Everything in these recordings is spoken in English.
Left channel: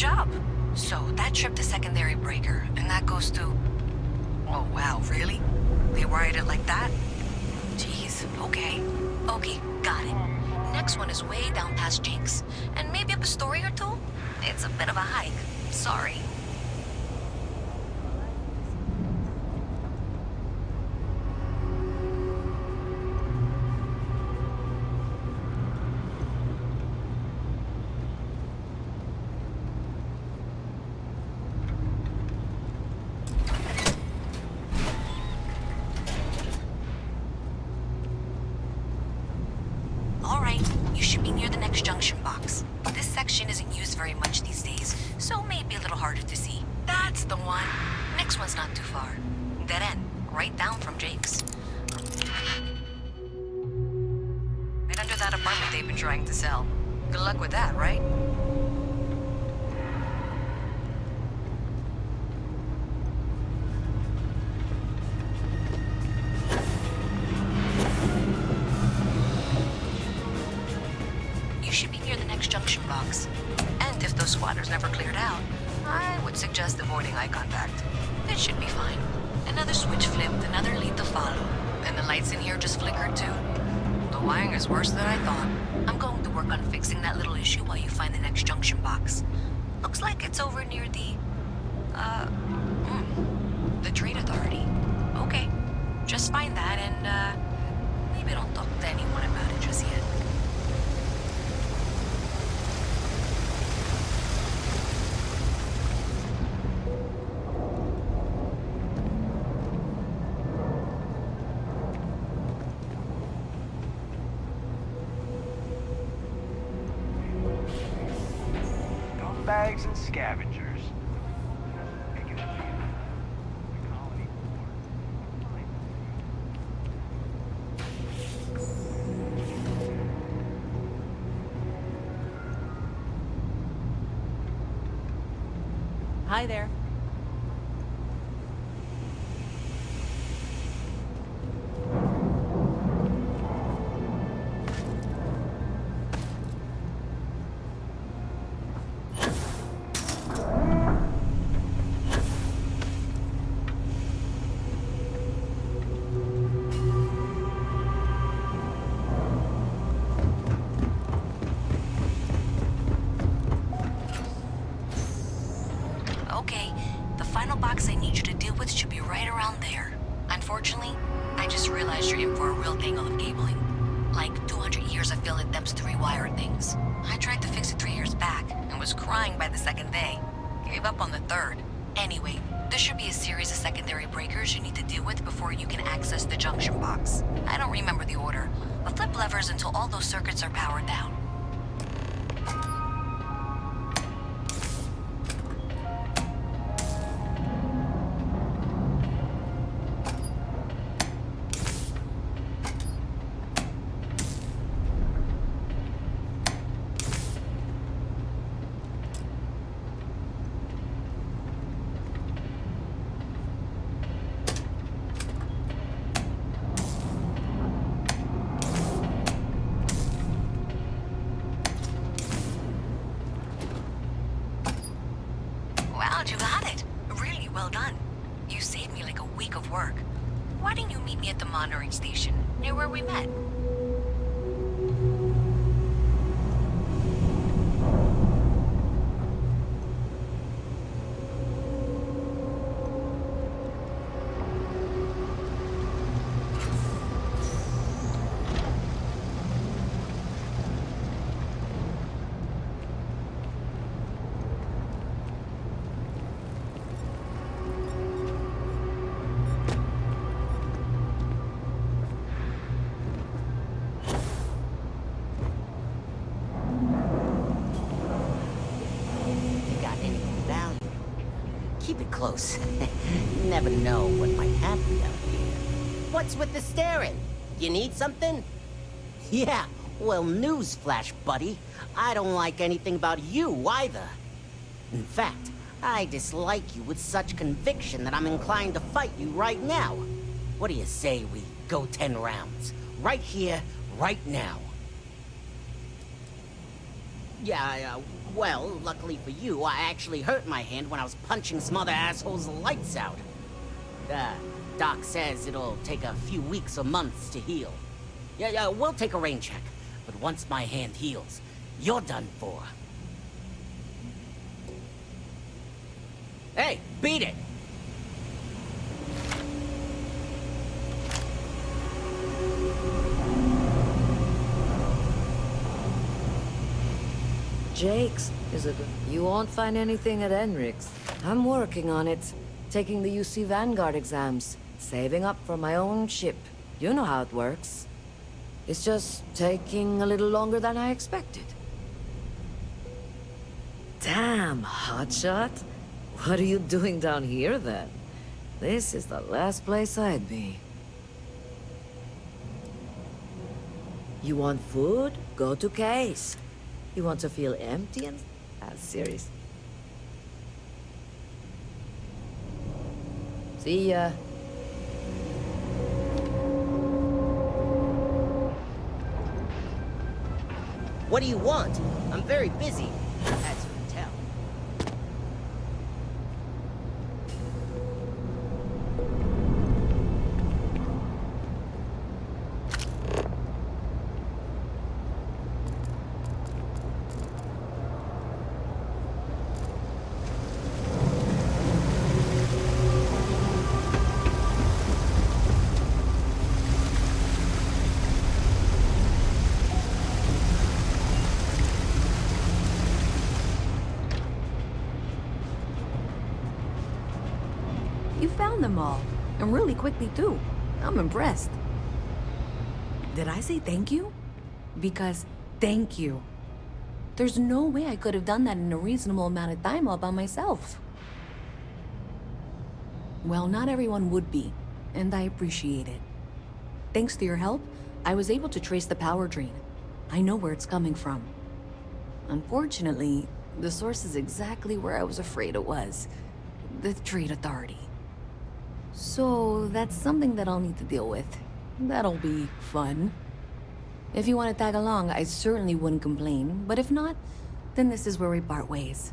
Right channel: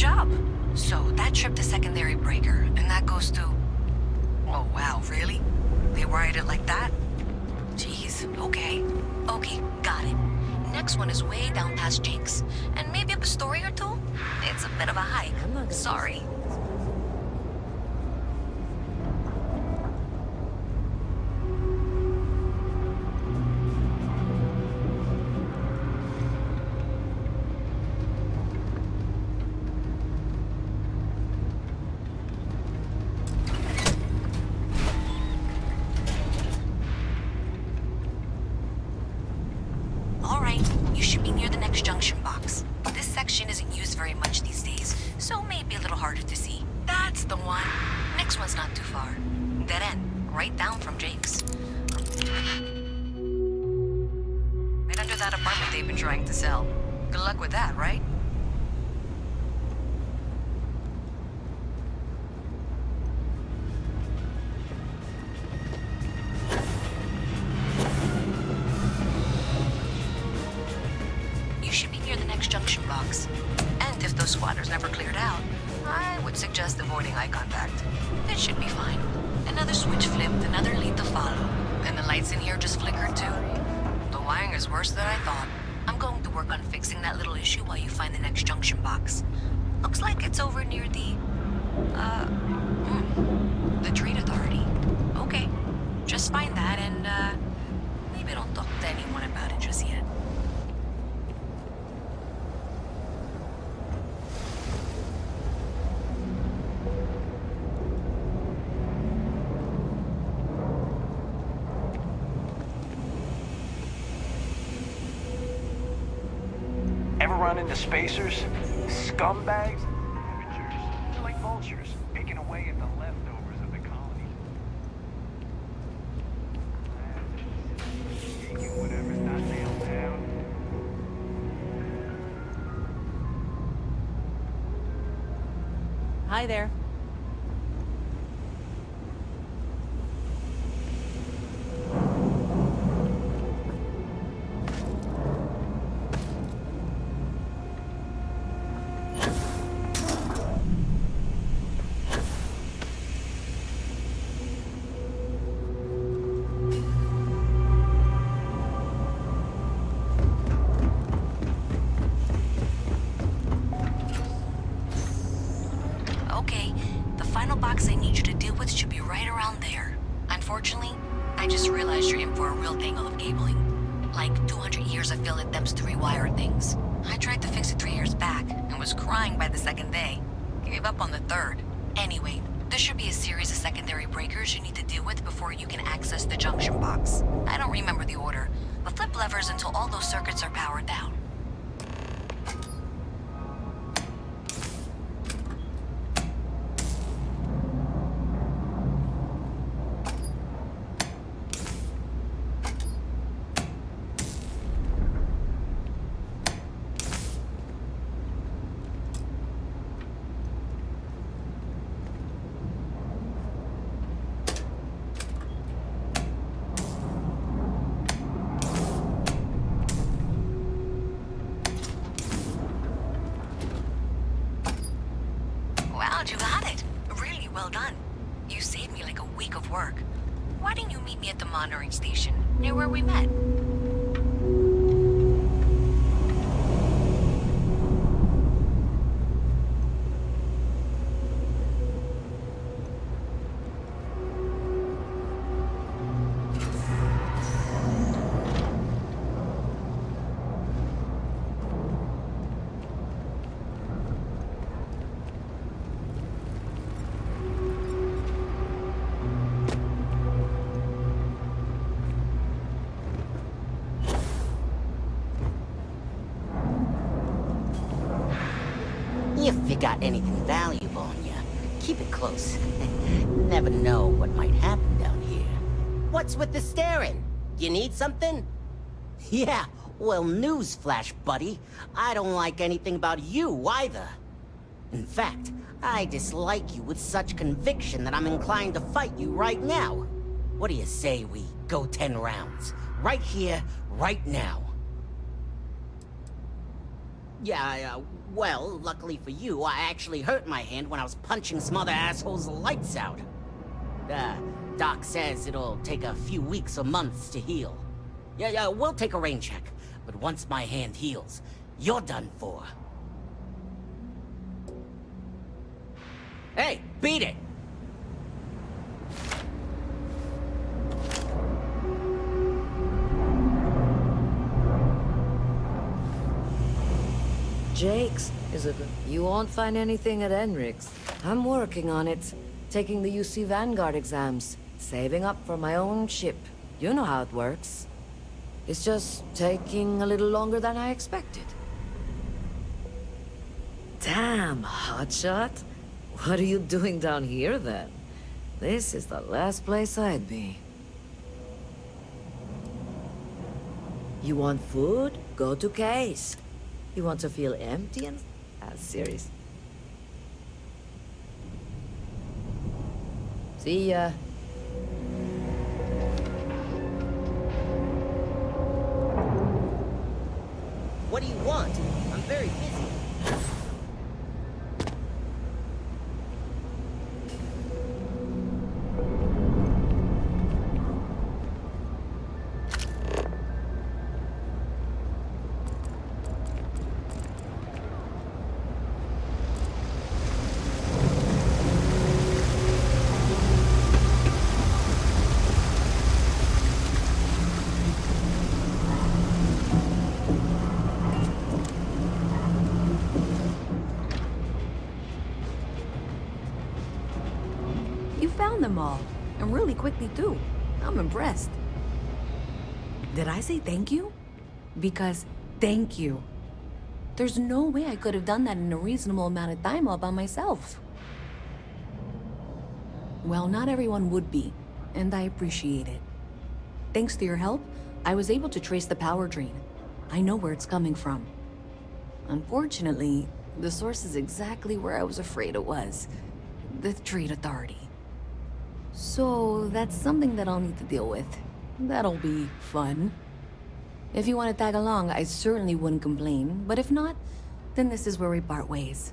job. So that trip to secondary breaker, and that goes to... Oh wow, really? They wired it like that? Jeez, okay. Okay, got it. Next one is way down past Jake's. And maybe up a story or two? It's a bit of a hike. Sorry. Alright, you should be near the next junction box. This section isn't used very much these days, so maybe a little harder to see. That's the one. Next one's not too far. Dead end, right down from Jake's. Right under that apartment they've been trying to sell. Good luck with that, right? You should be near the next junction box. And if those squatters never cleared out, I would suggest avoiding eye contact. It should be fine. Another switch flipped, another lead to follow. And the lights in here just flickered too. The wiring is worse than I thought. I'm going to work on fixing that little issue while you find the next junction box. Looks like it's over near the Trade Authority. Okay, just find that and, maybe don't talk to anyone about it just yet. Ever run into spacers? Scumbags and scavengers. They're like vultures, picking away at the leftovers of the colony. Whatever's not nailed down. Hi there. Okay, the final box I need you to deal with should be right around there. Unfortunately, I just realized you're in for a real tangle of cabling. Like 200 years of field attempts to rewire things. I tried to fix it 3 years back, and was crying by the second day. Gave up on the third. Anyway, there should be a series of secondary breakers you need to deal with before you can access the junction box. I don't remember the order, but flip levers until all those circuits are powered down. Wow, you got it. Really well done. You saved me like a week of work. Why didn't you meet me at the monitoring station, near where we met? If you got anything valuable on you, keep it close. You never know what might happen down here. What's with the staring? You need something? Yeah, well, newsflash, buddy. I don't like anything about you either. In fact, I dislike you with such conviction that I'm inclined to fight you right now. What do you say we go 10 rounds? Right here, right now. Yeah, well, luckily for you, I actually hurt my hand when I was punching some other assholes' lights out. Doc says it'll take a few weeks or months to heal. Yeah, we'll take a rain check. But once my hand heals, you're done for. Hey, beat it! Jake's is a good... You won't find anything at Enric's. I'm working on it. Taking the UC Vanguard exams. Saving up for my own ship. You know how it works. It's just taking a little longer than I expected. Damn, hotshot. What are you doing down here, then? This is the last place I'd be. You want food? Go to Case. You want to feel empty and... serious. See ya. What do you want? I'm very busy. That's what you tell. You found them all, and really quickly too. I'm impressed. Did I say thank you? Because thank you. There's no way I could have done that in a reasonable amount of time all by myself. Well, not everyone would be, and I appreciate it. Thanks to your help, I was able to trace the power drain. I know where it's coming from. Unfortunately, the source is exactly where I was afraid it was. The Trade Authority. So, that's something that I'll need to deal with. That'll be fun. If you want to tag along, I certainly wouldn't complain. But if not, then this is where we part ways.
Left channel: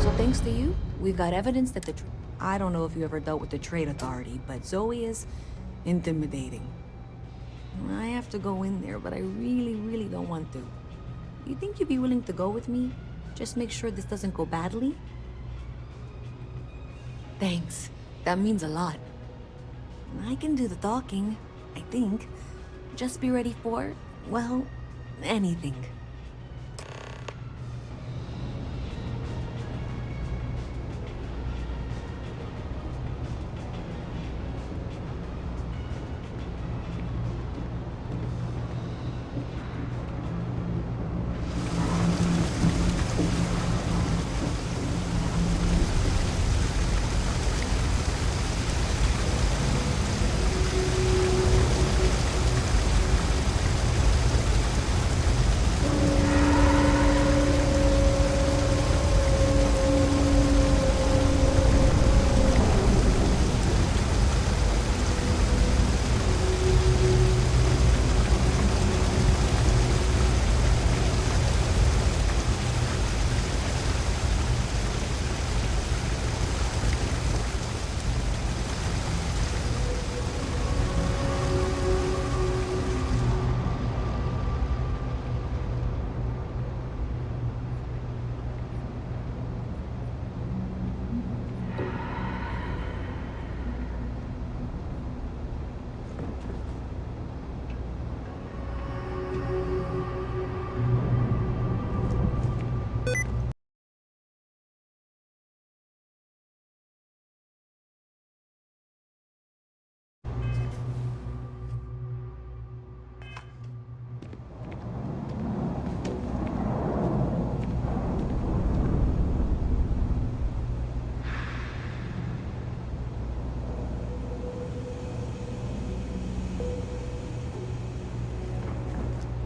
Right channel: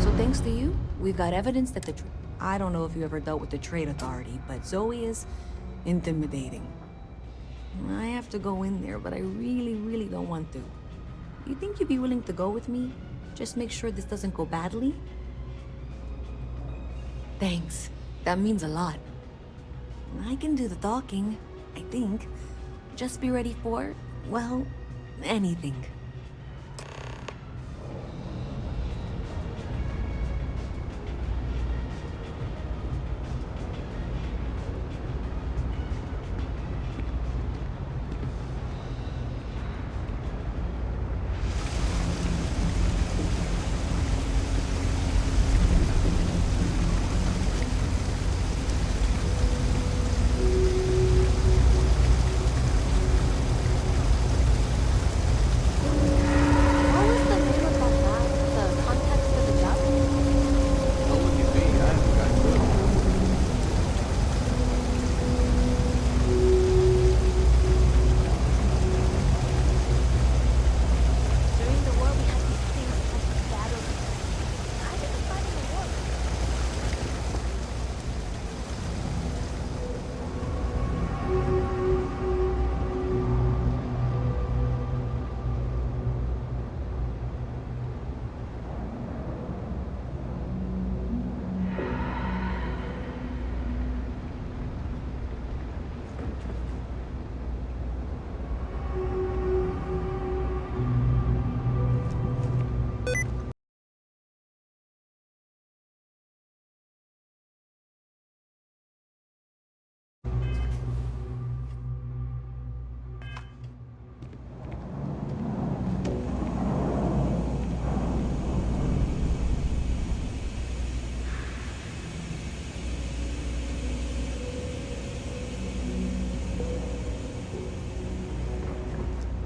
So thanks to you, we've got evidence that I don't know if you ever dealt with the Trade Authority, but Zoe is intimidating. I have to go in there, but I really don't want to. You think you'd be willing to go with me? Just make sure this doesn't go badly? Thanks. That means a lot. I can do the talking, I think. Just be ready for, well, anything.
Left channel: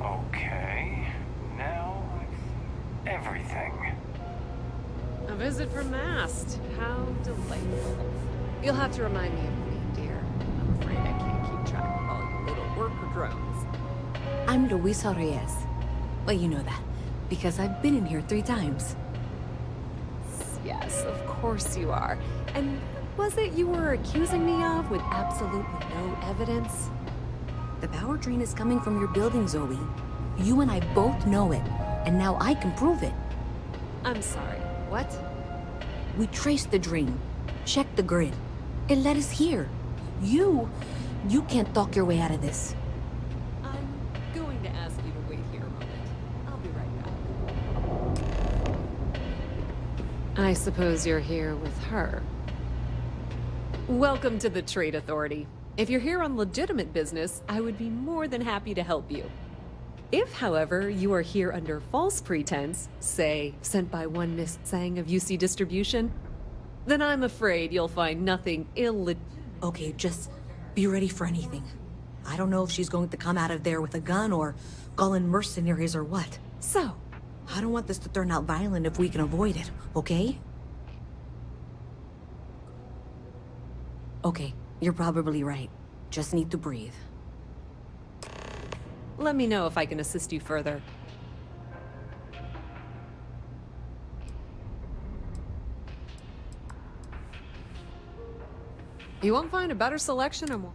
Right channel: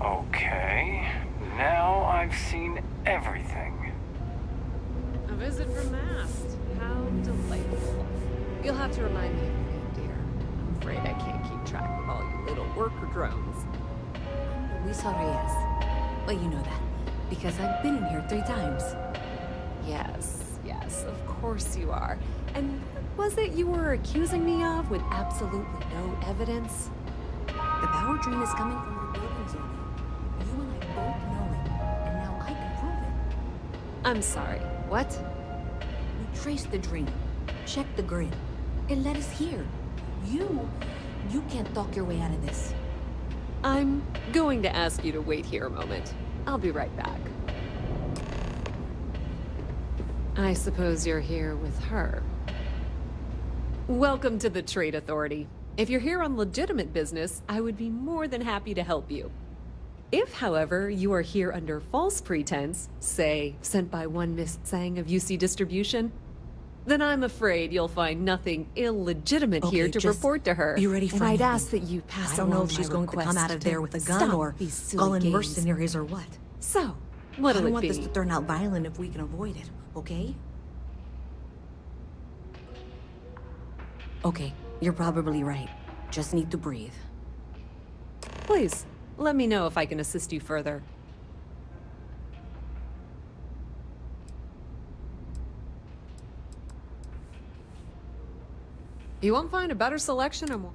Okay, now I've seen everything. A visit from Mast. How delightful. You'll have to remind me of your name, dear. I'm afraid I can't keep track of all you little worker drones. I'm Luisa Reyes. Well, you know that, because I've been in here 3 times. Yes, of course you are. And what was it you were accusing me of with absolutely no evidence? The power drain is coming from your building, Zoe. You and I both know it, and now I can prove it. I'm sorry, what? We traced the drain, checked the grid. It led us here. You can't talk your way out of this. I'm going to ask you to wait here a moment. I'll be right back. I suppose you're here with her. Welcome to the Trade Authority. If you're here on legitimate business, I would be more than happy to help you. If, however, you are here under false pretense, say, sent by one Miss Tsang of UC Distribution, then I'm afraid you'll find nothing illegitimate here to report to her. Be ready for And I'd anything. ask that you pass I don't know along if she's my going to come out of request there with a gun stop or these silly call in games. mercenaries or what. So, what'll I don't it want be? this to turn out violent if we can avoid it, okay? Okay, you're probably right. Just need to breathe. Please, let me know if I can assist you further. You won't find a better selection or more.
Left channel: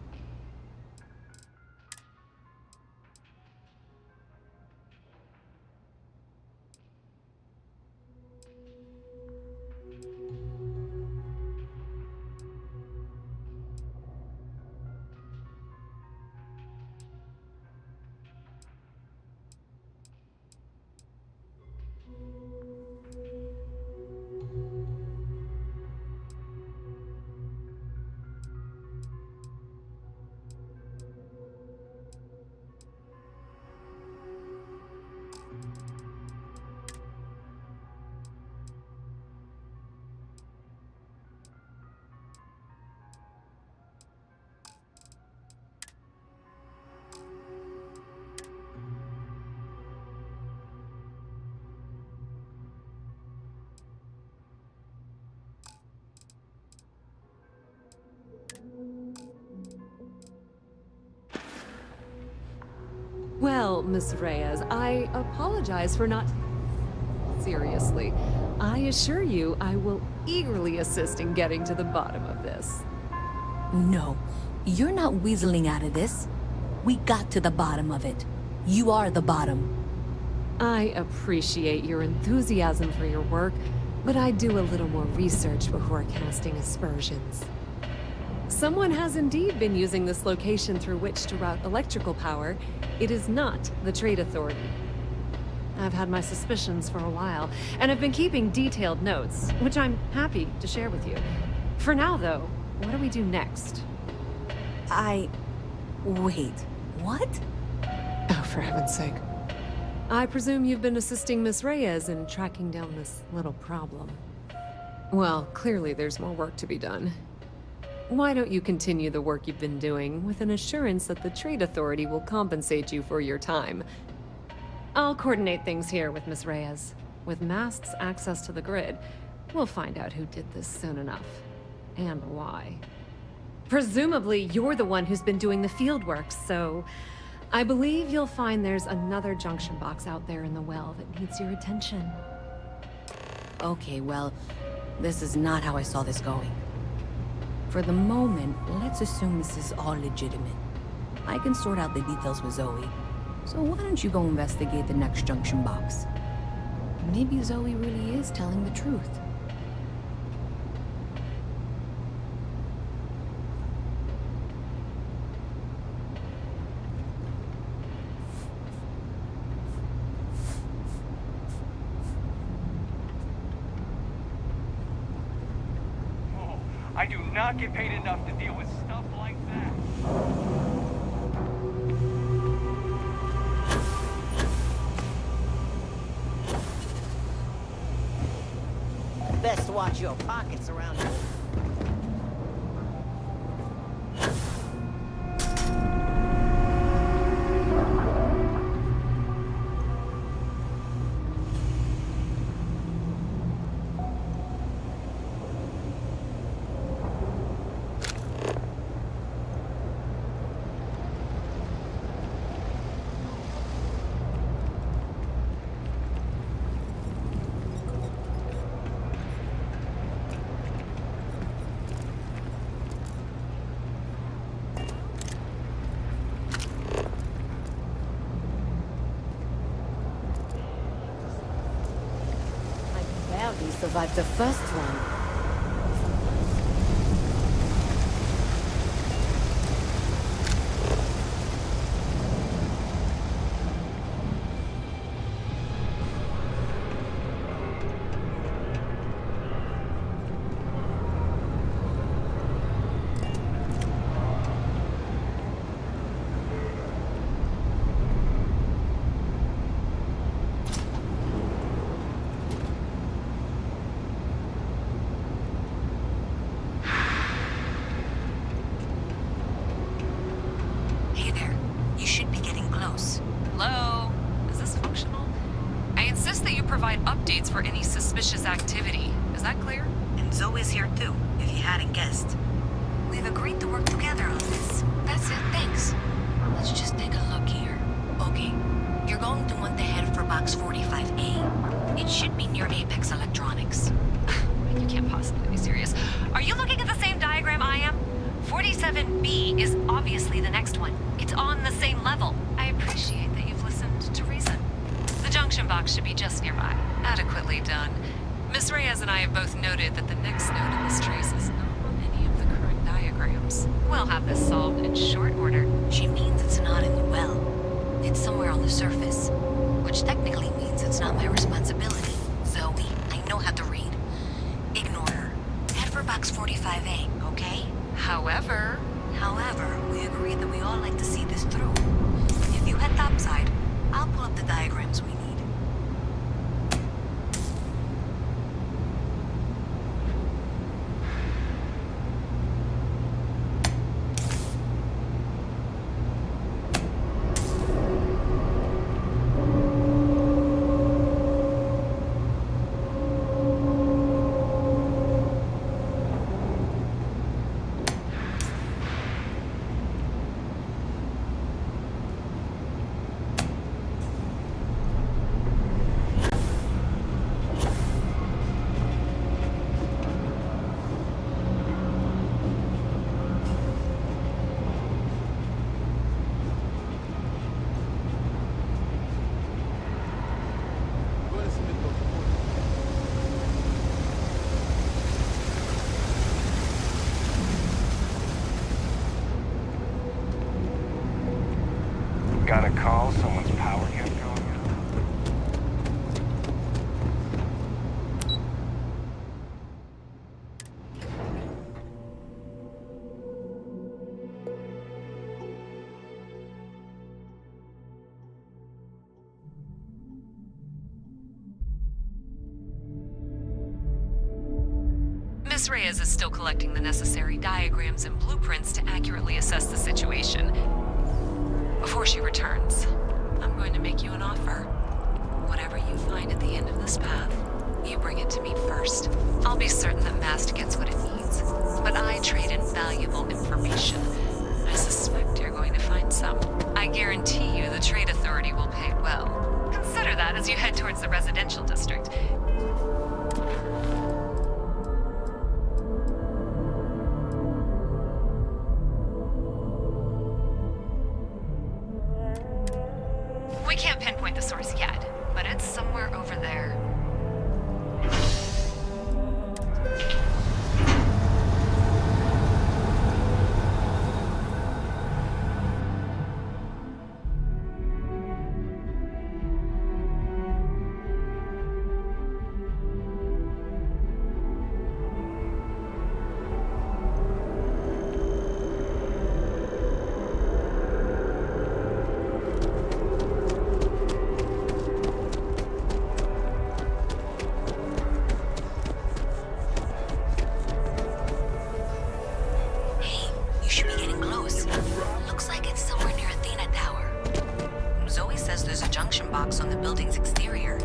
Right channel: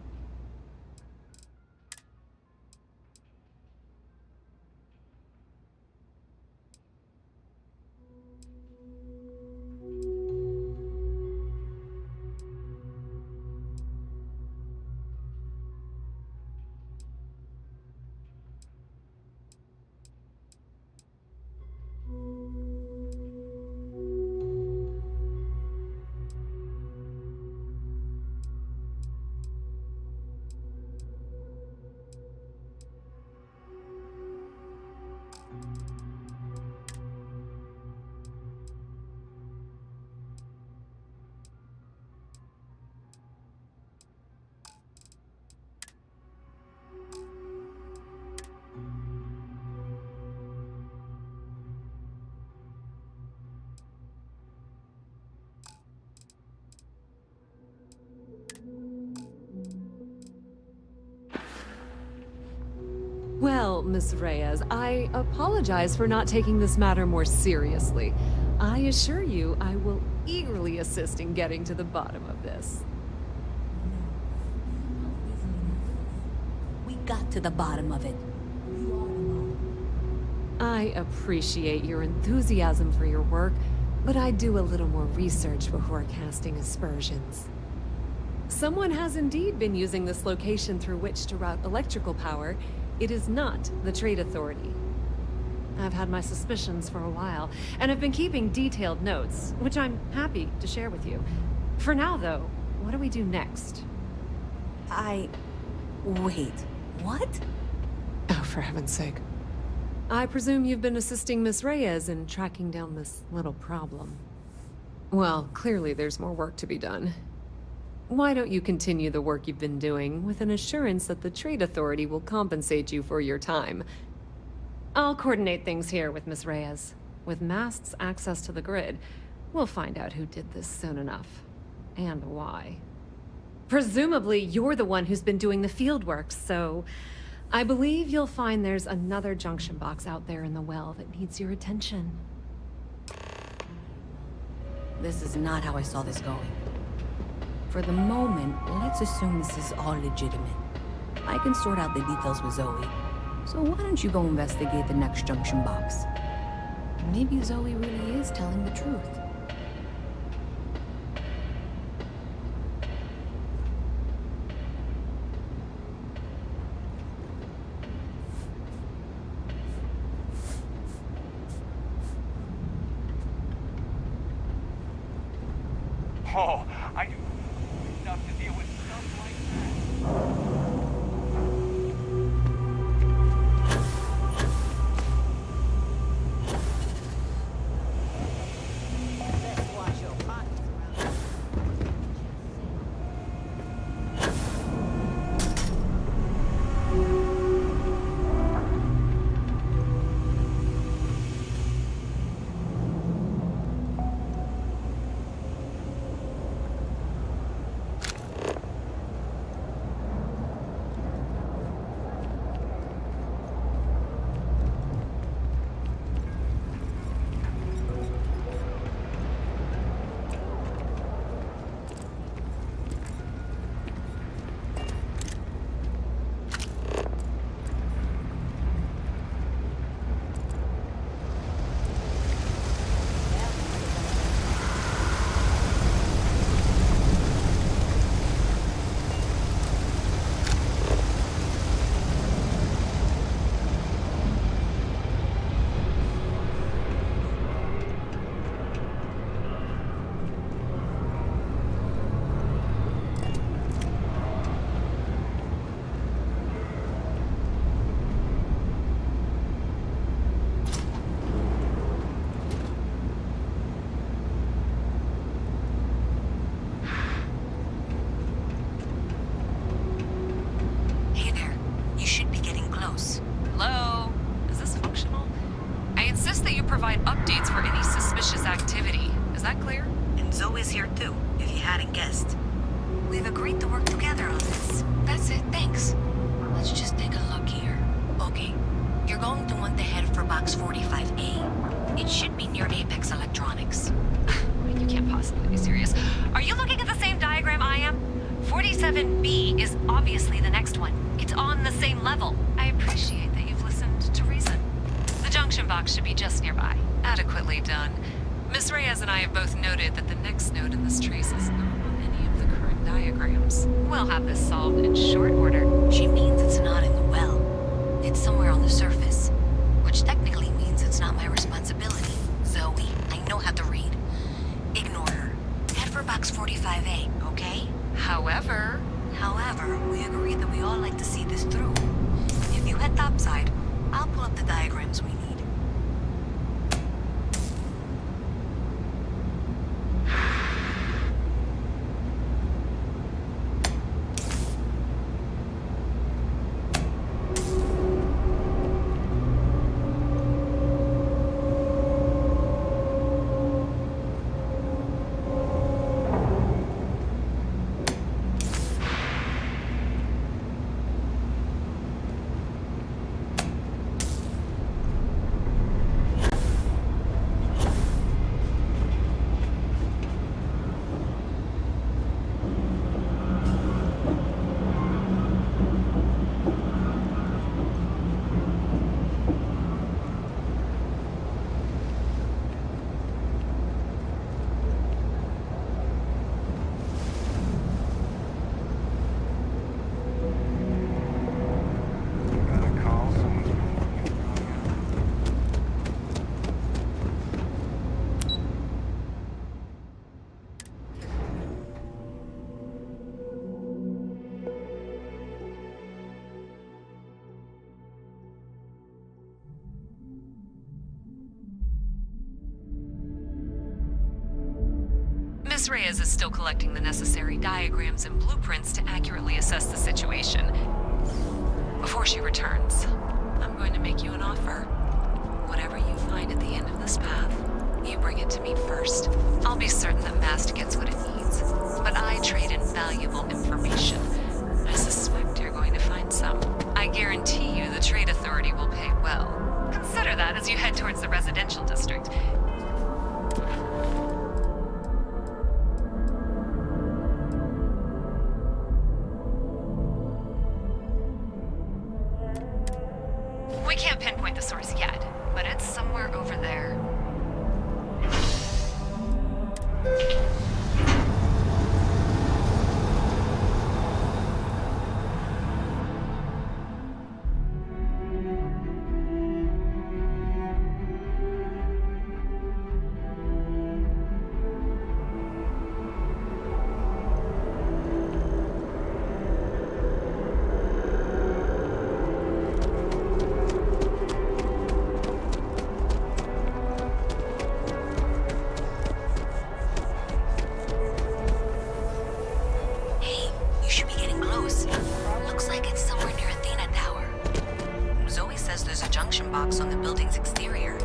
Well, Miss Reyes, I apologize for not taking this matter more seriously. I assure you I will eagerly assist in getting to the bottom of this. No, you're not weaseling out of this. We got to the bottom of it. You are the bottom. I appreciate your enthusiasm for your work, but I do a little more research before casting aspersions. Someone has indeed been using this location through which to route electrical power. It is not the Trade Authority. I've had my suspicions for a while, and I've been keeping detailed notes, which I'm happy to share with you. For now, though, what do we do next? Wait, what? Oh, for heaven's sake. I presume you've been assisting Miss Reyes in tracking down this little problem. Well, clearly there's more work to be done. Why don't you continue the work you've been doing with an assurance that the Trade Authority will compensate you for your time? I'll coordinate things here with Miss Reyes. With Mast's access to the grid, we'll find out who did this soon enough. And why. Presumably, you're the one who's been doing the field work, so I believe you'll find there's another junction box out there in the well that needs your attention. Okay, well, this is not how I saw this going. For the moment, let's assume this is all legitimate. I can sort out the details with Zoe. So why don't you go investigate the next junction box? Maybe Zoe really is telling the truth. Oh, I do not get paid enough to deal with stuff like that. Best watch your pockets around here. survived the first one. Hey there. You should be getting close. Hello? Is this functional? I insist that you provide updates for any suspicious activity. Is that clear? And Zoe's here too, if you hadn't guessed. We've agreed to work together on this. That's it, thanks. Let's just take a look here. Okay, you're going to want to head for box 45A. It should be near Apex Electronics. You can't possibly be serious. Are you looking at the same diagram I am? 47B is obviously the next one. It's on the same level. I appreciate that you've listened to reason. The junction box should be just nearby. Adequately done. Miss Reyes and I have both noted that the next node in this trace is not on any of the current diagrams. We'll have this solved in short order. She means it's not in the well. It's somewhere on the surface. Which technically means it's not my responsibility. Zoe, I know how to read. Ignore her. Head for box 45A, okay? However, We agreed that we all like to see this through. If you head topside, I'll pull up the diagrams we need. Got a call, someone's power kept going out. Miss Reyes is still collecting the necessary diagrams and blueprints to accurately assess the situation. Before she returns, I'm going to make you an offer. Whatever you find at the end of this path, you bring it to me first. I'll be certain that Mast gets what it needs, but I trade in valuable information. I suspect you're going to find some. I guarantee you the Trade Authority will pay well. Consider that as you head towards the residential district. We can't pinpoint the source yet, but it's somewhere over there. Hey, you should be getting close. Looks like it's somewhere near Athena Tower. Zoe says there's a junction box on the building's exterior.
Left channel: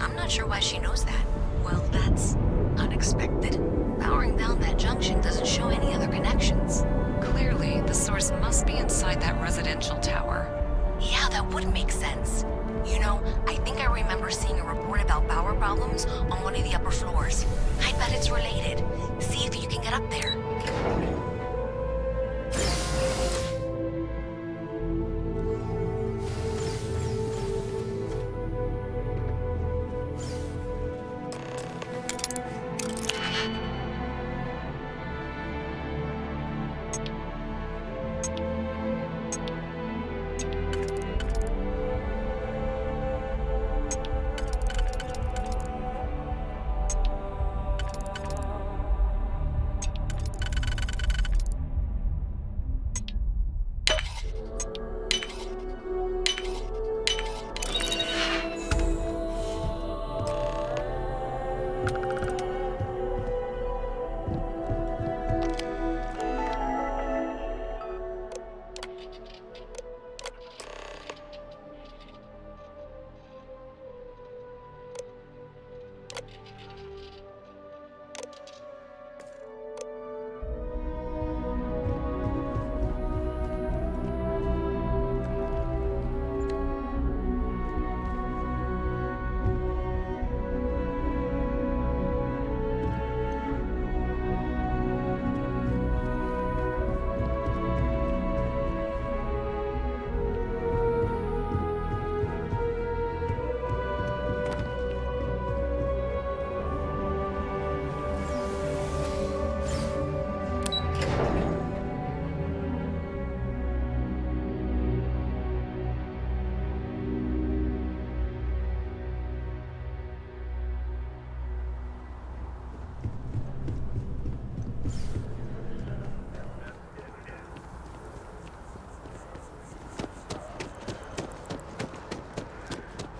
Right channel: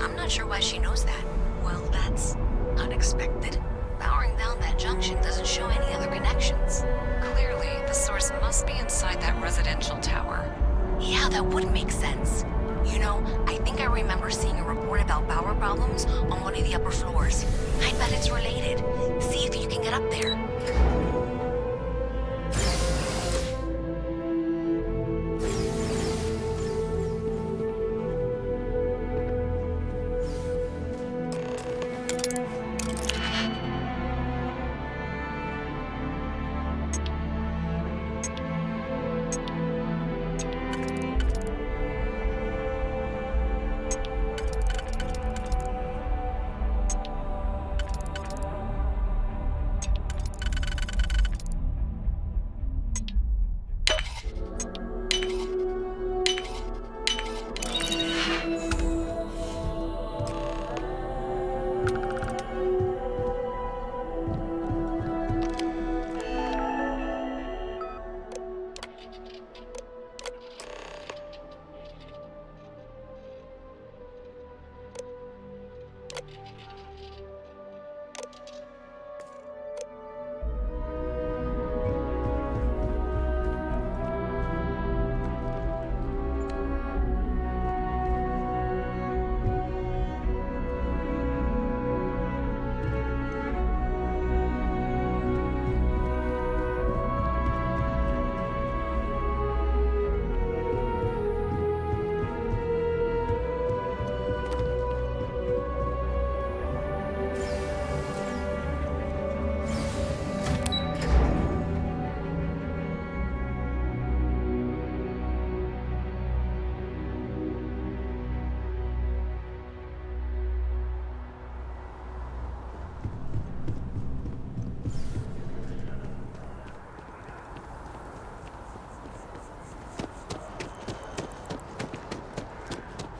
I'm not sure why she knows that. Well, that's unexpected. Powering down that junction doesn't show any other connections. Clearly, the source must be inside that residential tower. Yeah, that would make sense. You know, I think I remember seeing a report about power problems on one of the upper floors. I bet it's related. See if you can get up there.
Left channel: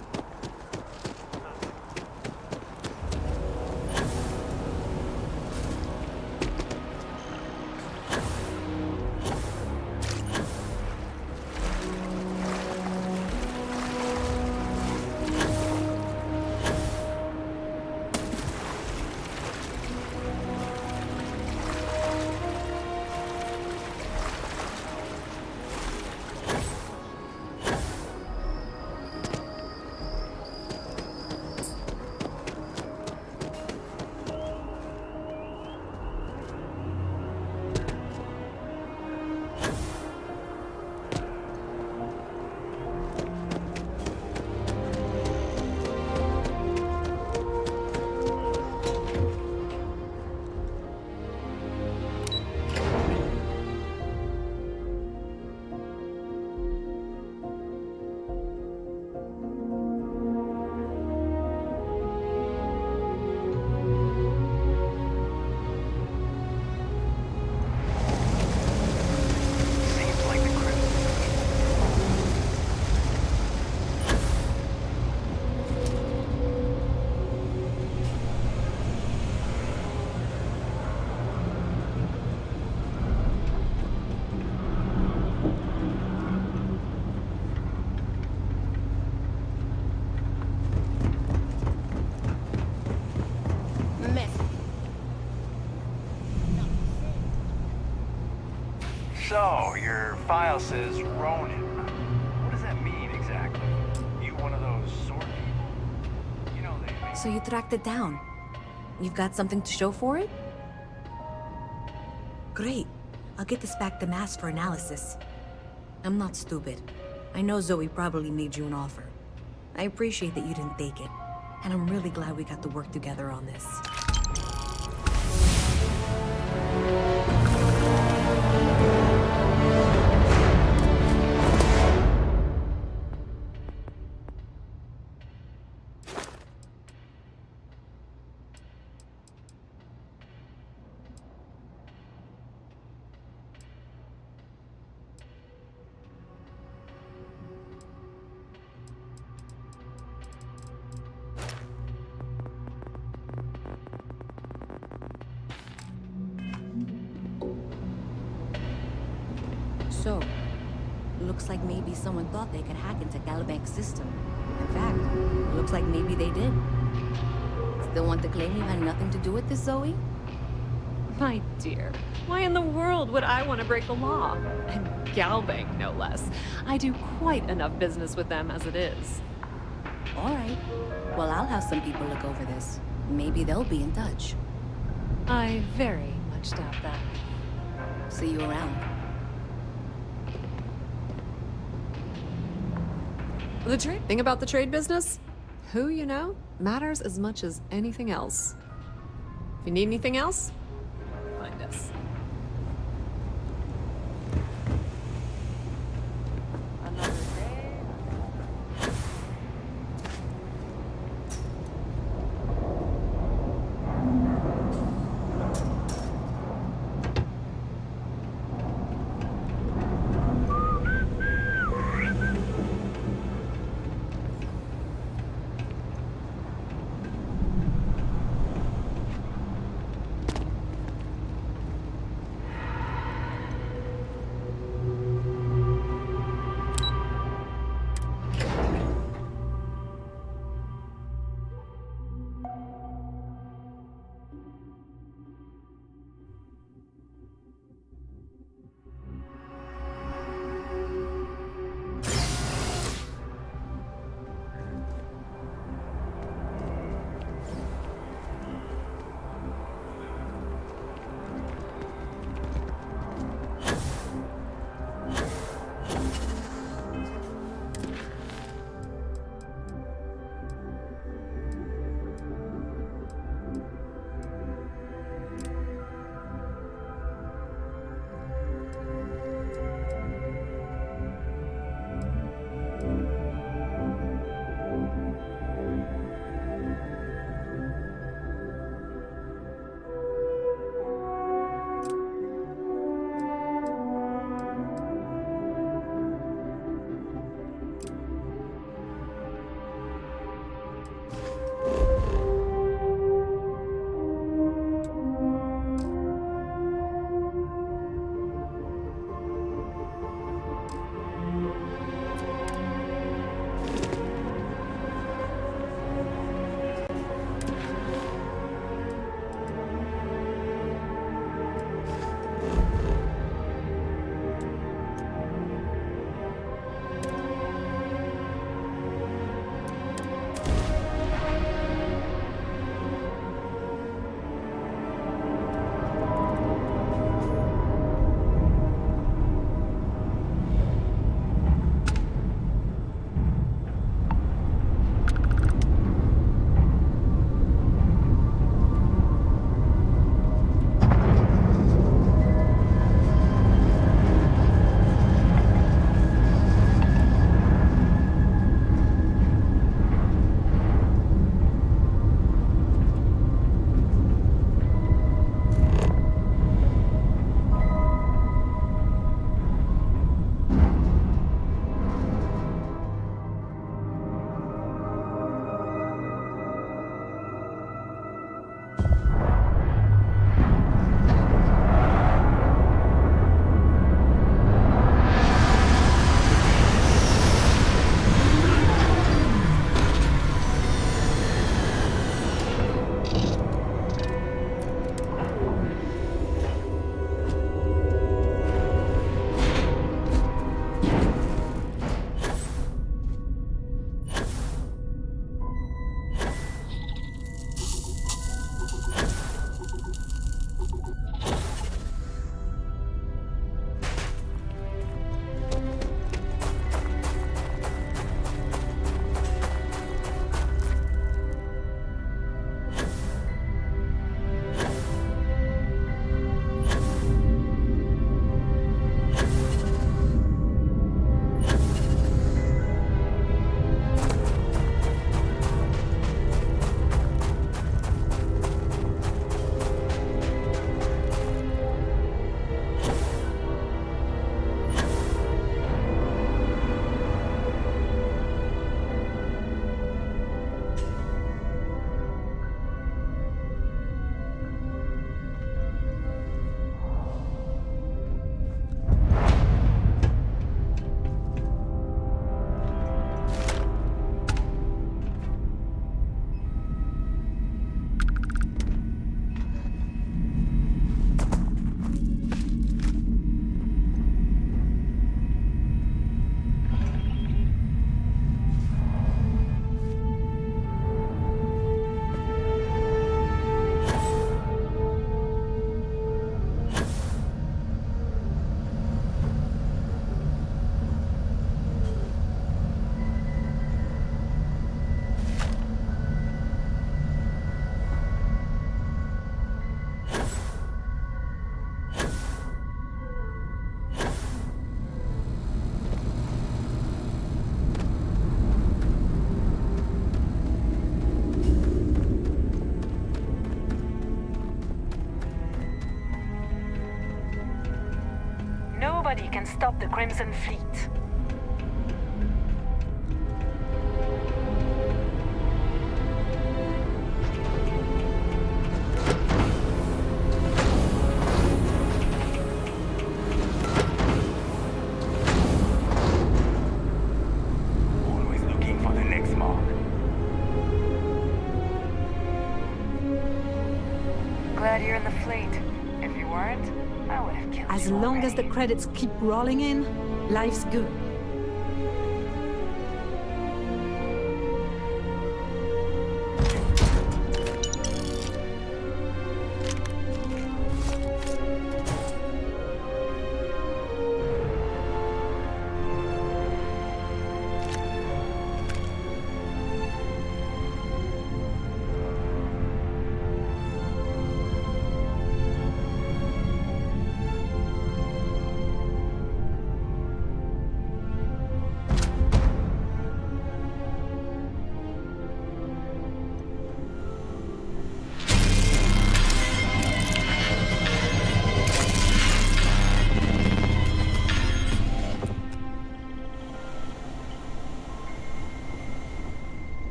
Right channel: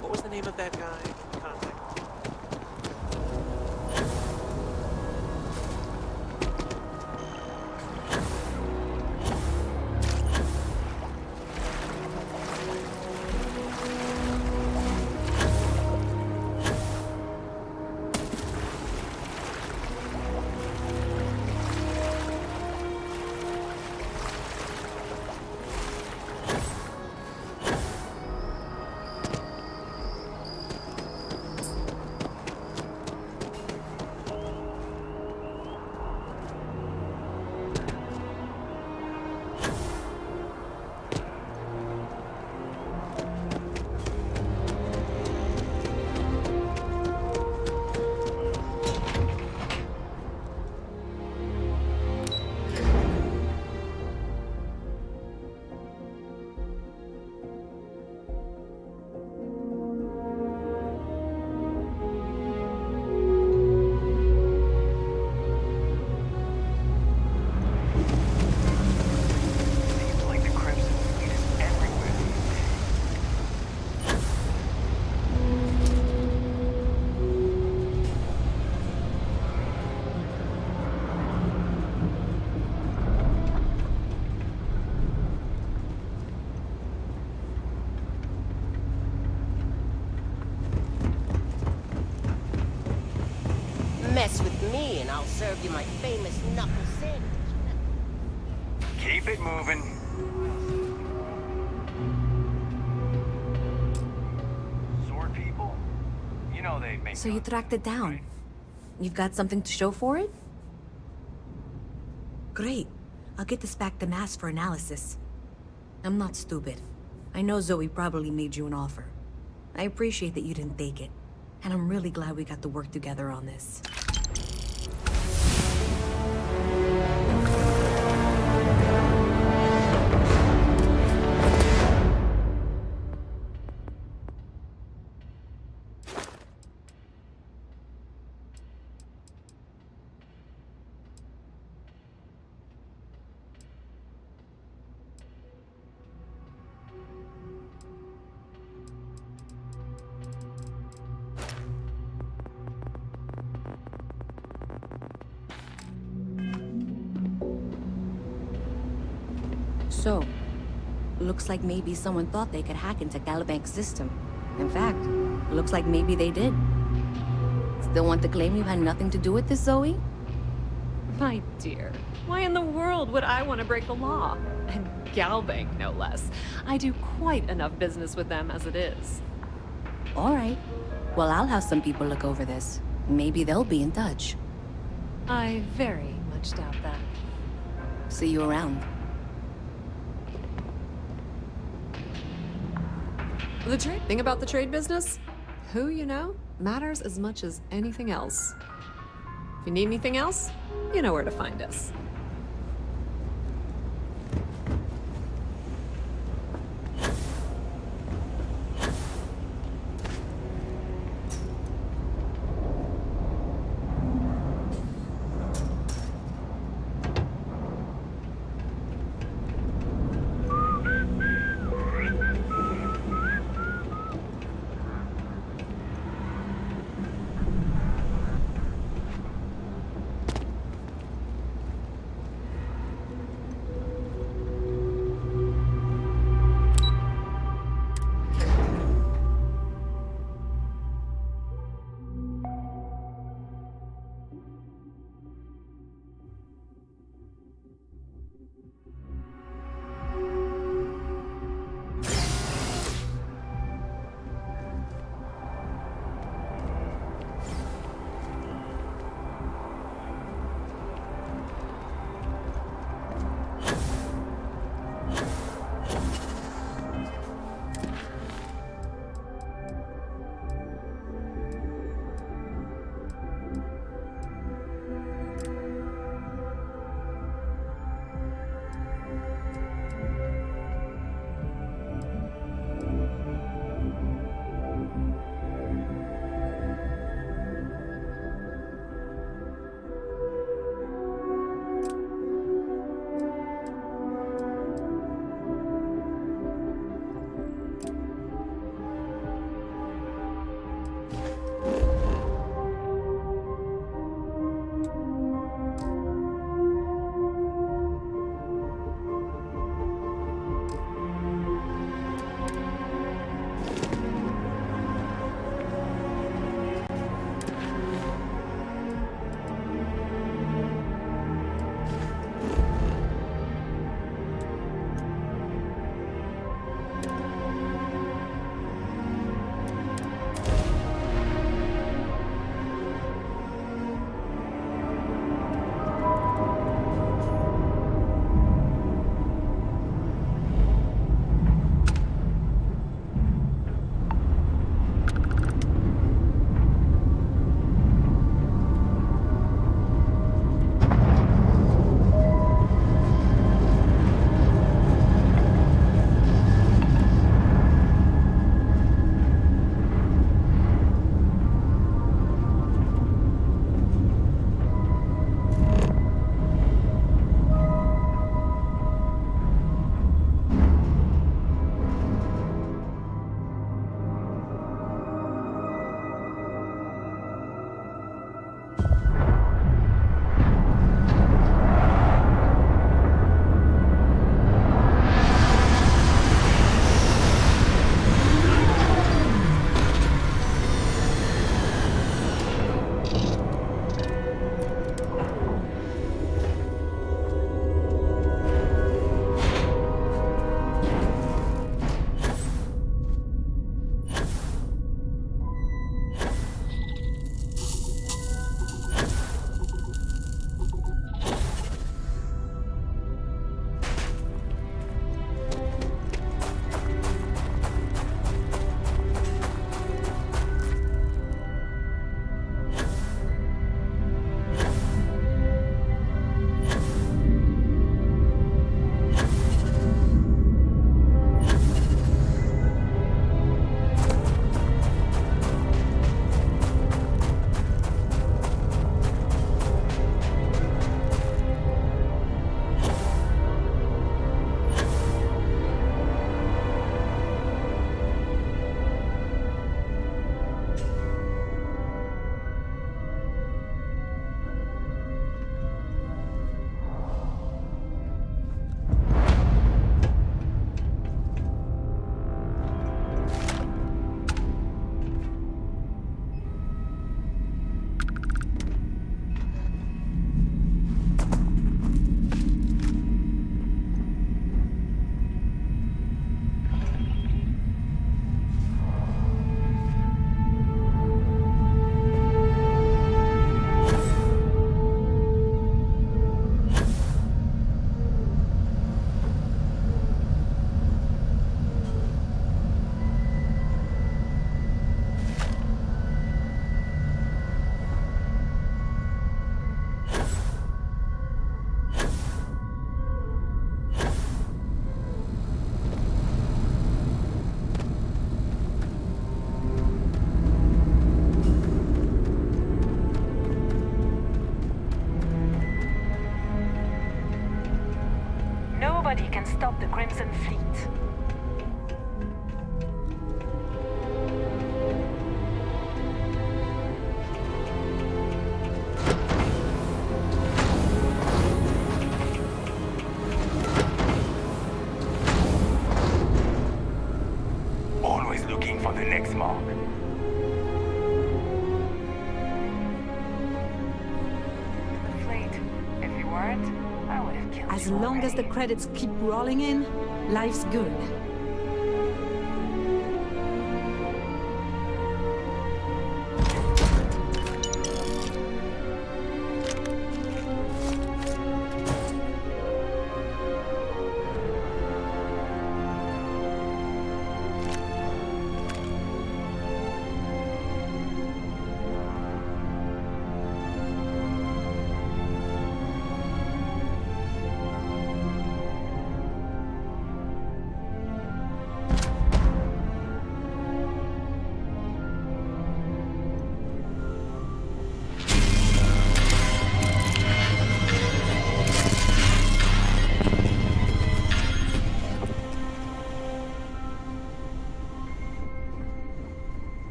What was the name of that guy? Contact. Seems like the Crimson Fleet is everywhere. Mess with me and I'll serve you my famous knuckle sandwich. Keep it moving. Your file says Ronin. What does that mean exactly? You one of those sword people? You know they make... So you tracked it down. You've got something to show for it? Great. I'll get this back to Mass for analysis. I'm not stupid. I know Zoe probably made you an offer. I appreciate that you didn't take it. And I'm really glad we got to work together on this. So, looks like maybe someone thought they could hack into Calibanc's system. In fact, looks like maybe they did. Still want to claim you had nothing to do with this, Zoe? My dear, why in the world would I want to break the law? And Galbank, no less. I do quite enough business with them as it is. All right. Well, I'll have some people look over this. Maybe they'll be in touch. I very much doubt that. See you around. The trade thing about the trade business? Who you know matters as much as anything else. If you need anything else, you know where to find us. Nobody can stop the Crimson Fleet. Always looking for the next mark. Glad you're in the fleet. If you weren't, I would have killed As you long as the already. credits keep rolling in, life's good.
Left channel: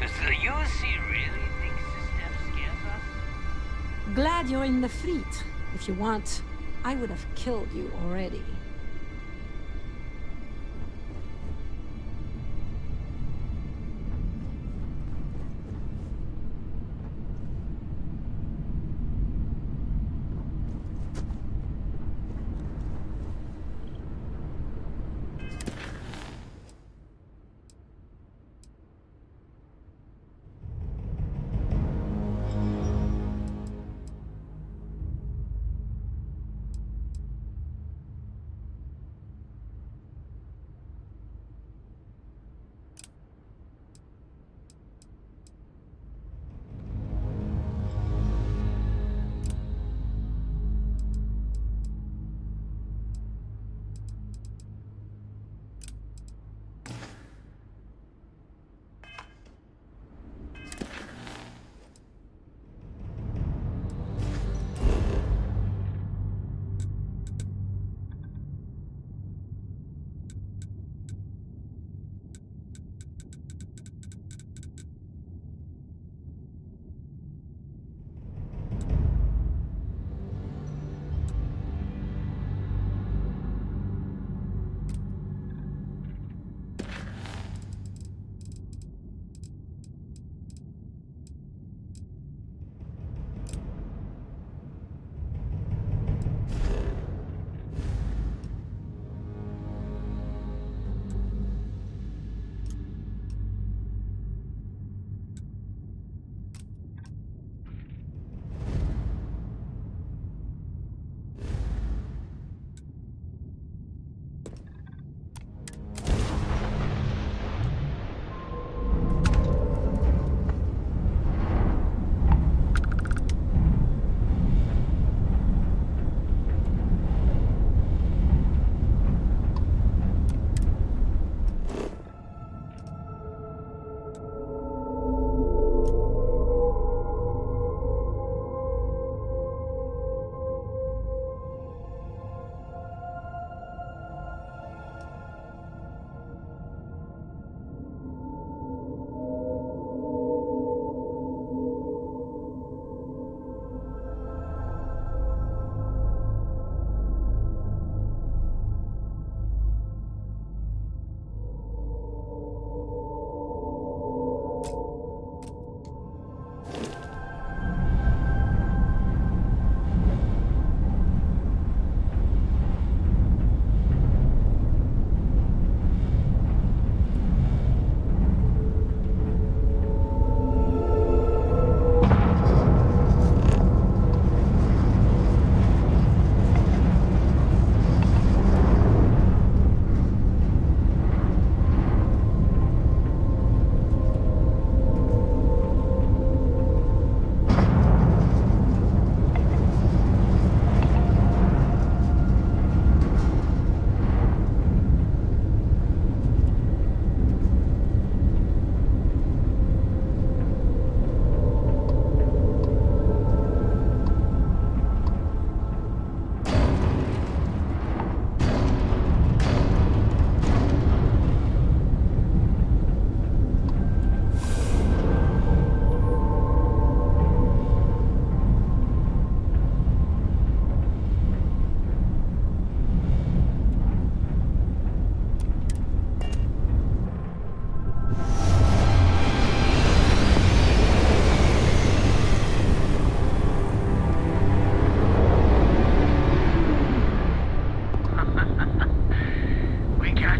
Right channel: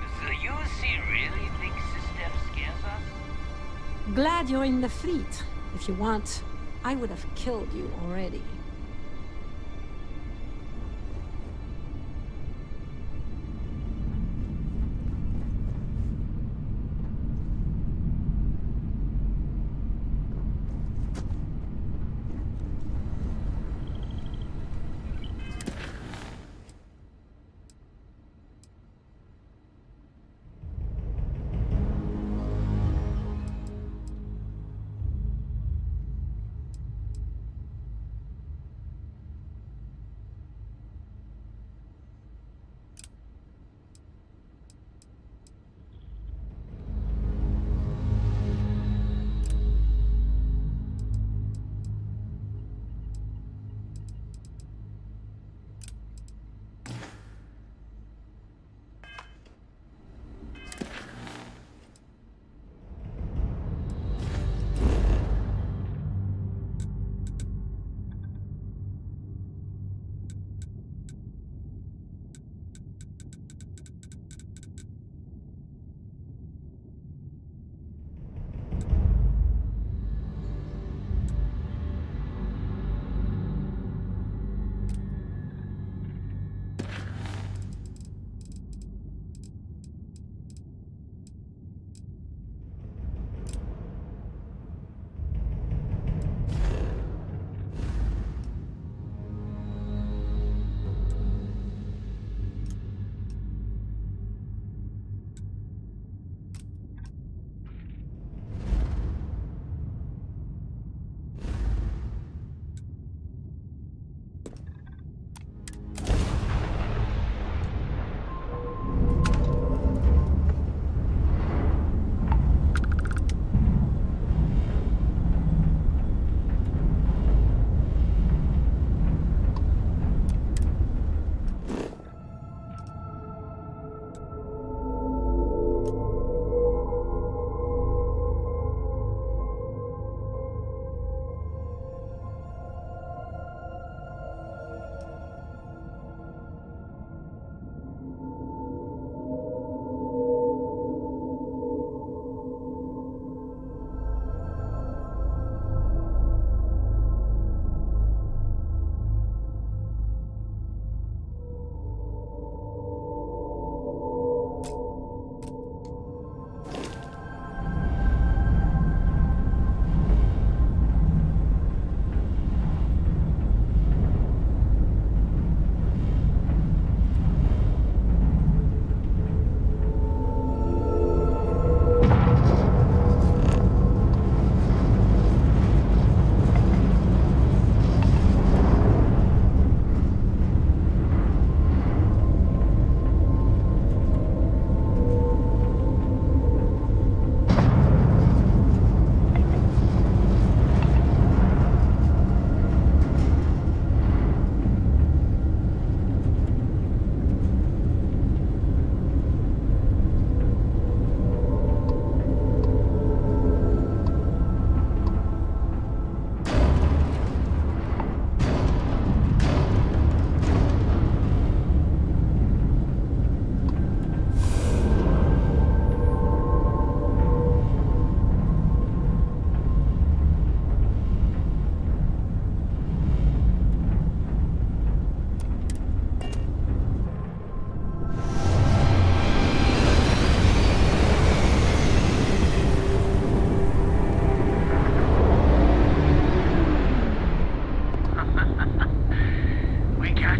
Does the UC really think System scares us? Glad you're in the fleet. If you want, I would have killed you already.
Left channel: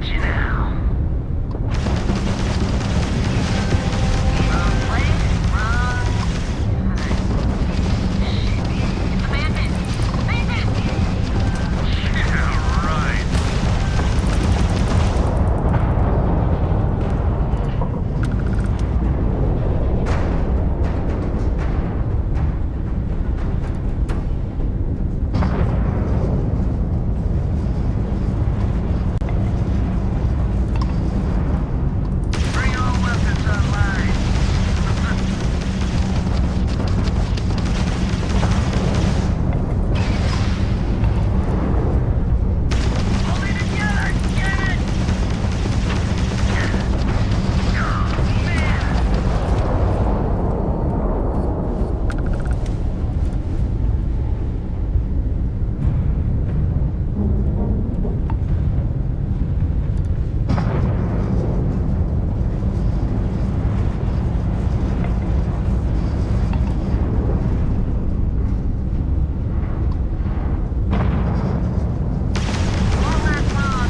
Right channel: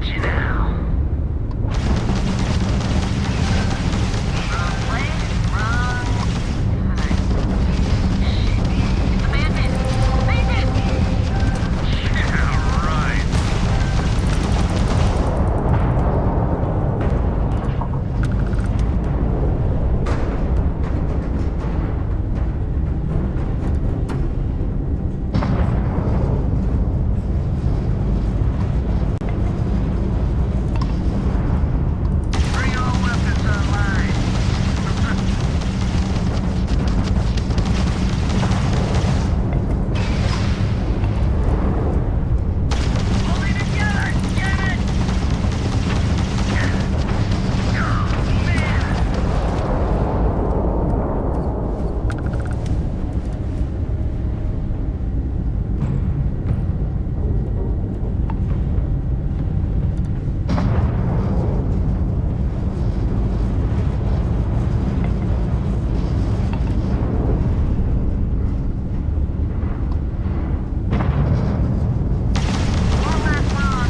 got you now. Wrong place, wrong time. It's a bandit! Bandit! Yeah, right. Bring all weapons online. Hold it together, get it! Oh, man! All that's on.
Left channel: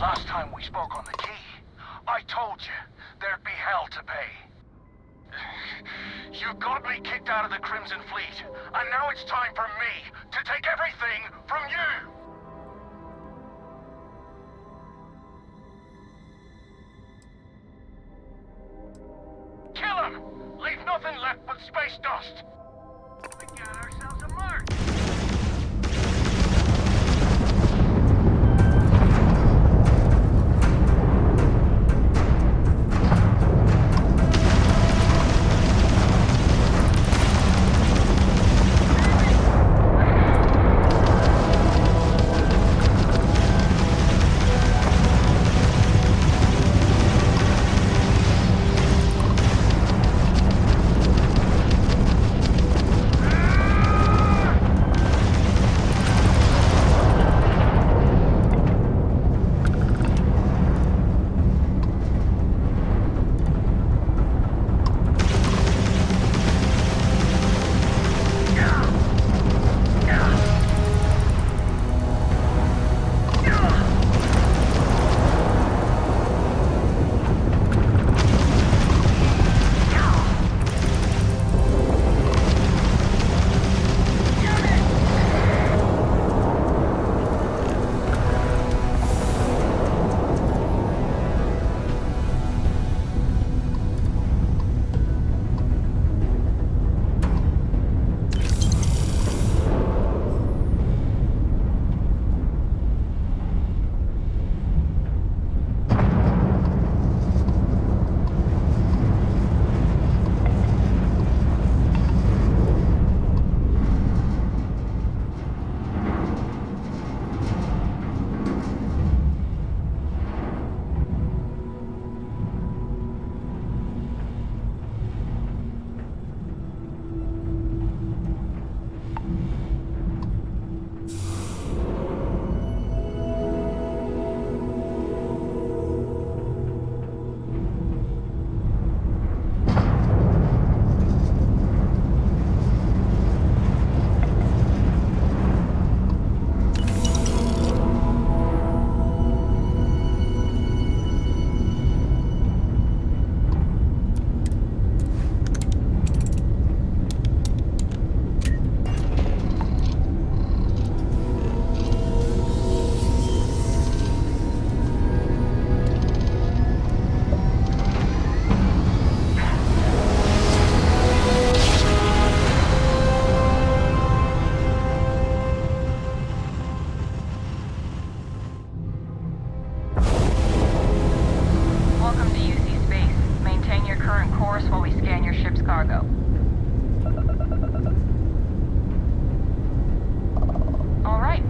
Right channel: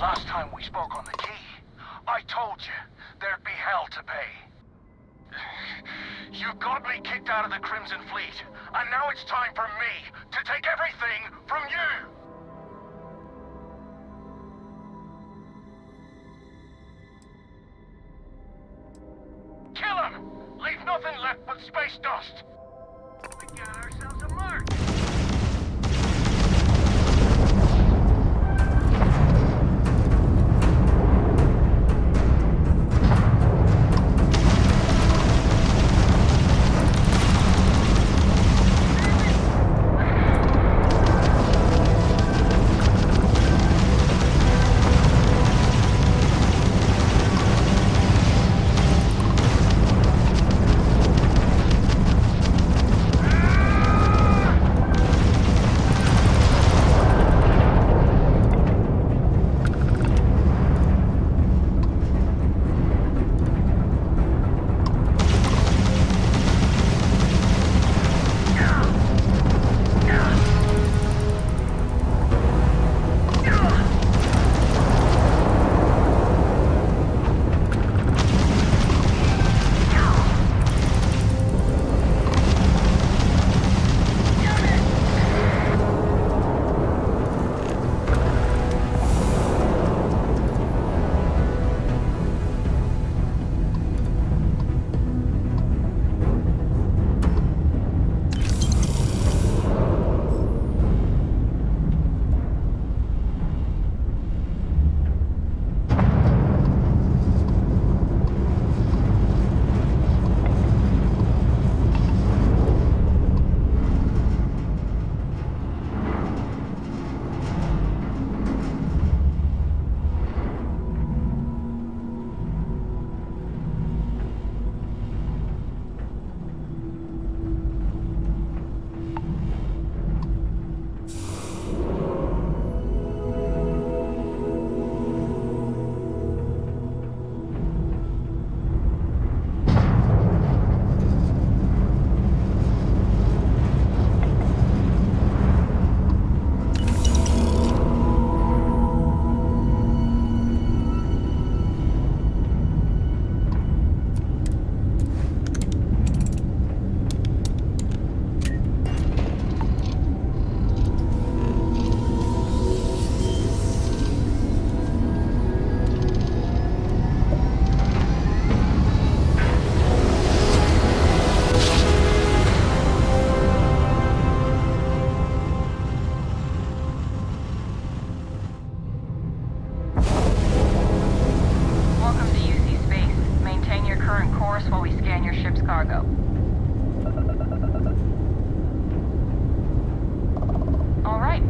Last time we spoke on the key, I told you there'd be hell to pay. You got me kicked out of the Crimson Fleet, and now it's time for me to take everything from you! Kill him! Leave nothing left but space dust! We got ourselves a mark!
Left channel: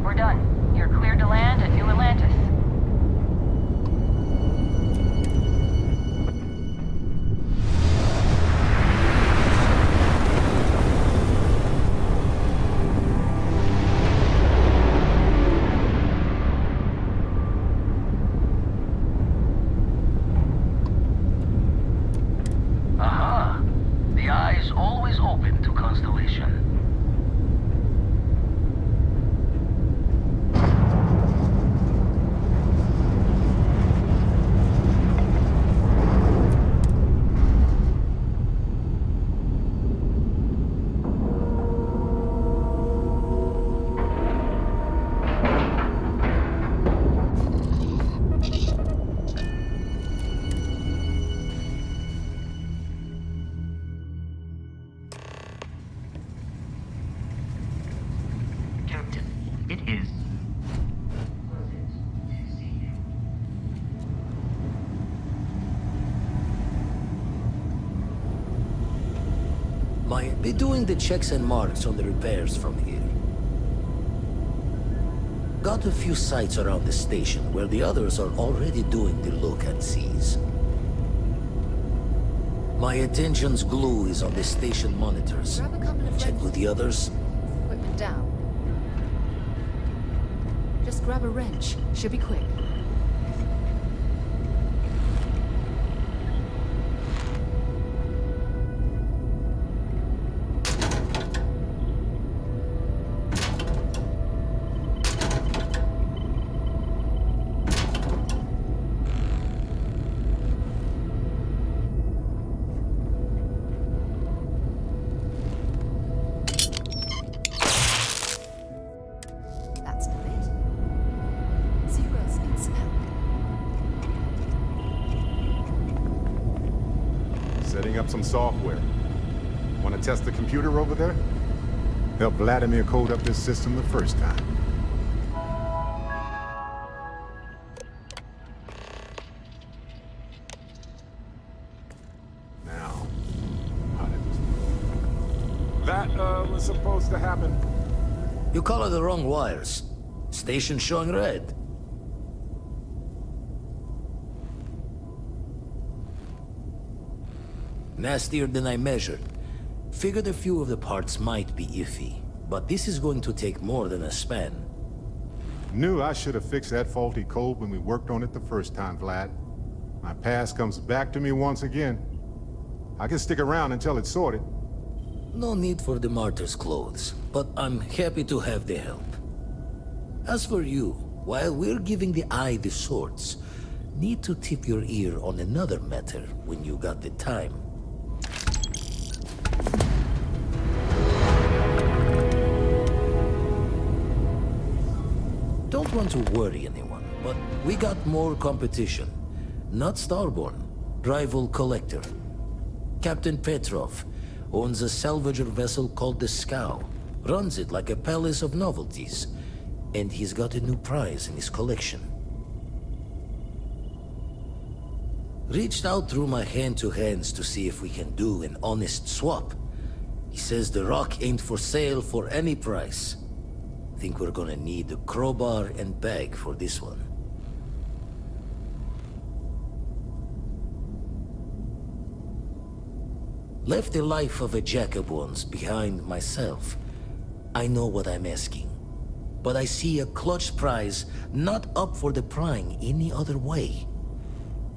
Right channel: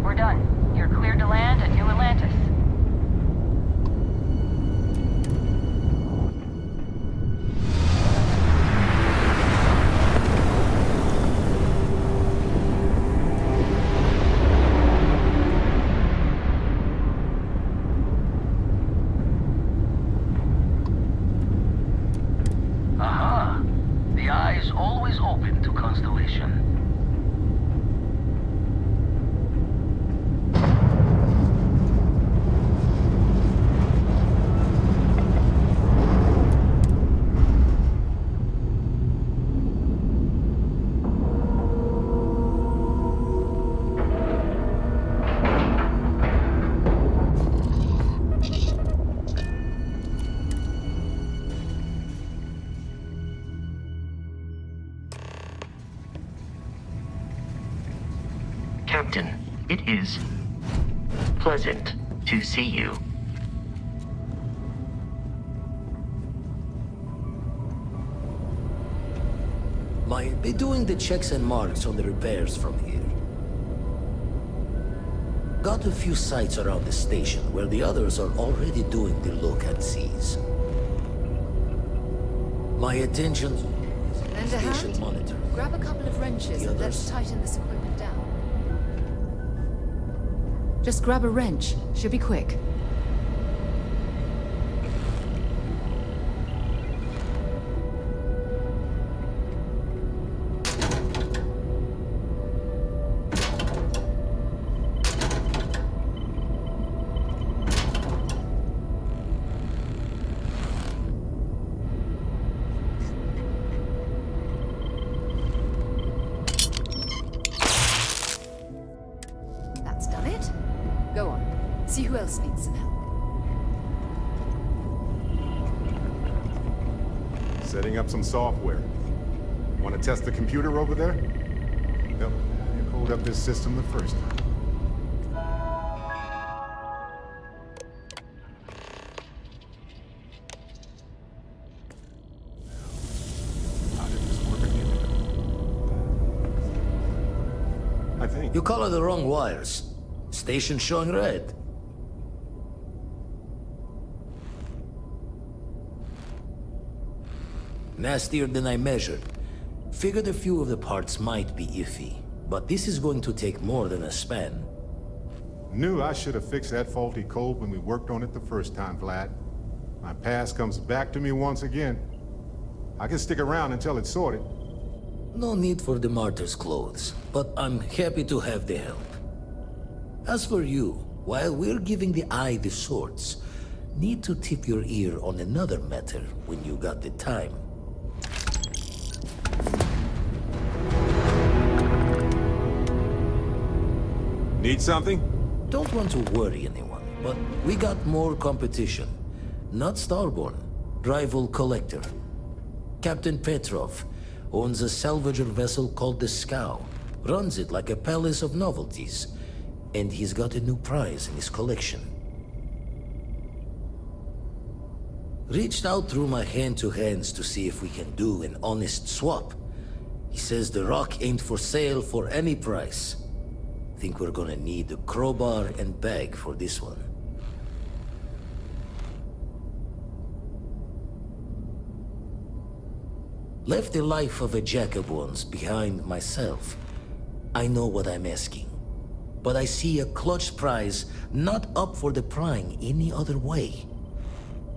We're done. You're cleared to land at New Atlantis. Aha! The eye is always open to Constellation. Captain, it is pleasant to see you. Might be doing the checks and marks on the repairs from here. Got a few sites around the station where the others are already doing the look-and-sees. My attention's glue is on the station monitors. Grab a couple of Check wrenches with the others. and tighten this equipment down. Just grab a wrench. Should be quick. That's done it. Go on. See who else needs some help. Setting up some software. Want to test the computer over there? Help Vladimir code up this system the first time. Now, how did this work? That, was supposed to happen, I think. You color the wrong wires. Station showing red. Nastier than I measured. Figured a few of the parts might be iffy, but this is going to take more than a span. Knew I should have fixed that faulty code when we worked on it the first time, Vlad. My past comes back to me once again. I can stick around until it's sorted. No need for the martyr's clothes, but I'm happy to have the help. As for you, while we're giving the eye the swords, need to tip your ear on another matter when you got the time. Need something? Don't want to worry anyone, but we got more competition. Not Starborn, rival collector. Captain Petrov owns a salvager vessel called the Scow. Runs it like a palace of novelties. And he's got a new prize in his collection. Reached out through my hand-to-hands to see if we can do an honest swap. He says the rock ain't for sale for any price. Think we're gonna need a crowbar and bag for this one. Left the life of a jack-of-ones behind myself. I know what I'm asking. But I see a clutch prize not up for the prying any other way.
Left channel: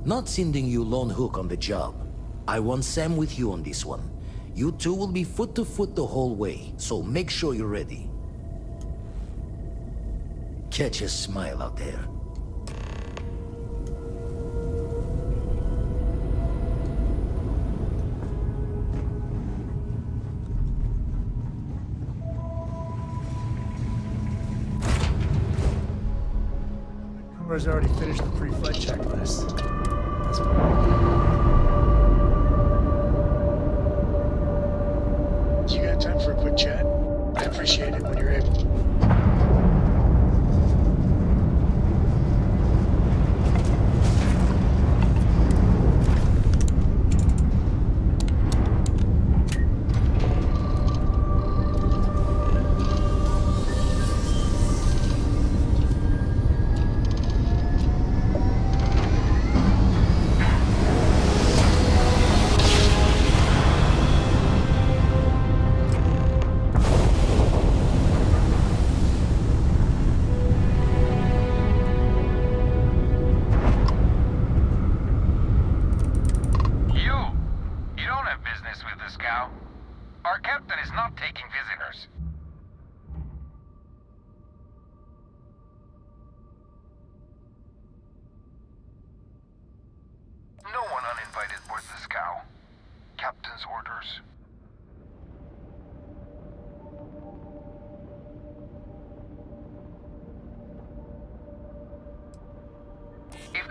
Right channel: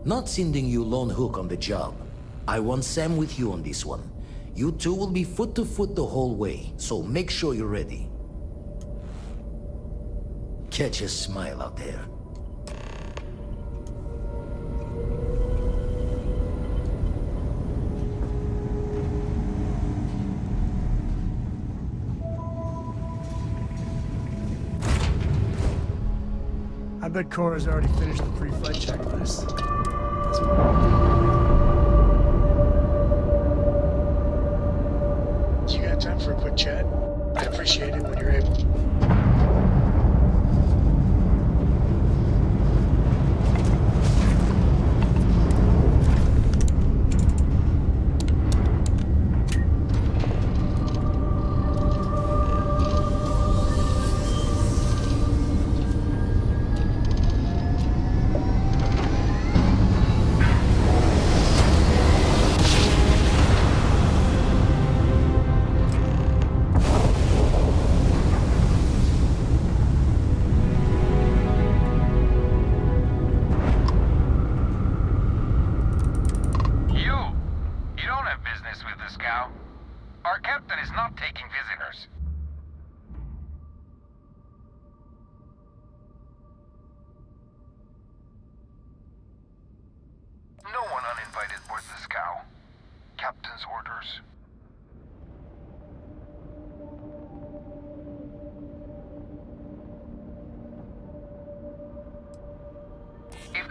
Not sending you lone hook on the job. I want Sam with you on this one. You two will be foot to foot the whole way, so make sure you're ready. Catch a smile out there. I bet Cora's already finished the pre-flight checklist. That's You got time for a quick chat? I appreciate it when you're able.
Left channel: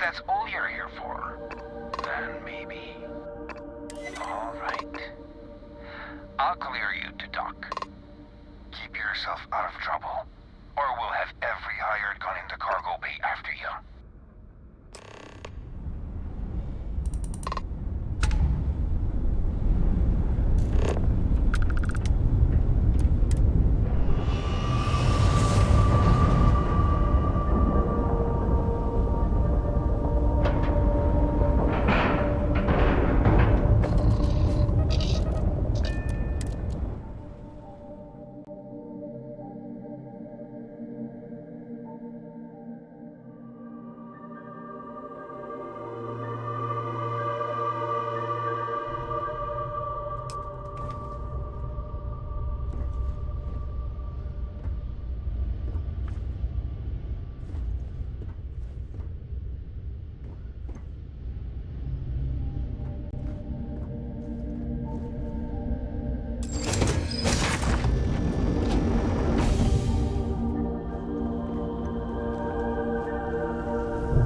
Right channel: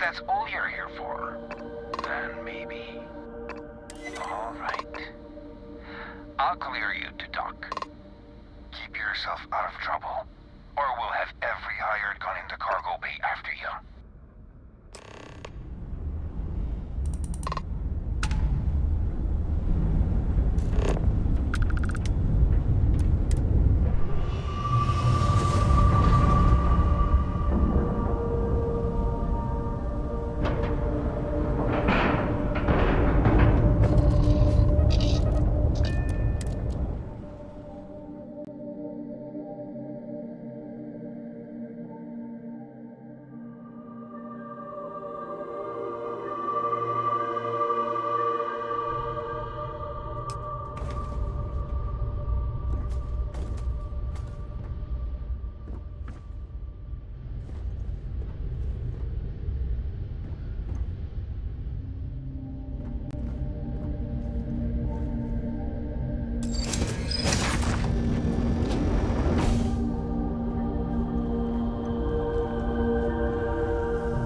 that's all you're here for, then maybe. All right. I'll clear you to talk. Keep yourself out of trouble, or we'll have every hired gun in the cargo bay after you.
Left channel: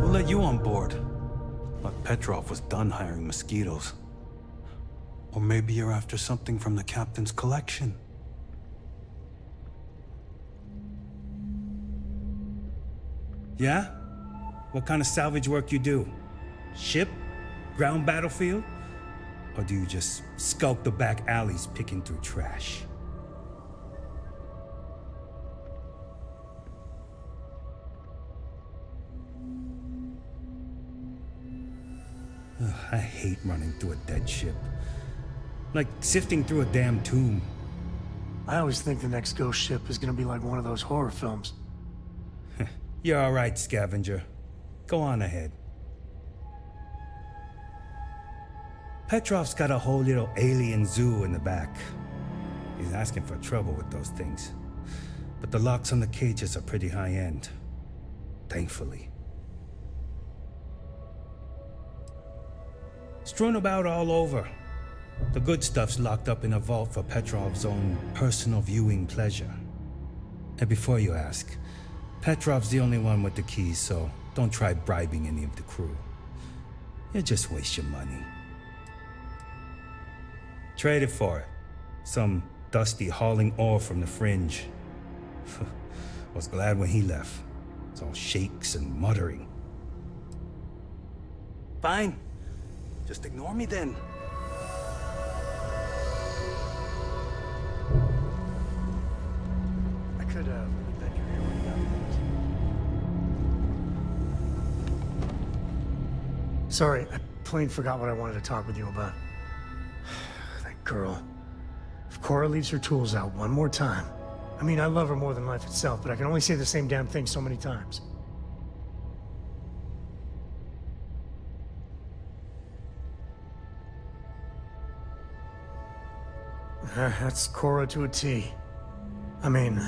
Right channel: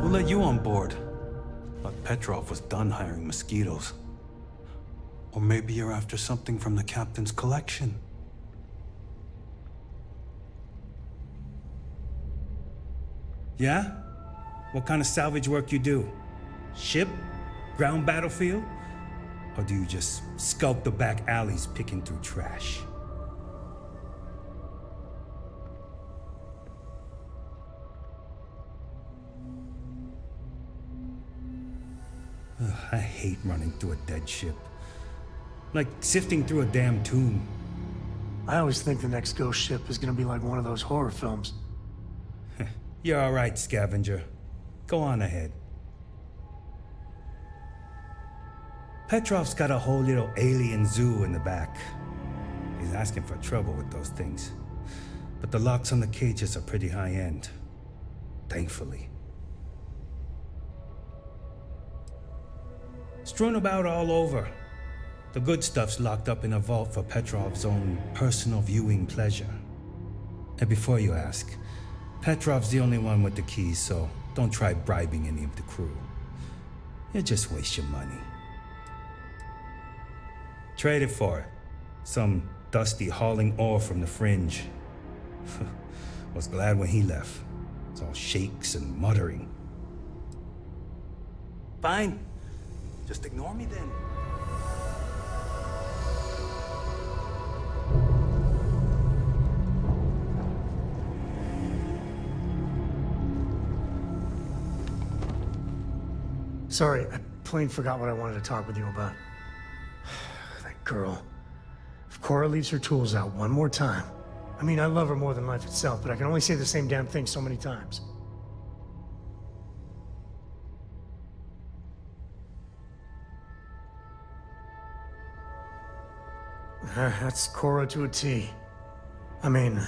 Let you on board. But Petrov was done hiring mosquitoes. Or maybe you're after something from the captain's collection. Yeah? What kind of salvage work you do? Ship? Ground battlefield? Or do you just skulk the back alleys picking through trash? Ugh, I hate running through a dead ship. Like sifting through a damn tomb. I always think the next ghost ship is gonna be like one of those horror films. You're all right, scavenger. Go on ahead. Petrov's got a whole little alien zoo in the back. He's asking for trouble with those things. But the locks on the cages are pretty high-end. Thankfully. Strewn about all over. The good stuff's locked up in a vault for Petrov's own personal viewing pleasure. And before you ask, Petrov's the only one with the keys, so don't try bribing any of the crew. You'll just waste your money. Trade it for it. Some dusty hauling ore from the fringe. Was glad when he left. It's all shakes and muttering. Fine. Just ignore me then. I could have. Sorry, I plain forgot what I wanted to talk with you about. That girl. If Cora leaves her tools out one more time. I mean, I love her more than life itself, but I can only say the same damn thing so many times. That's Cora to a T. I mean,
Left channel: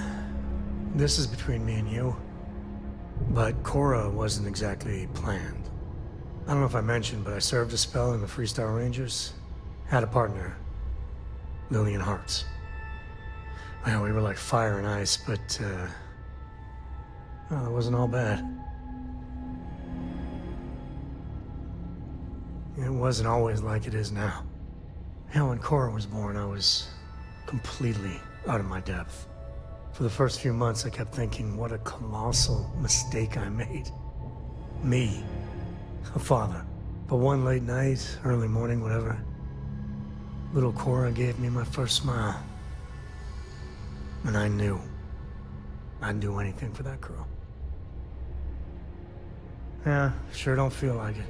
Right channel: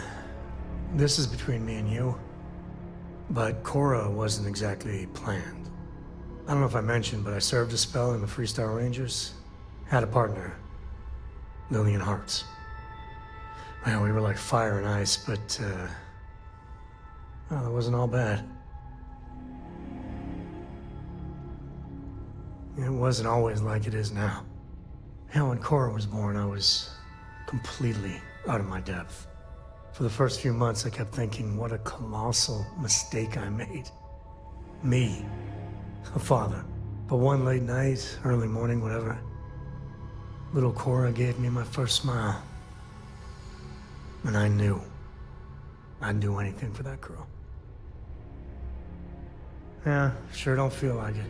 this is between me and you, but Cora wasn't exactly planned. I don't know if I mentioned, but I served a spell in the Freestar Rangers. Had a partner, Lillian Hartz. Well, we were like fire and ice, but, well, it wasn't all bad. It wasn't always like it is now. Hell, when Cora was born, I was completely out of my depth. For the first few months, I kept thinking, what a colossal mistake I made. Me, a father. But one late night, early morning, whatever, little Cora gave me my first smile. And I knew I'd do anything for that girl. Yeah, sure don't feel like it.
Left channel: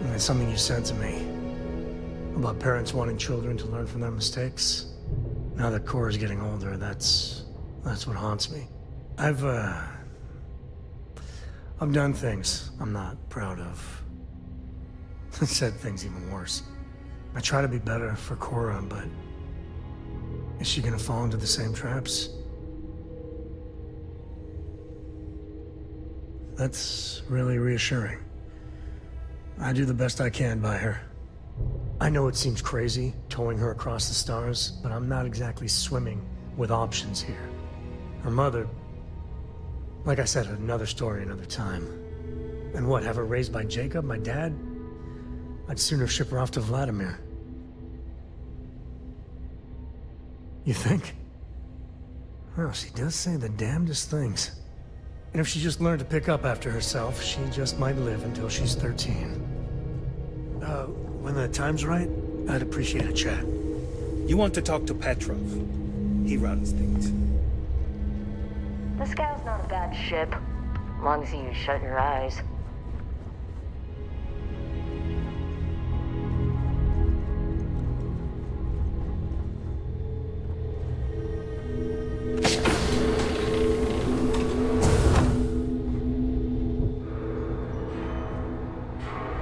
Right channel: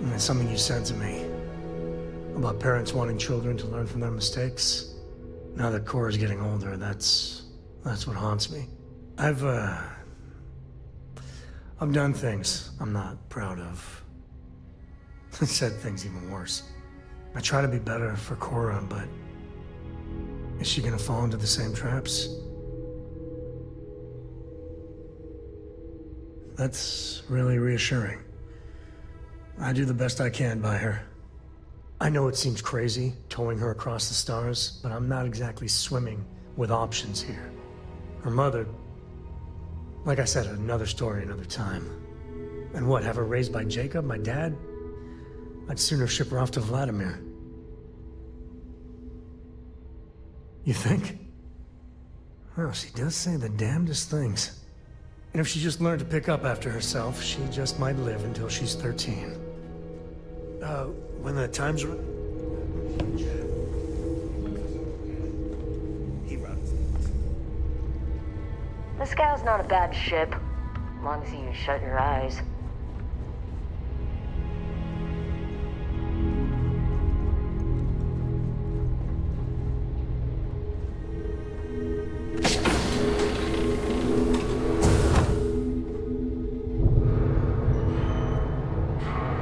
And it's something you said to me about parents wanting children to learn from their mistakes. Now that Cora's getting older, that's what haunts me. I've done things I'm not proud of. Said things even worse. I try to be better for Cora, but is she gonna fall into the same traps? That's really reassuring. I do the best I can by her. I know it seems crazy, towing her across the stars, but I'm not exactly swimming with options here. Her mother, like I said, another story, another time. And what, have her raised by Jacob, my dad? I'd sooner ship her off to Vladimir. You think? Well, she does say the damnedest things. And if she just learned to pick up after herself, she just might live until she's 13. When the time's right, I'd appreciate a chat. You want to talk to Petrov? He runs things. The Scow's not a bad ship, as long as you shut your eyes.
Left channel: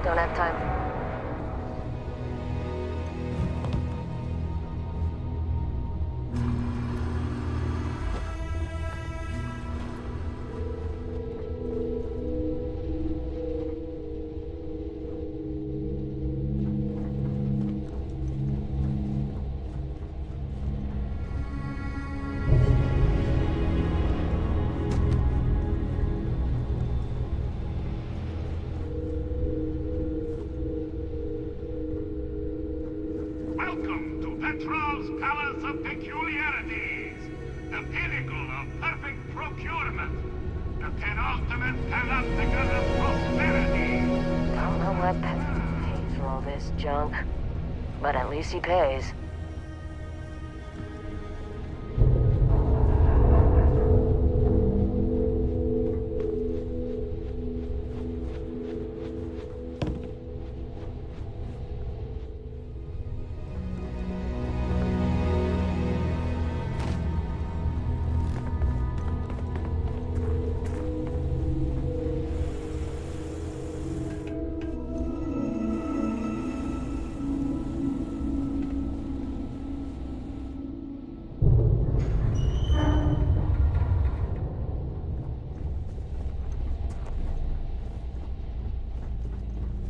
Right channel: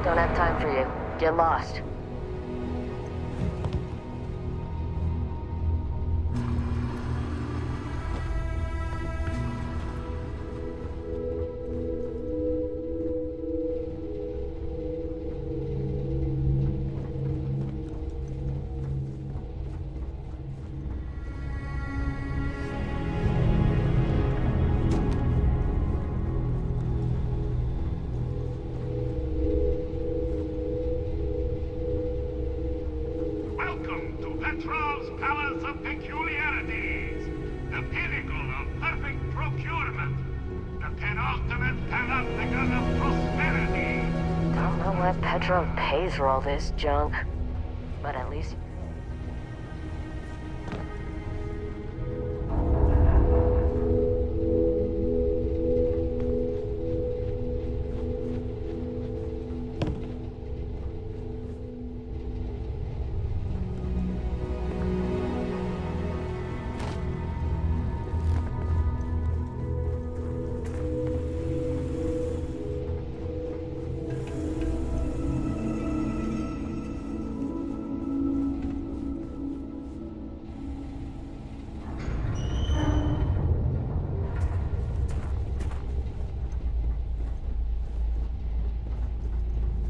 Don't have time for you. Get lost. Welcome to Petrov's Palace of Peculiarities, the pinnacle of perfect procurement, the penultimate panopticon of prosperity. Don't know what Petrov pays for all this junk, but at least he pays.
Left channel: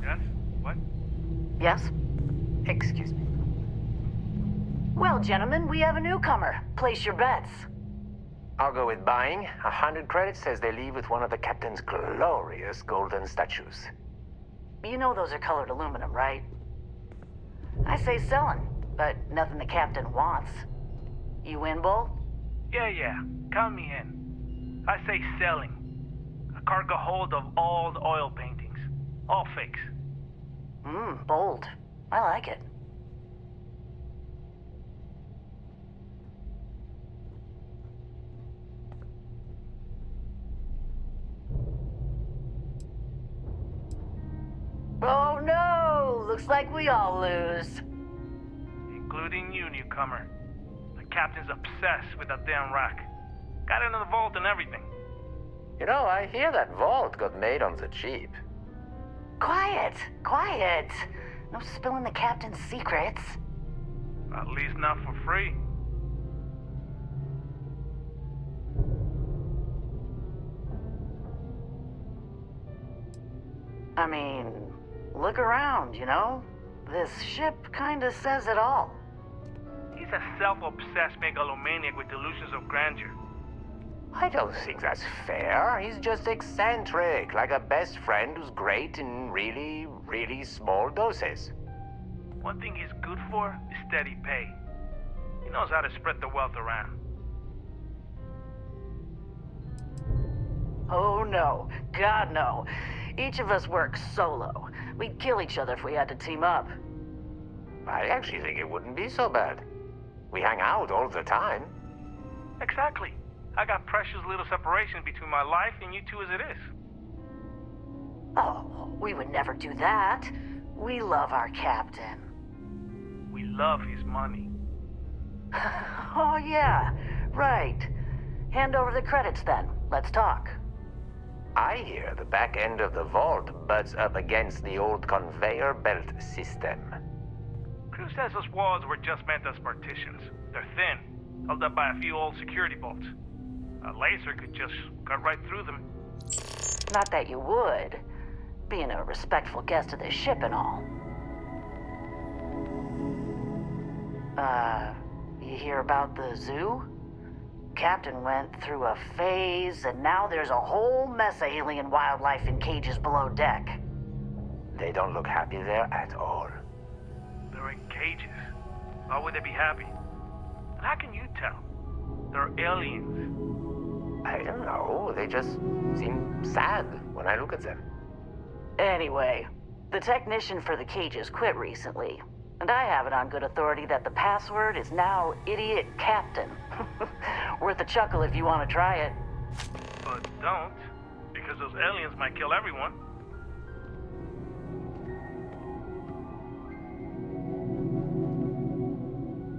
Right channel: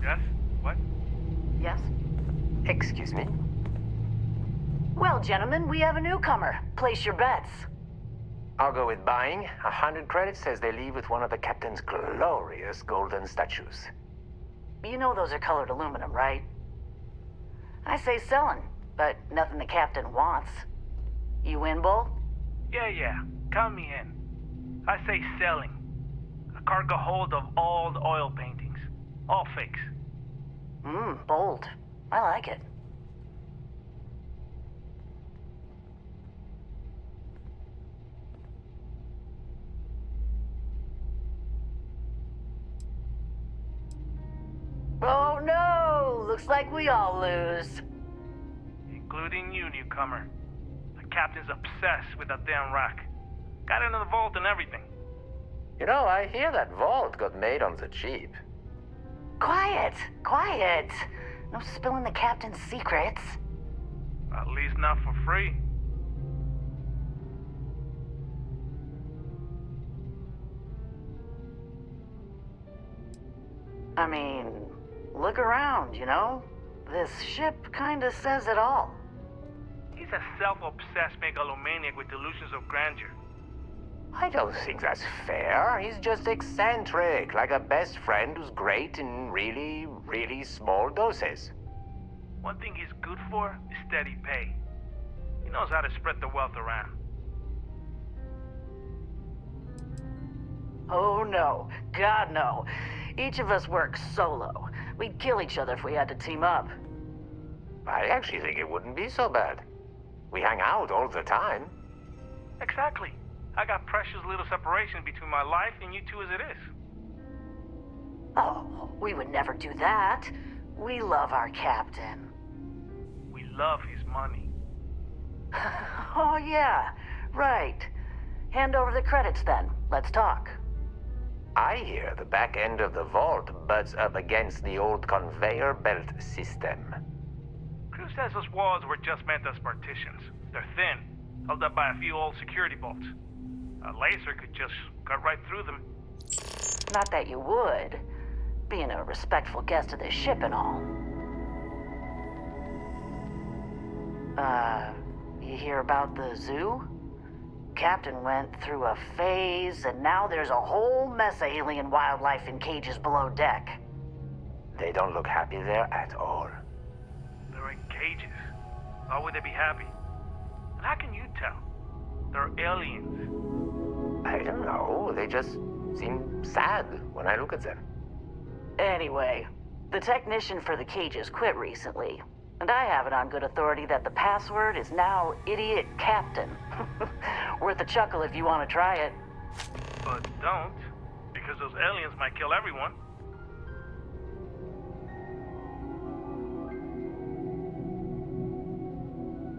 Yes? What? Yes? Excuse me? Well, gentlemen, we have a newcomer. Place your bets. I'll go with buying. 100 credits says they leave with one of the captain's glorious golden statues. You know those are colored aluminum, right? I say selling, but nothing the captain wants. You in, Bull? Yeah. Count me in. I say selling. A cargo hold of all the oil paintings. All fakes. Bold. I like it. Oh no! Looks like we all lose. Including you, newcomer. The captain's obsessed with that damn rack. Got it in the vault and everything. You know, I hear that vault got made on the cheap. Quiet! No spilling the captain's secrets. At least not for free. I mean, look around, you know? This ship kinda says it all. He's a self-obsessed megalomaniac with delusions of grandeur. I don't think that's fair. He's just eccentric, like a best friend who's great in really, really small doses. One thing he's good for is steady pay. He knows how to spread the wealth around. Oh no, God no. Each of us works solo. We'd kill each other if we had to team up. I actually think it wouldn't be so bad. We hang out all the time. Exactly. I got precious little separation between my life and you two as it is. Oh, we would never do that. We love our captain. We love his money. Oh yeah, right. Hand over the credits then. Let's talk. I hear the back end of the vault butts up against the old conveyor belt system. Crew says those walls were just meant as partitions. They're thin, held up by a few old security bolts. A laser could just cut right through them. Not that you would, being a respectful guest of this ship and all. You hear about the zoo? Captain went through a phase, and now there's a whole mess of alien wildlife in cages below deck. They don't look happy there at all. They're in cages. Why would they be happy? And how can you tell? They're aliens. I don't know. They just seem sad when I look at them. Anyway, the technician for the cages quit recently, and I have it on good authority that the password is now Idiot Captain. Worth a chuckle if you want to try it. But don't, because those aliens might kill everyone.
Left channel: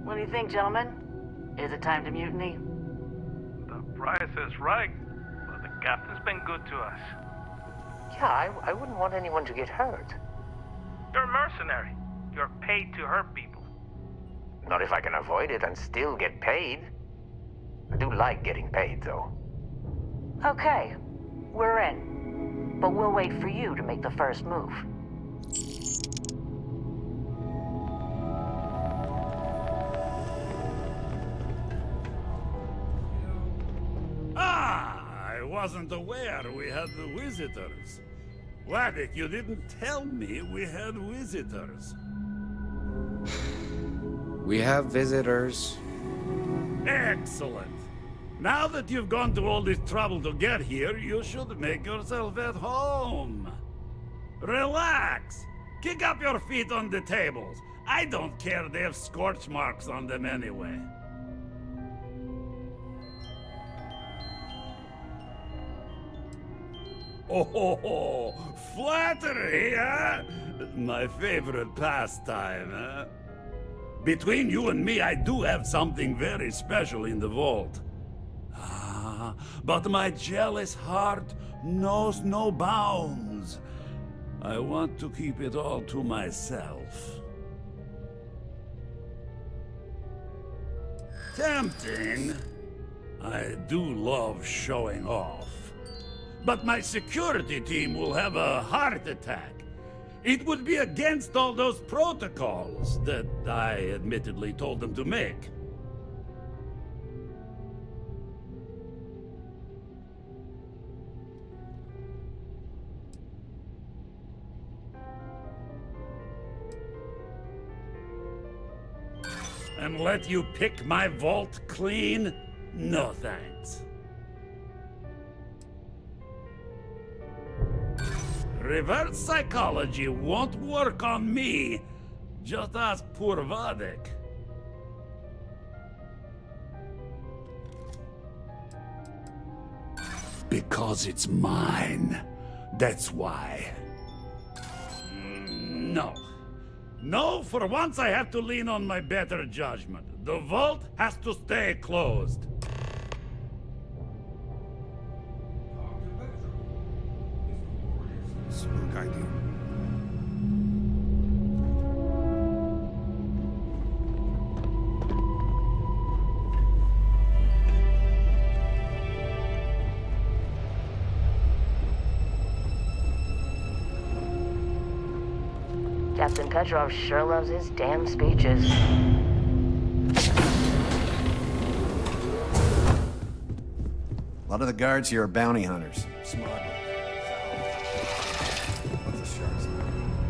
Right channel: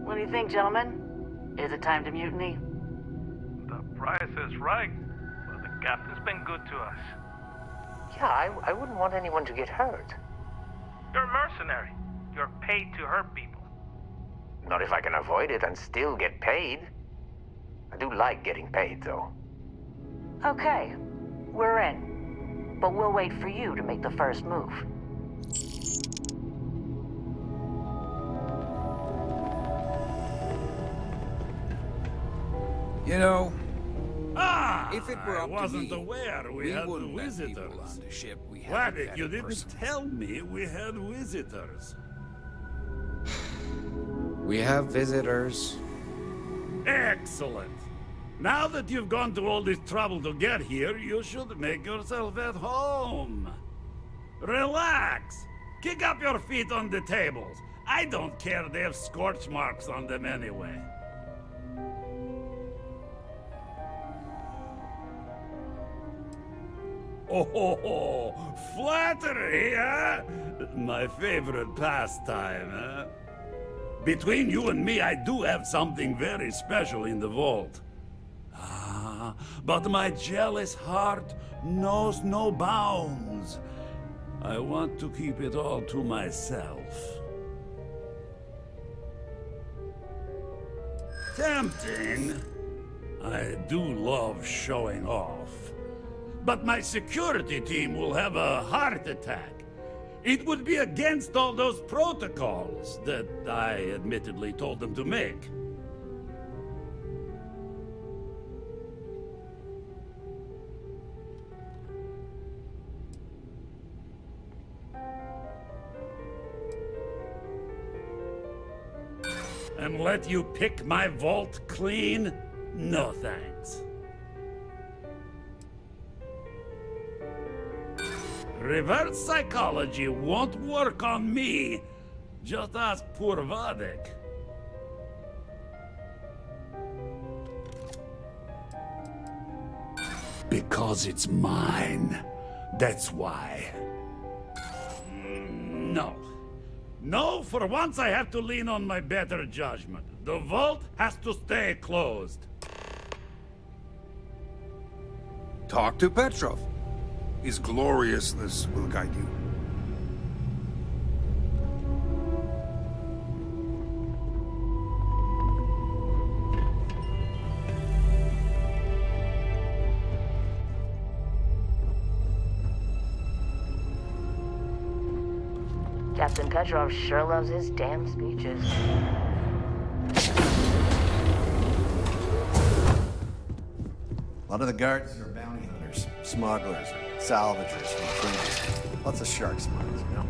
What do you think, gentlemen? Is it time to mutiny? The price is right, but the captain's been good to us. Yeah, I wouldn't want anyone to get hurt. You're a mercenary. You're paid to hurt people. Not if I can avoid it and still get paid. I do like getting paid, though. Okay, we're in. But we'll wait for you to make the first move. You know, I wasn't aware we had visitors. Wadik, you didn't tell me we had visitors. we have visitors. Excellent. Now that you've gone to all this trouble to get here, you should make yourself at home. Relax. Kick up your feet on the tables. I don't care, they have scorch marks on them anyway. Oh, flattery, huh? My favorite pastime, huh? Between you and me, I do have something very special in the vault. Ah, but my jealous heart knows no bounds. I want to keep it all to myself. Tempting. I do love showing off. But my security team will have a heart attack. It would be against all those protocols that I admittedly told them to make. And let you pick my vault clean? No thanks. Reverse psychology won't work on me. Just ask poor Vadik. Because it's mine. That's why. No. No, for once I have to lean on my better judgment. The vault has to stay closed. Talk to Petrov. His gloriousness will guide you. Captain Petrov sure loves his damn speeches. A lot of the guards here are bounty hunters, smugglers, salvagers, lots of shark smarts, you know.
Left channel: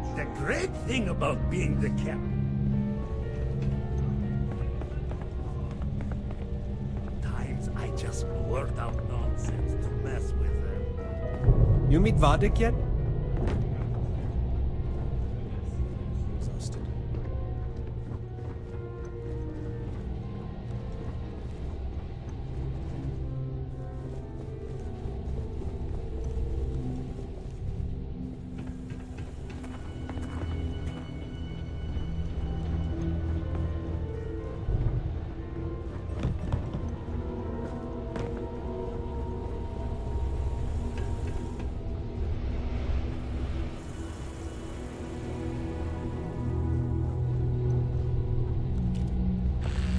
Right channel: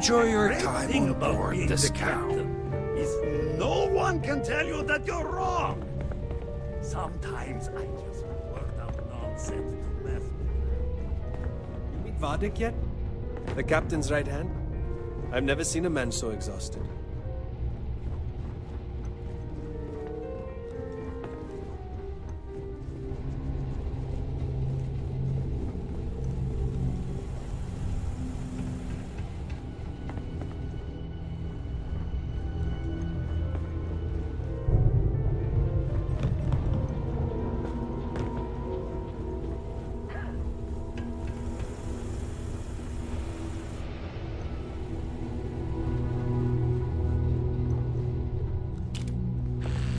Enjoy your great time thing on about board being this the cow. captain is no one can tell you that you're wrong. Sometimes I just blurt out nonsense to mess with them. You meet Vadik yet? The captain's right hand? I've never seen a man so exhausted.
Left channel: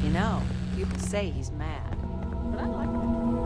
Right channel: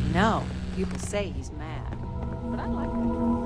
You know, people say he's mad, but I like that drama.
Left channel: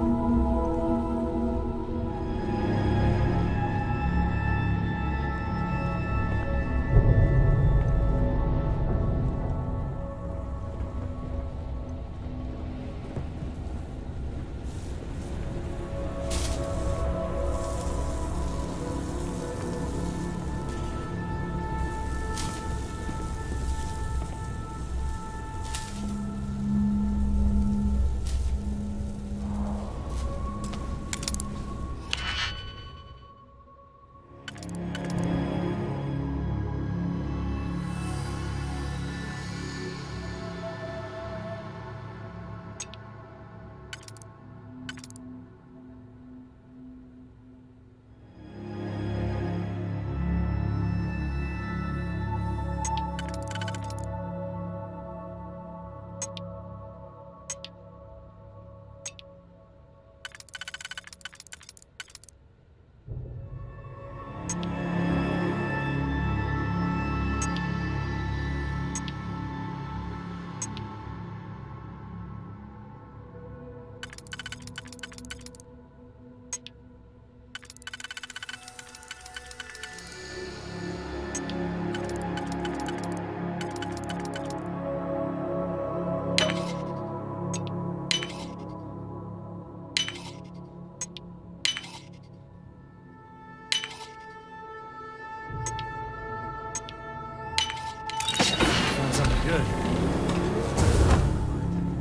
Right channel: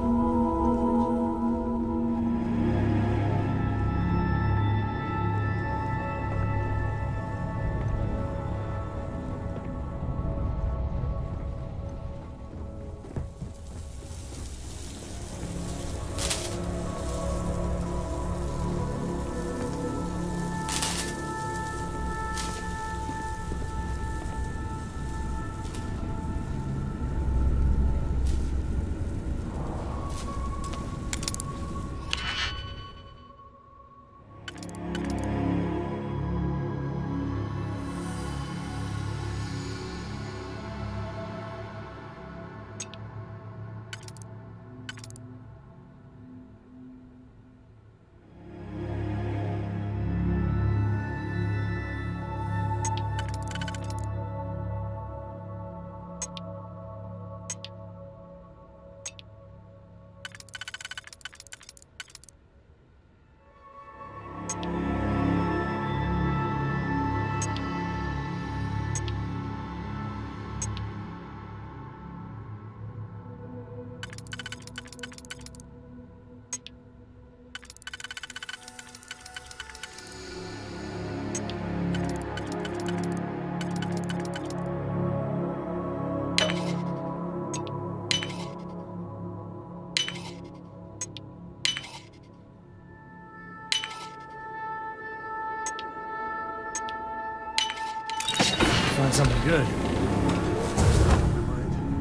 Find something good.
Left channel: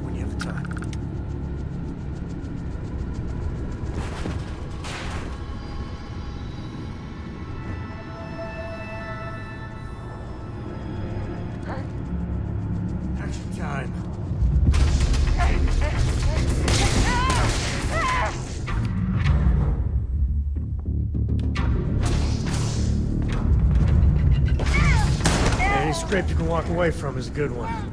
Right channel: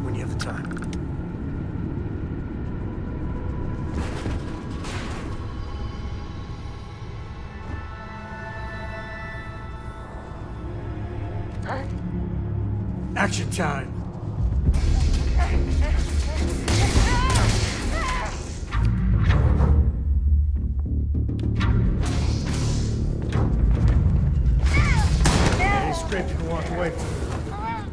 When you have the time. Action time. Any scrape you can walk away from is a good one.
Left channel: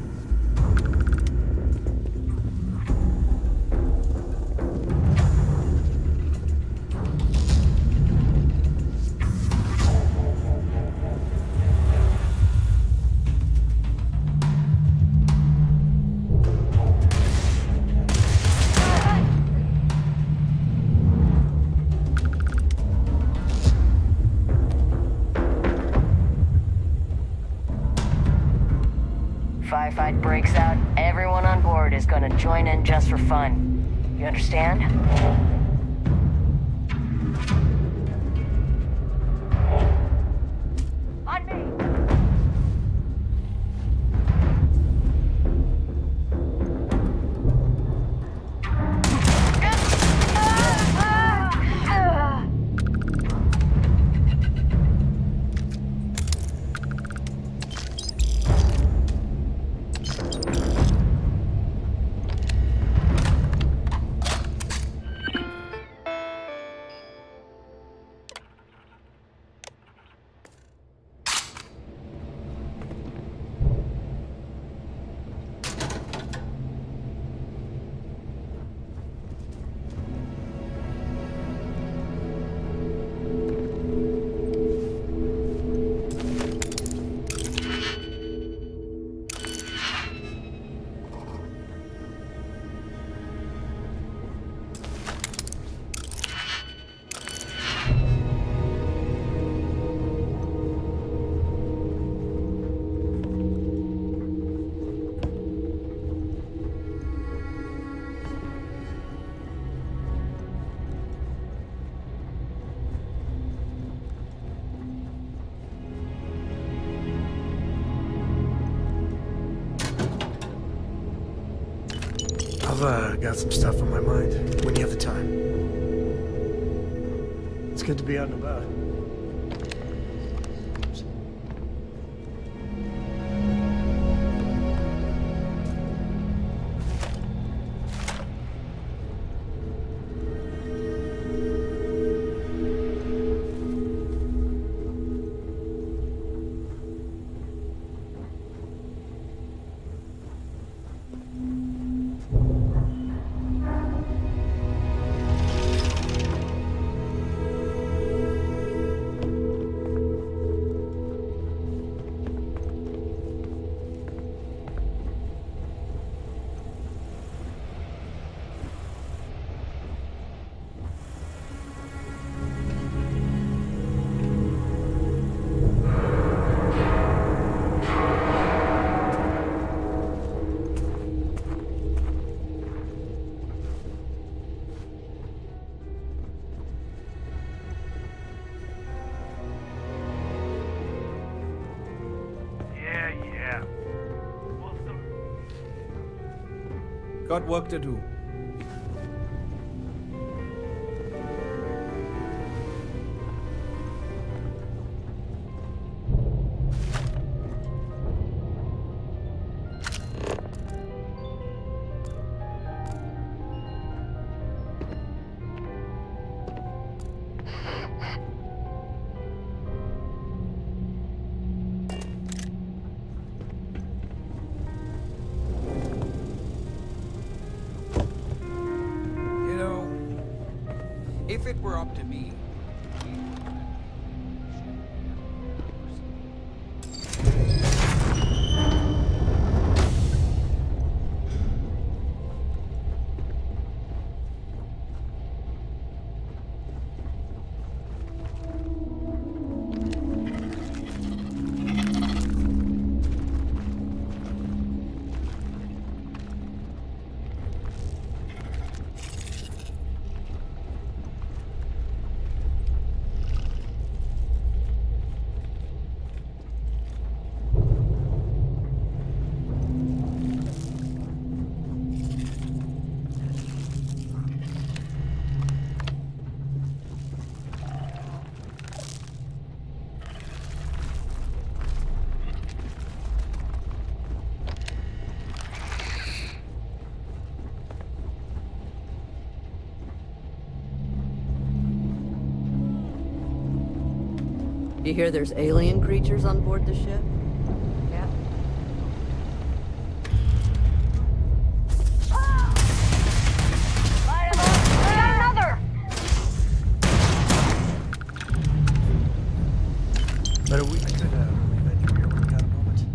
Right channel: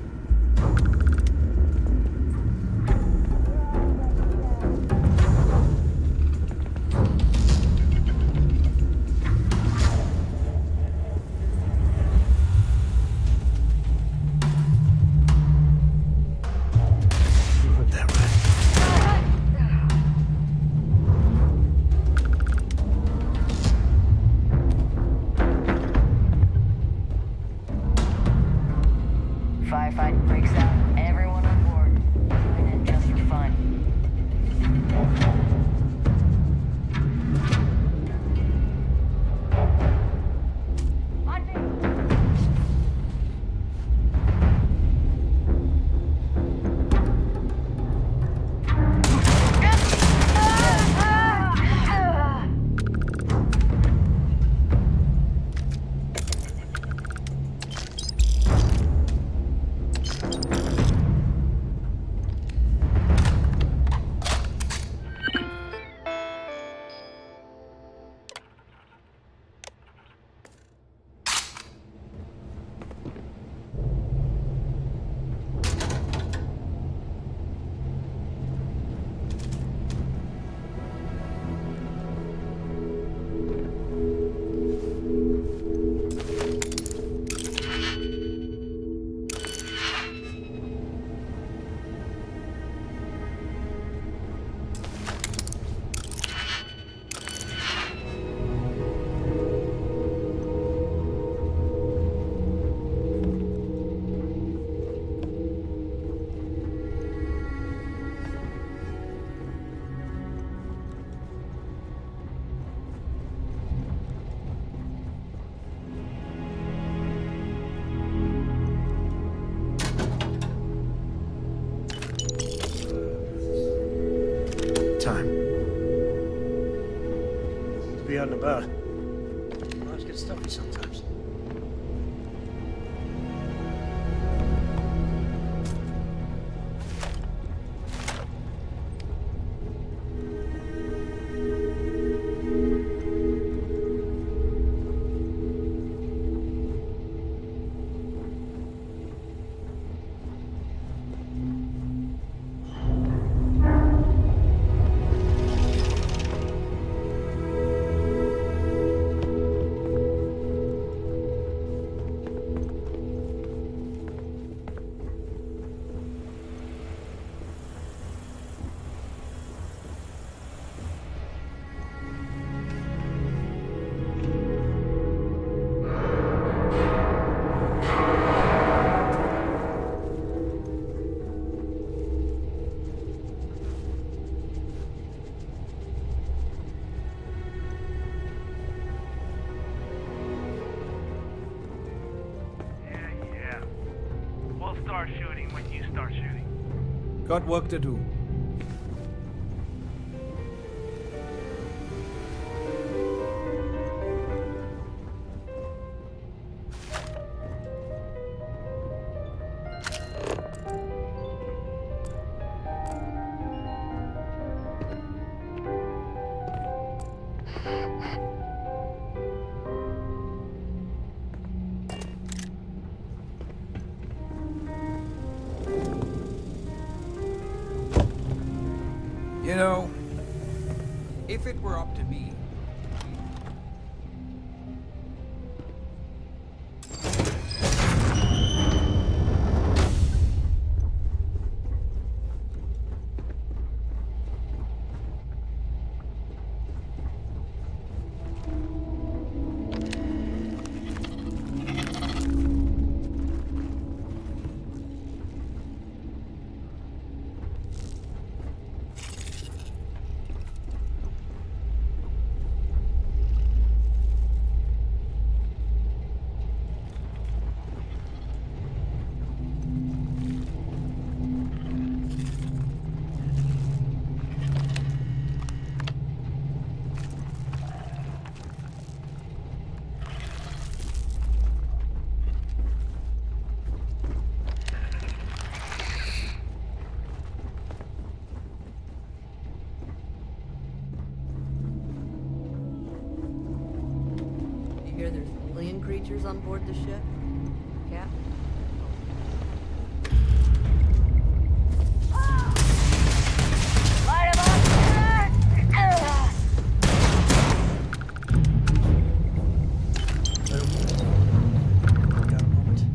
Firefight breaks out, everyone on board is gonna join in just for fun. You understand? On me! I've got some stuff on my mind when you have the time. It's good to be out and about. Let's get stuffy sometimes. Got work to do. You know, if it were up to me, You hear there's alien creatures on board the ship? Cap? Light 'em up! Better we got a moment.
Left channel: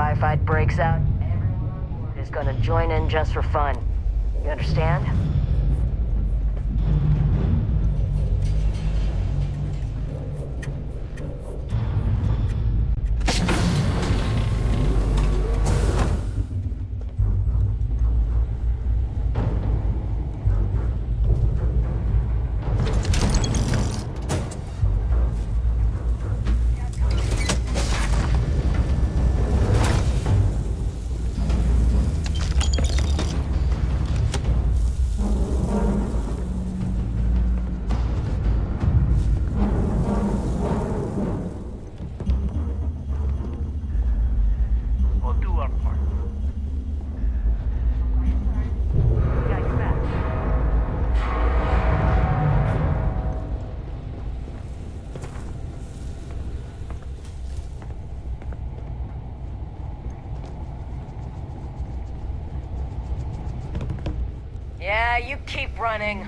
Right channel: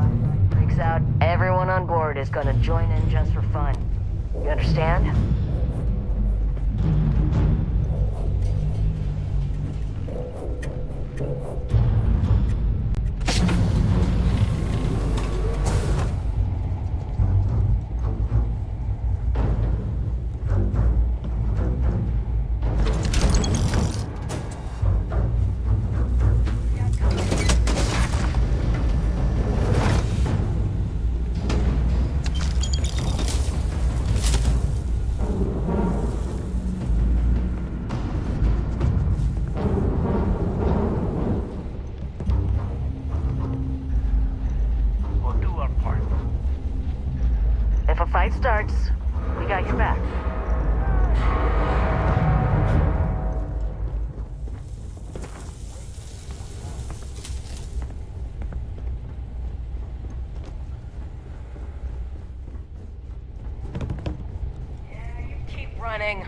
firefight breaks out, everyone on board is gonna join in just for fun. You understand? We'll do our part. If a fight starts, we got your back. Yeah, you keep running.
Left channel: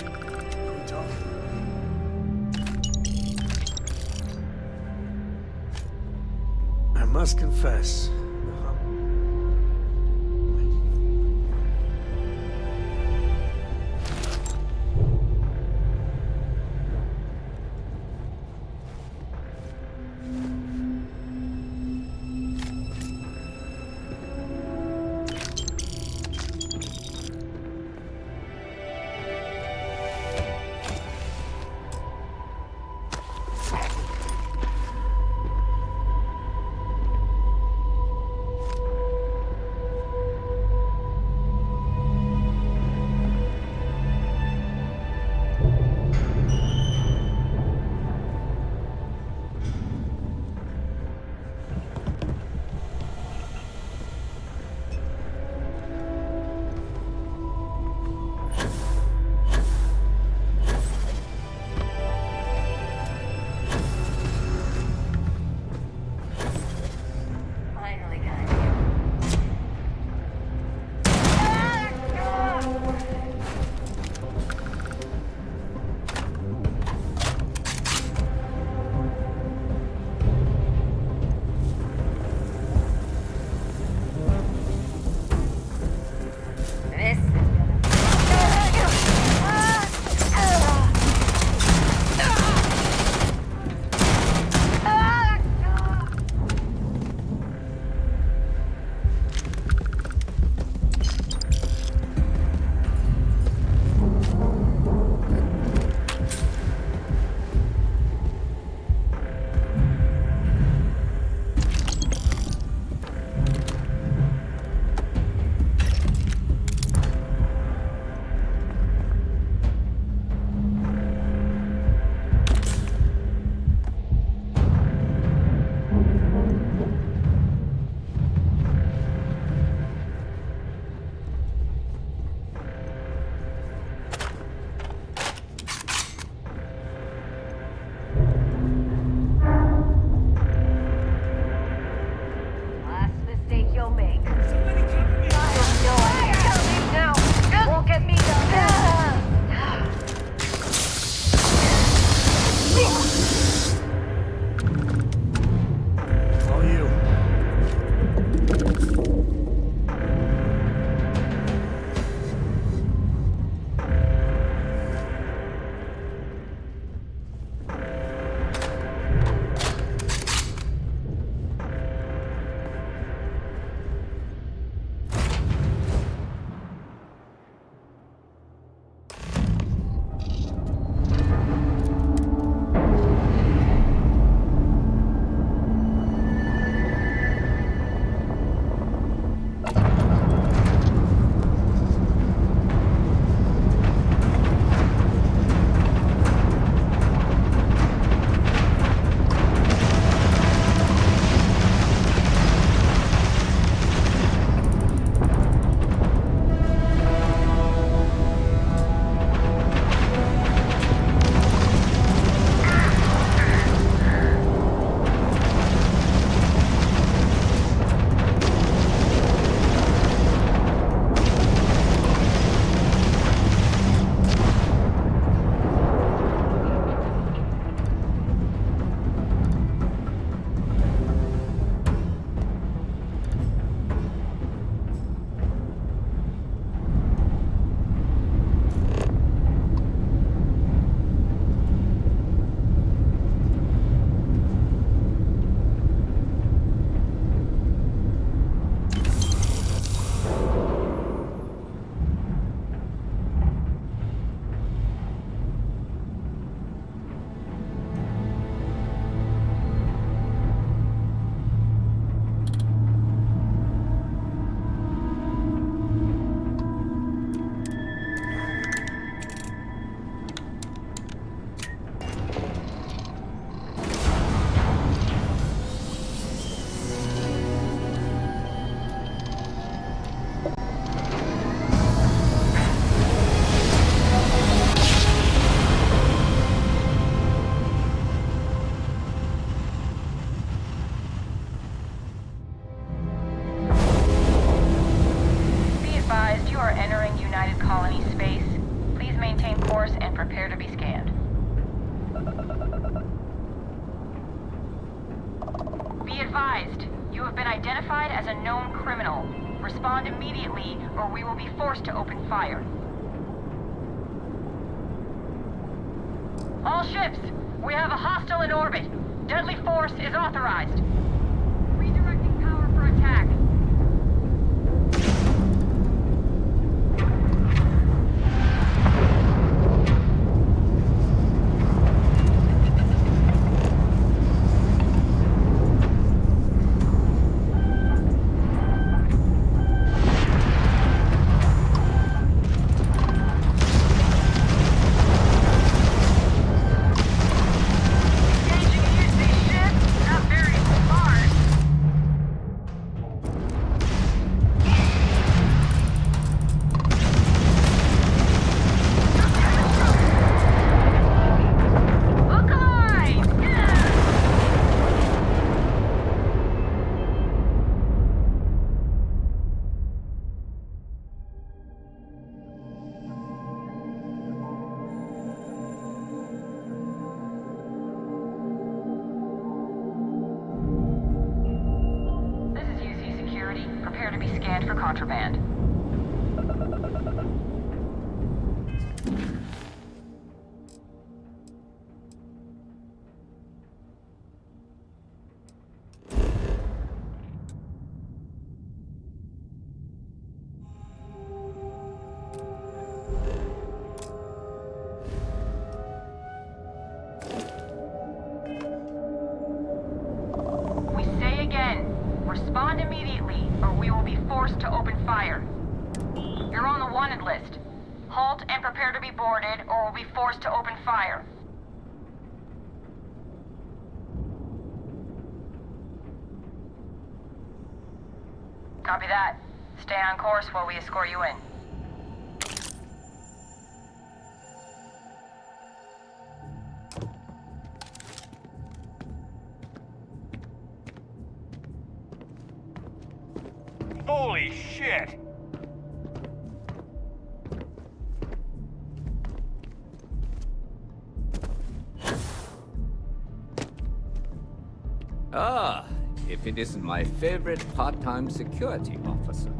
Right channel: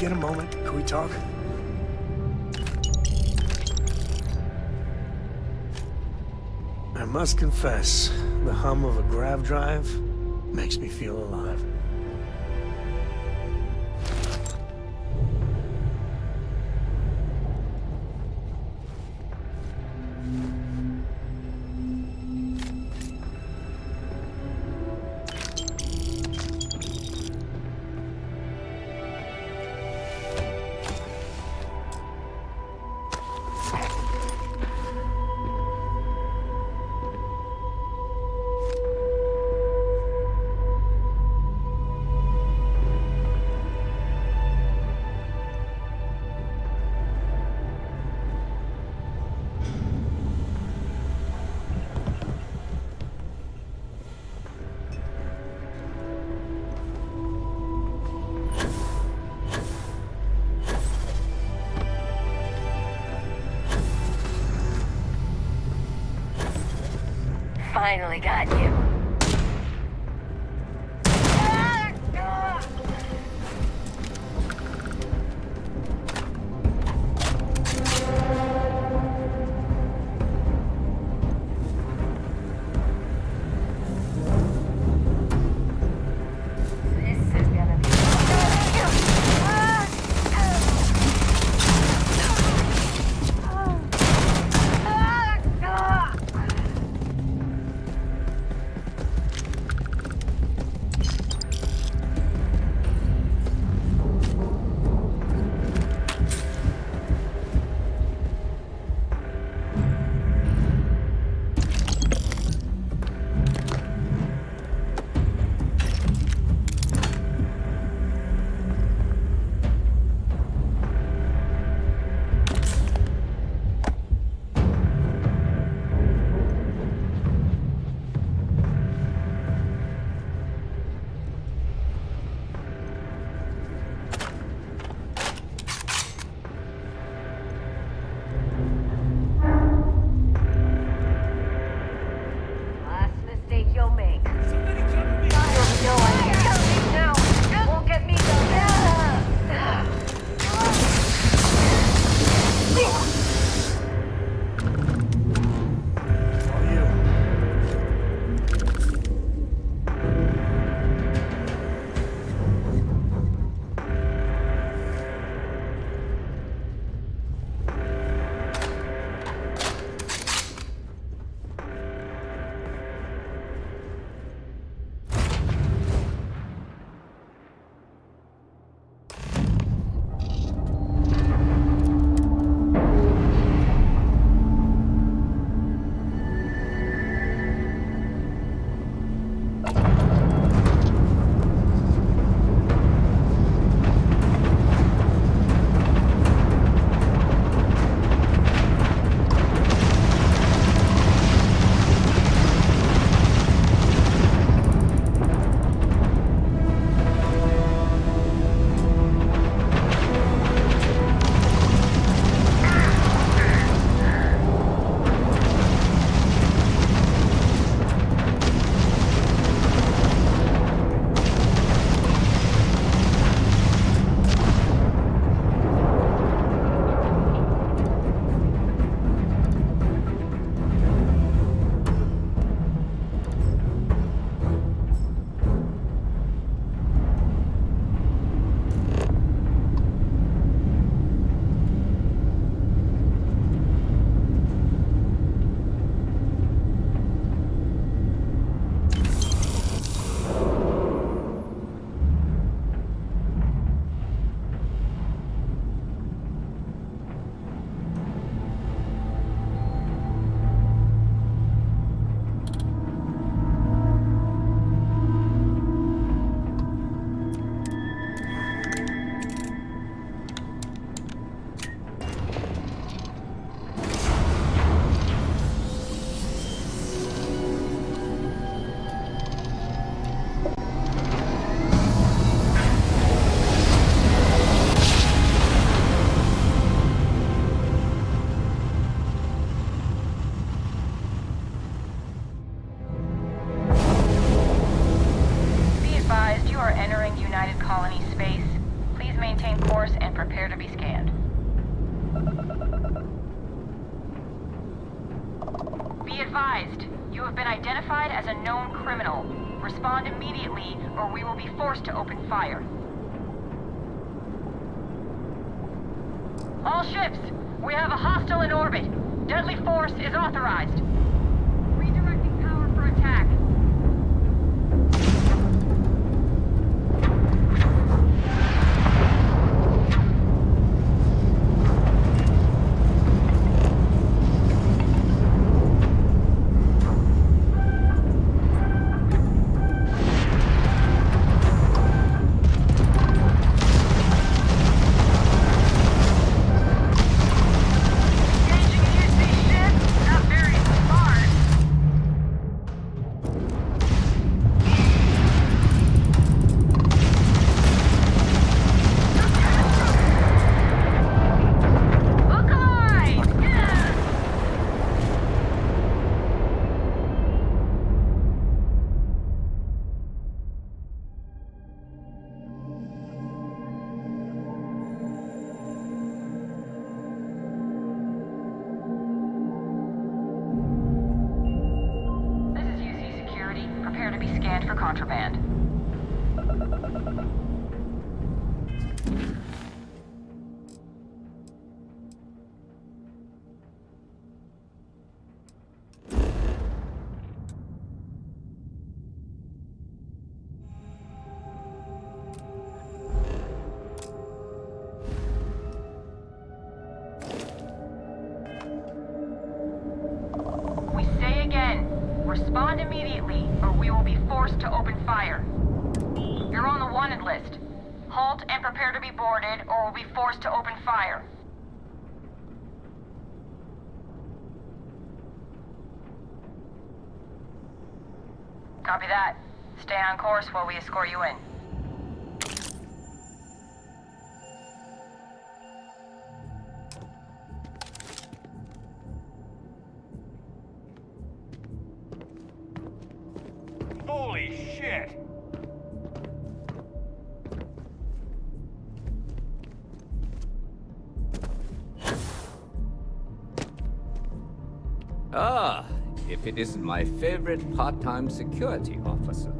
get a moment? Can we talk? I must confess, the hum of a grav drive makes me feel alive. Finally got you. This is gonna be... identified as a known criminal. Respond immediately, or we will be forced to open fire. All ships, we have a hostile in orbit. Deadly force is authorized. Redirecting power for attack. Prepare to be scanned for contraband. We say again, respond immediately, or we will be forced to open fire. You're on the wanted list. Halt and prepare to be boarded, or we'll be forced to open fire. Copy that. Stay on course while we escort you in. Holy shit! Ah, if it isn't my favorite part-time security officer.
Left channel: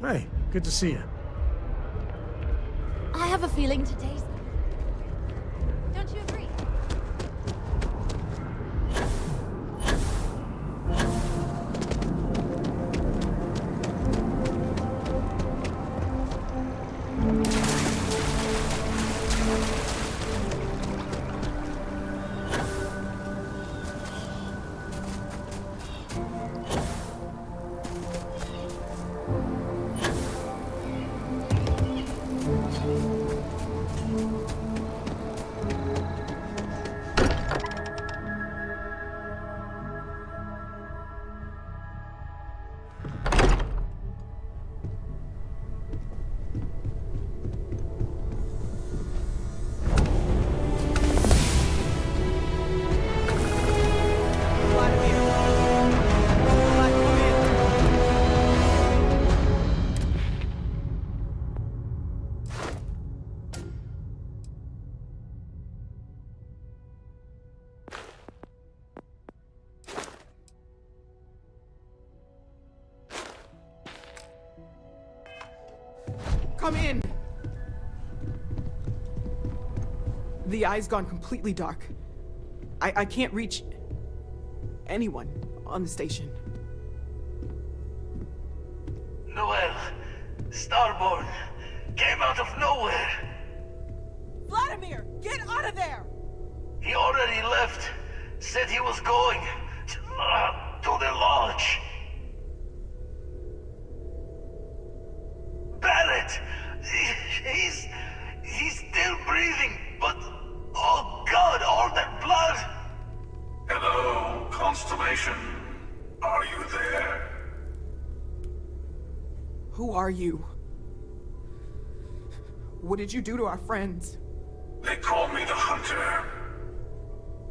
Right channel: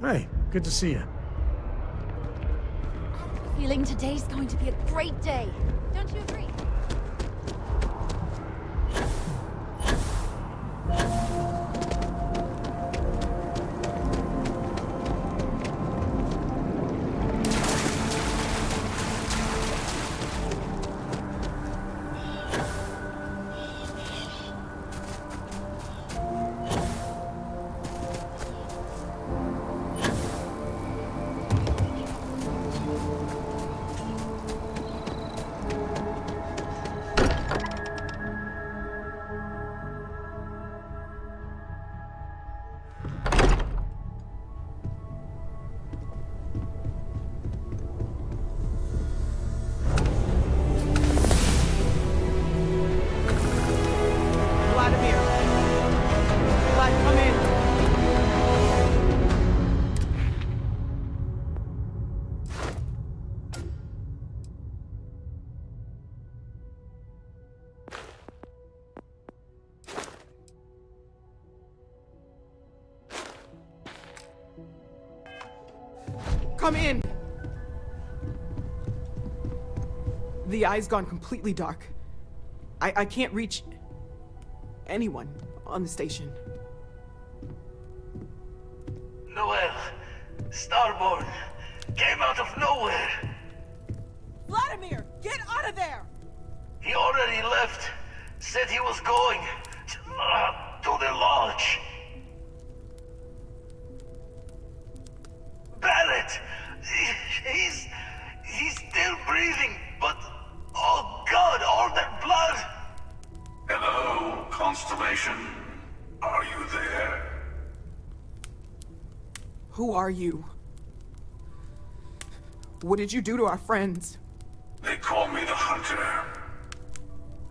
Hey, good to see you. I have a feeling today's going to be a great day. Don't you agree? Come in! The eye's gone completely dark. I can't reach anyone on the station. Noel, Starborn, came out of nowhere. Vladimir, get out of there! He already left. Said he was going to the lodge. Barrett, he's still breathing, but oh God, all that blood. Hello, Constellation. Are you there? Who are you? What did you do to our friends? They call me the Hunter.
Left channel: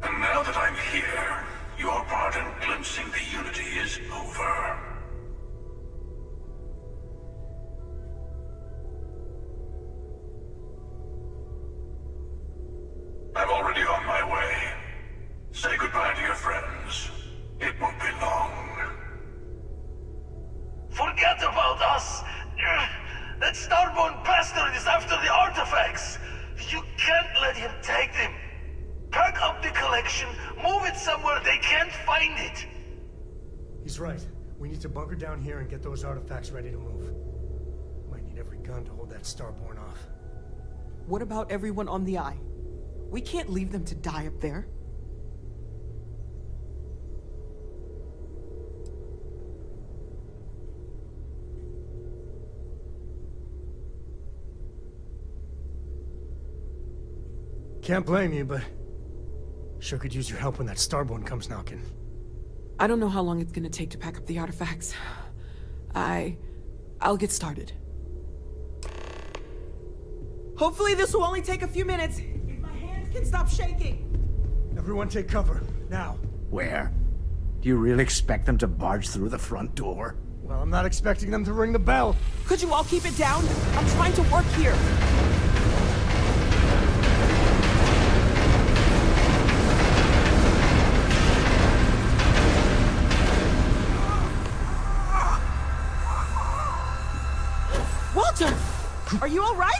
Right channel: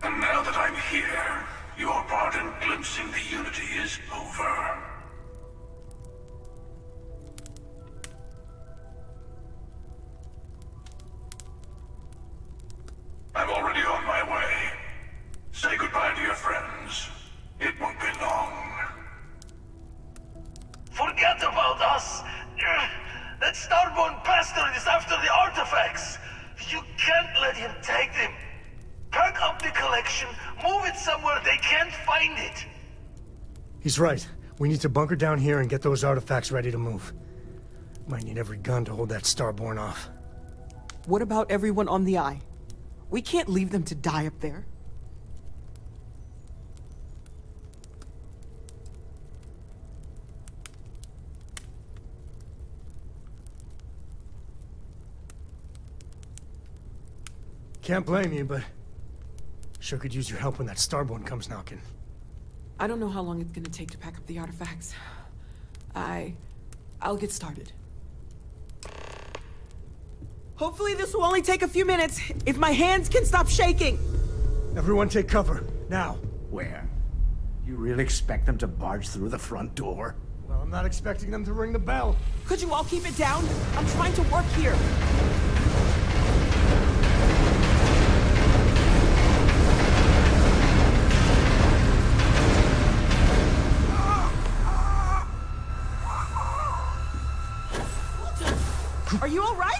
And now that I'm here, your part in glimpsing the Unity is over. I'm already on my way. Say goodbye to your friends. It won't be long. Forget about us! That Starborn bastard is after the artifacts! You can't let him take them! Pack up the collection, move it somewhere they can't find it! He's right. We need to bunker down here and get those artifacts ready to move. Might need every gun to hold that Starborn off. What about everyone on the Eye? We can't leave them to die up there. Can't blame you, but sure could use your help when that Starborn comes knocking. I don't know how long it's gonna take to pack up the artifacts. I'll get started. Hopefully this will only take a few minutes, if my hands can stop shaking! Everyone take cover, now. Where? Do you really expect them to barge through the front door? Well, I'm not expecting them to ring the bell. Could you all keep it down? I'm trying to work here. Walter! Are you all right?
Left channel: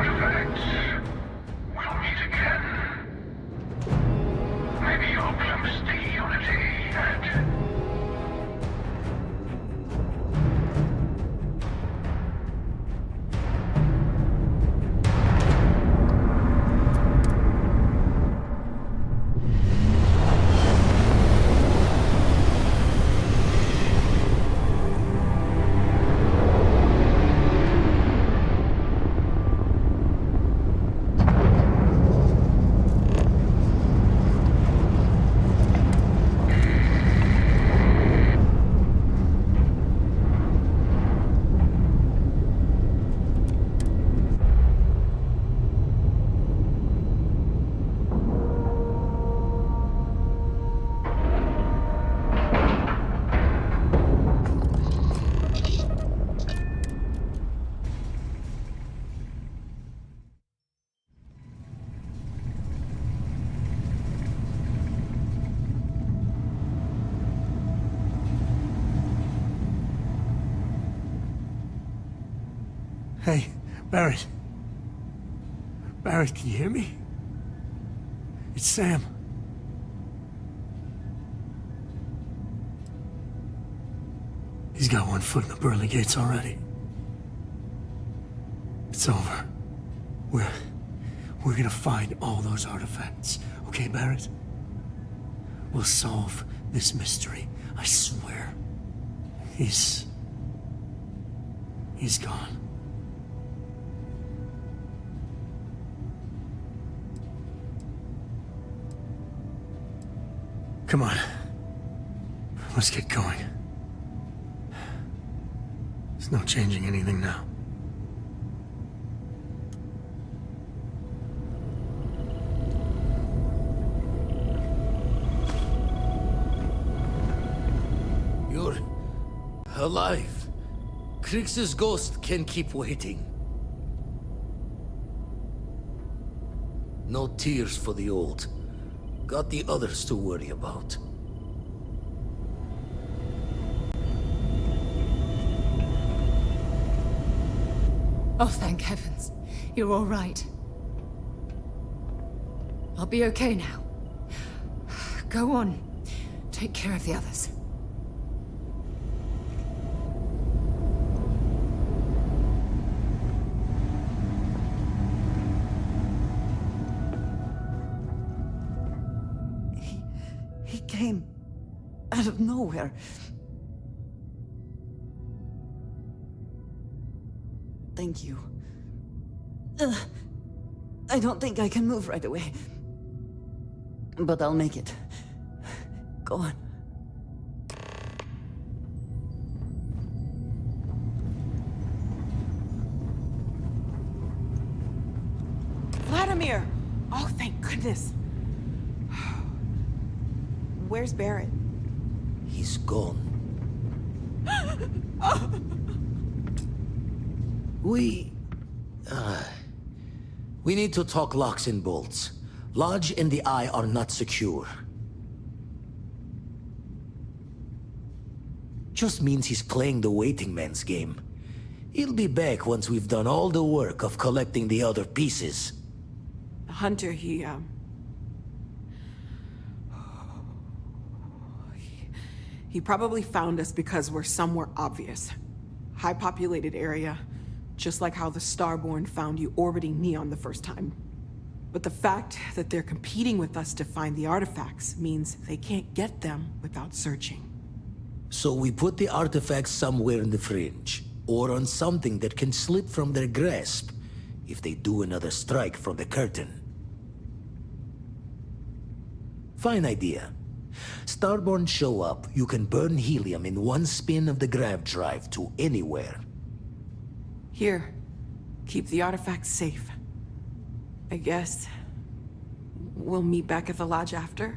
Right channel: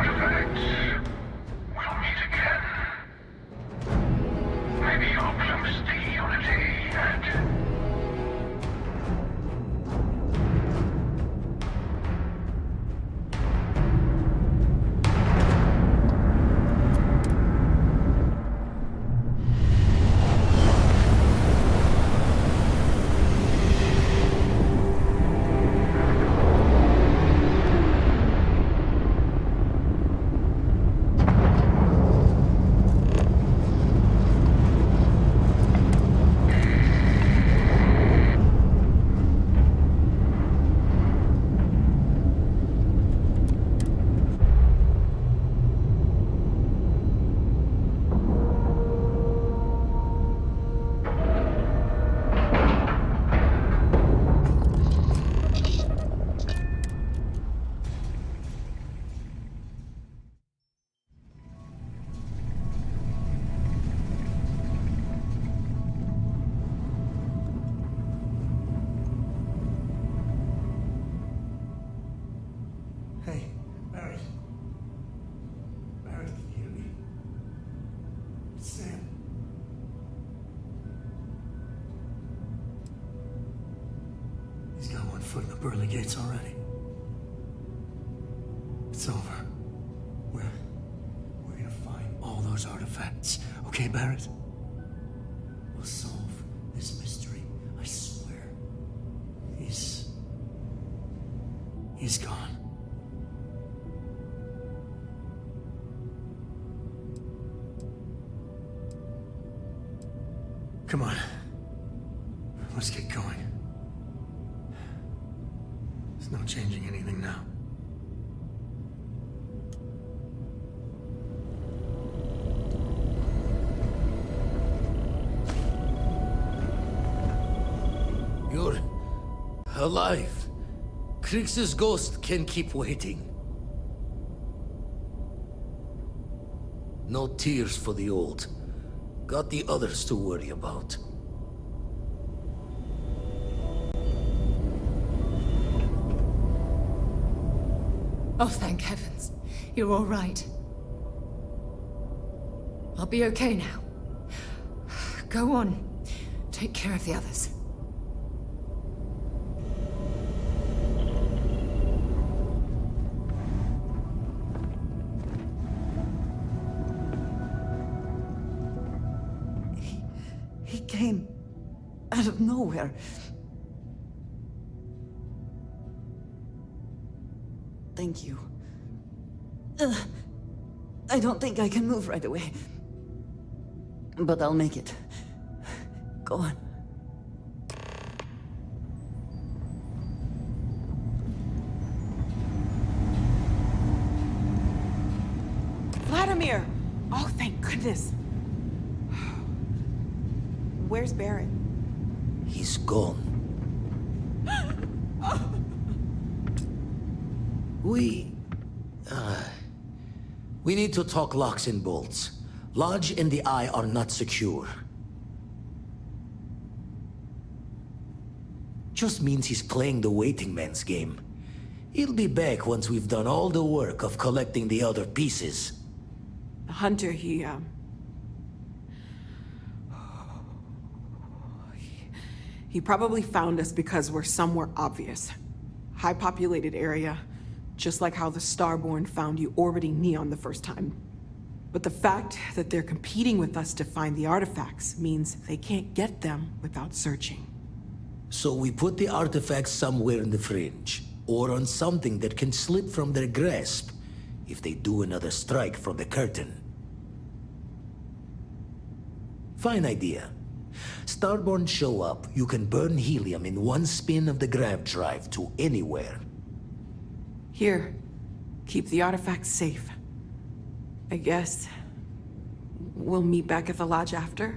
artifacts. We'll meet again. Maybe you'll glimpse the unity and... Hey, Barrett. Barrett, can you hear me? It's Sam. He's got one foot in the pearly gates already. It's over. We're gonna find all those artifacts. Okay, Barrett? We'll solve this mystery. I swear. He's gone. Come on. Let's get going. There's no changing anything now. You're alive. Krix's ghost can keep waiting. No tears for the old. Got the others to worry about. Oh, thank heavens. You're all right. I'll be okay now. Go on. Take care of the others. He came out of nowhere. Thank you. I don't think I can move right away. But I'll make it. Go on. Vladimir! Oh, thank goodness. Where's Barrett? He's gone. We need to talk locks and bolts. Lodge and the Eye are not secure. Just means he's playing the waiting man's game. He'll be back once we've done all the work of collecting the other pieces. Hunter, he probably found us because we're somewhere obvious. High-populated area, just like how the Starborn found you orbiting Neon the first time. But the fact that they're competing with us to find the artifacts means they can't get them without searching. So we put the artifacts somewhere in the fringe, or on something that can slip from their grasp if they do another strike from the curtain. Fine idea. Starborn show up, you can burn helium in one spin of the grav drive to anywhere. Here, keep the artifacts safe. I guess we'll meet back at the lodge after?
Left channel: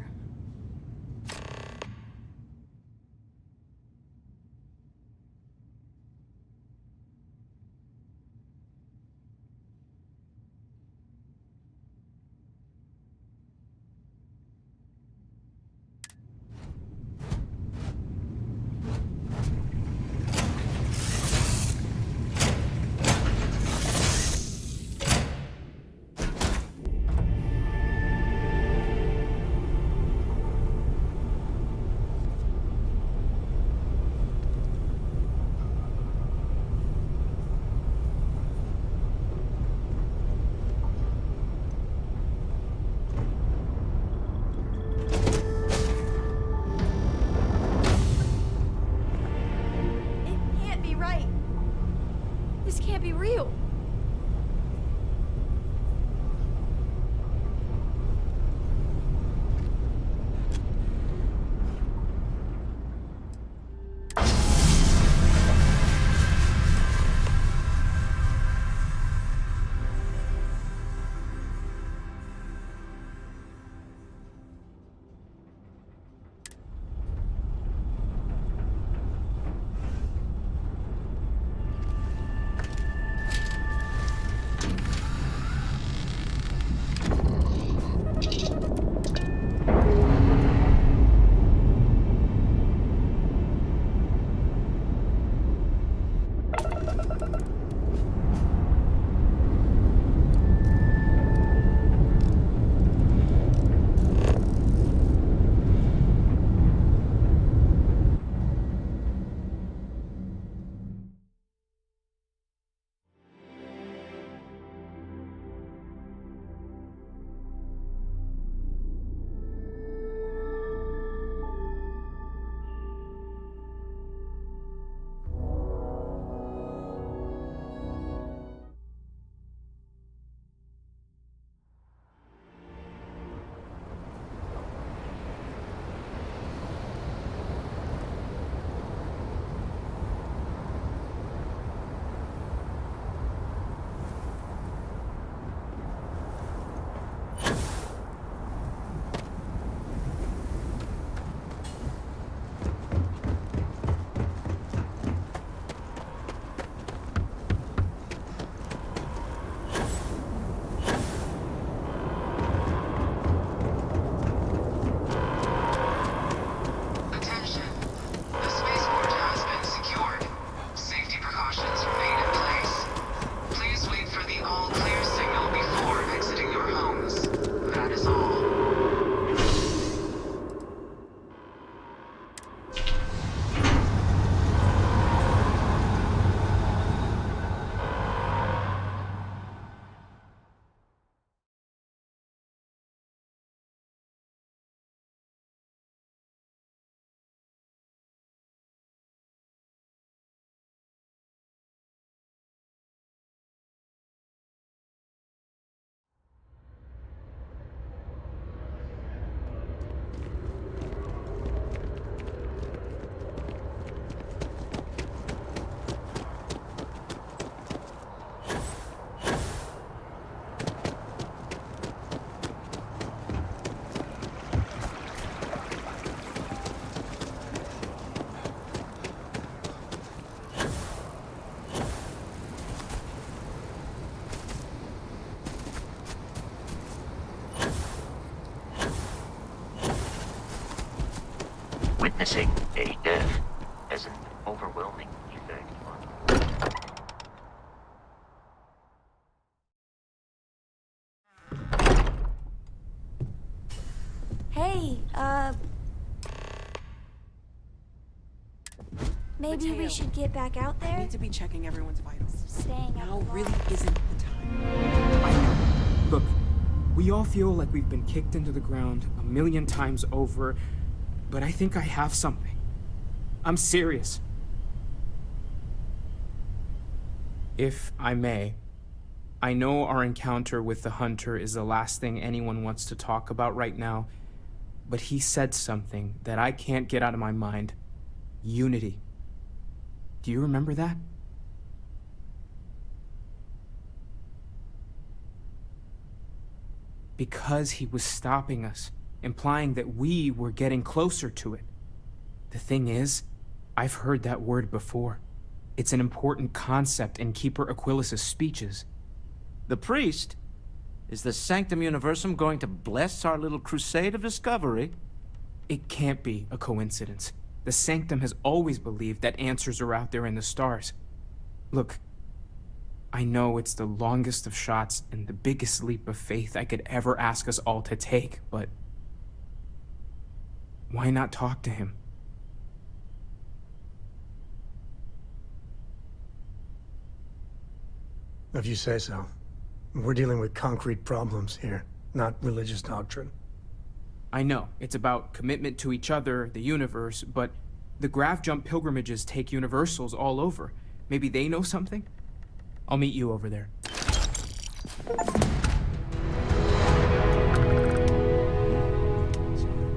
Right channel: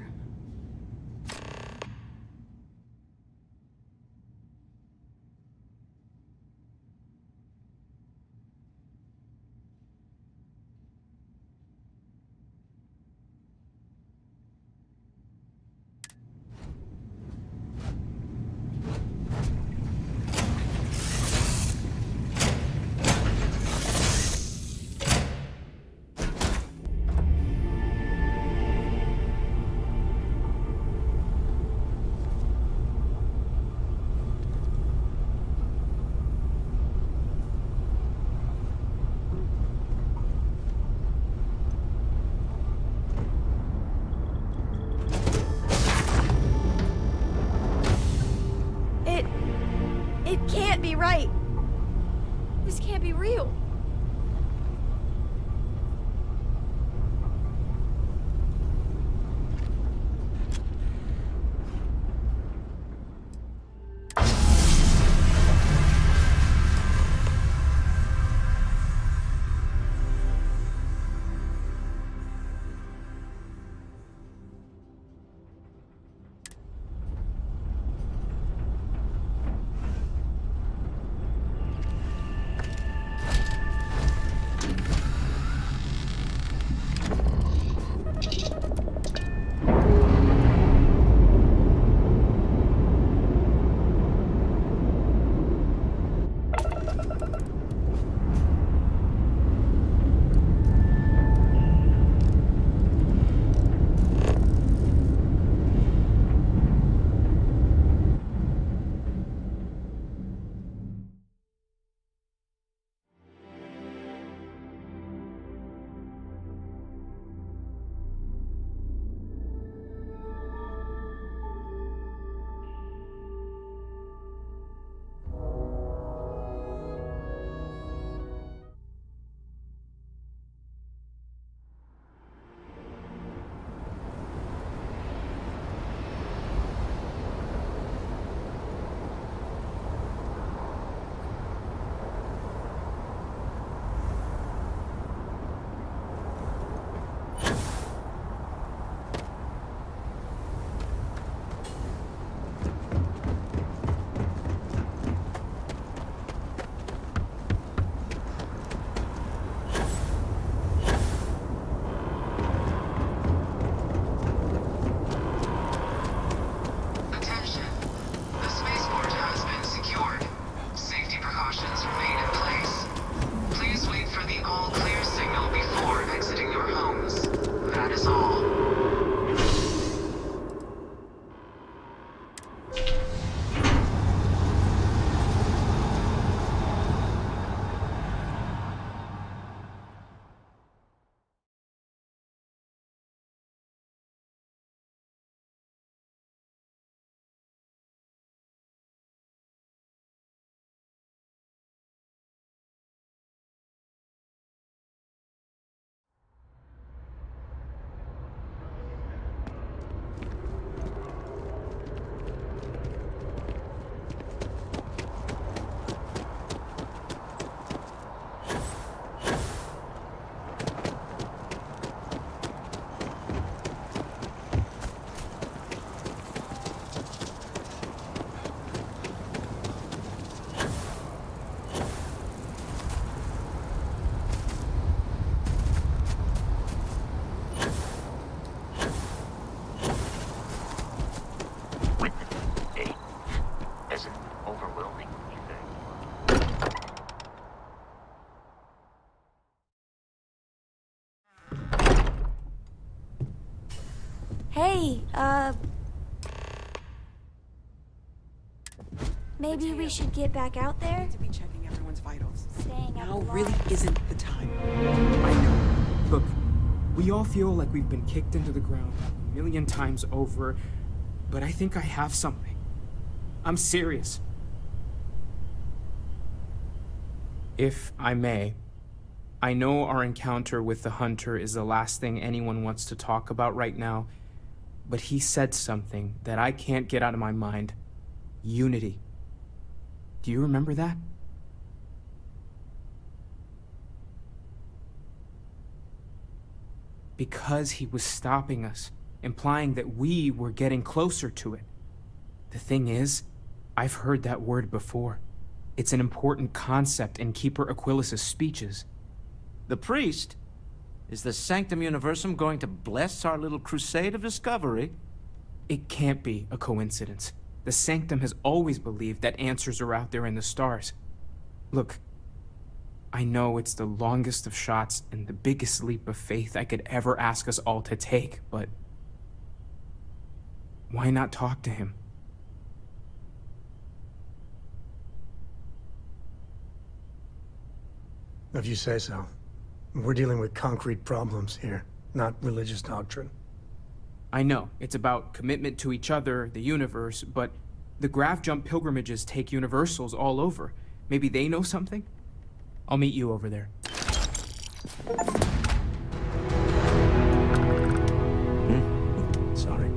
witnessing a death as an overwhelming effect. Hey, maybe Mateo, we should get back out I there? need to be checking everyone's vitals. Staying Now up really isn't the time. I know. Look, we all feel like we've been kicked into the ground a million times over, but I think I have something. I'm serious. If I may, I know our encounter with the Hunter is the last thing anyone wants to talk about right now, but he said something that I can't get out of my mind. Unity. Do you remember that? Because he was stopping us, implying that we were getting closer to it. The thing is, I've heard that word before. It's an important concept in Keeper Aquilas's speeches. The priest? Is the Sanctum Universum going to bless our little crusade of discovery? It can't be a coincidence. The Sanctum has always believed that answers are out there in the stars. Look, I know it's the longest of shots and the biggest leap of faith I could ever ask us all to take, but why not talk to him? If you say so. We're dealing with concrete problems here, not religious doctrine. I know, it's about commitment to each other, the universe, but the Graph Jump pilgrimages take universals all over. Maybe they know something? I'll meet you over there. Sorry.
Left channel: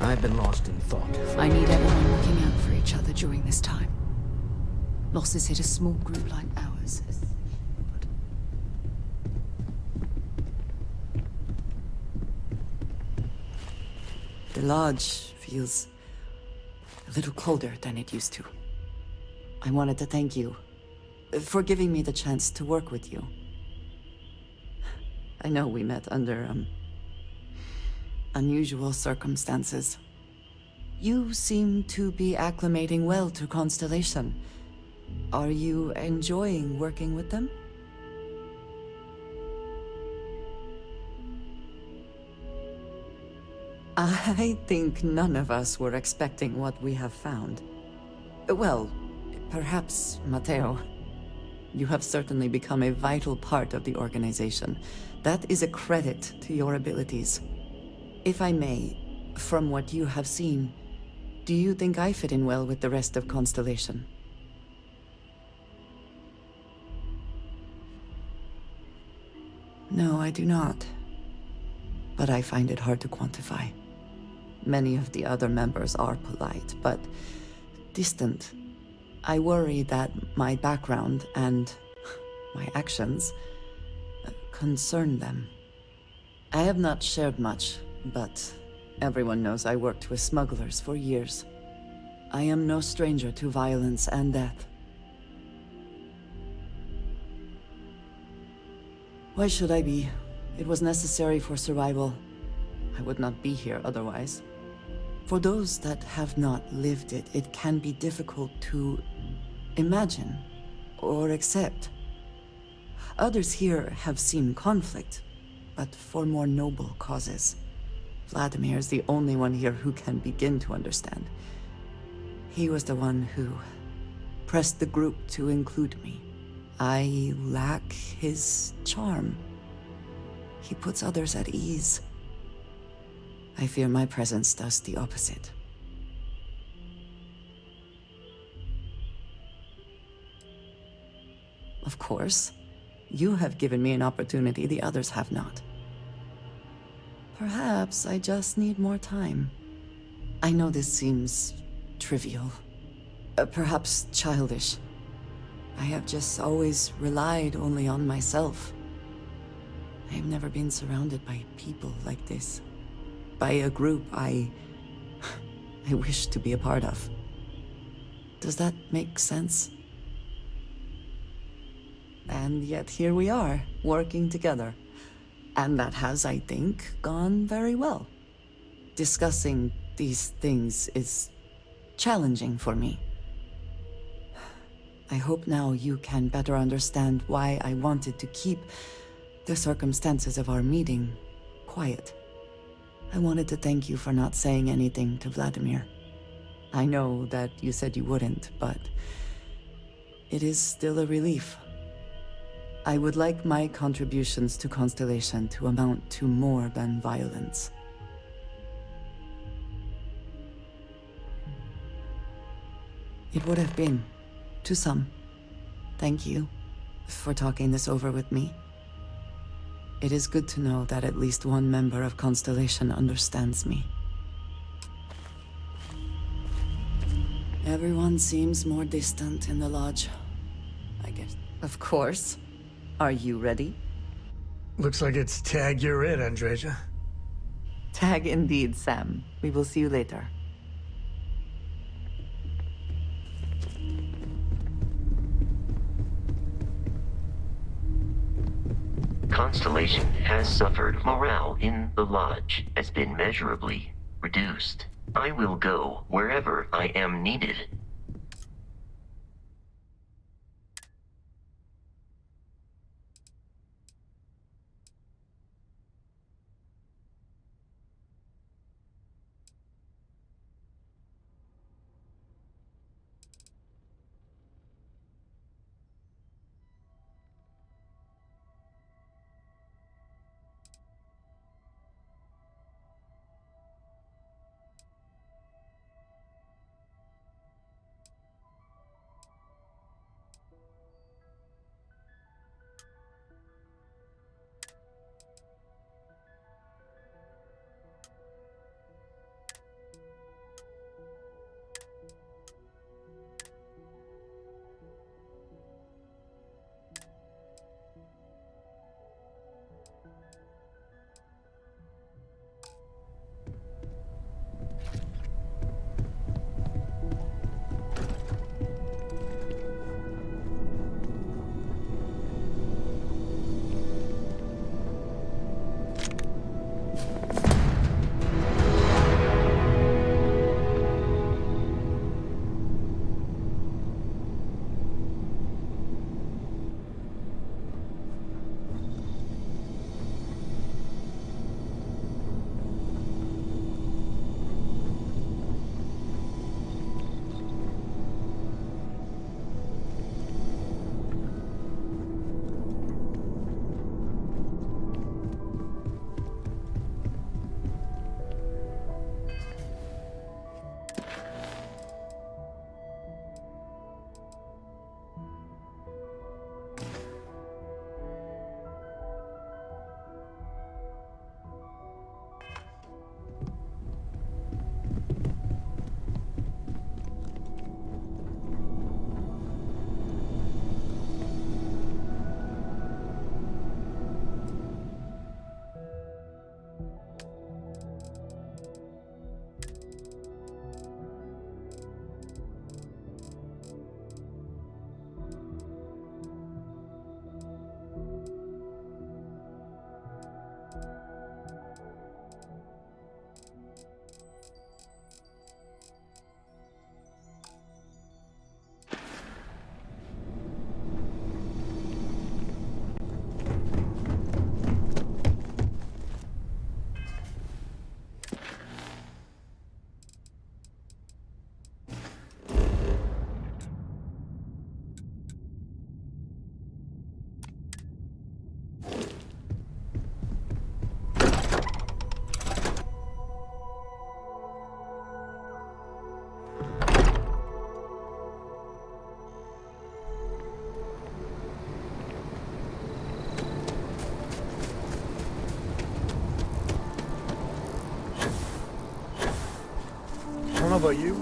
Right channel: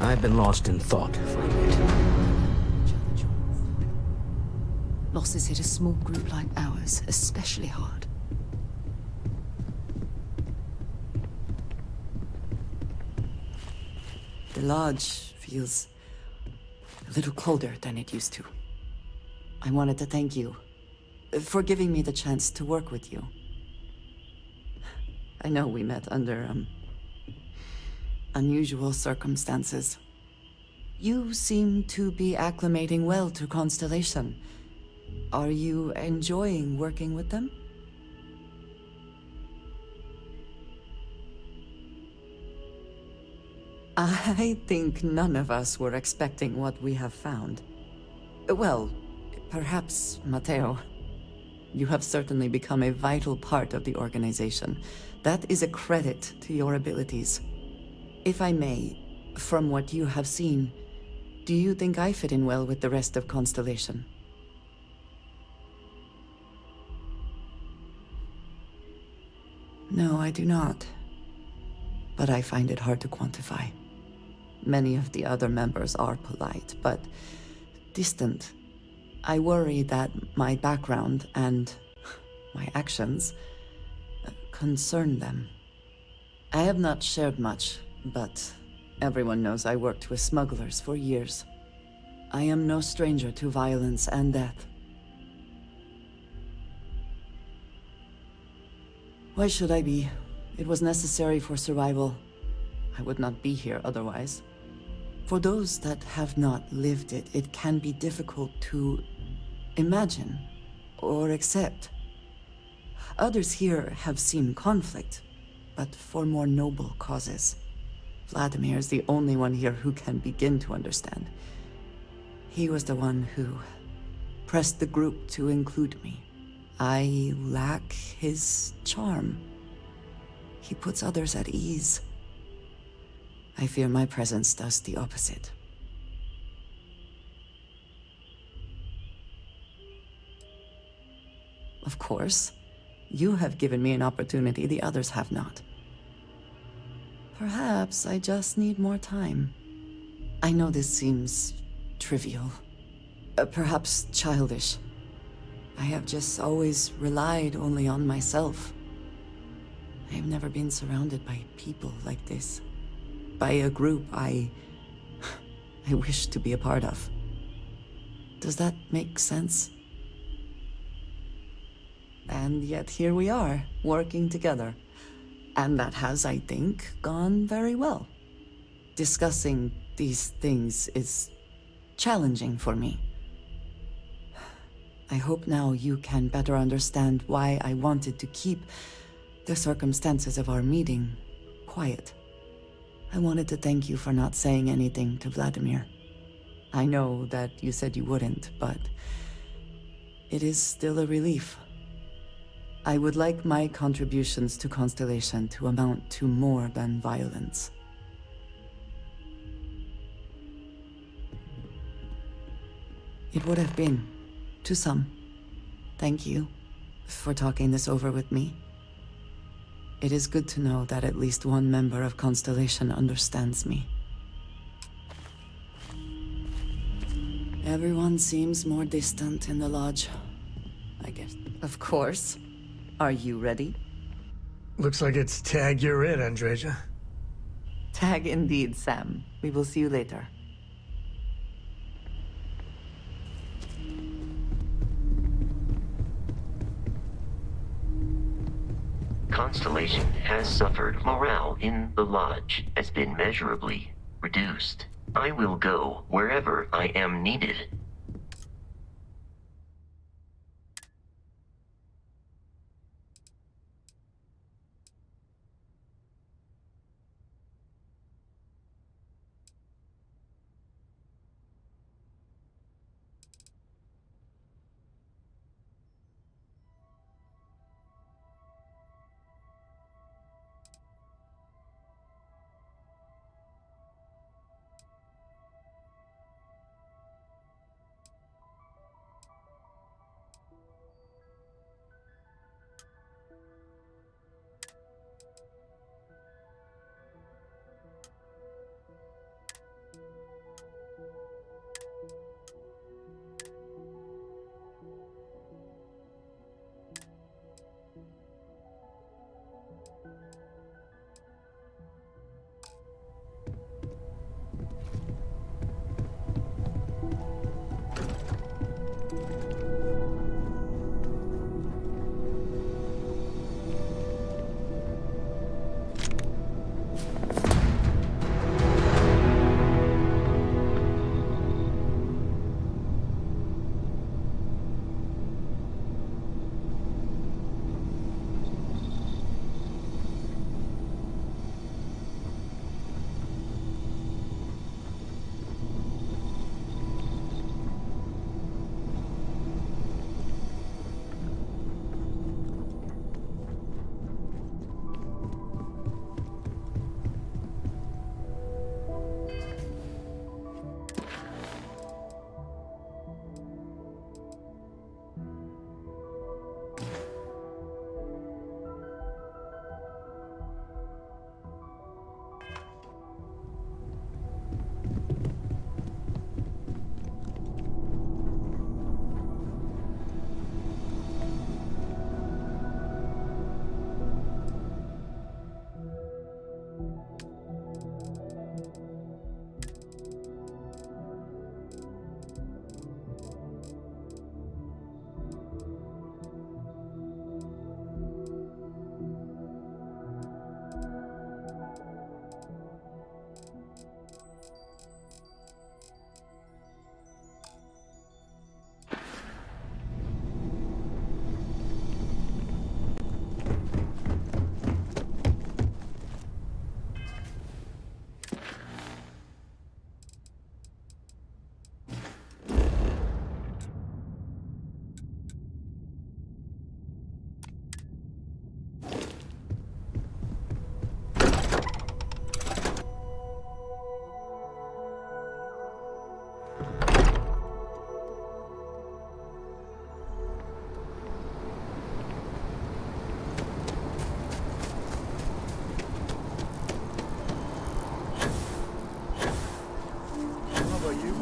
I've been lost in thought. I need everyone looking out for each other during this time. Losses hit a small group like ours especially hard. The lodge feels a little colder than it used to. I wanted to thank you for giving me the chance to work with you. I know we met under, unusual circumstances. You seem to be acclimating well to Constellation. Are you enjoying working with them? I think none of us were expecting what we have found. Well, perhaps Mateo. You have certainly become a vital part of the organization. That is a credit to your abilities. If I may, from what you have seen, do you think I fit in well with the rest of Constellation? No, I do not. But I find it hard to quantify. Many of the other members are polite, but distant. I worry that my background and my actions concern them. I have not shared much, but everyone knows I worked with smugglers for years. I am no stranger to violence and death. Why should I be? It was necessary for survival. I would not be here otherwise. For those that have not lived it, it can be difficult to imagine or accept. Others here have seen conflict, but for more noble causes. Vladimir is the only one here who can begin to understand. He was the one who pressed the group to include me. I lack his charm. He puts others at ease. I fear my presence does the opposite. Of course, you have given me an opportunity the others have not. Perhaps I just need more time. I know this seems trivial, perhaps childish. I have just always relied only on myself. I have never been surrounded by people like this. By a group I wish to be a part of. Does that make sense? And yet here we are, working together. And that has, I think, gone very well. Discussing these things is challenging for me. I hope now you can better understand why I wanted to keep the circumstances of our meeting quiet. I wanted to thank you for not saying anything to Vladimir. I know that you said you wouldn't, but it is still a relief. I would like my contributions to Constellation to amount to more than violence. It would have been, to some. Thank you for talking this over with me. It is good to know that at least one member of Constellation understands me. Everyone seems more distant in the lodge, I guess. Of course. Are you ready? Looks like it's tag you're it, Andreja. Tag indeed, Sam. We will see you later. Constellation has suffered. Morale in the lodge has been measurably reduced. I will go wherever I am needed. How about you?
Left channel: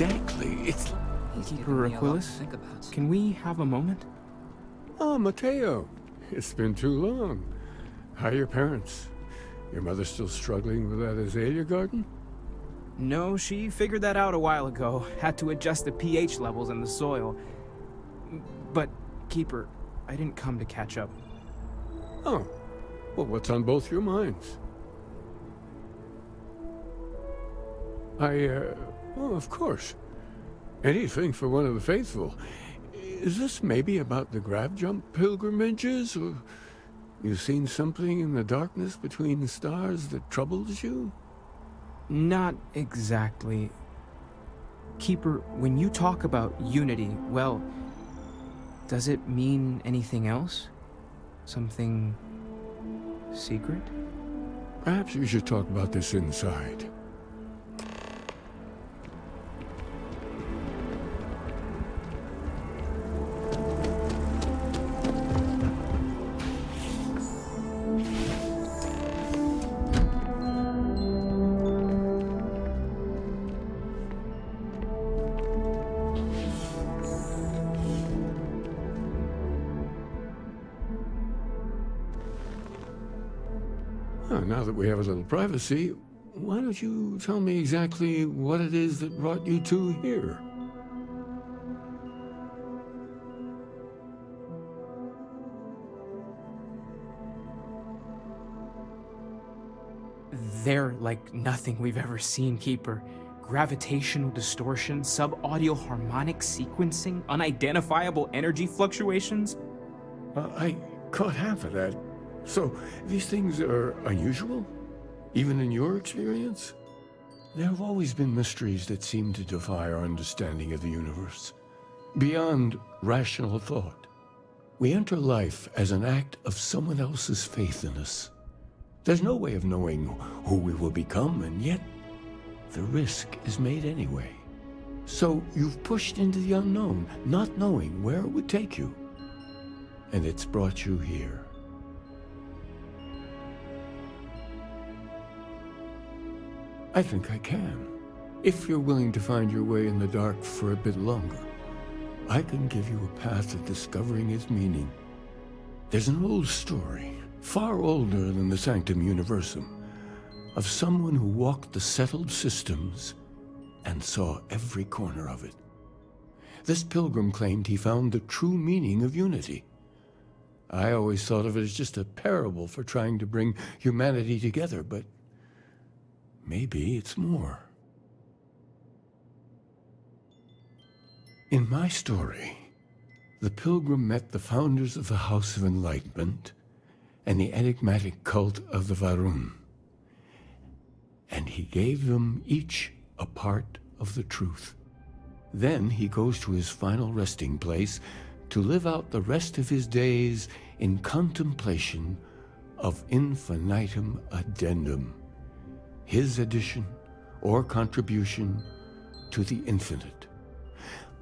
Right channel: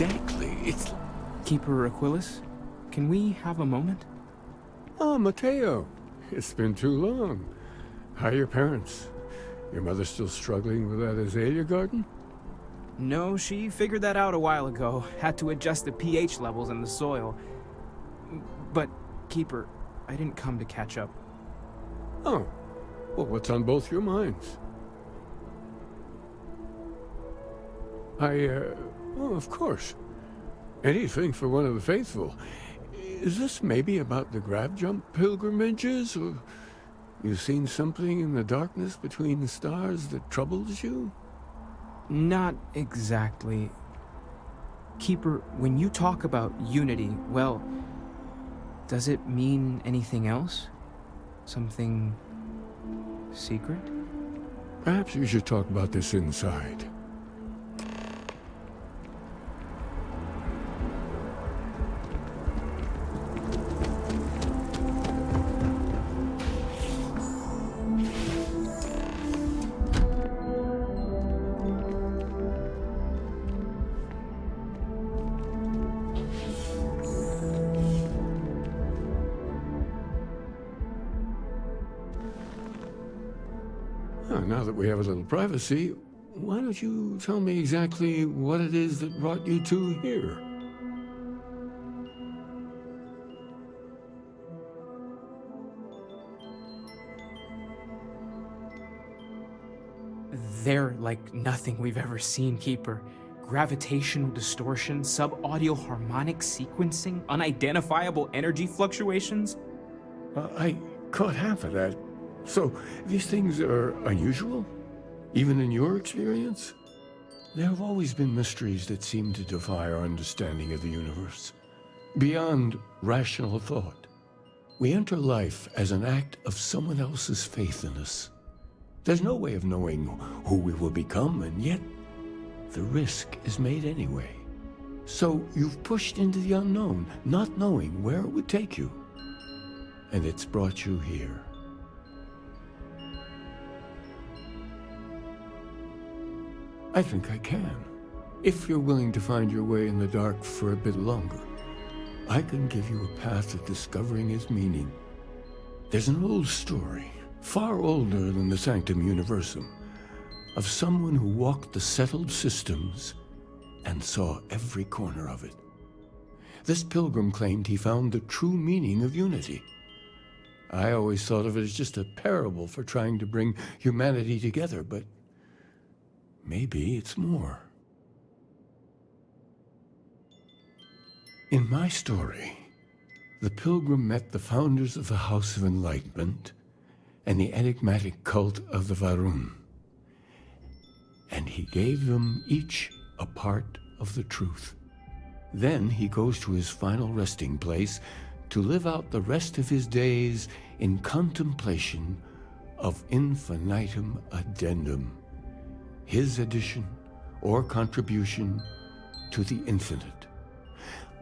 exactly. It's... Keeper Aquilus, can we have a moment? Oh, Mateo. It's been too long. How are your parents? Your mother still struggling with that azalea garden? No, she figured that out a while ago. Had to adjust the pH levels in the soil. But, Keeper, I didn't come to catch up. Oh. Well, what's on both your minds? Well, of course. Anything for one of the faithful. Is this maybe about the grab jump pilgrimages, or you've seen something in the darkness between the stars that troubles you? Not exactly. Keeper, when you talk about unity, well, does it mean anything else? Something secret? Perhaps we should talk about this inside. Now that we have a little privacy, why don't you tell me exactly what it is that brought you two here? They're like nothing we've ever seen, Keeper. Gravitational distortion, sub-audio harmonic sequencing, unidentifiable energy fluctuations. I caught half of that. So, these things are unusual? Even in your experience? There have always been mysteries that seem to defy our understanding of the universe. Beyond rational thought. We enter life as an act of someone else's faith in us. There's no way of knowing who we will become, and yet the risk is made anyway. So you've pushed into the unknown, not knowing where it would take you. And it's brought you here. I think I can. If you're willing to find your way in the dark for a bit longer, I can give you a path of discovering its meaning. There's an old story, far older than the Sanctum Universum, of someone who walked the settled systems and saw every corner of it. This pilgrim claimed he found the true meaning of unity. I always thought of it as just a parable for trying to bring humanity together, but maybe it's more. In my story, the pilgrim met the founders of the House of Enlightenment and the enigmatic cult of the Varun, and he gave them each a part of the truth. Then he goes to his final resting place to live out the rest of his days in contemplation of infinitum addendum, his addition or contribution to the infinite.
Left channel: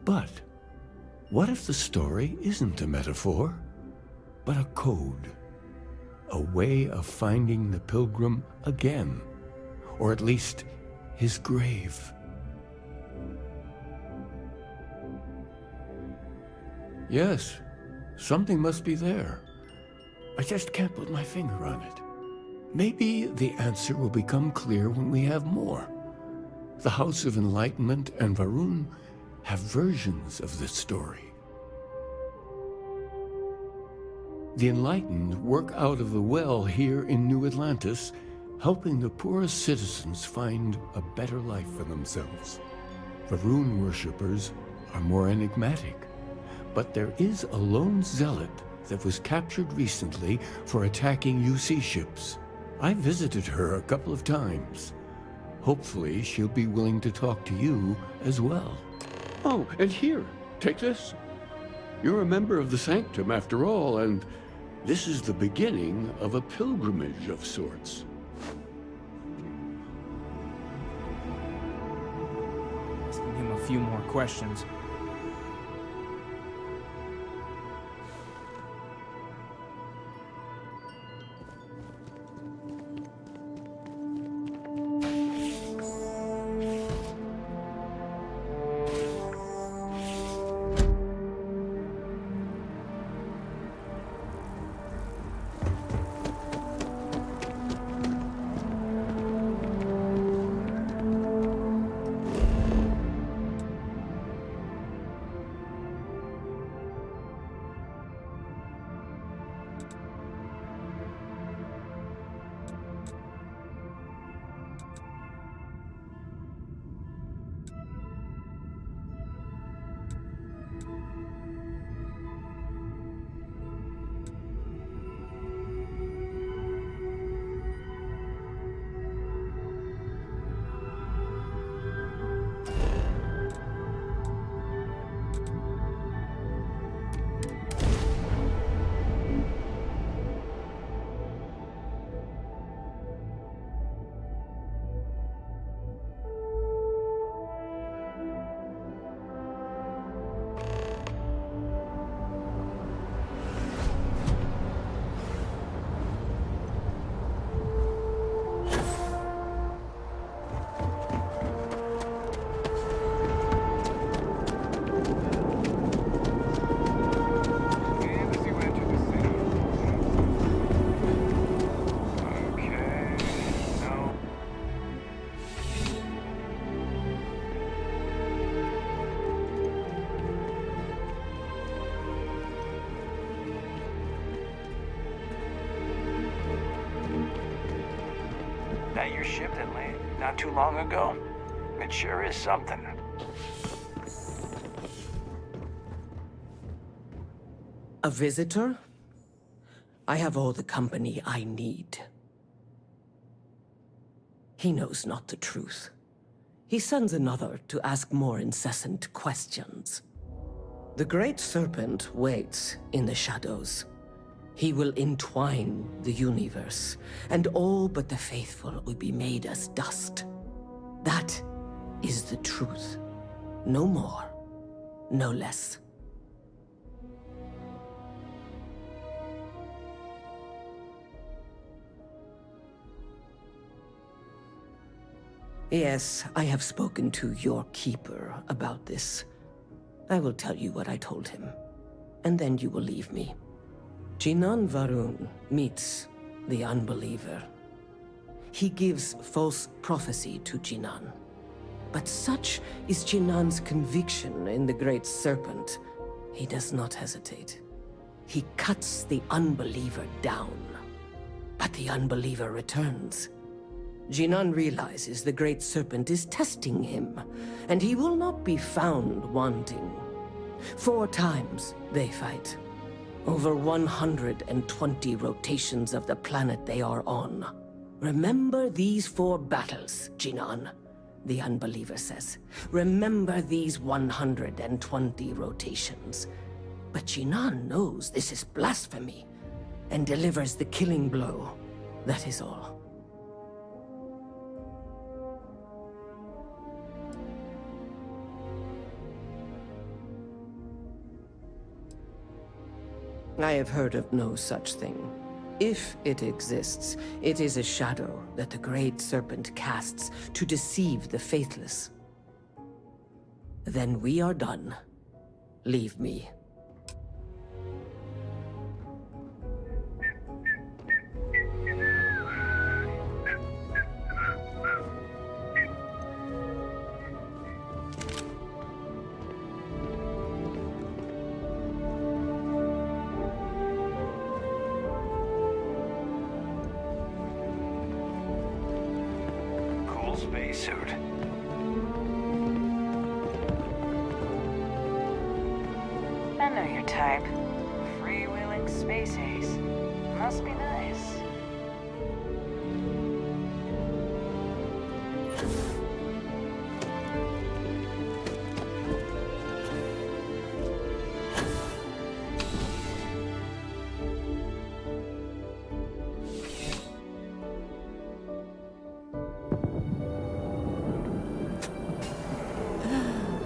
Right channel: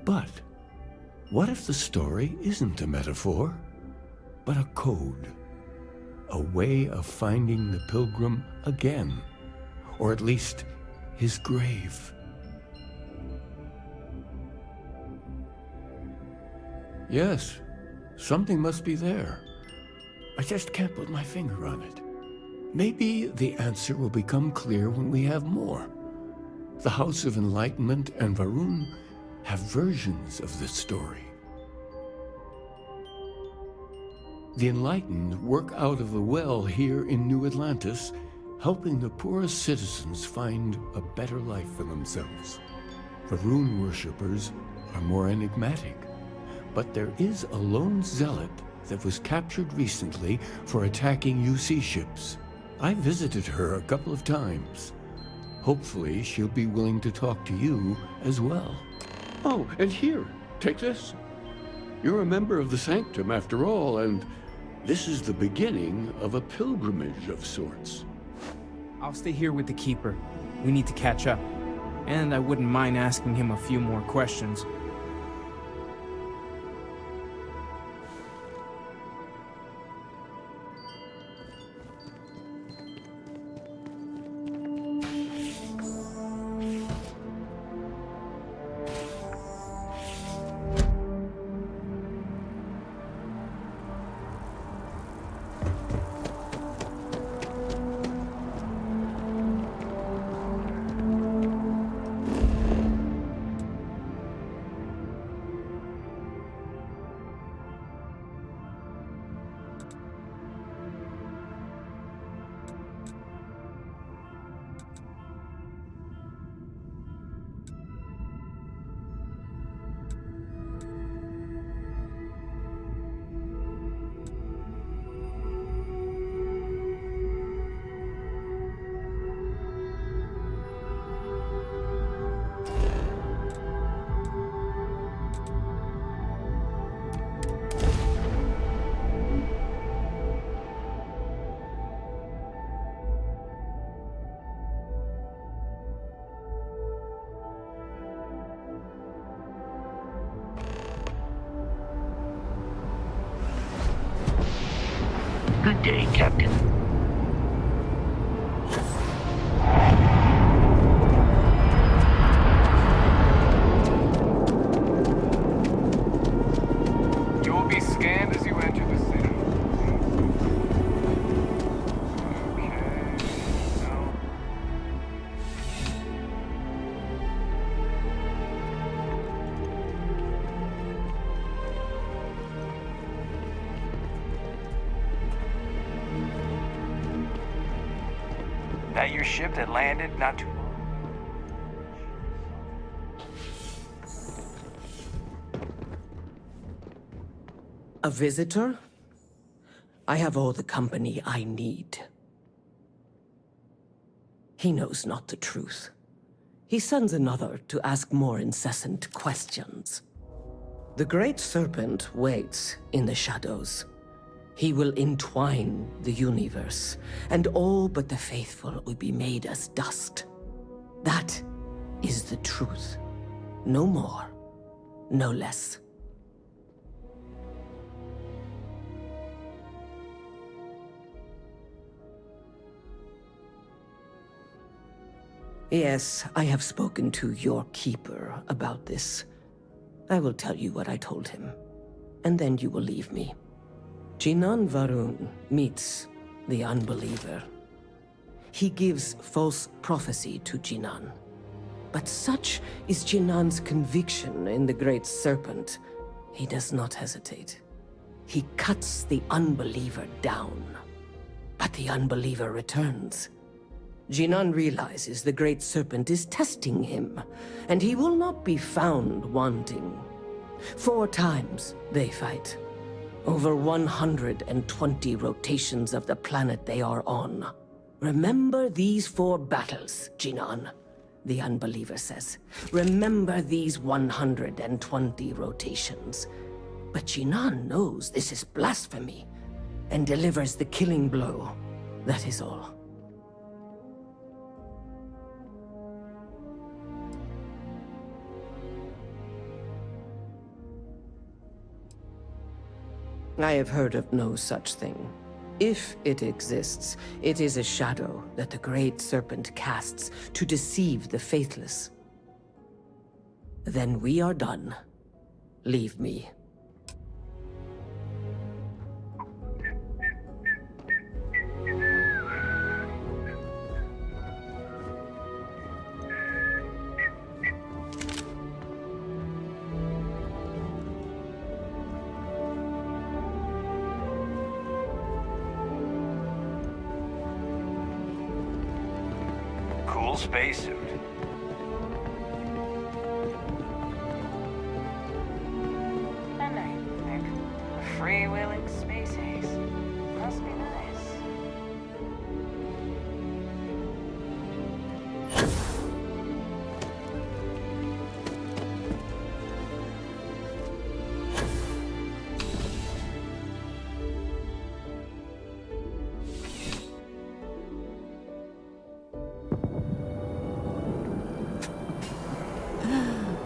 But what if the story isn't a metaphor, but a code? A way of finding the pilgrim again, or at least his grave. Yes, something must be there. I just can't put my finger on it. Maybe the answer will become clear when we have more. The House of Enlightenment and Varun have versions of this story. The Enlightened work out of the well here in New Atlantis, helping the poorest citizens find a better life for themselves. Varun worshippers are more enigmatic, but there is a lone zealot that was captured recently for attacking UC ships. I visited her a couple of times. Hopefully, she'll be willing to talk to you as well. Oh, and here, take this. You're a member of the Sanctum after all, and this is the beginning of a pilgrimage of sorts. I'll stay here with the Keeper. We need to catch up. And I wouldn't mind asking him a few more questions. Good day, Captain. You will be scanned as you enter the city. Okay, no. That your ship that landed not too long ago? It sure is something. A visitor? I have all the company I need. He knows not the truth. He sends another to ask more incessant questions. The Great Serpent waits in the shadows. He will entwine the universe, and all but the faithful will be made as dust. That is the truth. No more, no less. Yes, I have spoken to your keeper about this. I will tell you what I told him, and then you will leave me. Jinan Varun meets the unbeliever. He gives false prophecy to Jinan. But such is Jinan's conviction in the Great Serpent, he does not hesitate. He cuts the unbeliever down. But the unbeliever returns. Jinan realizes the Great Serpent is testing him, and he will not be found wanting. 4 times they fight. Over 120 rotations of the planet they are on. Remember these 4 battles, Jinan, the unbeliever says. Remember these 120 rotations. But Jinan knows this is blasphemy, and delivers the killing blow. That is all. I have heard of no such thing. If it exists, it is a shadow that the Great Serpent casts to deceive the faithless. Then we are done. Leave me. Spacesuit. I know your type. Freewheeling space ace. Must be nice.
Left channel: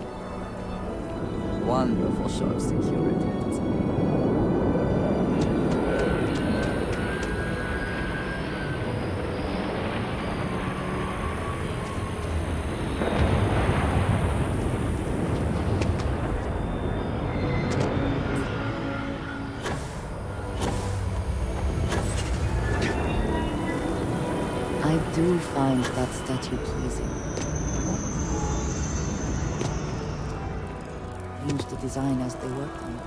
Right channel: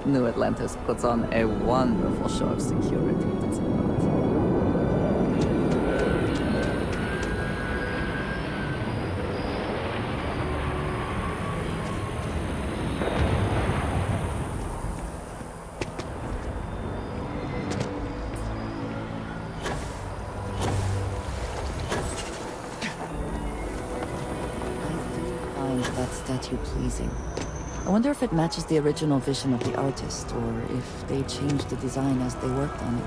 New Atlantis puts on a wonderful show of security, doesn't it? I do find that statue pleasing. I wonder if it matches the original vision of the artist, or if they changed the design as they worked on it.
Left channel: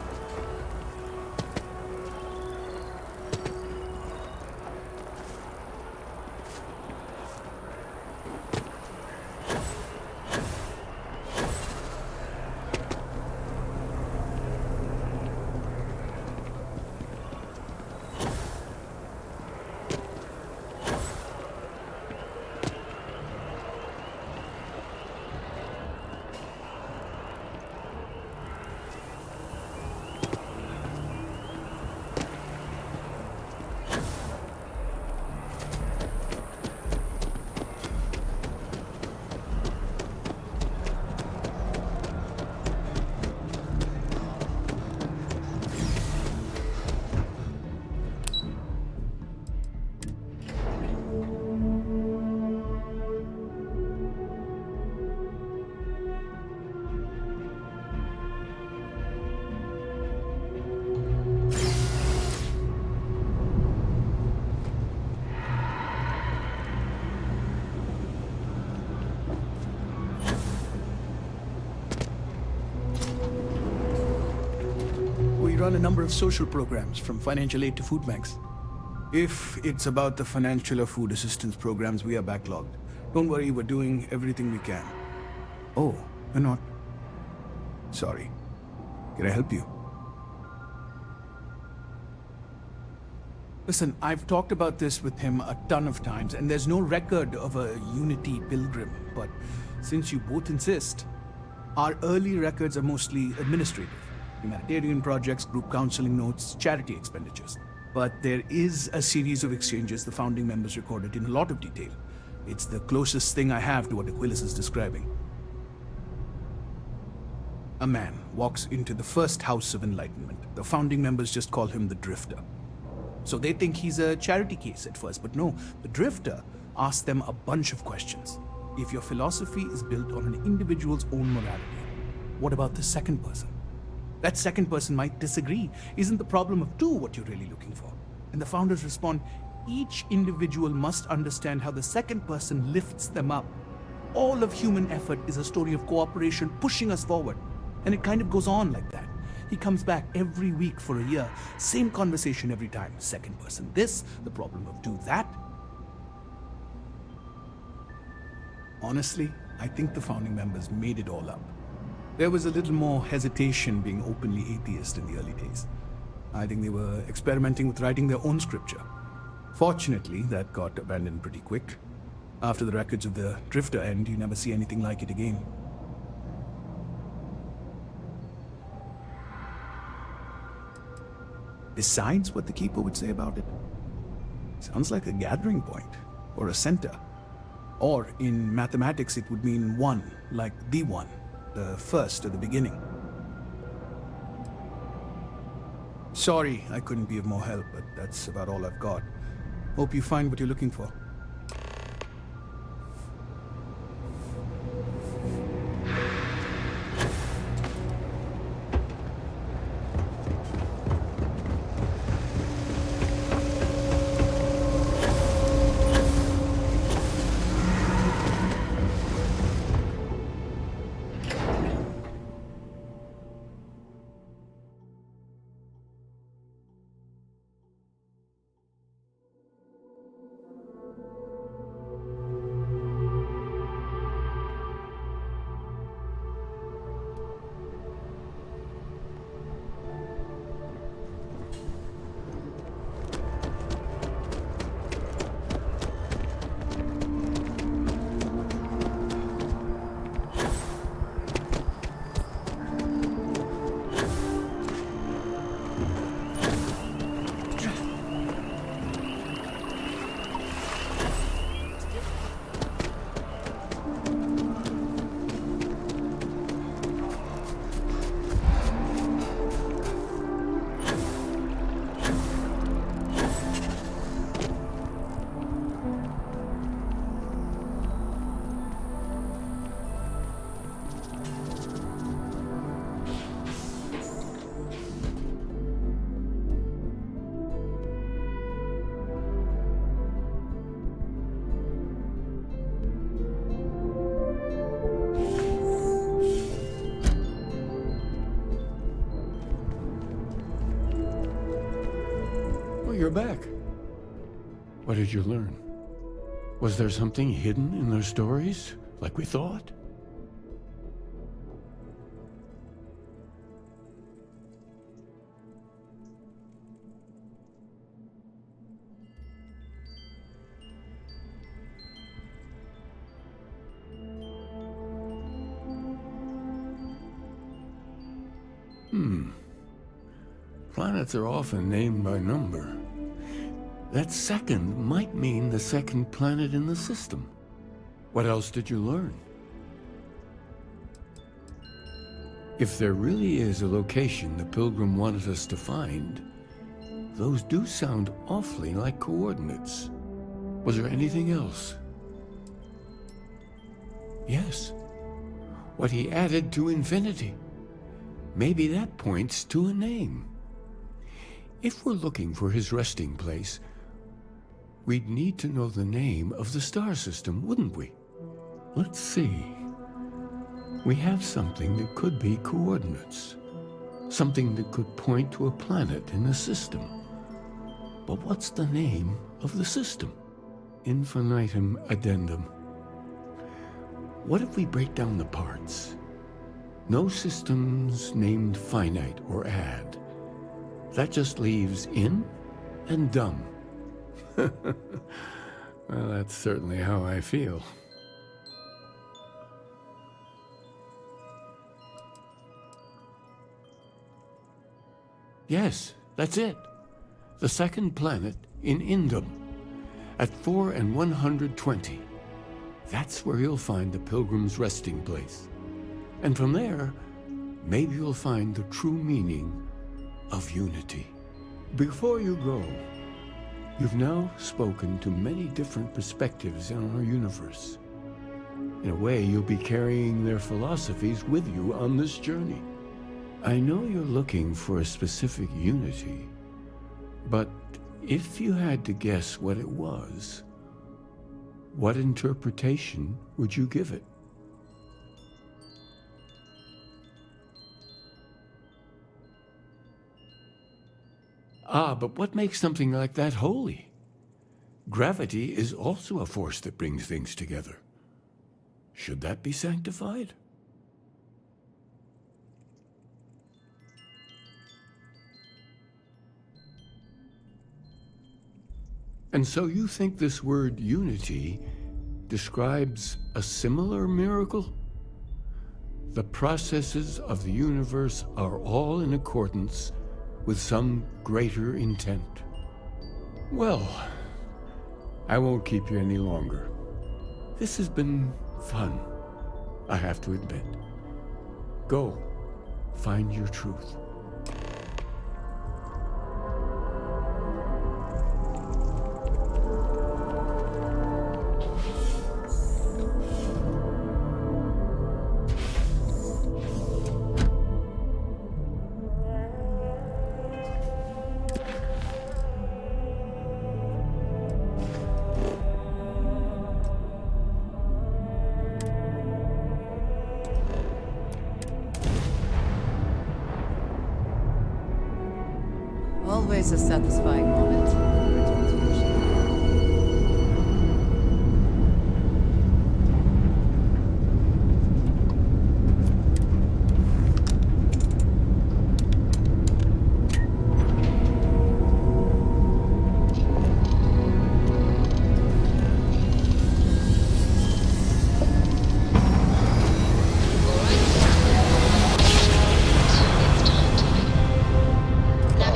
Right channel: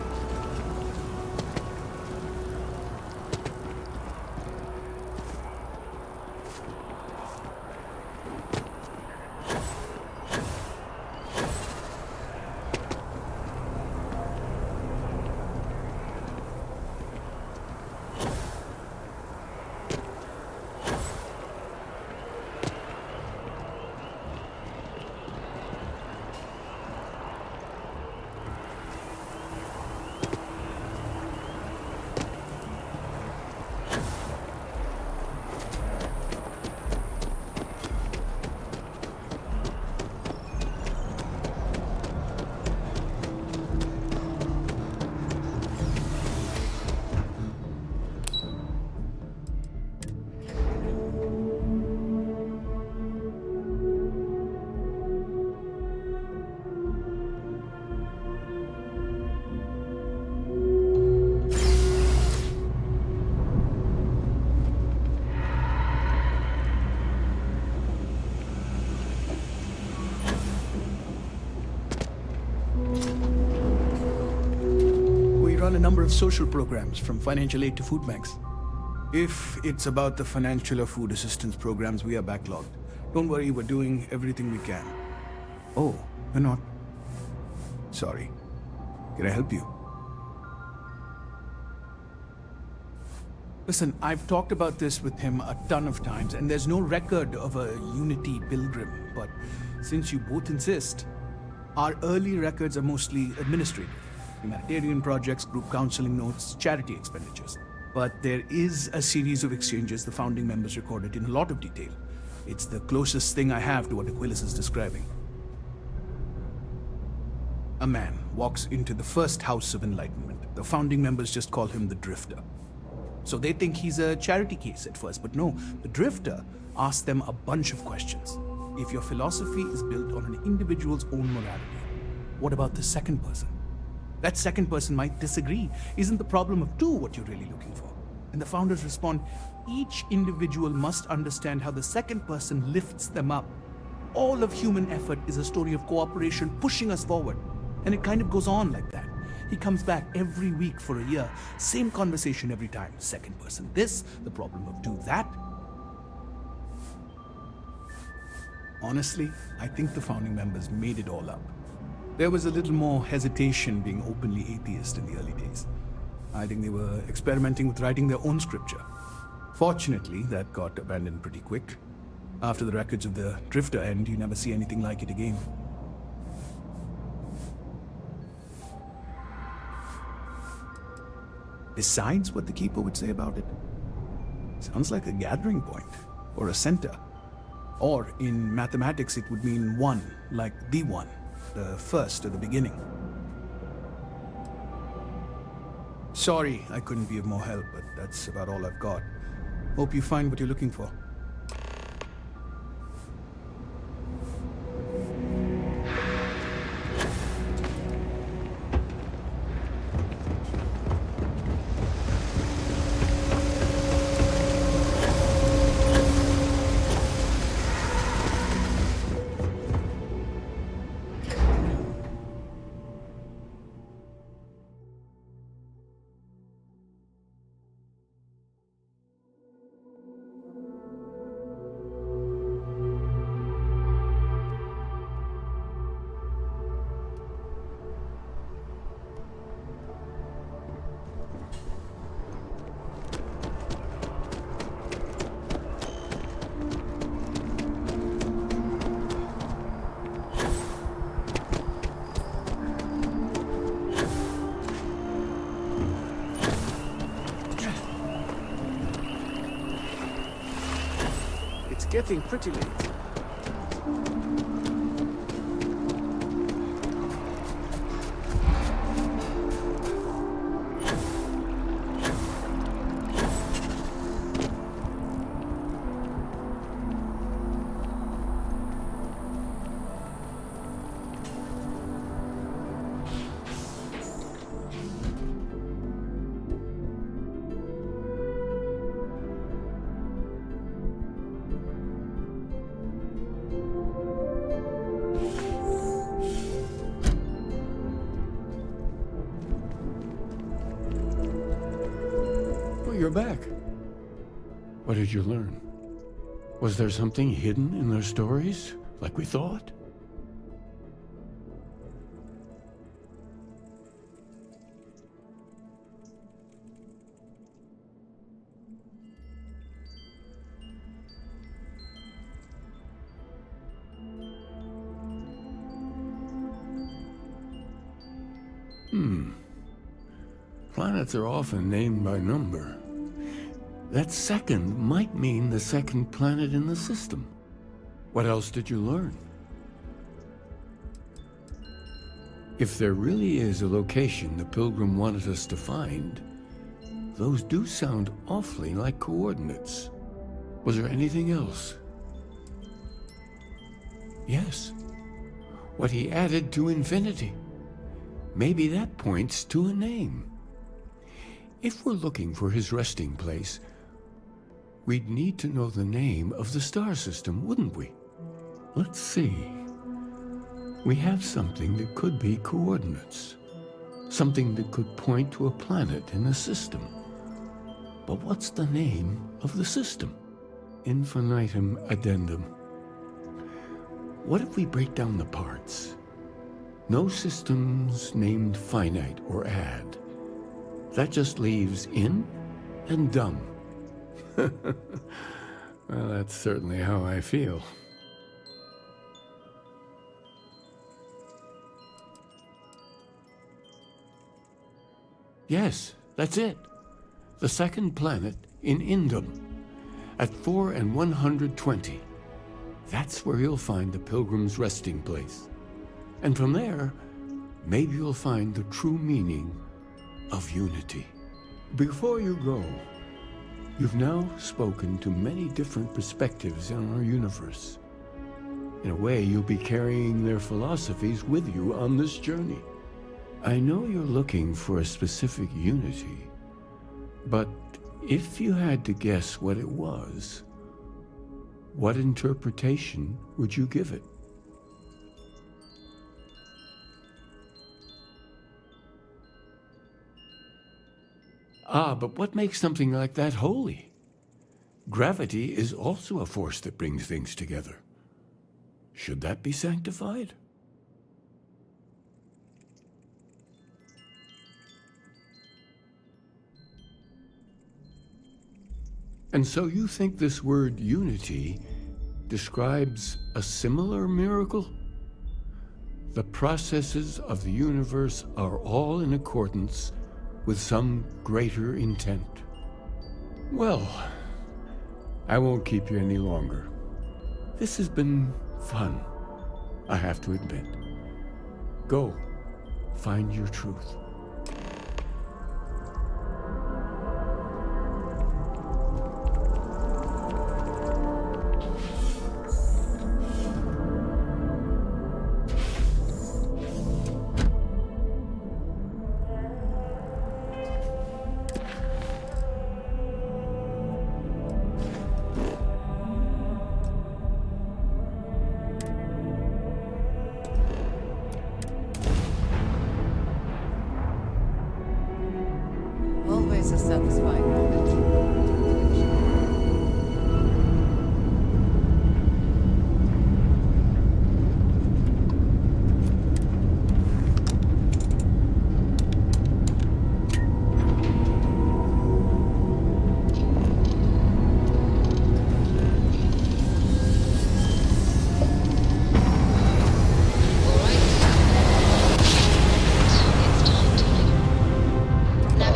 run a number of social programs, from financial aid to food banks. If it's about the financial or food assistance programs, we are backlogged. Don't worry, we're doing everything we can. Oh, you're not? Sorry. Can I help you? Listen, I've talked about this with him a ton of times, and there's no record of a Unity pilgrim. But since you both insist, our early records are mostly administrative. Humanitarian projects, group counseling notes, charity expenditures. But there is a series of exchanges the founding members recorded in a lot of detail. It's the closest thing I have to what Aquilas is describing. A man walks into the first House of Enlightenment. The founding members just call him the Drifter. So they think he's a charity case at first, but no, the Drifter asks them a bunch of questions. If your philosophy is built on an individual's own morality, what about the second person? That second person might disagree. Isn't the problem of two what you're really looking for? And the founders respond, each individual must understand how the second person lifts them up. All of human effort is a story of cooperation pushing us forward. And it kind of goes on like that. He comes back every week for a year. Same conversation every time. Second person this, the problem of two that. Honestly, I think the founding members made it all up. There was a little more hesitation being openly atheist in the early days. I think they were experimenting with writing their own scripture. Fortunately, that got abandoned pretty quick. After the records of the Drifter end, you never see anything like it again. Besides what the Keeper would say about it, sounds like a gathering point, or a center. Or in mathematics it would mean one, like the one, the first or the beginning. Sorry I couldn't be of more help, but that's about all I've got. Hope you find what you're looking for. Getting pretty late. You're back. What did you learn? Was there something hidden in their stories, like we thought? Planets are often named by number. That second might mean the second planet in the system. What else did you learn? If there really is a location the Pilgrim wanted us to find, those do sound awfully like coordinates. Was there anything else? Yes. What he added to infinity. Maybe that points to a name. If we're looking for his resting place, we'd need to know the name of the star system, wouldn't we? Let's see. We have something that could be coordinates. Something that could point to a planet in a system. But what's the name of the system? Infinitum addendum. What if we break down the parts? No systems named finite or add. That just leaves in and dumb. Well, that's certainly how I feel. Yes, that's it. The second planet in Indum, at 4 and 120. That's where you'll find the Pilgrim's resting place. And from there, maybe you'll find the true meaning of unity. Before you go, you've now spoken to many different perspectives in our universe. In a way, you'll be carrying their philosophies with you on this journey. I know you're looking for a specific unity, but if you had to guess what it was, what interpretation would you give it? Ah, but what makes something like that holy? Gravity is also a force that brings things together. Should that be sanctified? And so you think this word unity describes a similar miracle? The processes of the universe are all in accordance with some greater intent. Well, I won't keep you any longer. This has been fun, I have to admit. Go, find your truth. Always a satisfying moment. Return to your ship.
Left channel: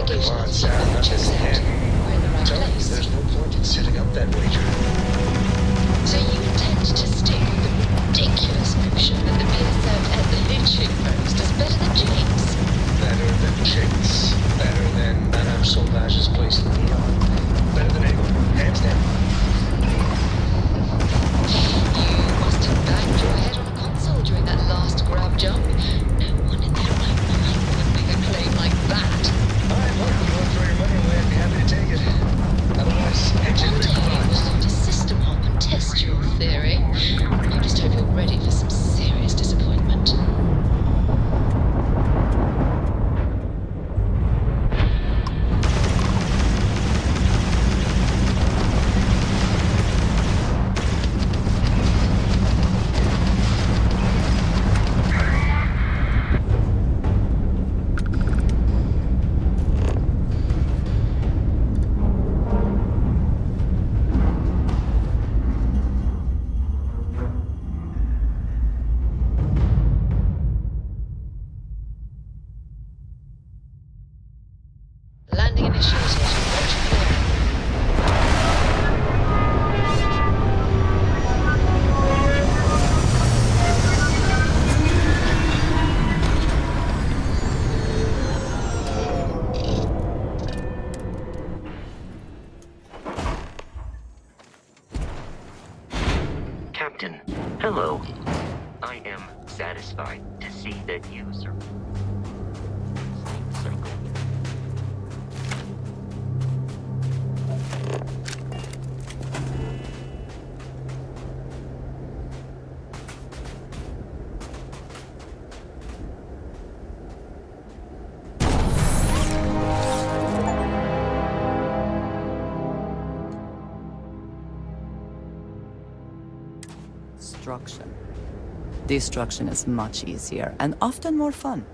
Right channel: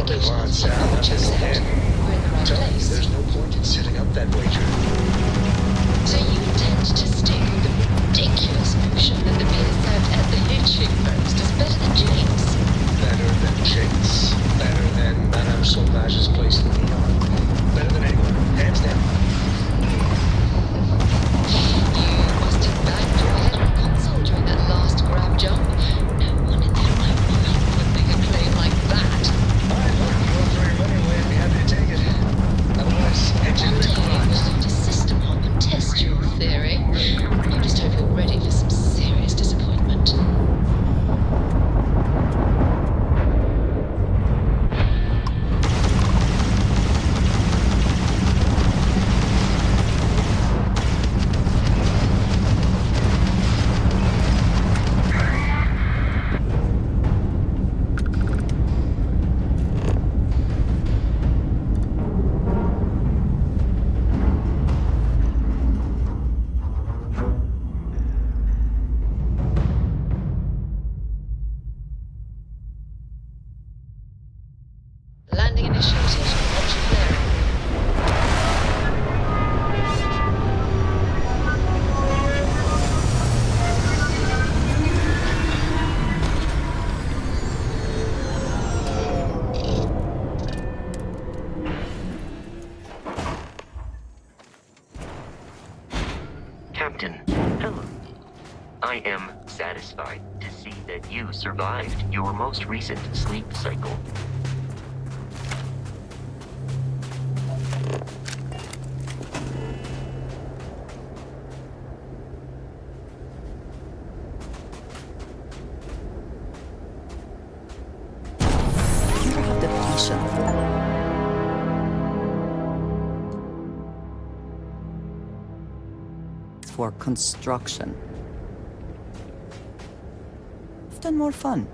Come on, Sam, not this again. We're in the right Tell me, place. there's no point in setting up that wager. So you intend to stick with the ridiculous notion that the beer served at the lynching post is better than Jake's? Better than Jake's. Better than Madame Sauvage's place in Neon. Better than anyone, hands down. You must have banged your head on a console during that last grab jump. No one in their right mind would make a claim like that. Alright, look, you want to throw your money away, I'd be happy to take it. Otherwise, exit One the day garage. we'll have to system hop and test your theory. I just hope you're ready for some serious disappointment. Landing initiated. Watch your flaring. Captain, hello. I am satisfied to see that you survived your most recent sleep cycle. for construction. Destruction is much easier and often more fun.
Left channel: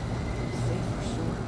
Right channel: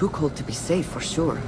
Too cold to be safe, for sure.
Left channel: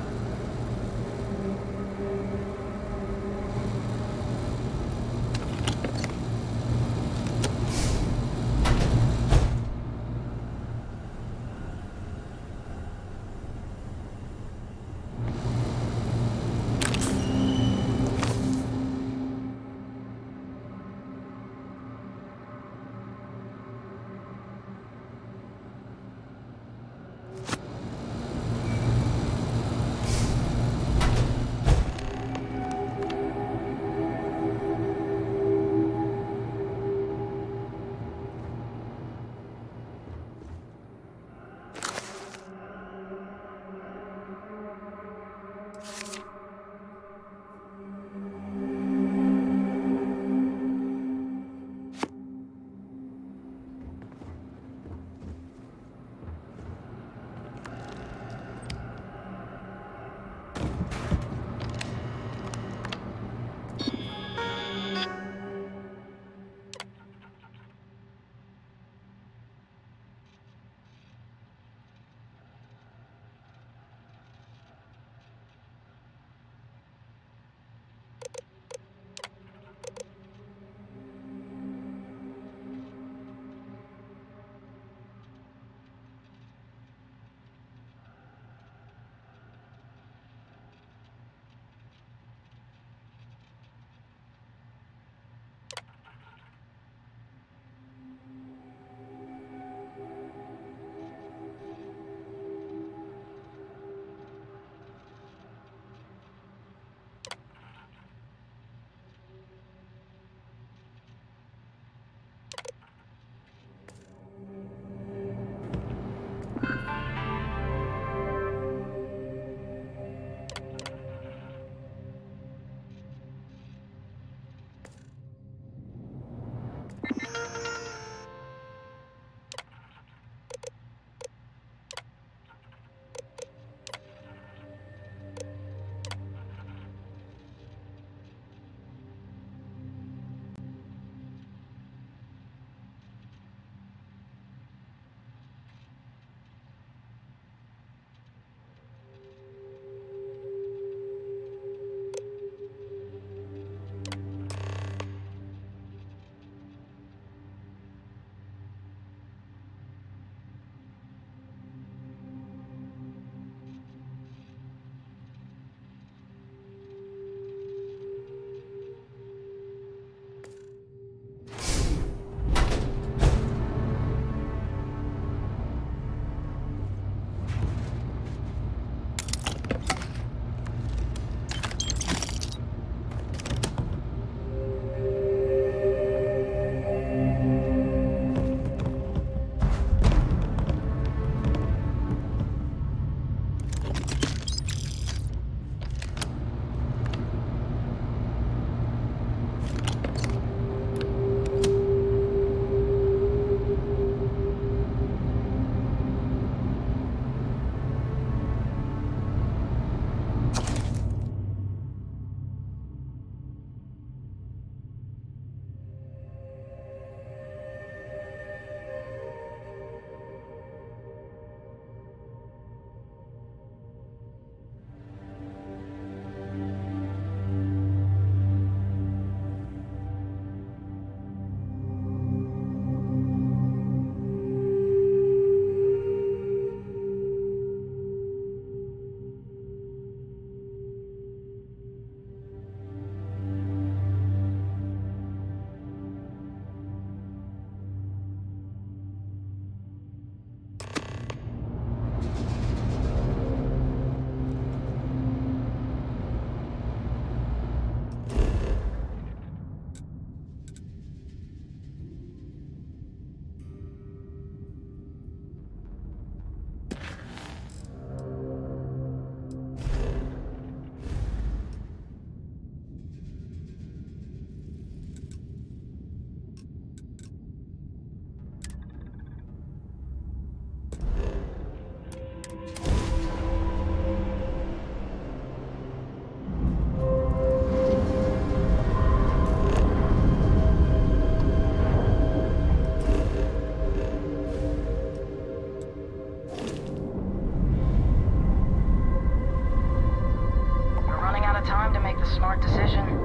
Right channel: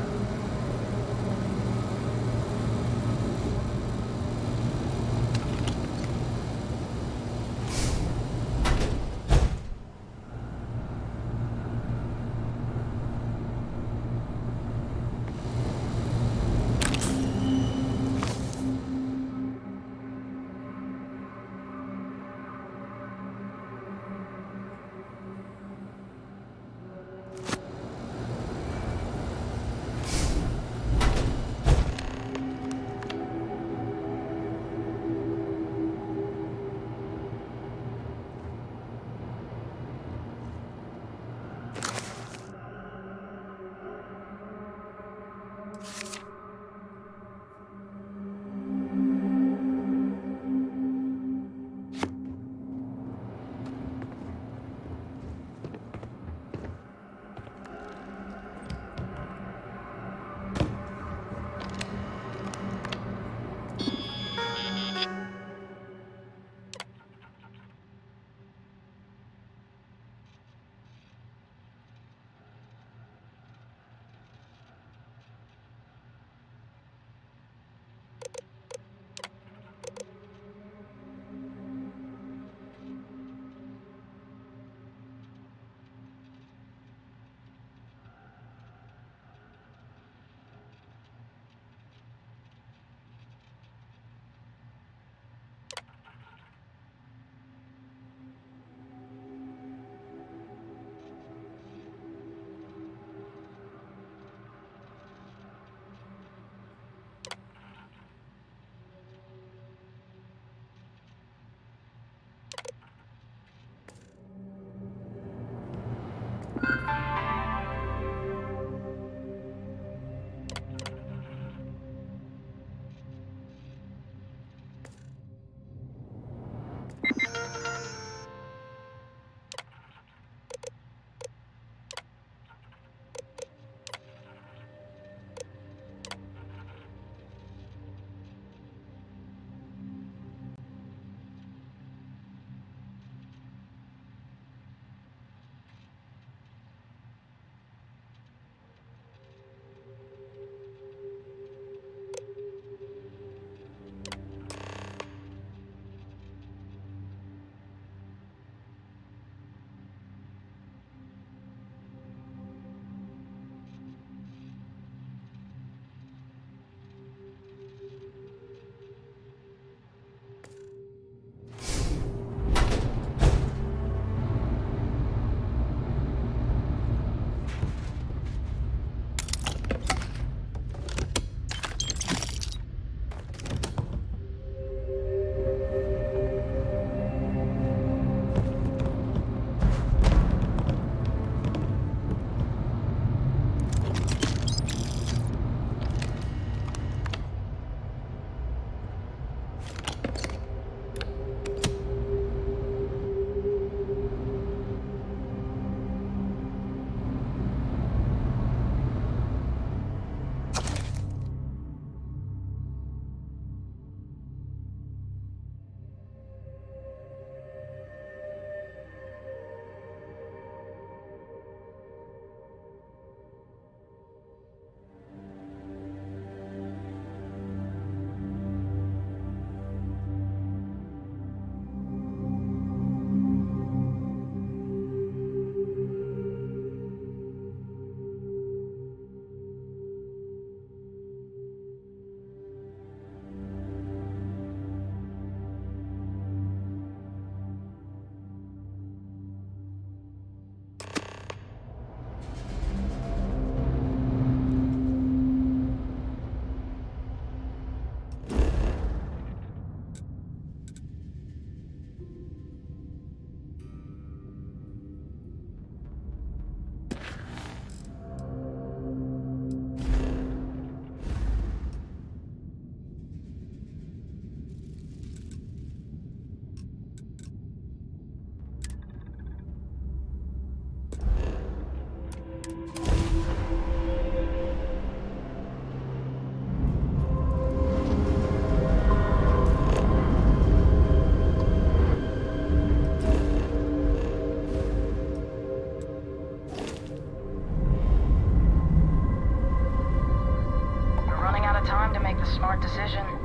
got time to make the smart decision.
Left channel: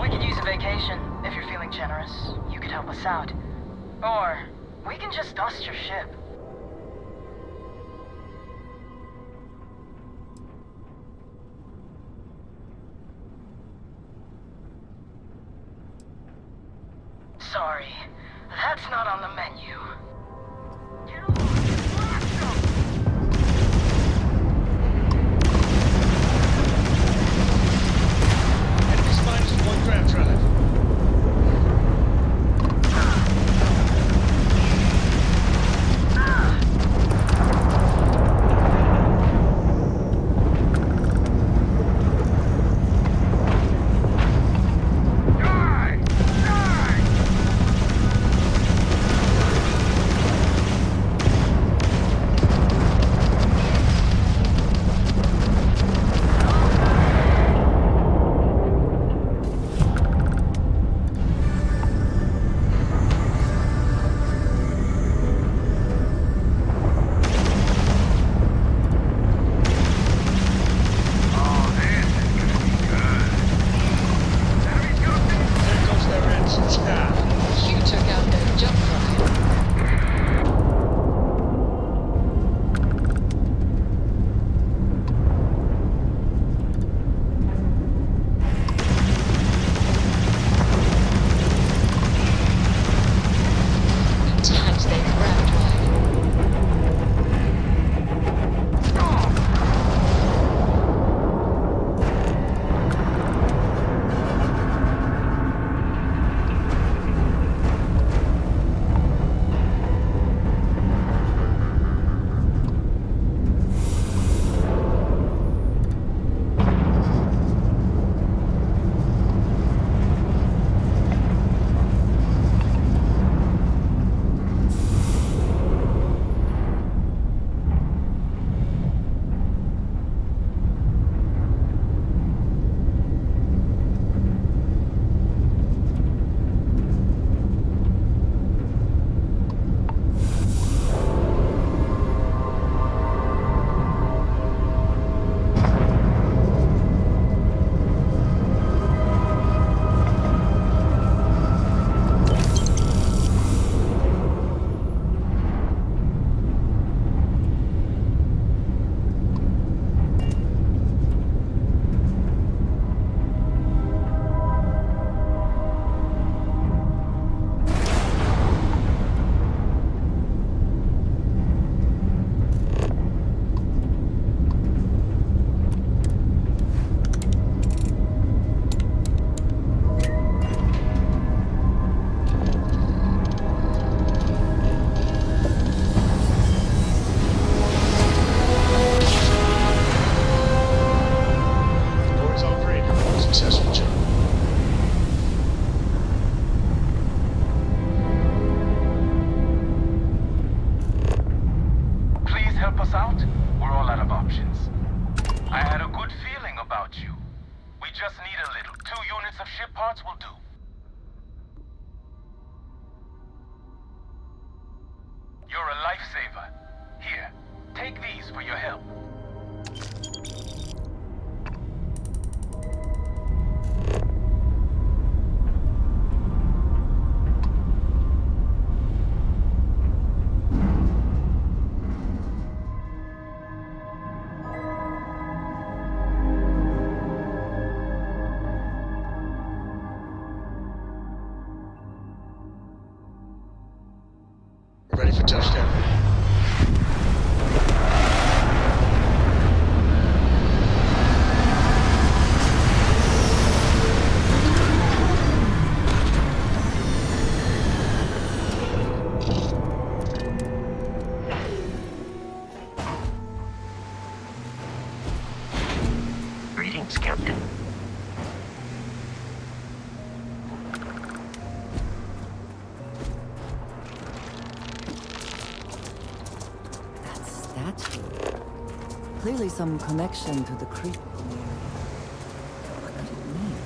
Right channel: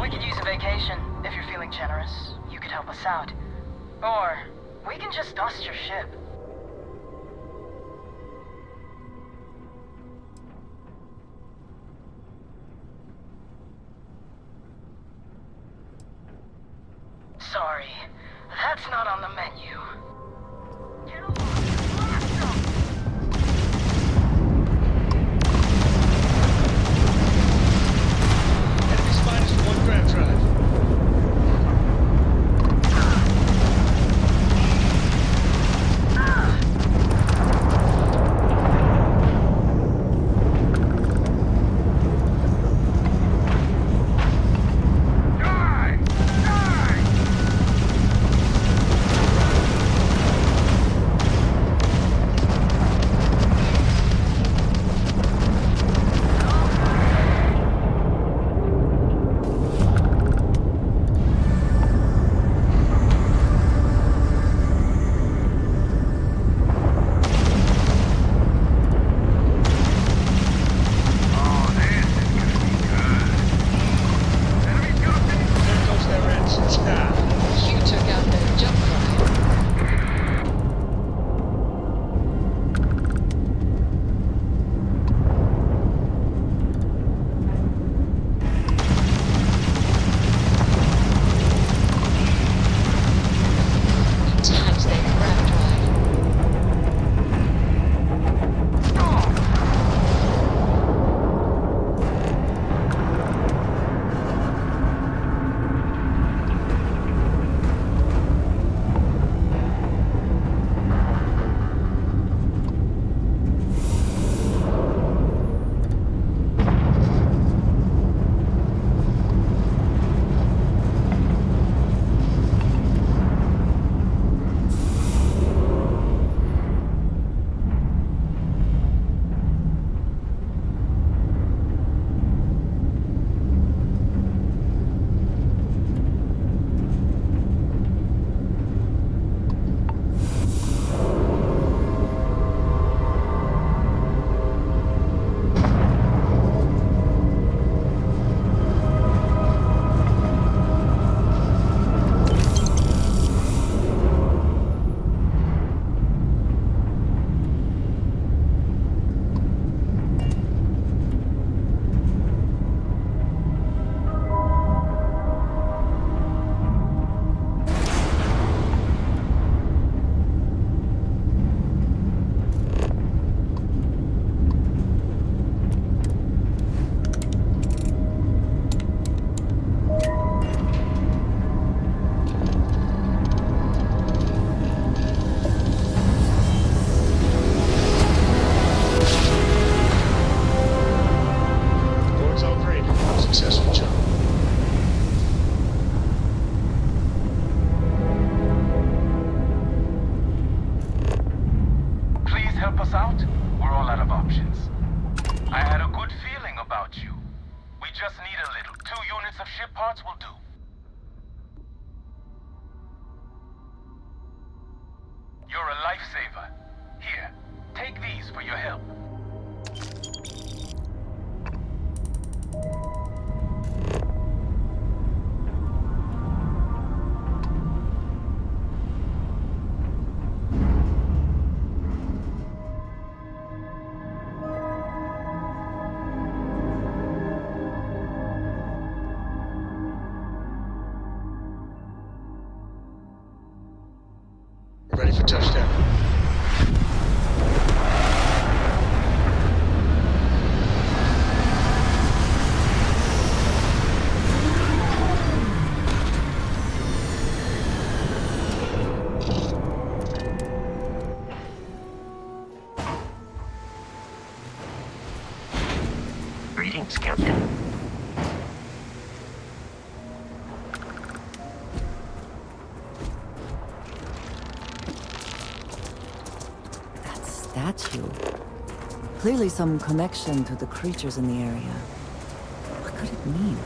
We could use a vacation, if you're feeling generous. You could help us out. Or, we can just dust your ship. Sorry, that's not on the menu. Enemies -1 grav drive. You took out their jump drive. Tags their grab drive. Boards all graded. Successful jump. Please help us out. We're all out of options. I had a good feeling about you. We just need a little. 2 units of ship parts will do. You're a lifesaver. Here, take these for your help. We're ready for touchdown. Greetings, Captain. That statue. Clearly some connection to the creatures in the area. What could it mean?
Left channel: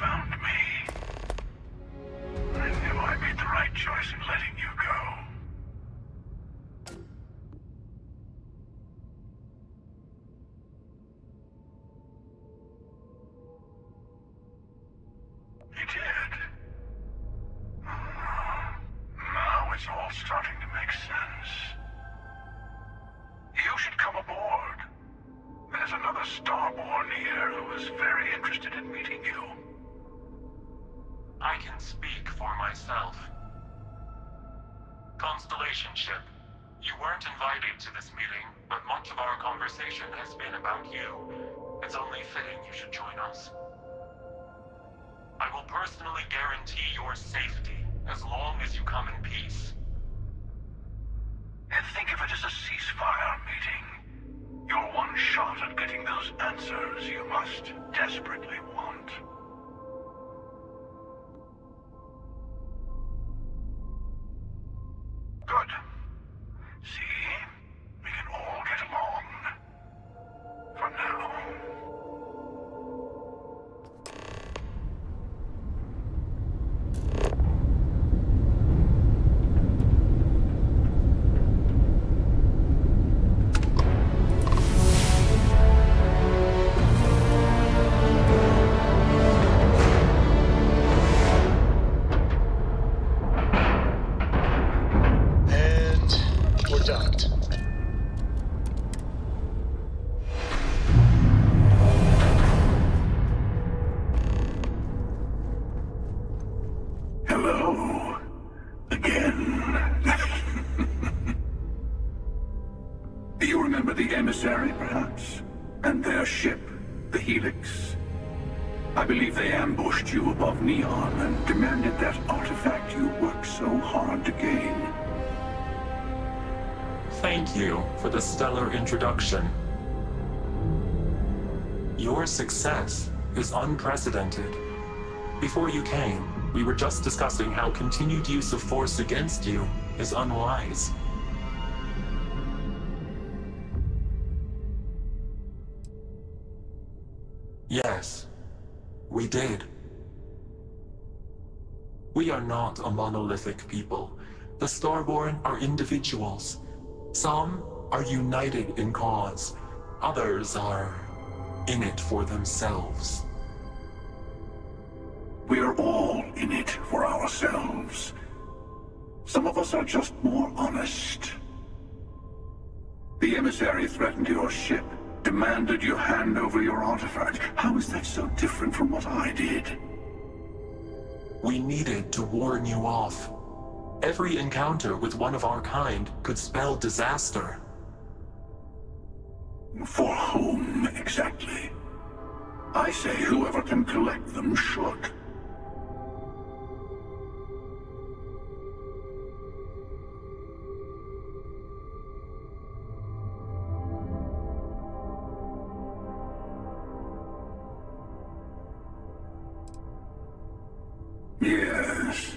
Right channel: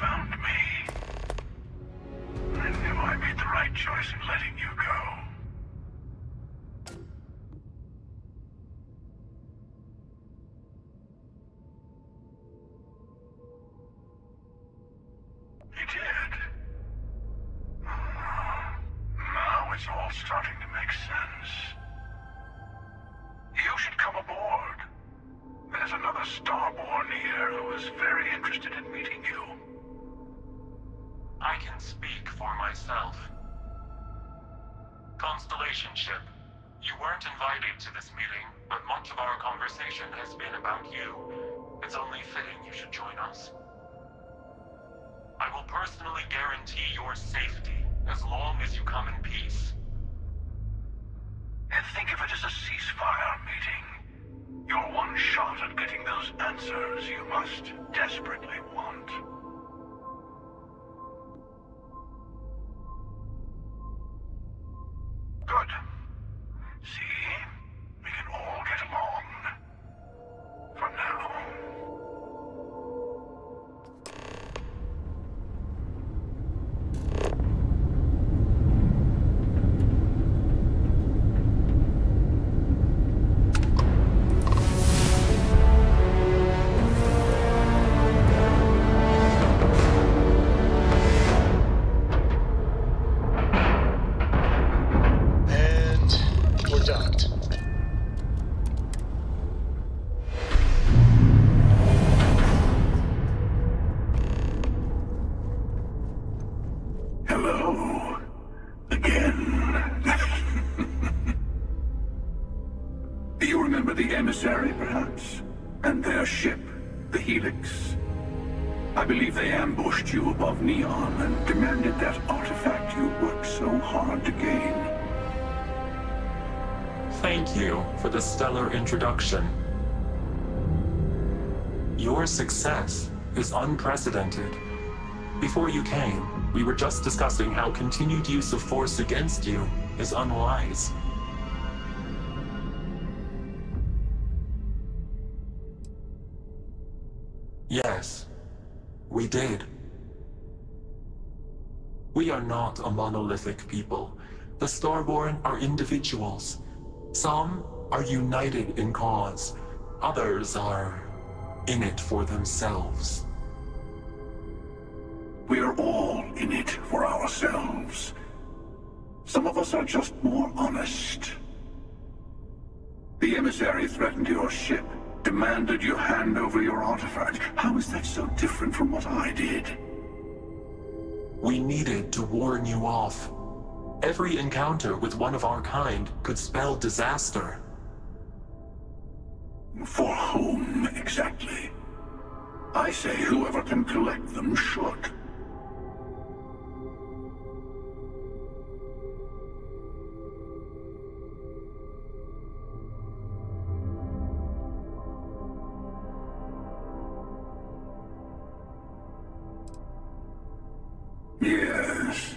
found me. I knew I made the right choice in letting you go. You did. Now it's all starting to make sense. You should come aboard. There's another Starborn here who is very interested in meeting you. I can speak for myself. Constellation ship, you weren't invited to this meeting, but much of our conversation has been about you. It's only fitting you should join us. I will personally guarantee your safety as long as you come in peace. And think of it as a ceasefire meeting. Your one shot at getting those answers you must desperately want. Good. See? We can all get along. For now. We're docked. Hello. Again. You remember the emissary, perhaps? And their ship, the Helix? I believe they ambushed you above Neon and demanded that artifact you worked so hard to gain. Thank you for the stellar introduction. Your success is unprecedented. Before you came, we were just discussing how continued use of force against you is unwise. Yes, we did. We are not a monolithic people. The Starborn are individuals. Some are united in cause. Others are in it for themselves. We are all in it for ourselves. Some of us are just more honest. The emissary threatened your ship, demanded you hand over your artifact. How is that so different from what I did? We needed to warn you off. Every encounter with one of our kind could spell disaster. For whom, exactly? I say whoever can collect them should. Yes.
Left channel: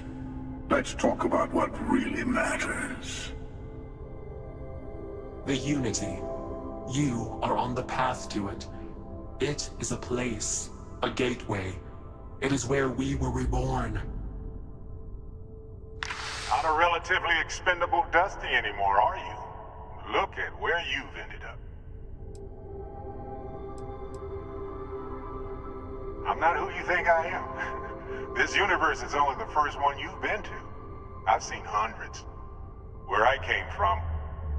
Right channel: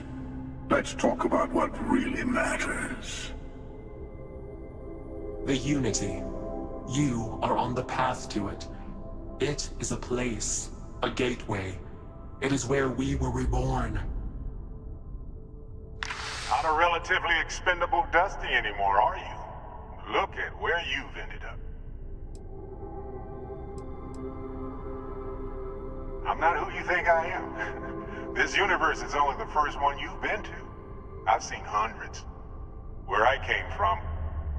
Let's talk about what really matters. The Unity. You are on the path to it. It is a place, a gateway. It is where we were reborn. Not a relatively expendable Dusty anymore, are you? Look at where you've ended up. I'm not who you think I am. This universe is only the first one you've been to. I've seen hundreds. Where I came from,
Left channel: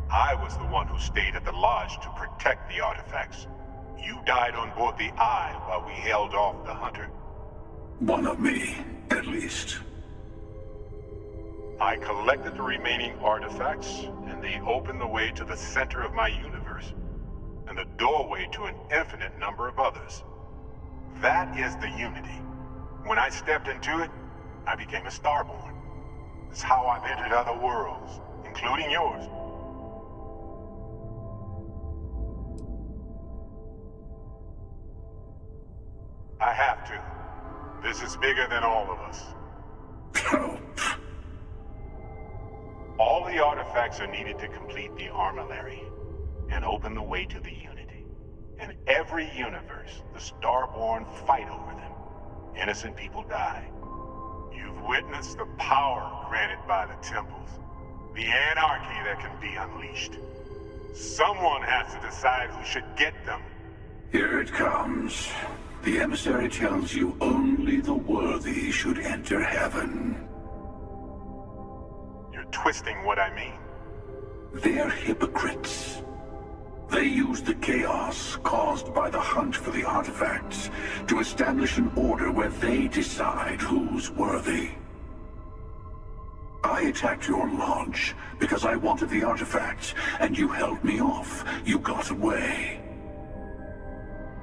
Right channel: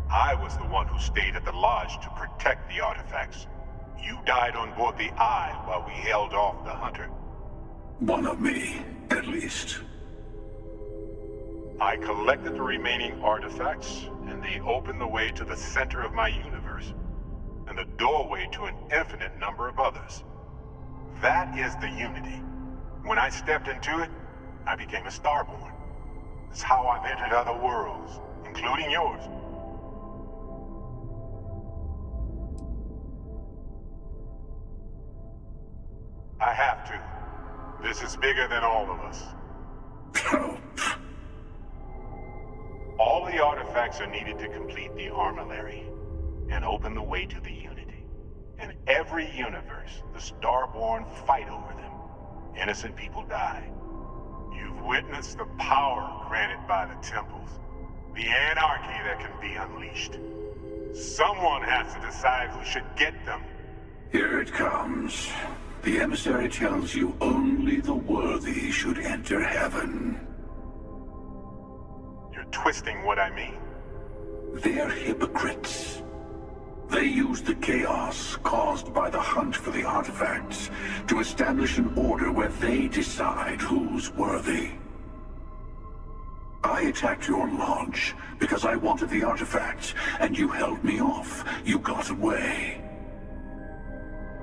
I was the one who stayed at the Lodge to protect the artifacts. You died on board the Eye while we held off the Hunter. One of me, at least. I collected the remaining artifacts, and they opened the way to the center of my universe, and the doorway to an infinite number of others. That is the Unity. When I stepped into it, I became a Starborn. It's how I've entered other worlds, including yours. I have to. This is bigger than all of us. All the artifacts are needed to complete the Armillary and open the way to the Unity. In every universe, the Starborn fight over them. Innocent people die. You've witnessed the power granted by the temples, the anarchy that can be unleashed. Someone has to decide who should get them. Here it comes. The emissary tells you only the worthy should enter heaven. You're twisting what I mean. They're hypocrites. They use the chaos caused by the hunt for the artifacts to establish an order where they decide who's worthy. I attacked your lodge because I wanted the artifacts, and you held me off. You got away.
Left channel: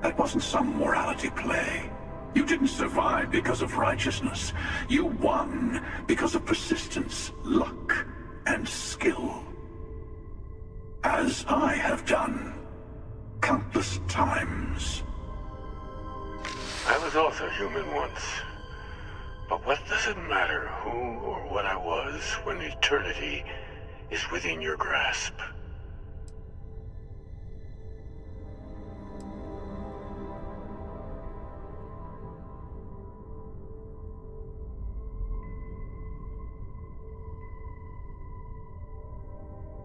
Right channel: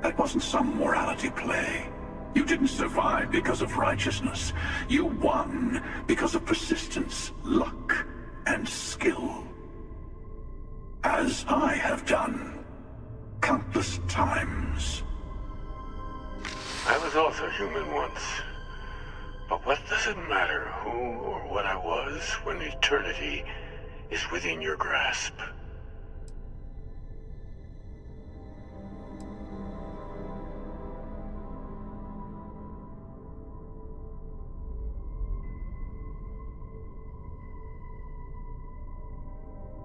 That wasn't some morality play. You didn't survive because of righteousness. You won because of persistence, luck, and skill. As I have done countless times. I was also human once. But what does it matter who or what I was when eternity is within your grasp?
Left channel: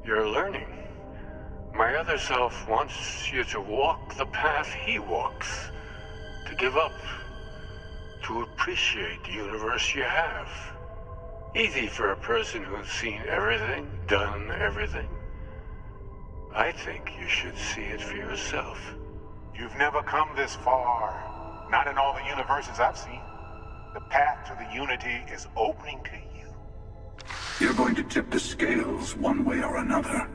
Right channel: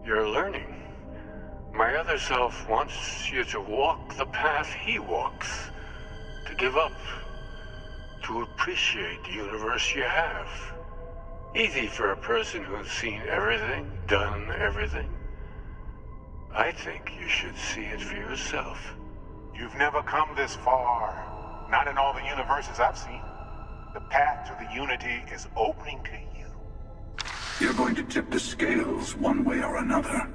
You're learning. My other self wants you to walk the path he walks, to give up, to appreciate the universe you have. Easy for a person who's seen everything, done everything. I think you should see it for yourself. You've never come this far. Not in all the universes I've seen. The path to the Unity is opening to you. You're going to tip the scales one way or another.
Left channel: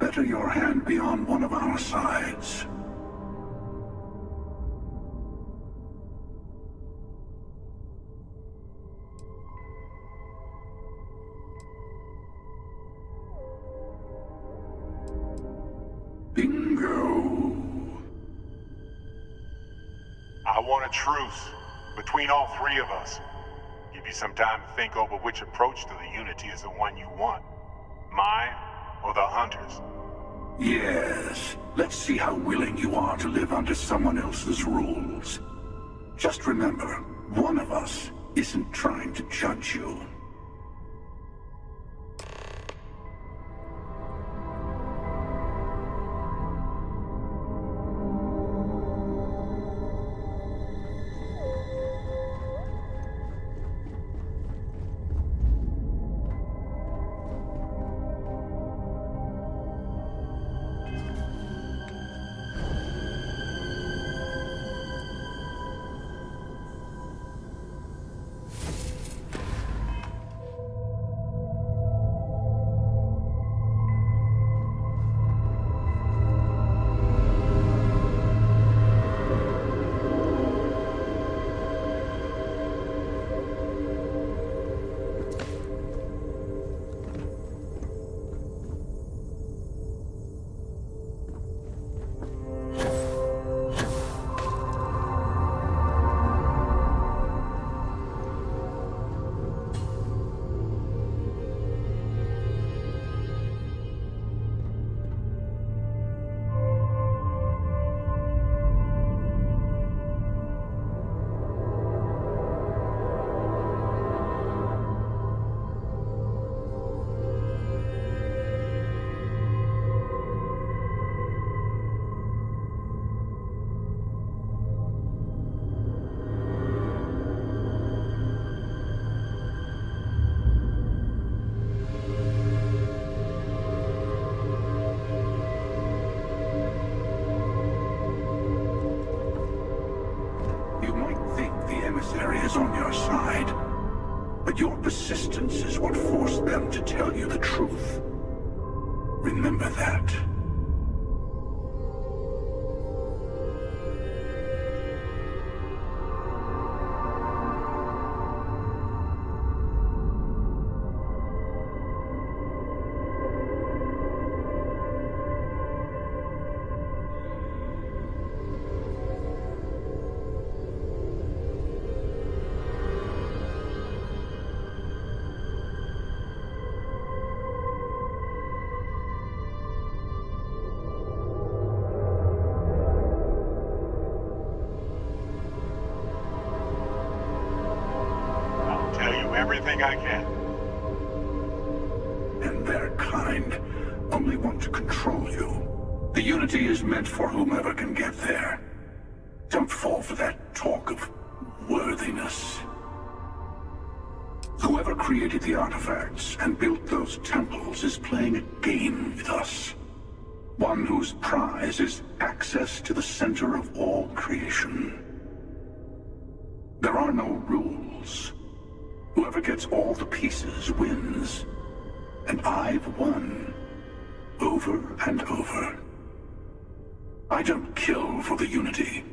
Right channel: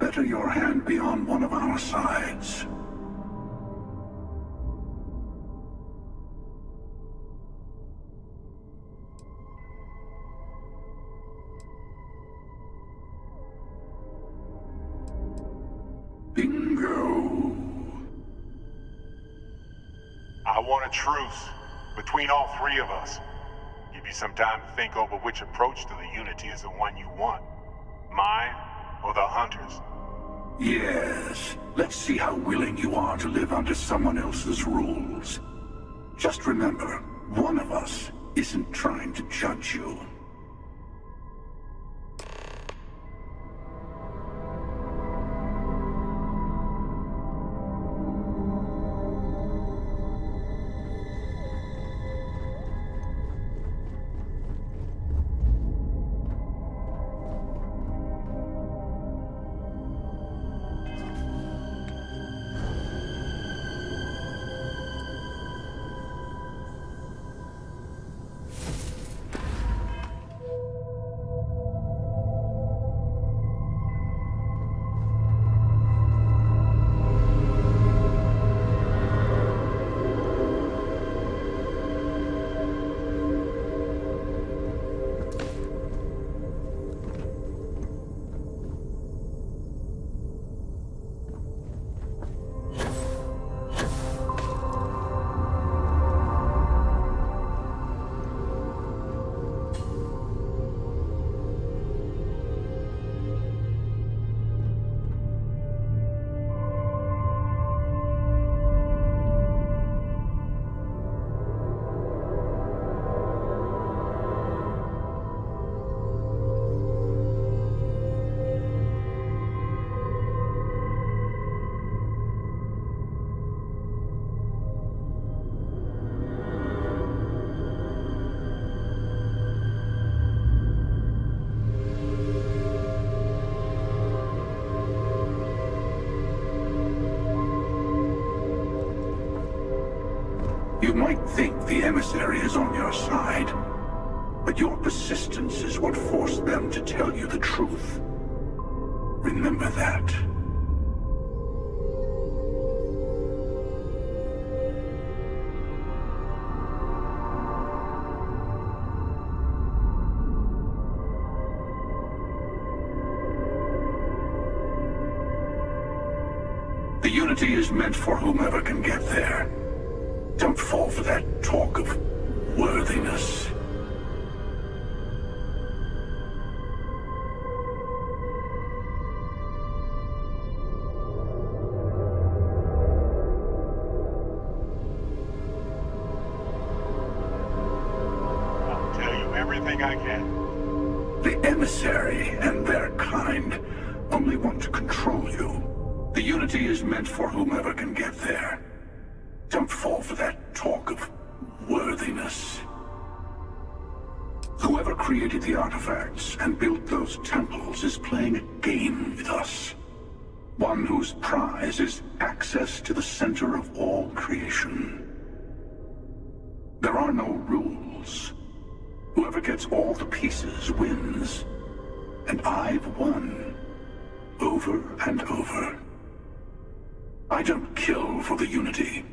Better your hand be on one of our sides. Bingo. I want a truce between all three of us. Give you some time to think over which approach to the Unity is the one you want. Mine or the Hunters? Yes. Let's see how willing you are to live under someone else's rules. Just remember, one of us isn't trying to judge you. You might think the emissary is on your side, but your persistence is what forced them to tell you the truth. Remember that. The Unity is meant for whomever can get there. Don't fall for that talk of worthiness. do everything I can. The emissary and their kind only want to control you. The Unity is meant for whomever can get there. Don't fall for that talk of worthiness. Whoever created the artifacts and built those temples is playing a game with us. One whose prize is access to the center of all creation. There are no rules. Whoever gets all the pieces wins. And I've won. Over and over. I don't kill for the Unity.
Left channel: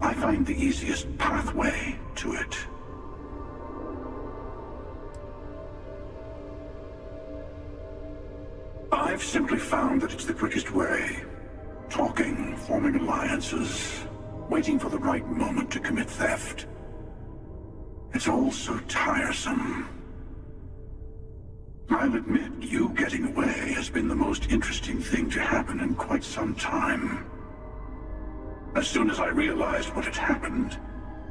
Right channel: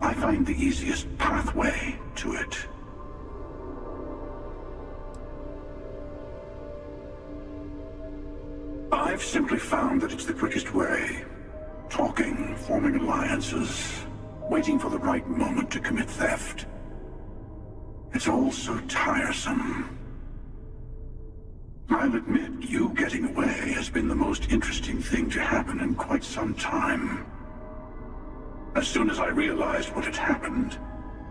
I find the easiest pathway to it. I've simply found that it's the quickest way. Talking, forming alliances, waiting for the right moment to commit theft. It's all so tiresome. I'll admit, you getting away has been the most interesting thing to happen in quite some time. As soon as I realized what had happened,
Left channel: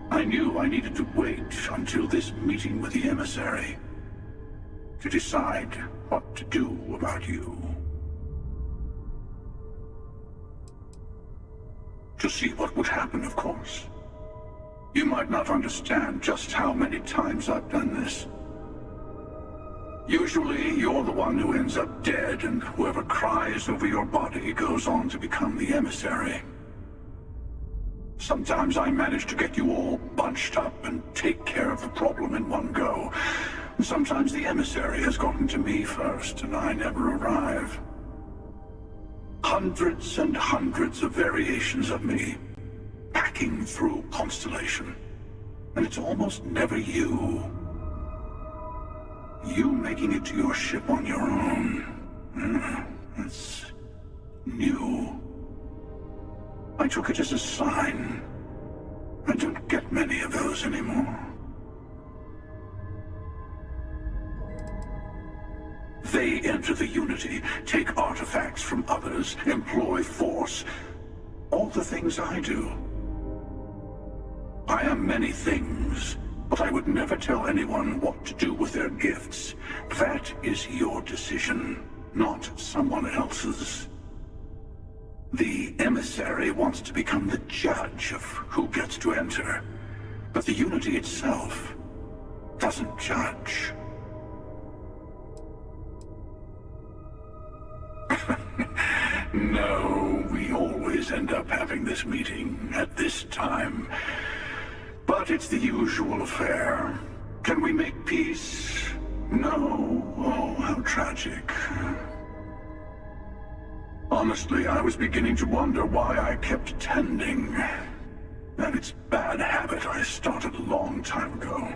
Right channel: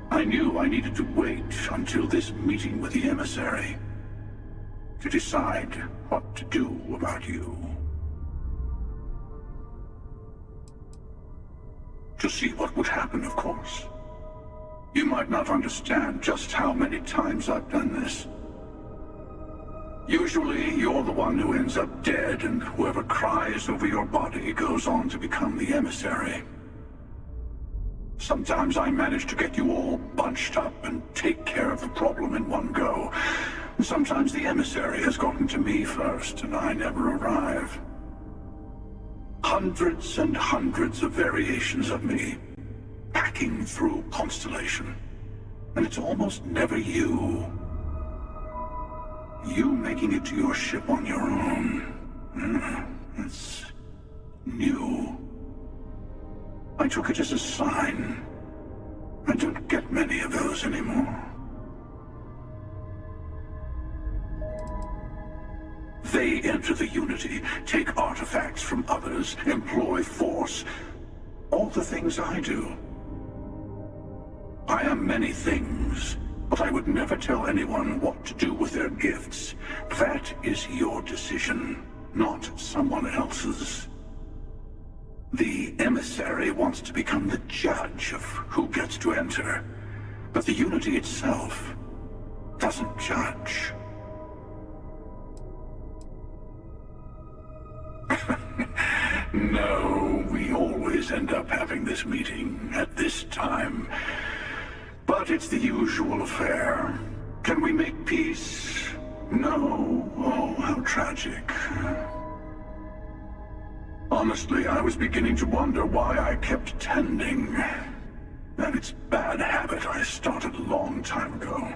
I knew I needed to wait until this meeting with the emissary to decide what to do about you. To see what would happen, of course. You might not understand just how many times I've done this. Usually, you're the one who ends up dead, and whoever cries over your body goes on to become the emissary. Sometimes I manage to get you all bunched up and take care of the problem in one go. Sometimes the emissary has gotten to me first, and I never arrive. Hundreds and hundreds of variations of me, packing through Constellation. And it's almost never you. You making it to your ship on your own. It's new. I took it as a sign. I don't get many of those anymore. They enter the Unity, take artifacts from others, employ force. All the things I do. I am many things, but I would never tell anyone what to do with their gifts. That is your decision, not someone else's. The emissary wants to become the judge of who gets to enter, but the Unity itself doesn't judge. No, we always end up having this meeting at this time. But it's the usual affair. Can we make peace? No. Oh, how tragic. Honestly, I was beginning to wonder why I kept tending. And it's a bad habit I started a long time ago.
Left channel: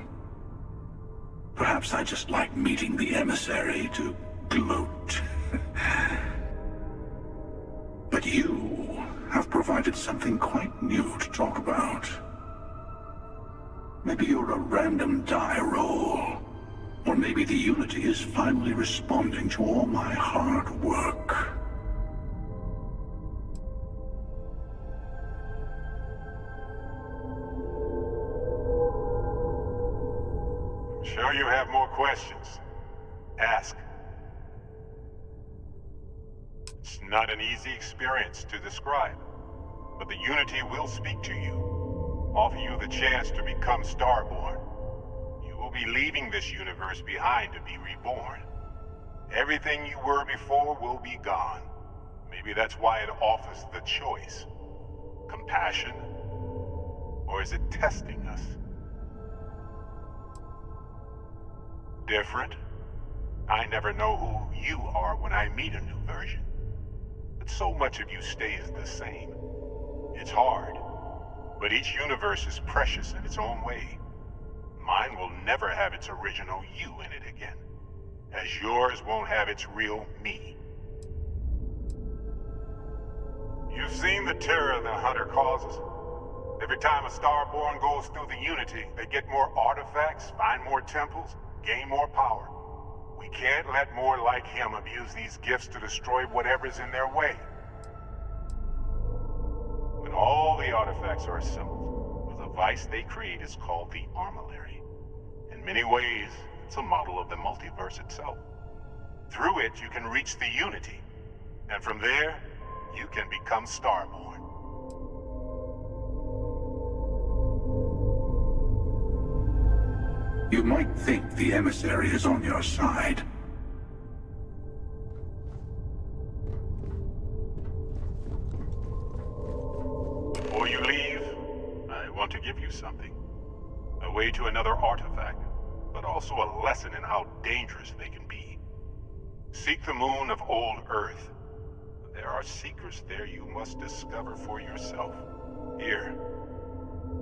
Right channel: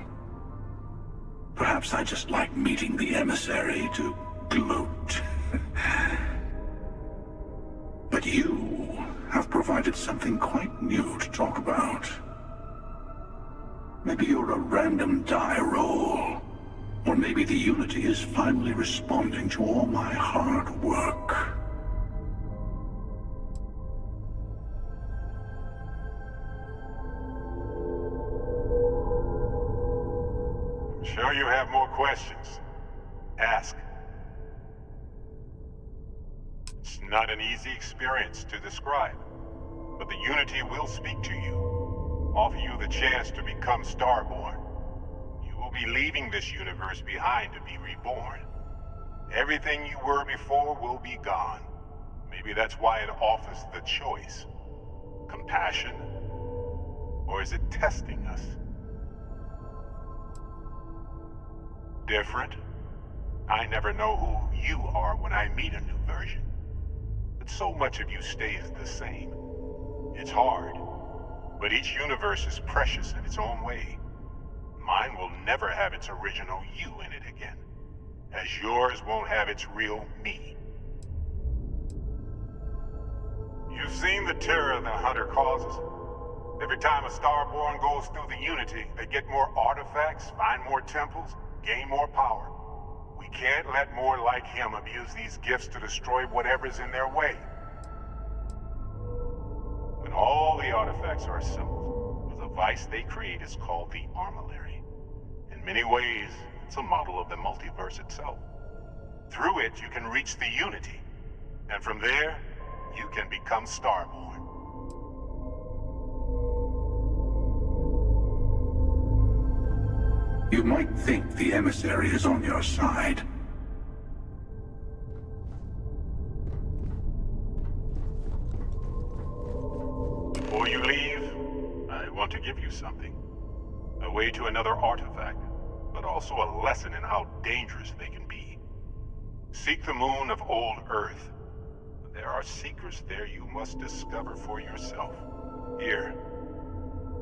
Perhaps I just like meeting the emissary to gloat. But you have provided something quite new to talk about. Maybe you're a random die roll. Or maybe the Unity is finally responding to all my hard work. I'm sure you have more questions. Ask. It's not an easy experience to describe, but the Unity will speak to you, offer you the chance to become Starborn. You will be leaving this universe behind to be reborn. Everything you were before will be gone. Maybe that's why it offers the choice. Compassion? Or is it testing us? Different? I never know who you are when I meet a new version. But so much of you stays the same. It's hard. But each universe is precious in its own way. Mine will never have its original you in it again, as yours won't have its real me. You've seen the terror the Hunter causes. Every time a Starborn goes through the Unity, they get more artifacts, find more temples, gain more power. We can't let more like him abuse these gifts to destroy whatever's in their way. When all the artifacts are assembled, the device they create is called the Armillary. And In many ways, it's a model of the multiverse itself. Through it, you can reach the Unity. And from there, you can become Starborn. You might think the emissary is on your side. Before you leave, I want to give you something. A way to another artifact, but also a lesson in how dangerous they can be. Seek the moon of old Earth. There are secrets there you must discover for yourself. Here,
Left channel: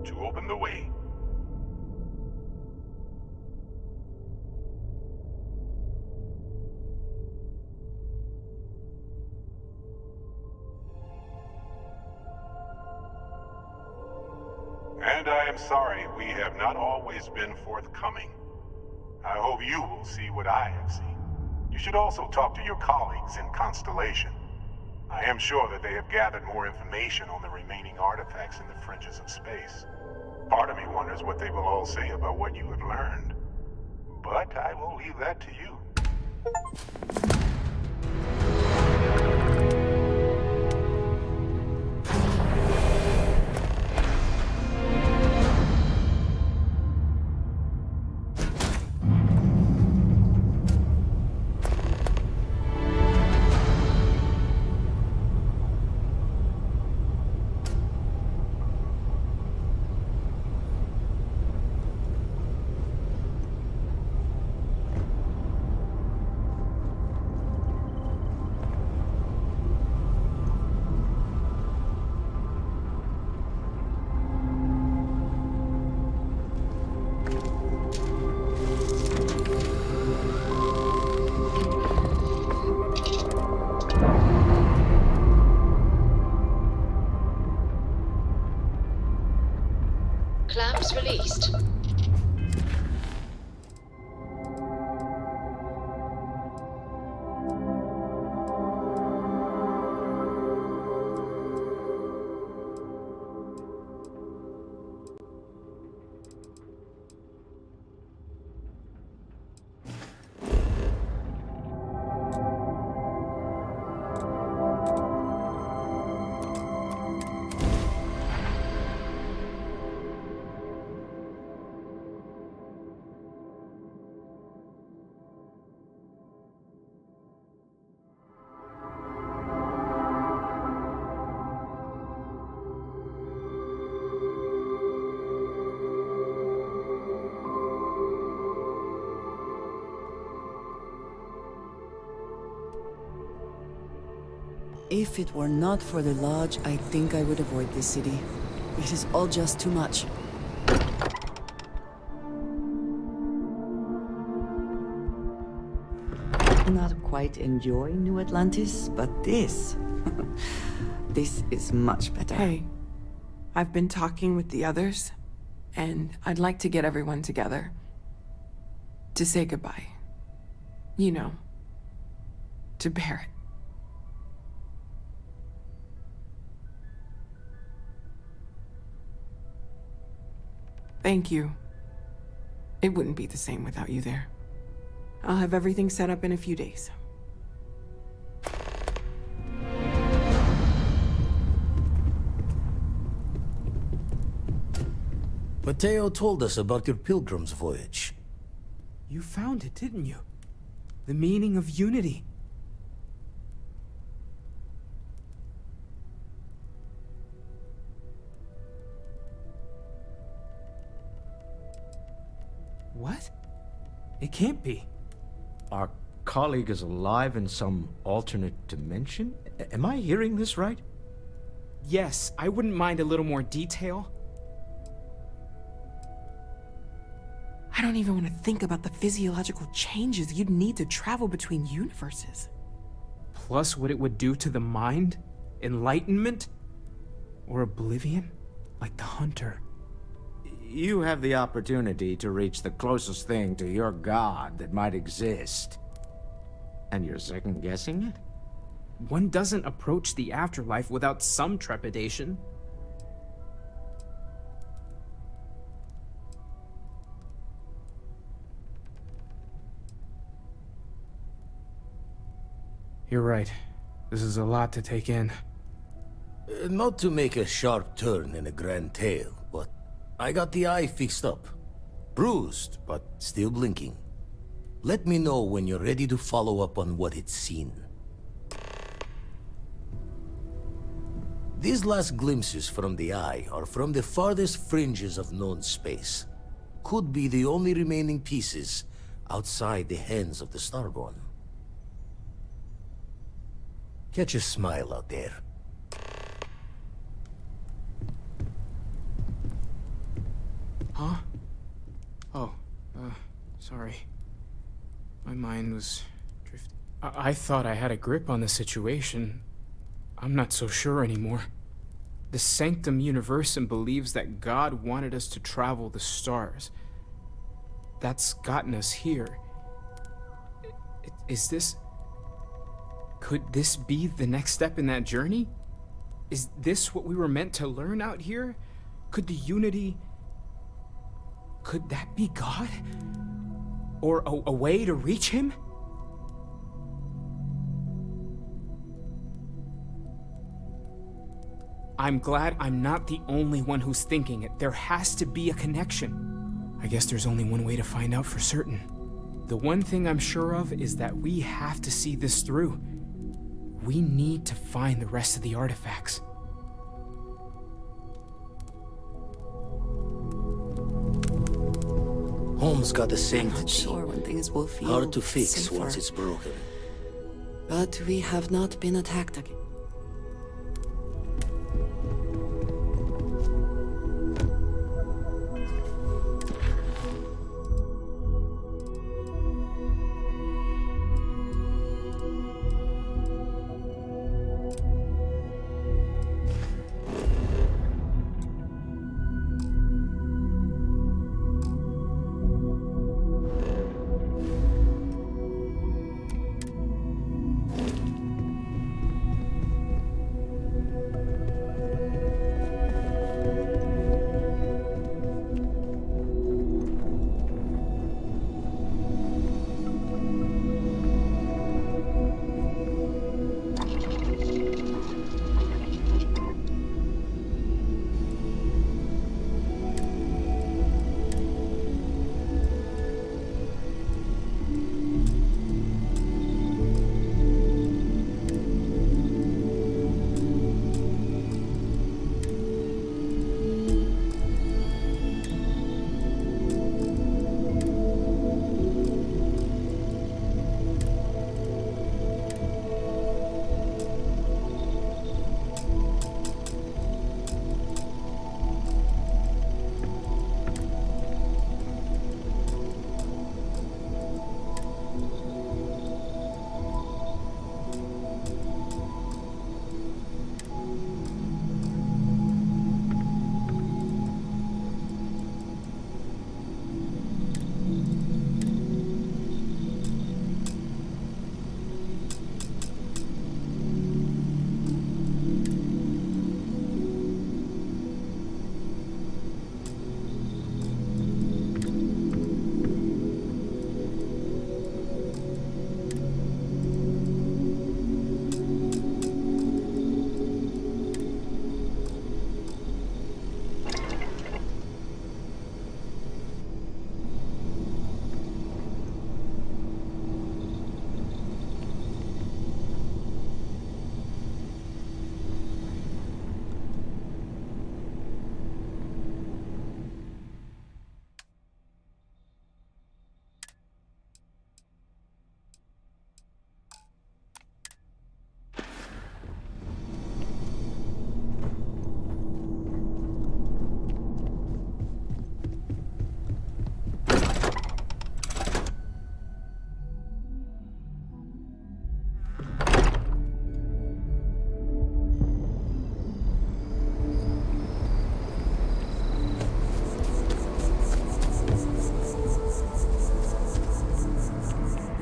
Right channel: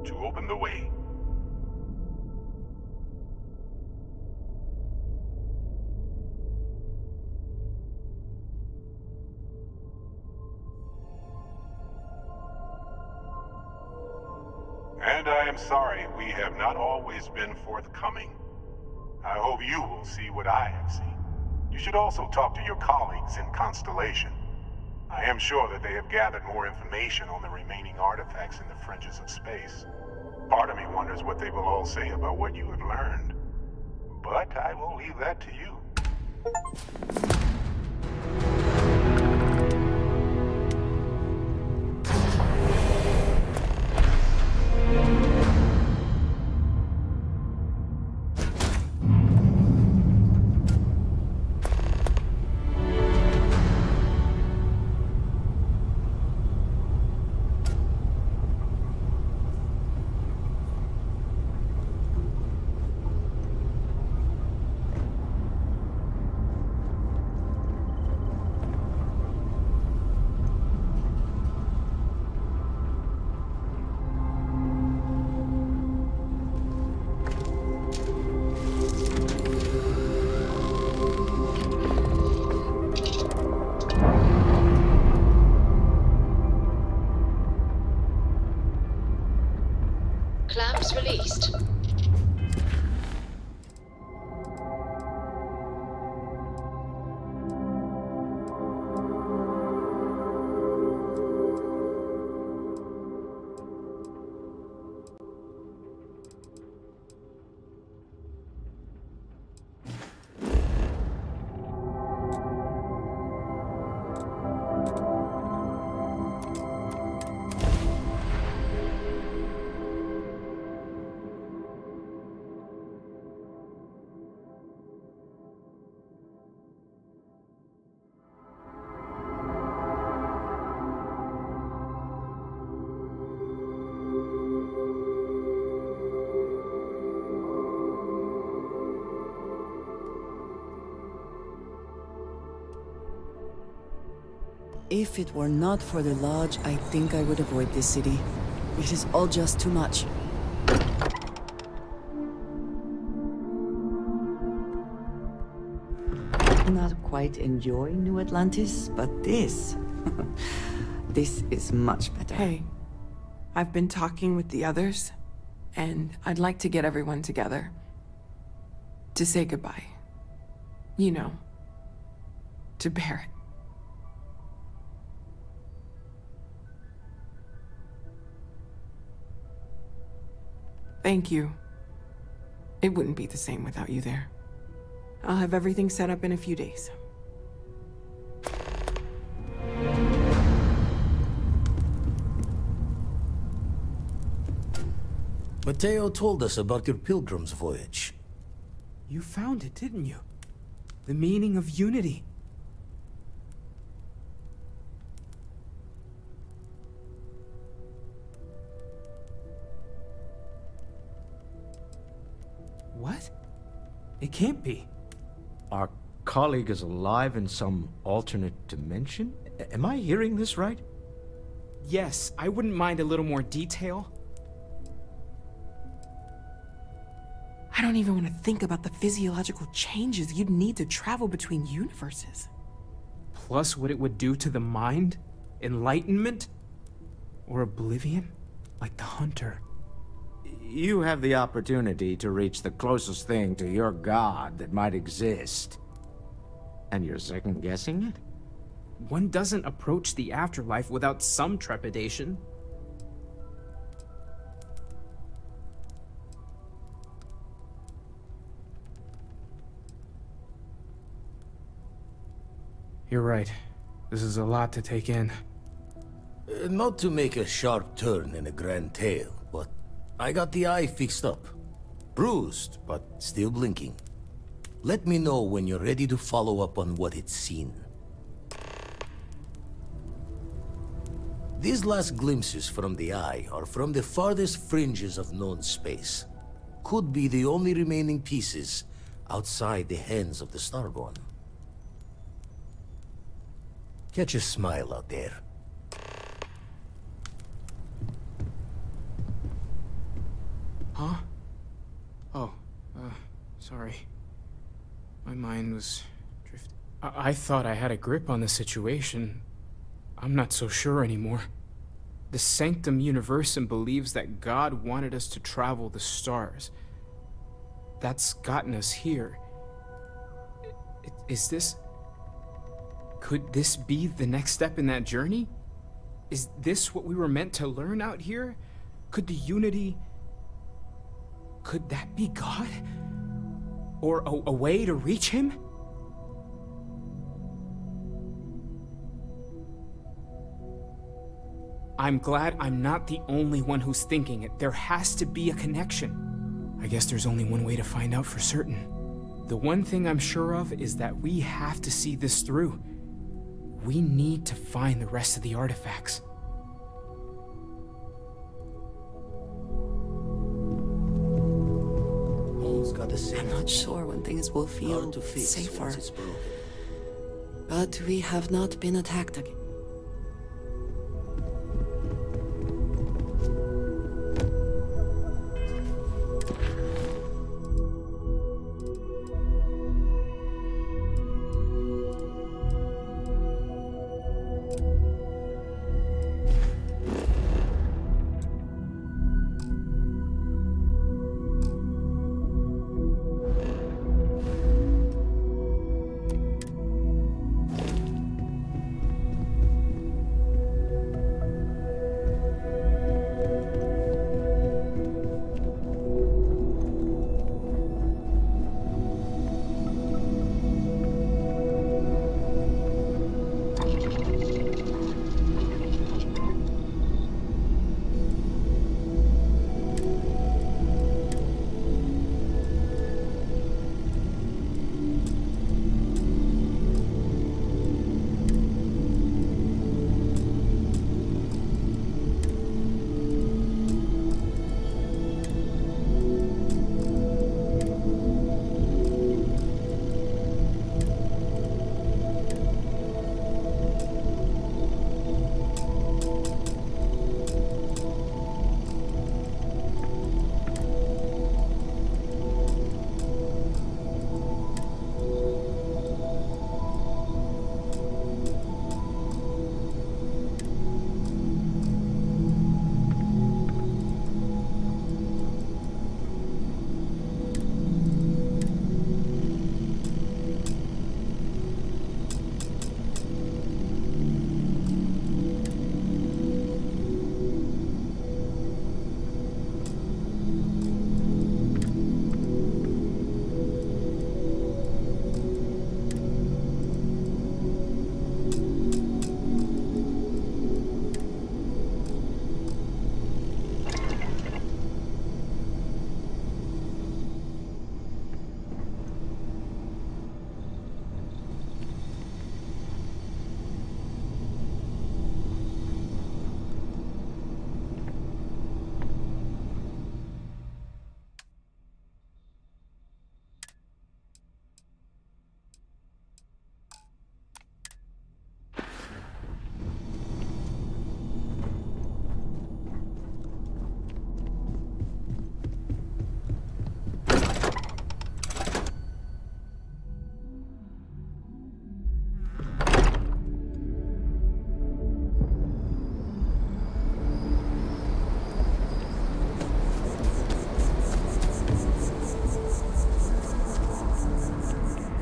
to open the way. And I am sorry we have not always been forthcoming. I hope you will see what I have seen. You should also talk to your colleagues in Constellation. I am sure that they have gathered more information on the remaining artifacts in the fringes of space. Part of me wonders what they will all say about what you have learned. But I will leave that to you. Clamps released. If it were not for the Lodge, I think I would avoid this city. It is all just too much. Not quite enjoy New Atlantis, but this... this is much better. Hey, I've been talking with the others, and I'd like to get everyone together. To say goodbye. You know, to Barrett. Thank you. It wouldn't be the same without you there. I'll have everything set up in a few days. Mateo told us about your pilgrim's voyage. You found it, didn't you? The meaning of unity. What? It can't be. Our colleague is alive in some alternate dimension? Am I hearing this right? Yes, I wouldn't mind a little more detail. I don't even want to think about the physiological changes you'd need to travel between universes. Plus what it would do to the mind? Enlightenment? Or oblivion? Like the Hunter. You have the opportunity to reach the closest thing to your god that might exist. And you're second-guessing it? One doesn't approach the afterlife without some trepidation. You're right. This is a lot to take in. Not to make a sharp turn in a grand tale, but I got the eye fixed up. Bruised, but still blinking. Let me know when you're ready to follow up on what it's seen. These last glimpses from the eye are from the farthest fringes of known space. Could be the only remaining pieces outside the hands of the Starborn. Catch a smile out there. Huh? Oh, sorry. My mind was drifting. I thought I had a grip on the situation. I'm not so sure anymore. The Sanctum Universum believes that God wanted us to travel the stars. That's gotten us here. Is this... Could this be the next step in that journey? Is this what we were meant to learn out here? Could the Unity... Could that be God? Or a way to reach him? I'm glad I'm not the only one who's thinking it. There has to be a connection. I guess there's only one way to find out for certain. The one thing I'm sure of is that we have to see this through. We need to find the rest of the artifacts. Home's got the same. I'm not sure when things will feel hard to fix safer. once it's broken. But we have not been attacked again.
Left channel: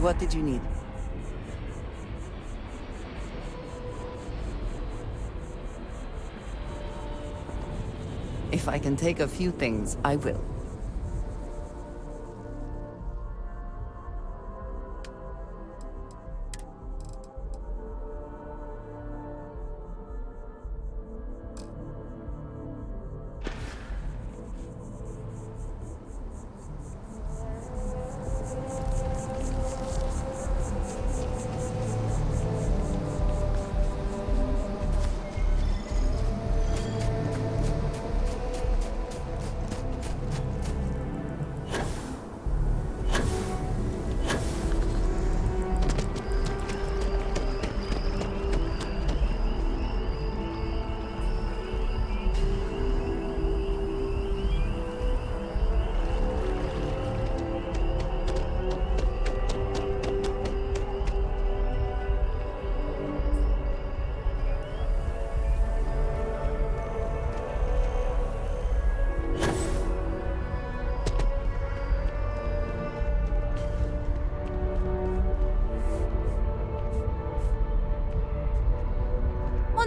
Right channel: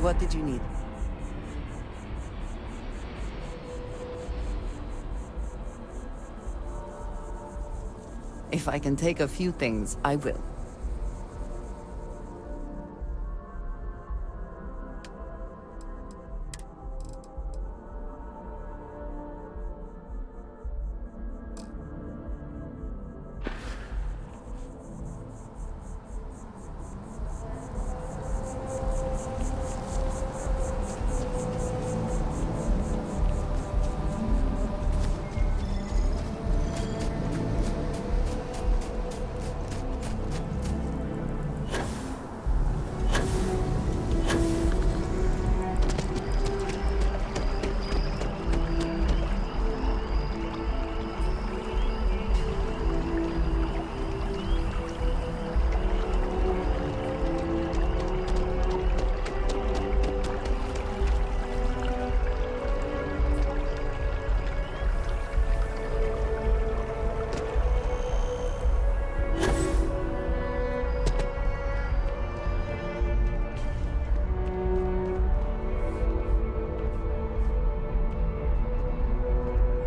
What did you need? If I can take a few things, I will.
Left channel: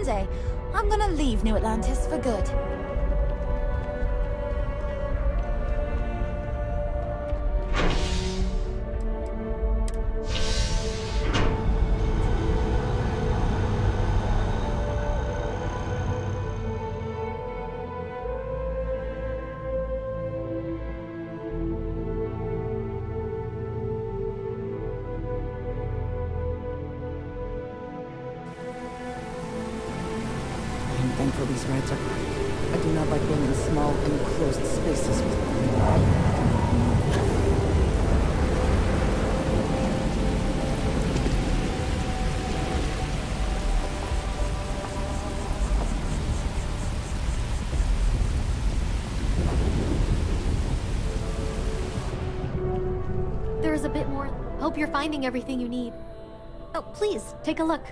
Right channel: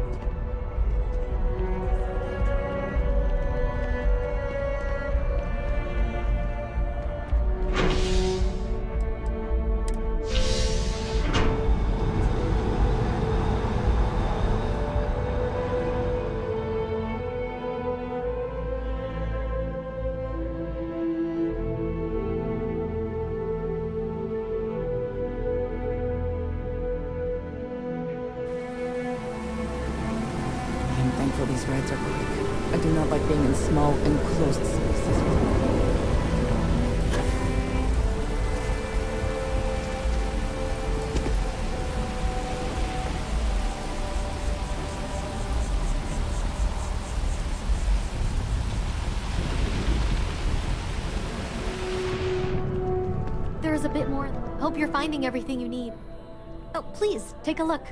day, I'm gonna leave New Atlantis for good. I'm thankful these rides are quick. I do not like being in small, enclosed spaces with people I do not know. There's a bit more. Hope you're finding everything you need. Oh, please, take a look.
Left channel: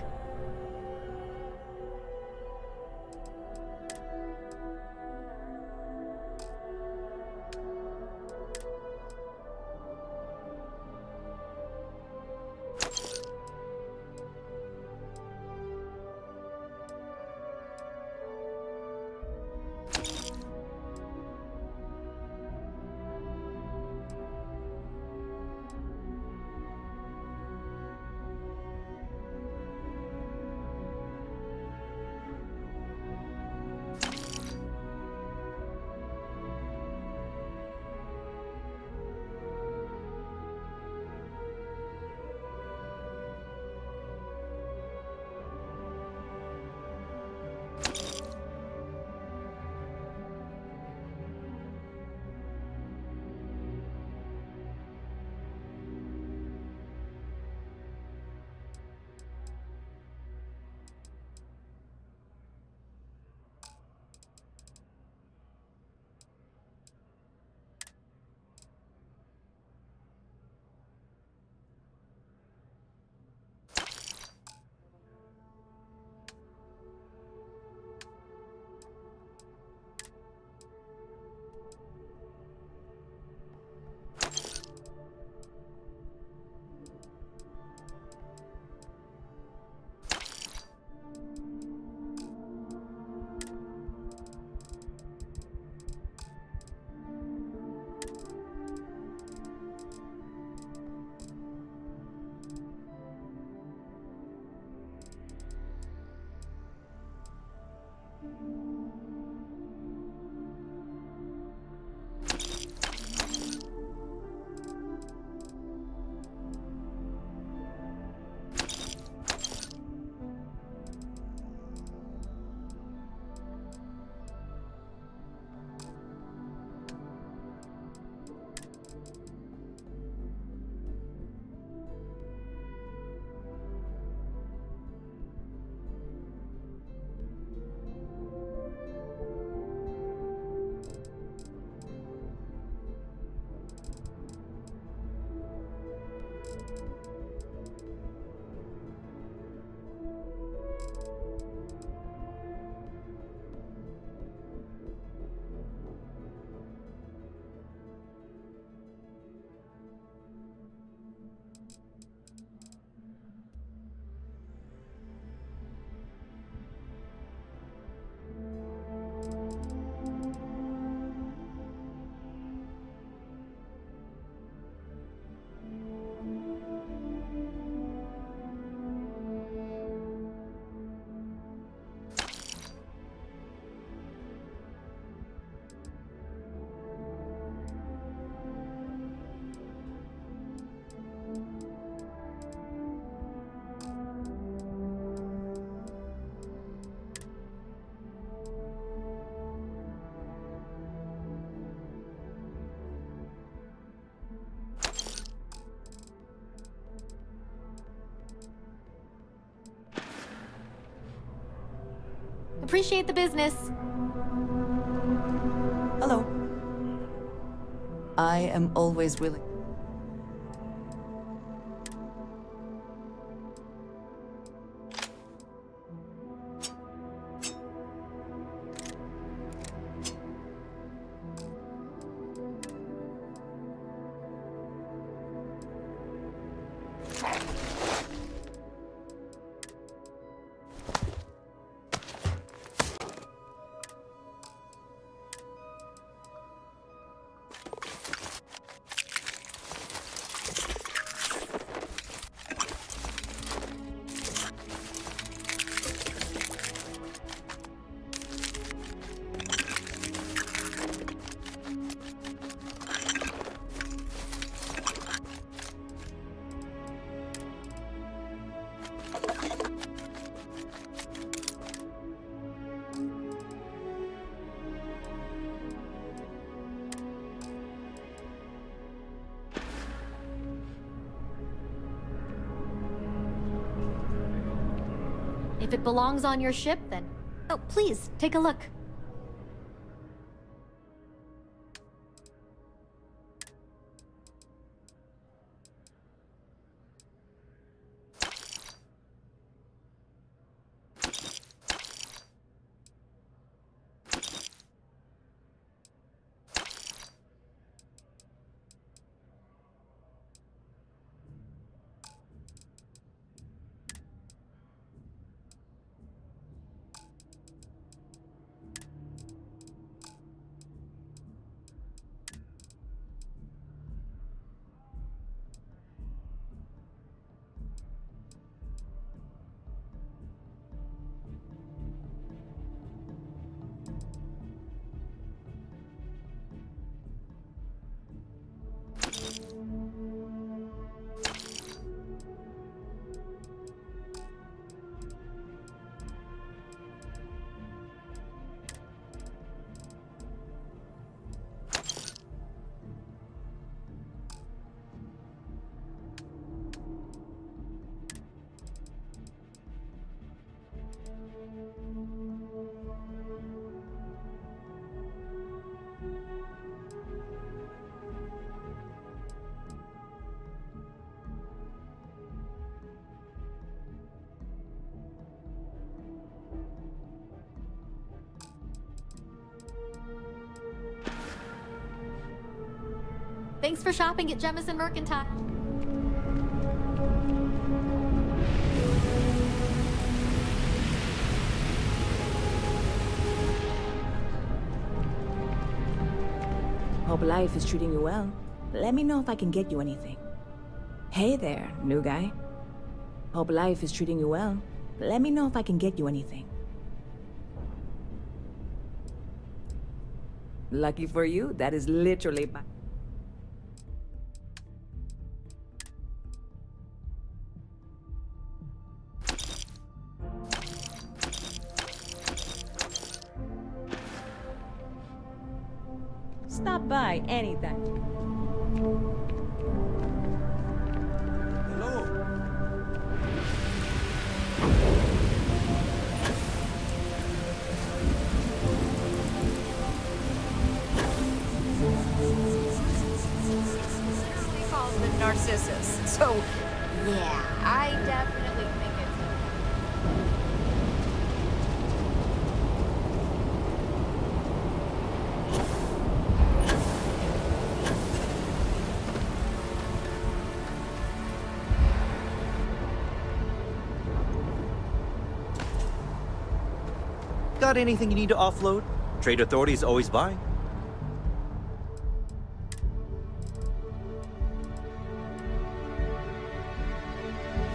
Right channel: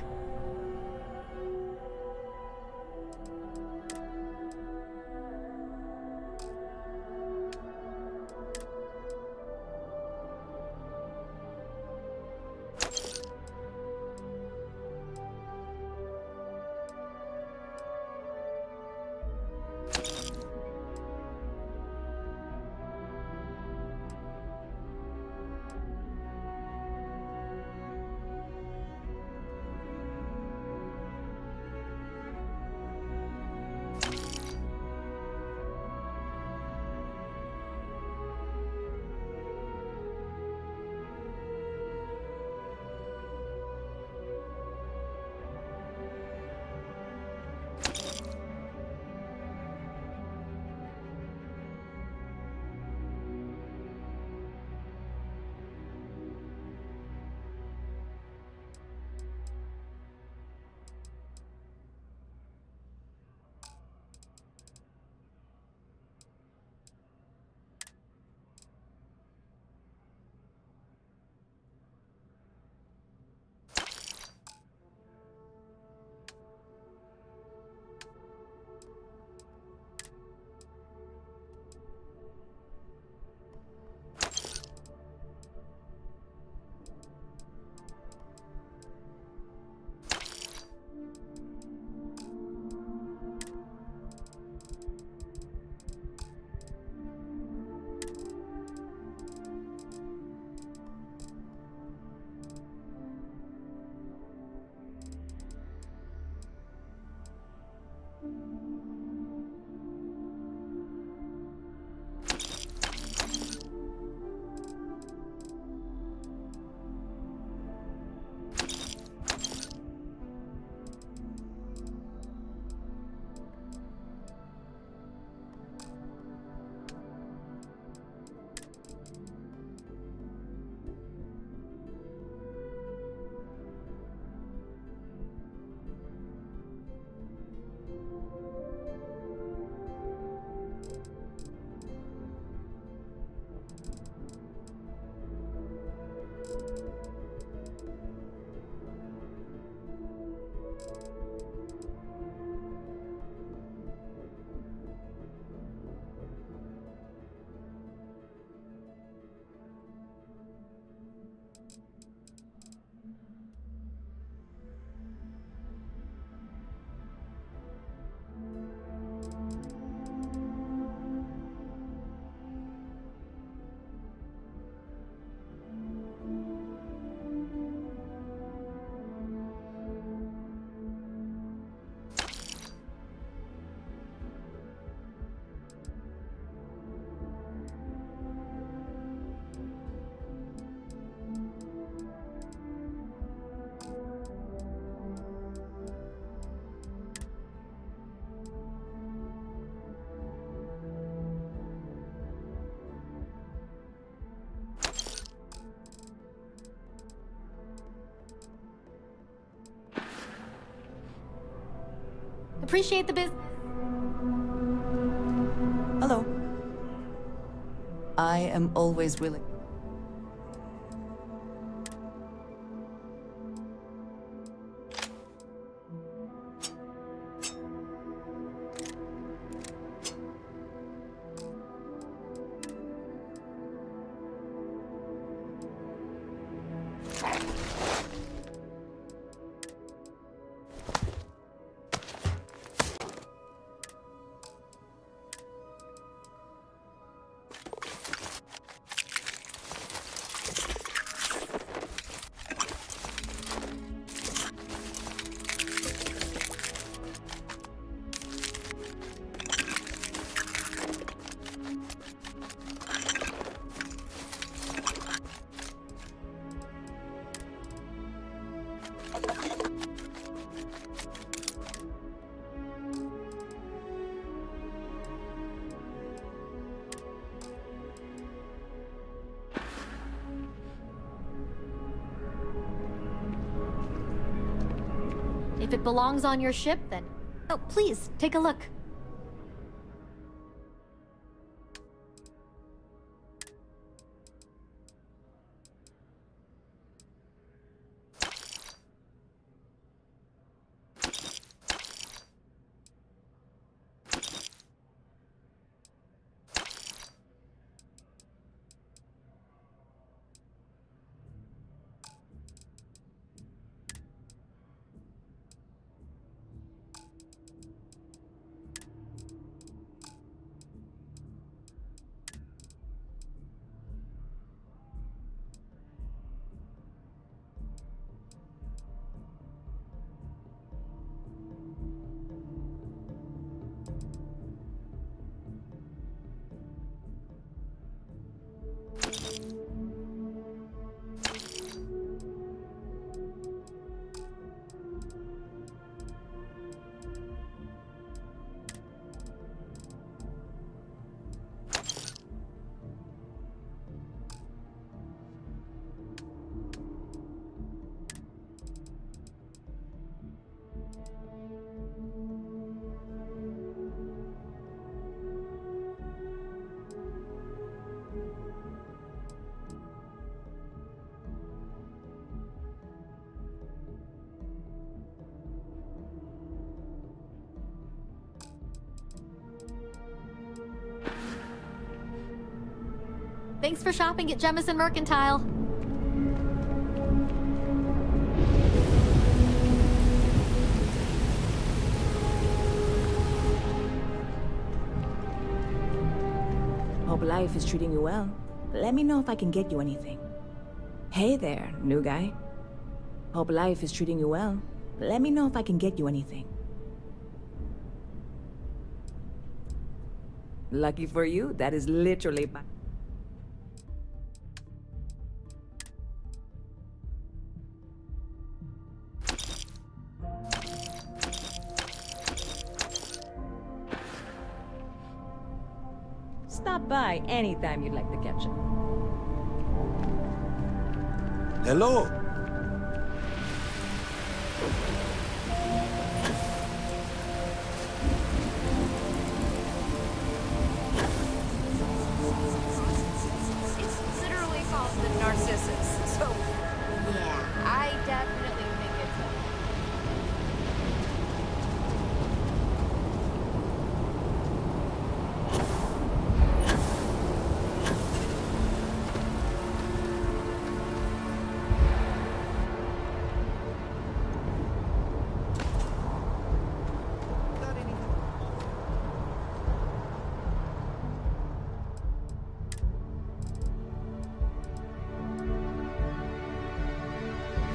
Appreciate the business. Hello. I am always willing. If it belongs on your ship, then... Oh, please, take a look. Thanks for shopping at Jemison Mercantile. Hope life is treating you well. Let me know if I can get you anything. Hey there, new guy. Hope life is treating you well. Let me know if I can get you anything. Lucky for you, that is literally my... Stop by anytime you'd like to catch up. Hello. It's literally called the Narcissus. So, yeah, I definitely think it's a... Got anything you need to offload? Trade authorities always buy.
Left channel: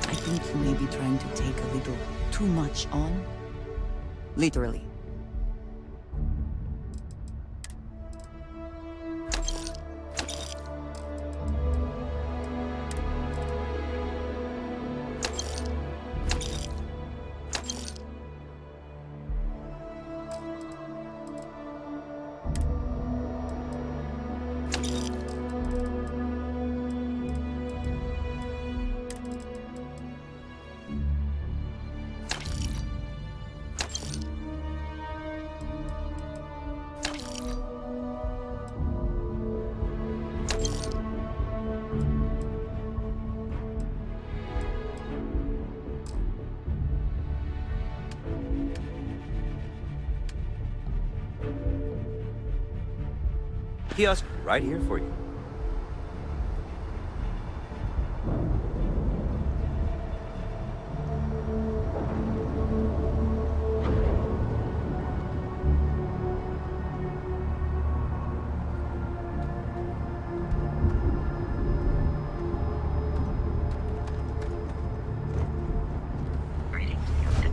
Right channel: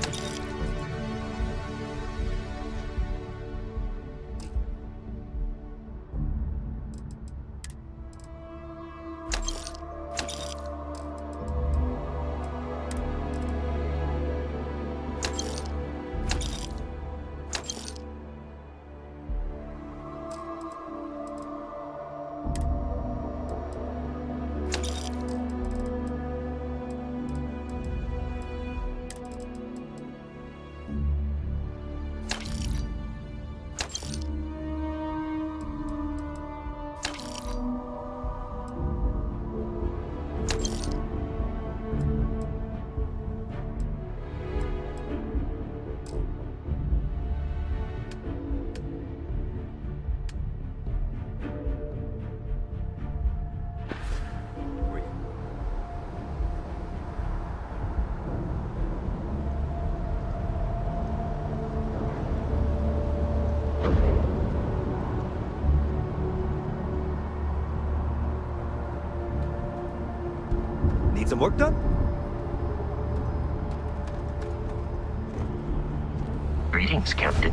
I think you may be trying to take a little too much on. Literally. Kiosk right here for you. Need some work done? Greetings, Captain.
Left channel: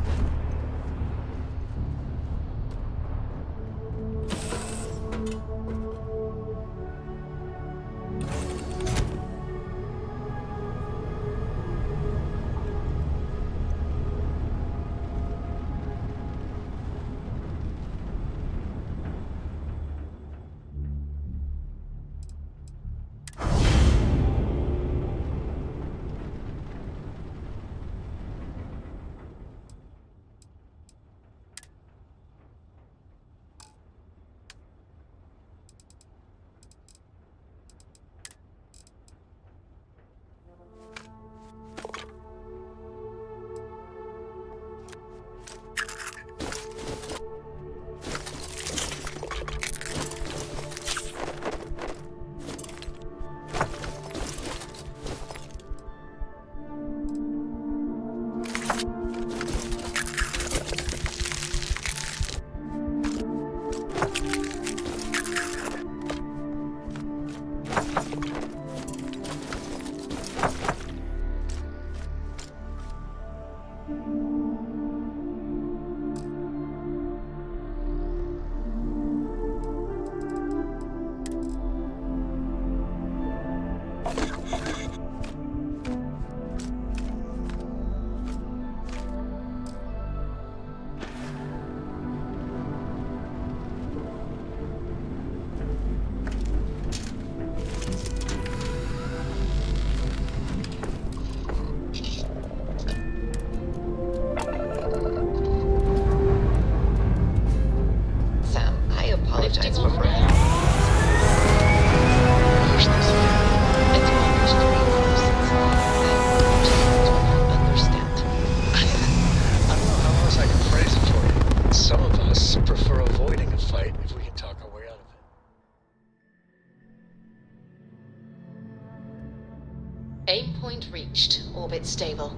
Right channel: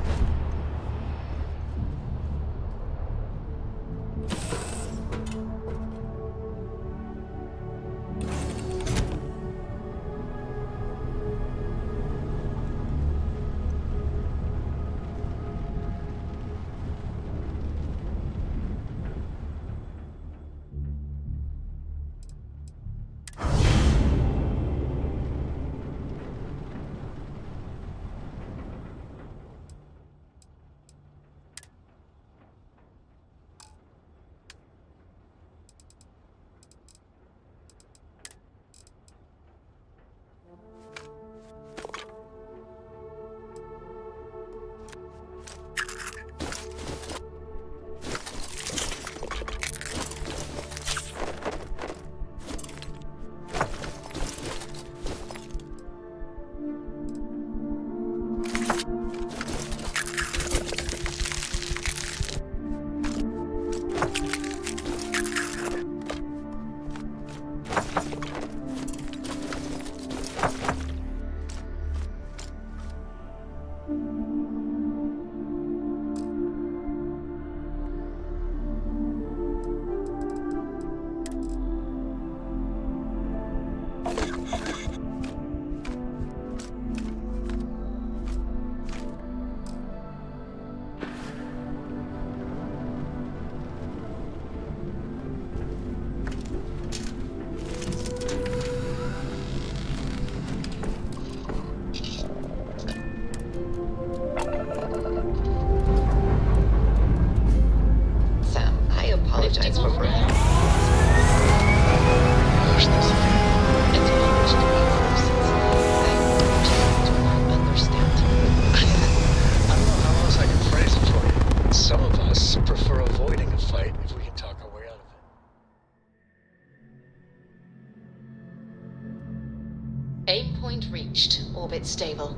Aim point reached. Orbit stable.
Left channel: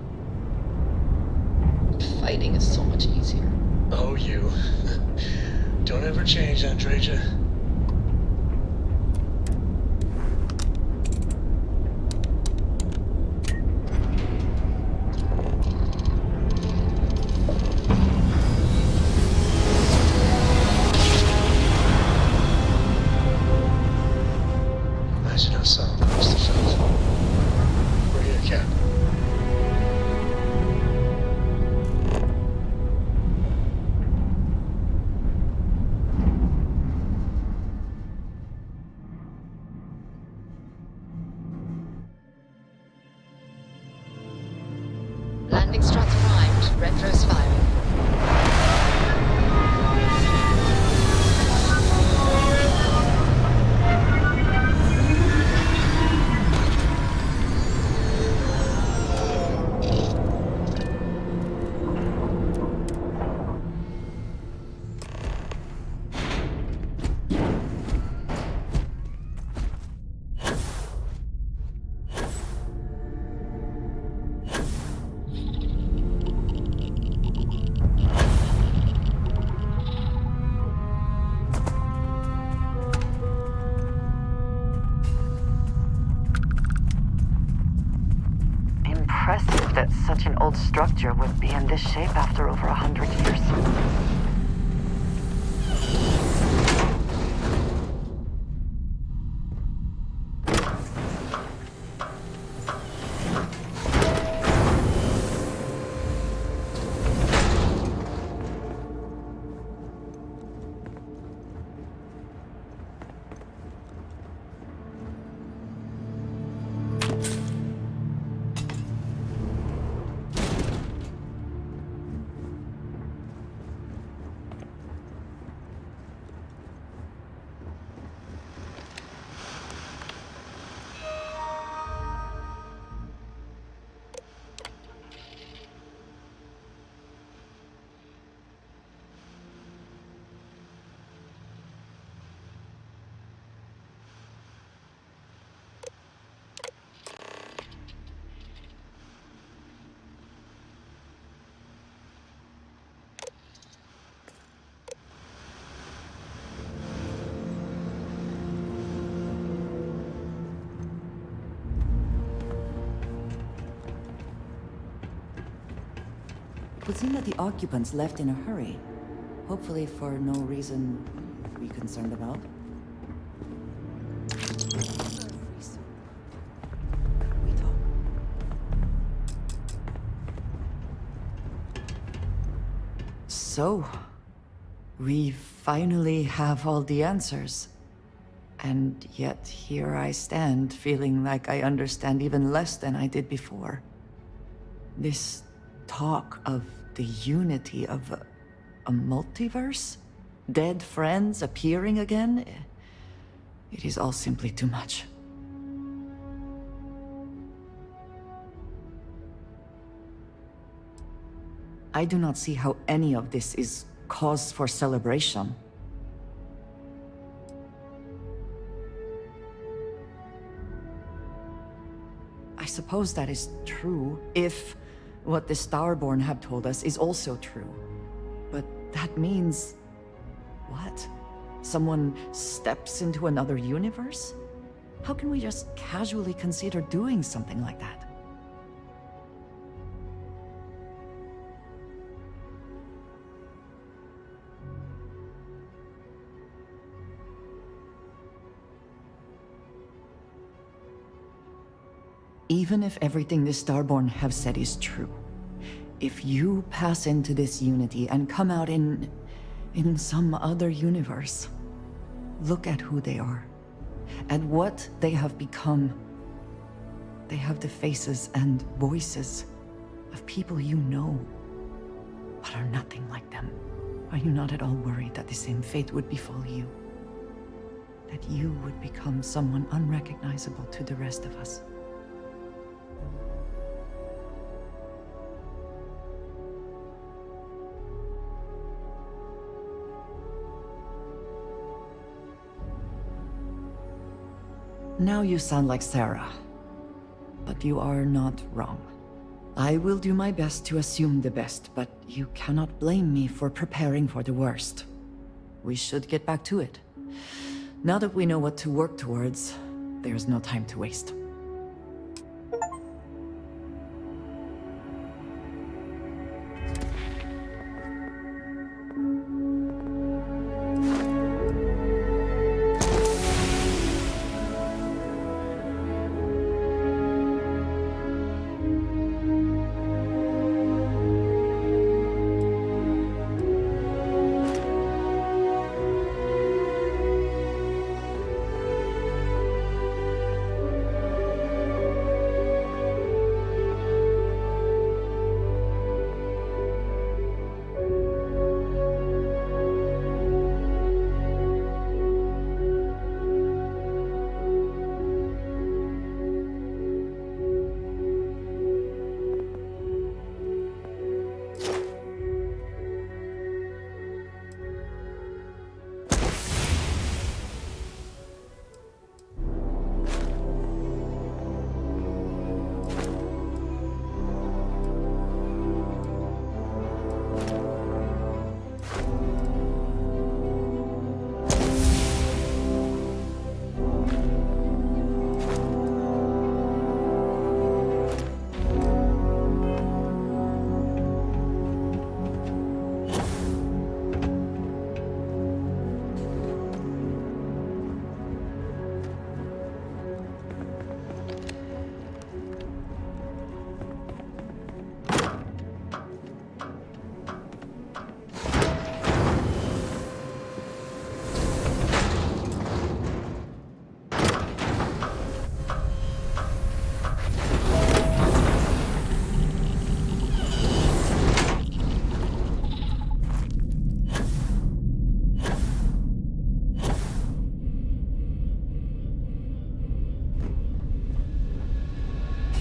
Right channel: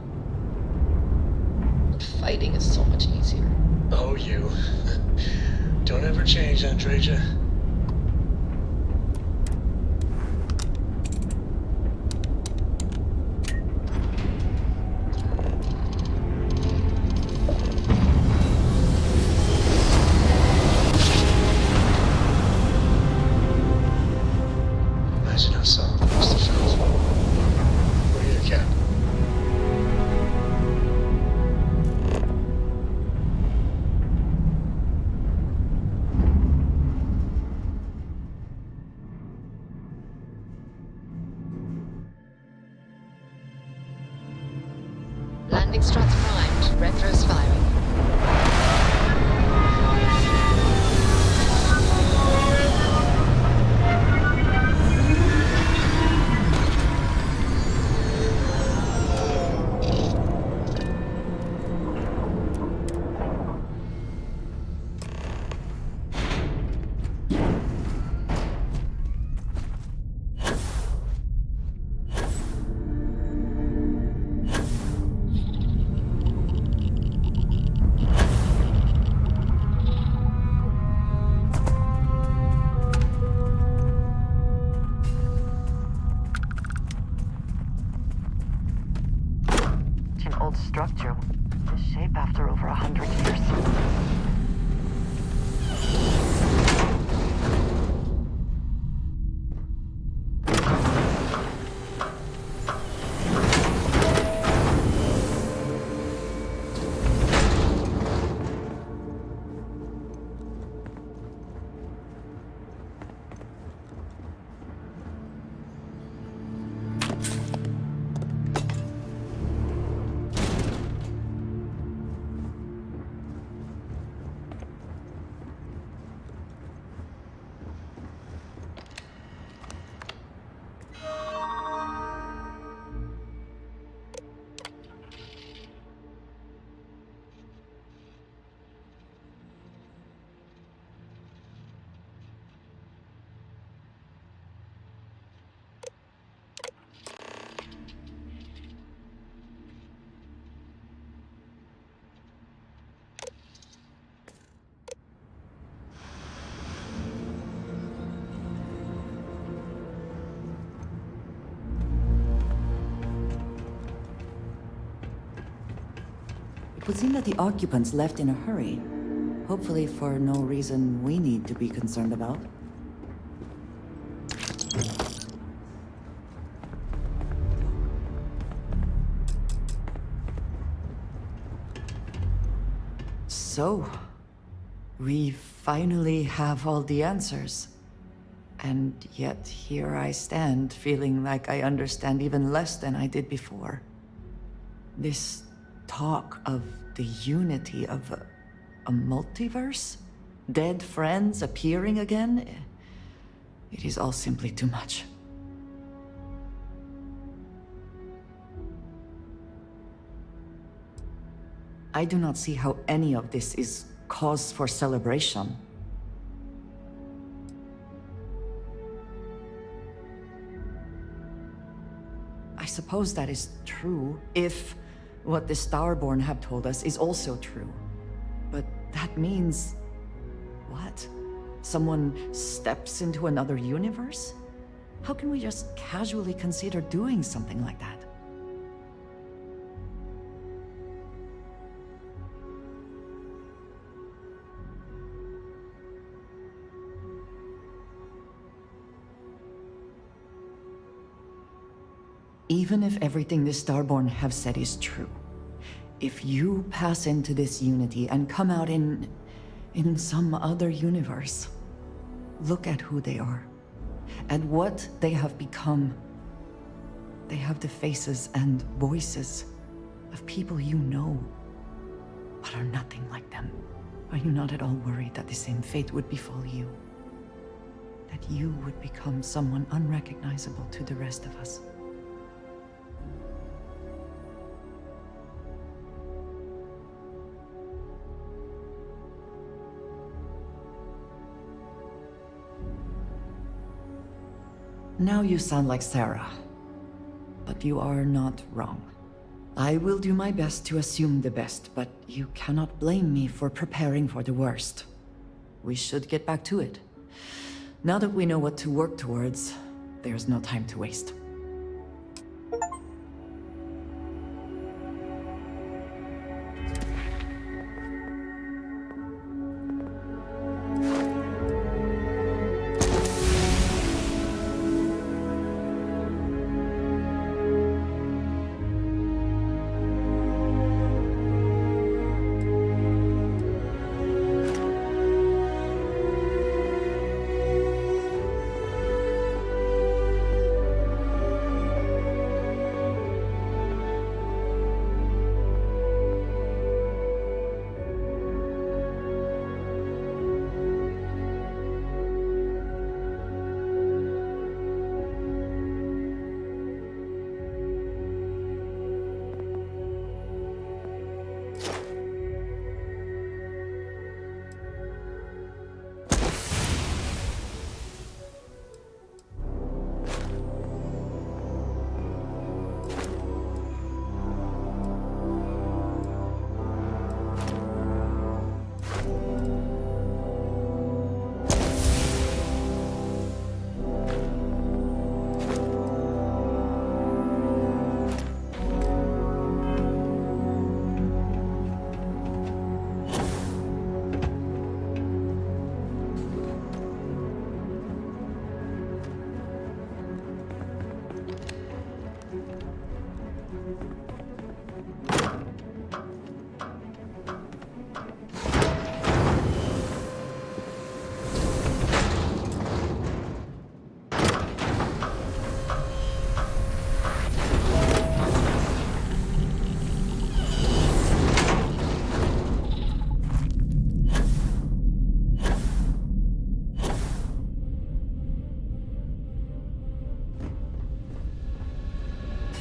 Fighting is so much easier. Oh, you. Don't ever change, Andreja. Imagine how solid that must have felt. We're here, Cap. Landing struts primed. Retros firing. Impressive that such an old structure would be in this shape after over 100 years. It would seem that the occupants left in a hurry. Hopefully for no reason we need to be concerned about. So, we finally have all the answers. And yet here I stand, feeling like I understand even less than I did before. This talk of the unity of a multiverse? Dead friends appearing again? It is all simply too much. I do not see how any of this is cause for celebration. I suppose that is true, if what the Starborn have told us is also true. But that means... what? Someone steps into another universe? How can we just casually consider doing something like that? Even if everything the Starborn have said is true, if you pass into this unity and come out in some other universe, look at who they are, and what they have become. They have the faces and voices of people you know, but are nothing like them. Are you not at all worried that the same fate would befall you? That you would become someone unrecognizable to the rest of us? Now you sound like Sarah. but you are not wrong. I will do my best to assume the best, but you cannot blame me for preparing for the worst. We should get back to it. Now that we know what to work towards, there's no time to waste.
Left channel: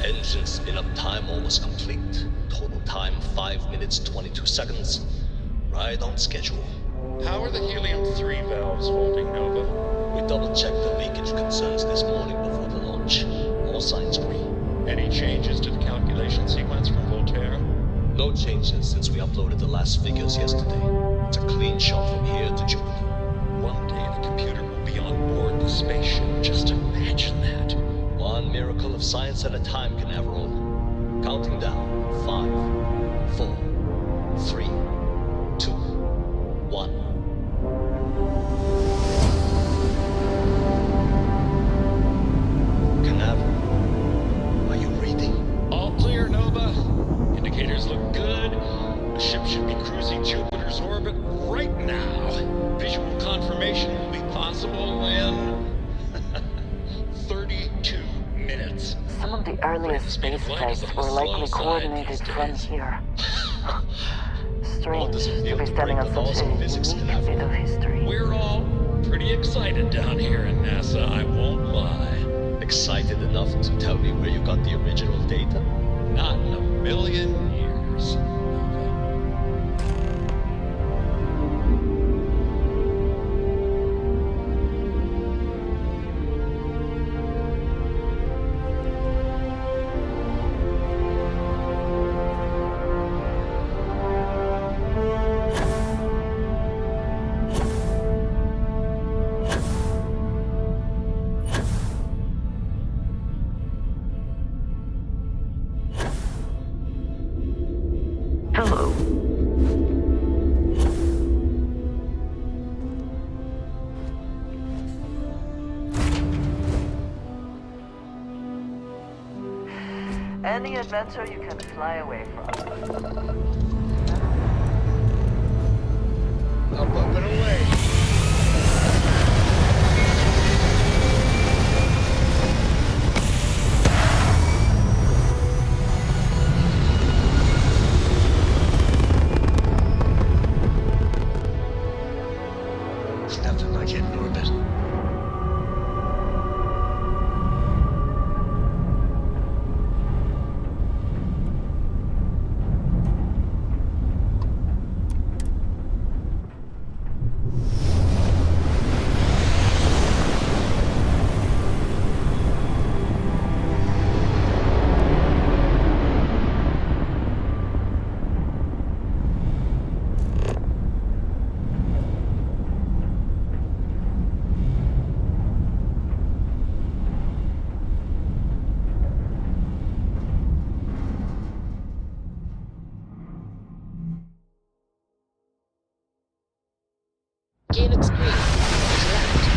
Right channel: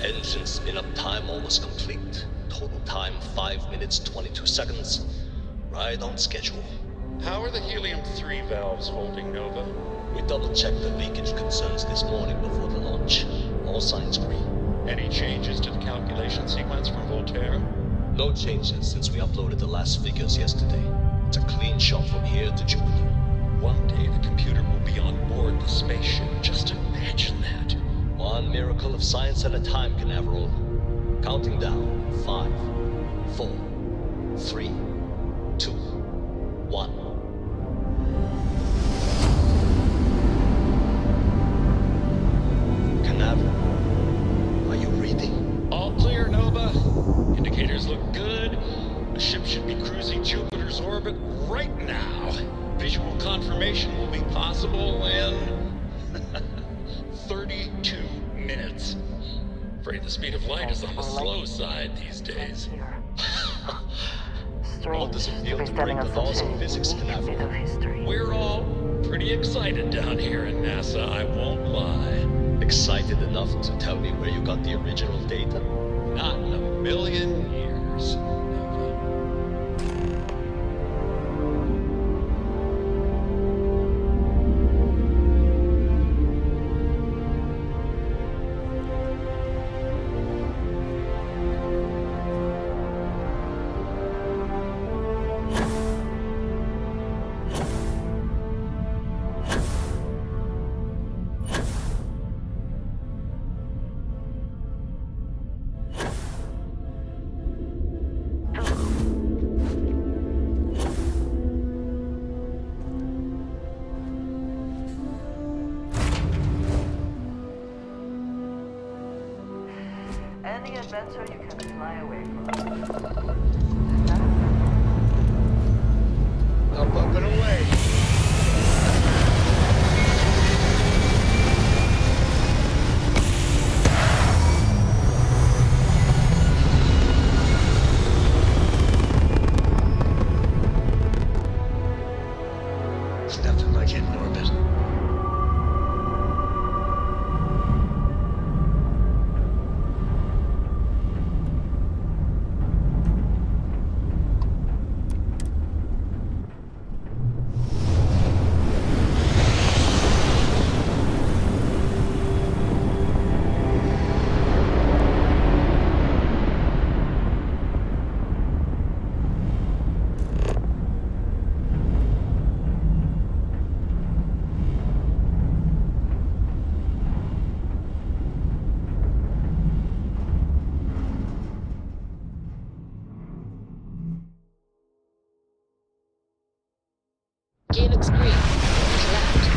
Engine spin-up time almost complete. Total time 5 minutes 22 seconds. Right on schedule. How are the helium-3 valves holding, Nova? We double-checked the leakage concerns this morning before the launch. All signs green. Any changes to the calculation sequence from Voltaire? No changes since we uploaded the last figures yesterday. It's a clean shot from here to Jupiter. One day the computer will be on board the spaceship. Just imagine that. One miracle of science at a time, Canaveral. Counting down. 5, 4, 3, 2, 1. Canaveral, are you reading? All clear, Nova. Indicators look good. The ship should be cruising Jupiter's orbit right now. Visual confirmation will be possible in 32 minutes. Some of the earliest space flights were likely coordinated from here. Strange to be standing on such a unique bit of history. We're all pretty excited down here in NASA, I won't lie. Excited enough to tell me where you got the original data? Not in a million years. Any adventure you can fly away from. Up and away. Nothing like it in orbit. Okay, looks green. Let's land.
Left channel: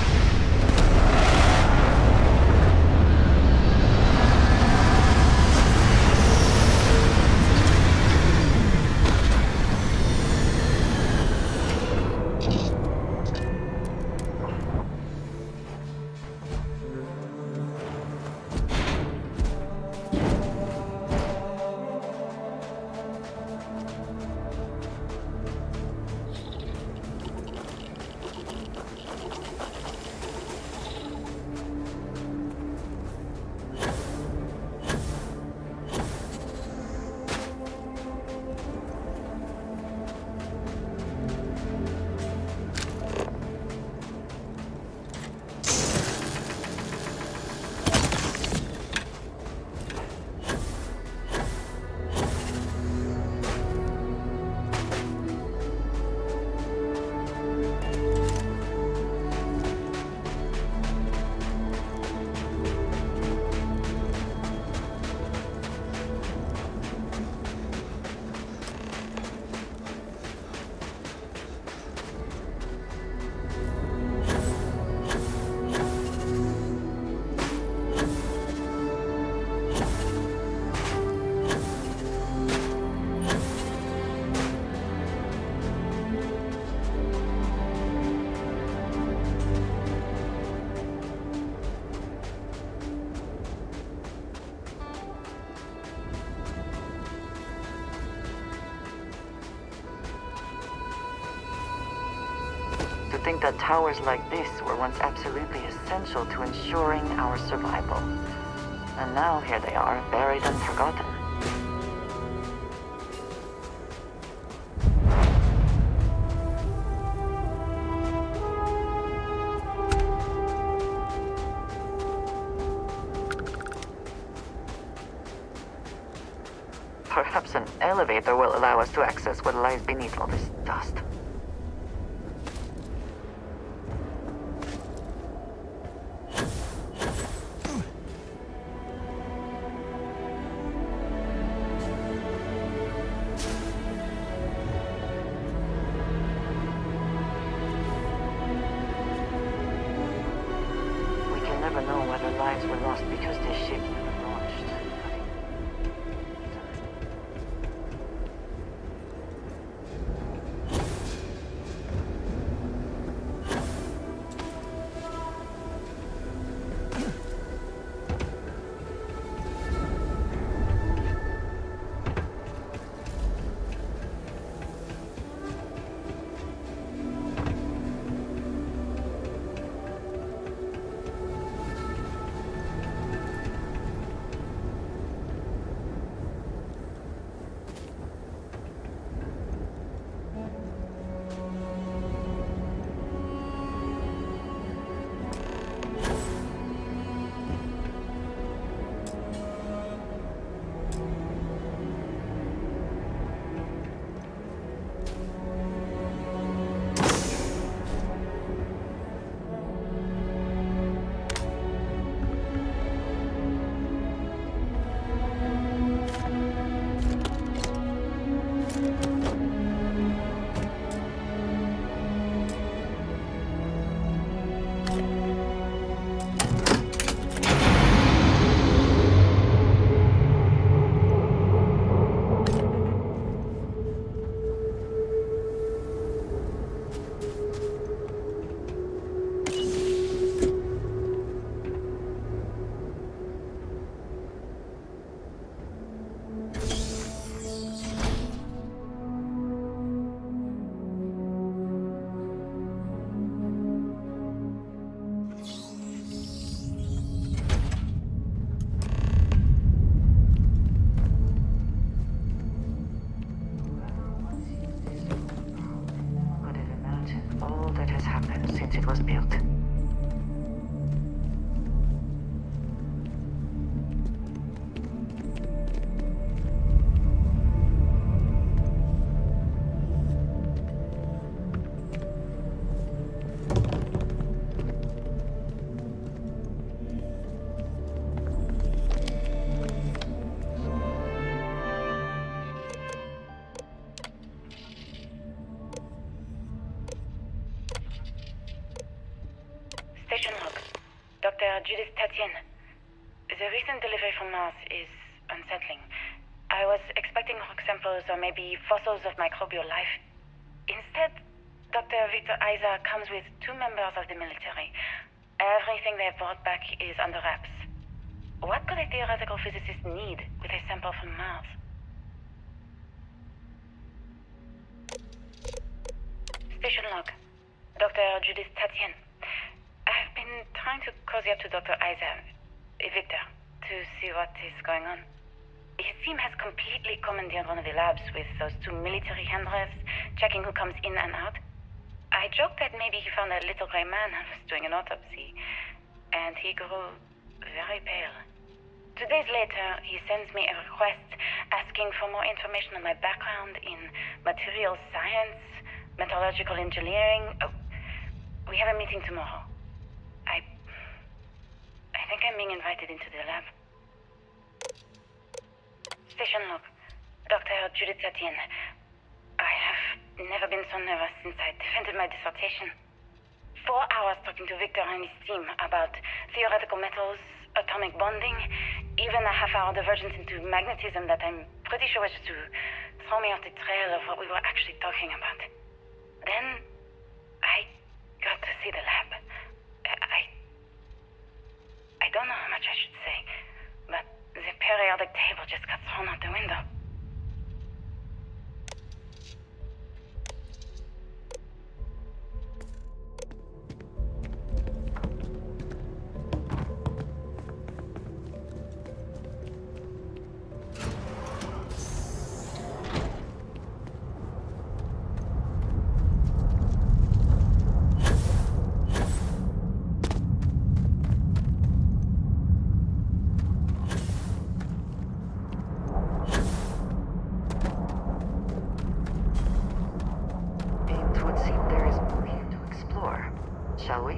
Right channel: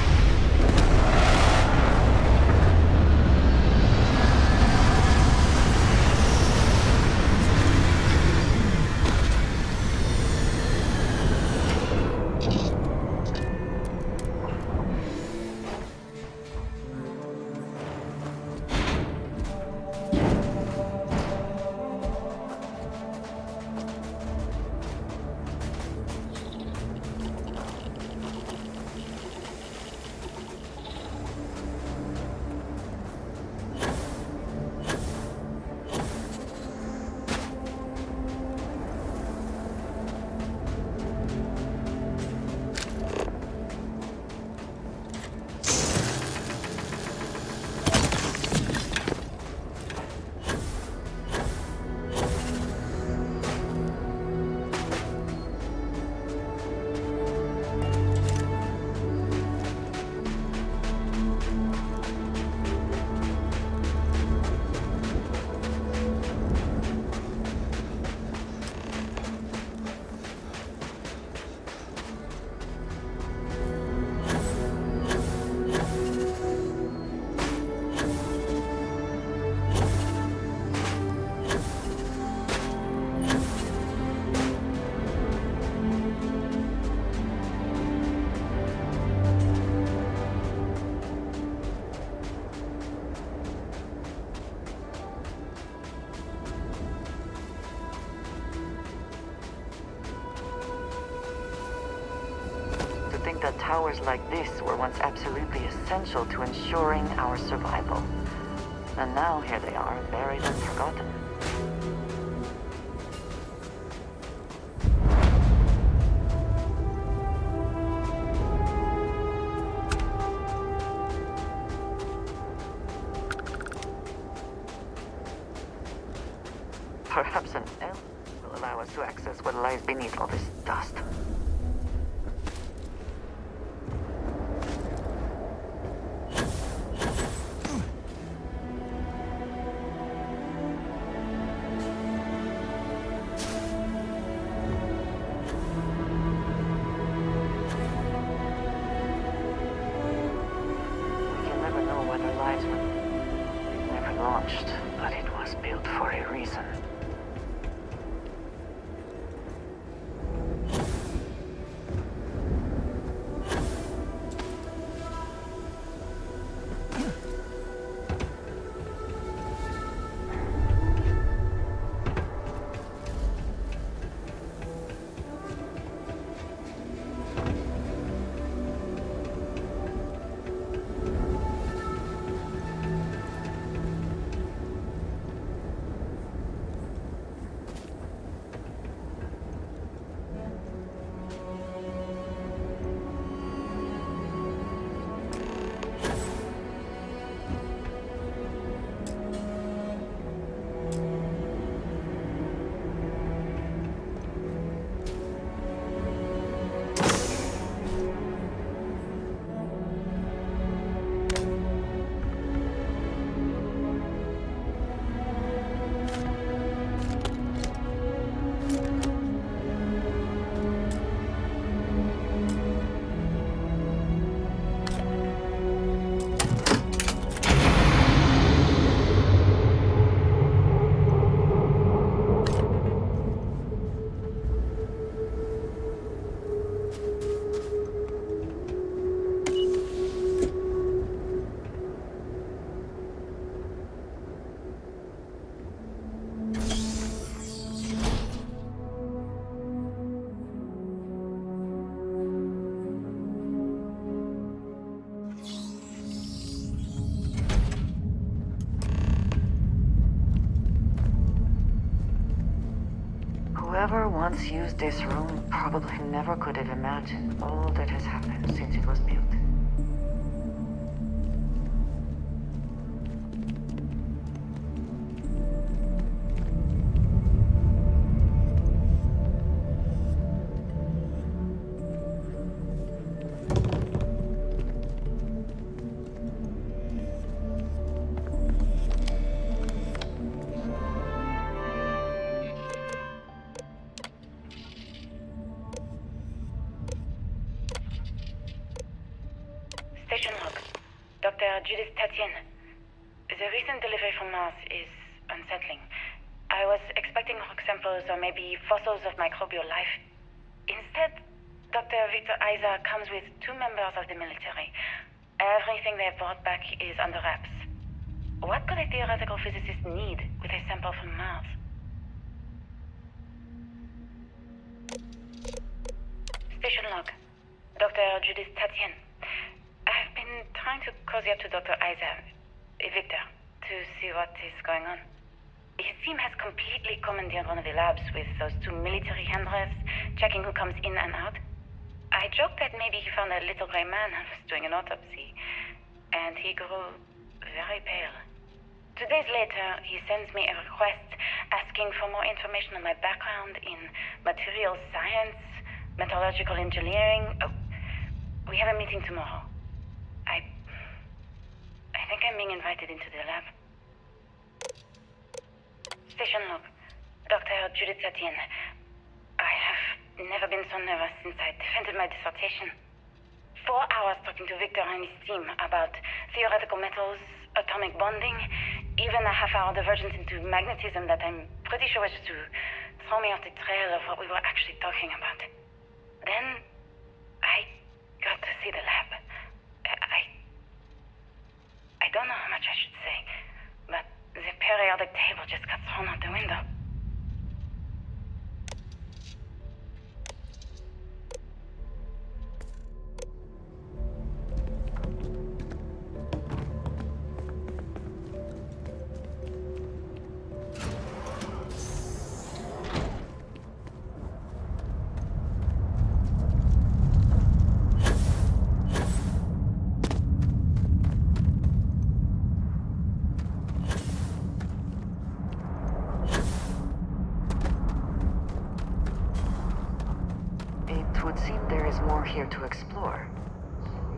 To think that towers like this were once absolutely essential to ensuring our survival. And now here they are, buried and forgotten. Perhaps an elevator will allow us to access what lies beneath all this dust. We can never know whether lives were lost because this ship never launched, but it was built for a reason. Whoever once used this room probably never could have imagined all that has happened since it was built. Judith Tatien. The recent delivery from Mars is unsettling. I was expecting rock samples or maybe fossils of microbial life. Instead, Dr. Victor Isa comes with 2 members of the military. Everything they brought back is under wraps. What could a theoretical physicist need with a sample from Mars? Station log. Dr. Judith Tatien. I've been trying to cozy up to Dr. Isa, Victor, to see what is going on. His team has completely commandeered one of the labs with those 2 military handrefs, checking who comes in and out. I joked that maybe he found a little gray man and was doing an autopsy, and he grew very pale. 2 days later, he sends me a request asking for more information on my background in materials science, metallurgical engineering. Oh, we have a meeting tomorrow. I think I'm being invited into the lab. Station log. Dr. Judith Tatien. I have never been so nervous since I defended my dissertation. 4 hours talking to Victor and his team about theoretical metals, atomic bonding, even a half-hour divergence into magnetism that I'm pretty sure was just to throw me off the trail of what we were actually talking about. Then, I got to see the lab. I don't know how much I should say, but the periodic table just got thrown out the window. It would seem there is more here to explore, shall we?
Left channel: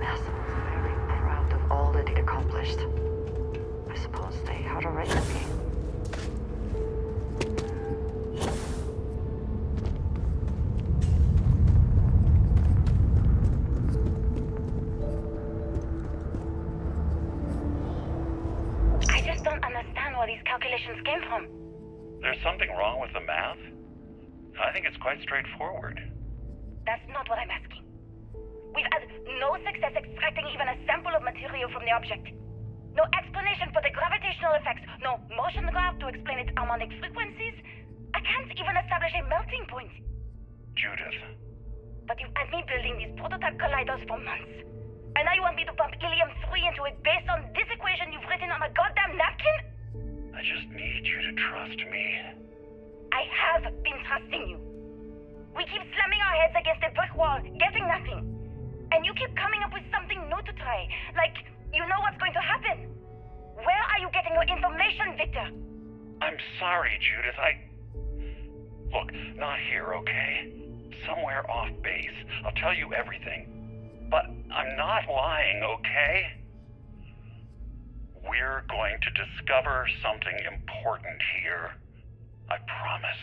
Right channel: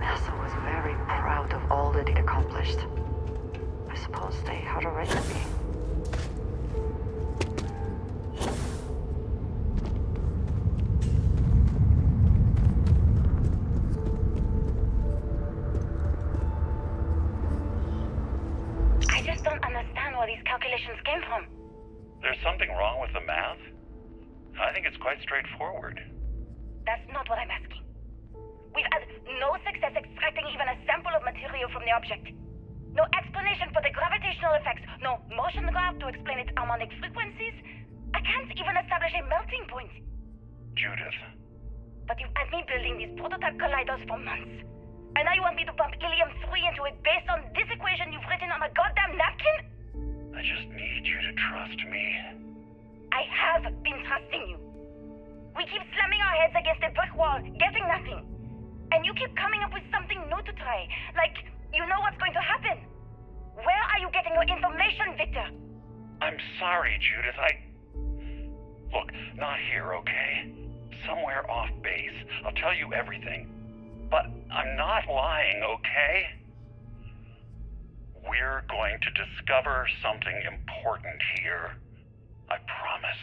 NASA was very proud of all that it accomplished. I suppose they had a right to be. Calculations came from. There's something wrong with the math? I think it's quite straightforward. That's not what I'm asking. We've had no success extracting even a sample of material from the object. No explanation for the gravitational effects, no motion graph to explain its harmonic frequencies. I can't even establish a melting point. Judith. But you've had me building these prototype colliders for months. And now you want me to pump helium-3 into it based on this equation you've written on a goddamn napkin? I just need you to trust me. I have been trusting you. We keep slamming our heads against a brick wall, getting nothing. And you keep coming up with something new to try, like you know what's going to happen. Where are you getting your information, Victor? I'm sorry, Judith. Look, not here, okay? Somewhere off base. I'll tell you everything. But I'm not lying, okay? We're going to discover something important here. I promise.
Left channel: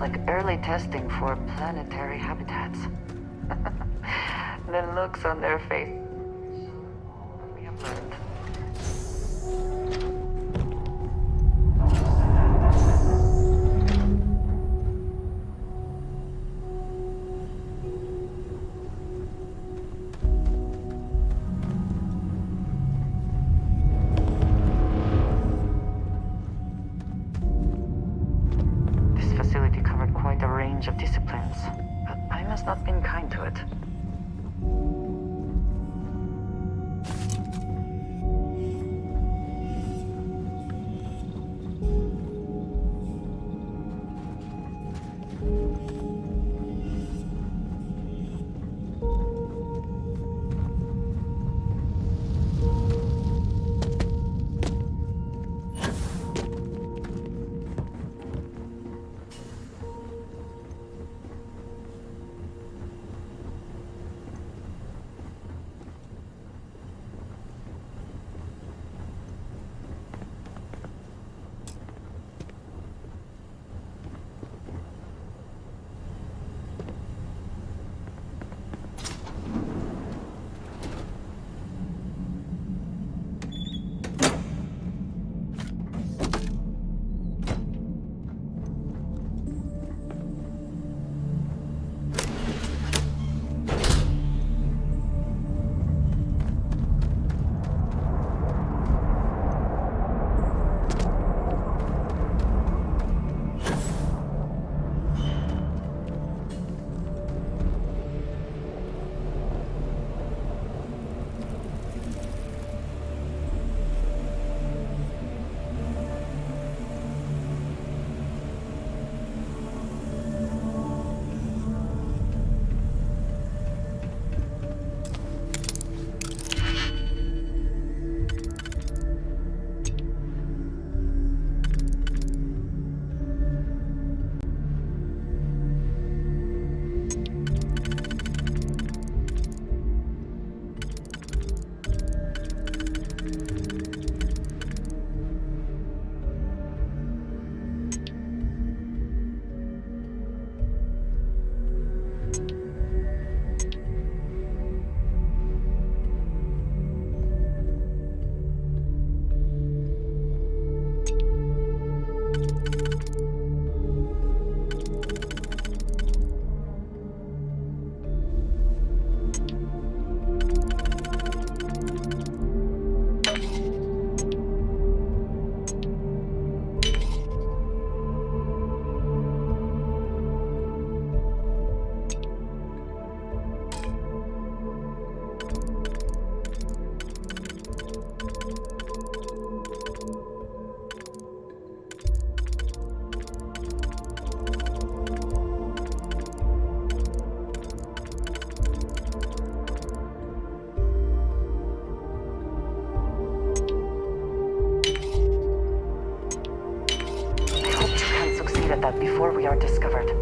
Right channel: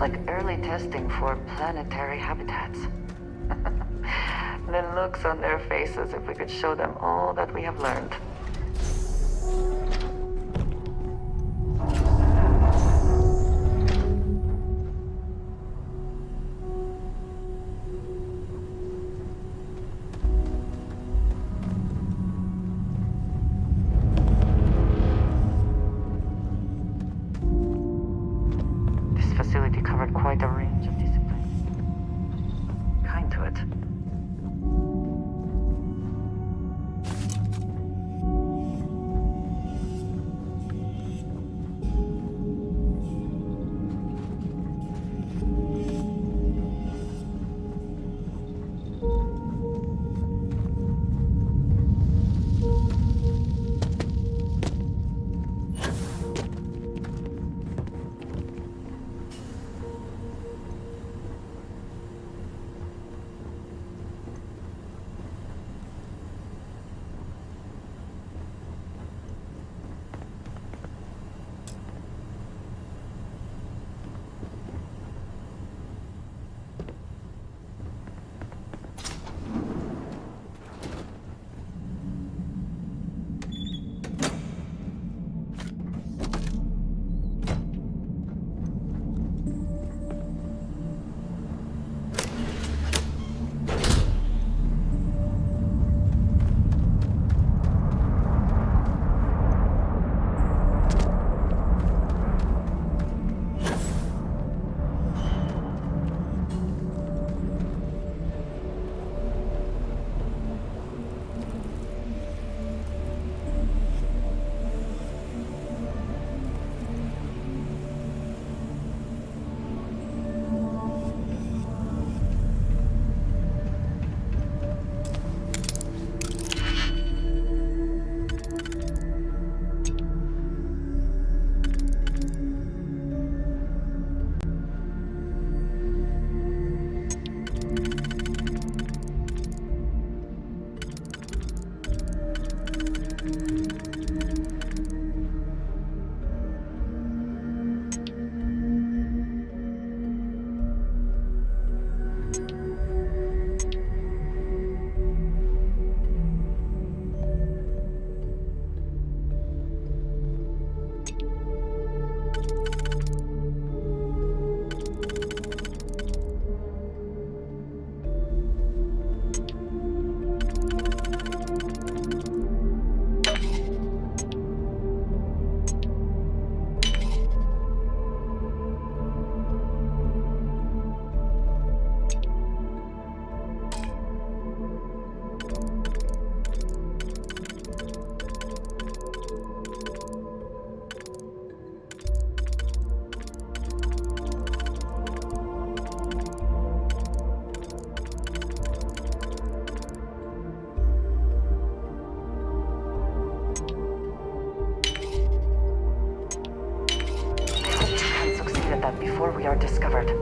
Like early testing for planetary habitats. The looks on their faces if we could show them all that we have learned. Facility covered quite a range of disciplines. kind to it. That before we are discovered.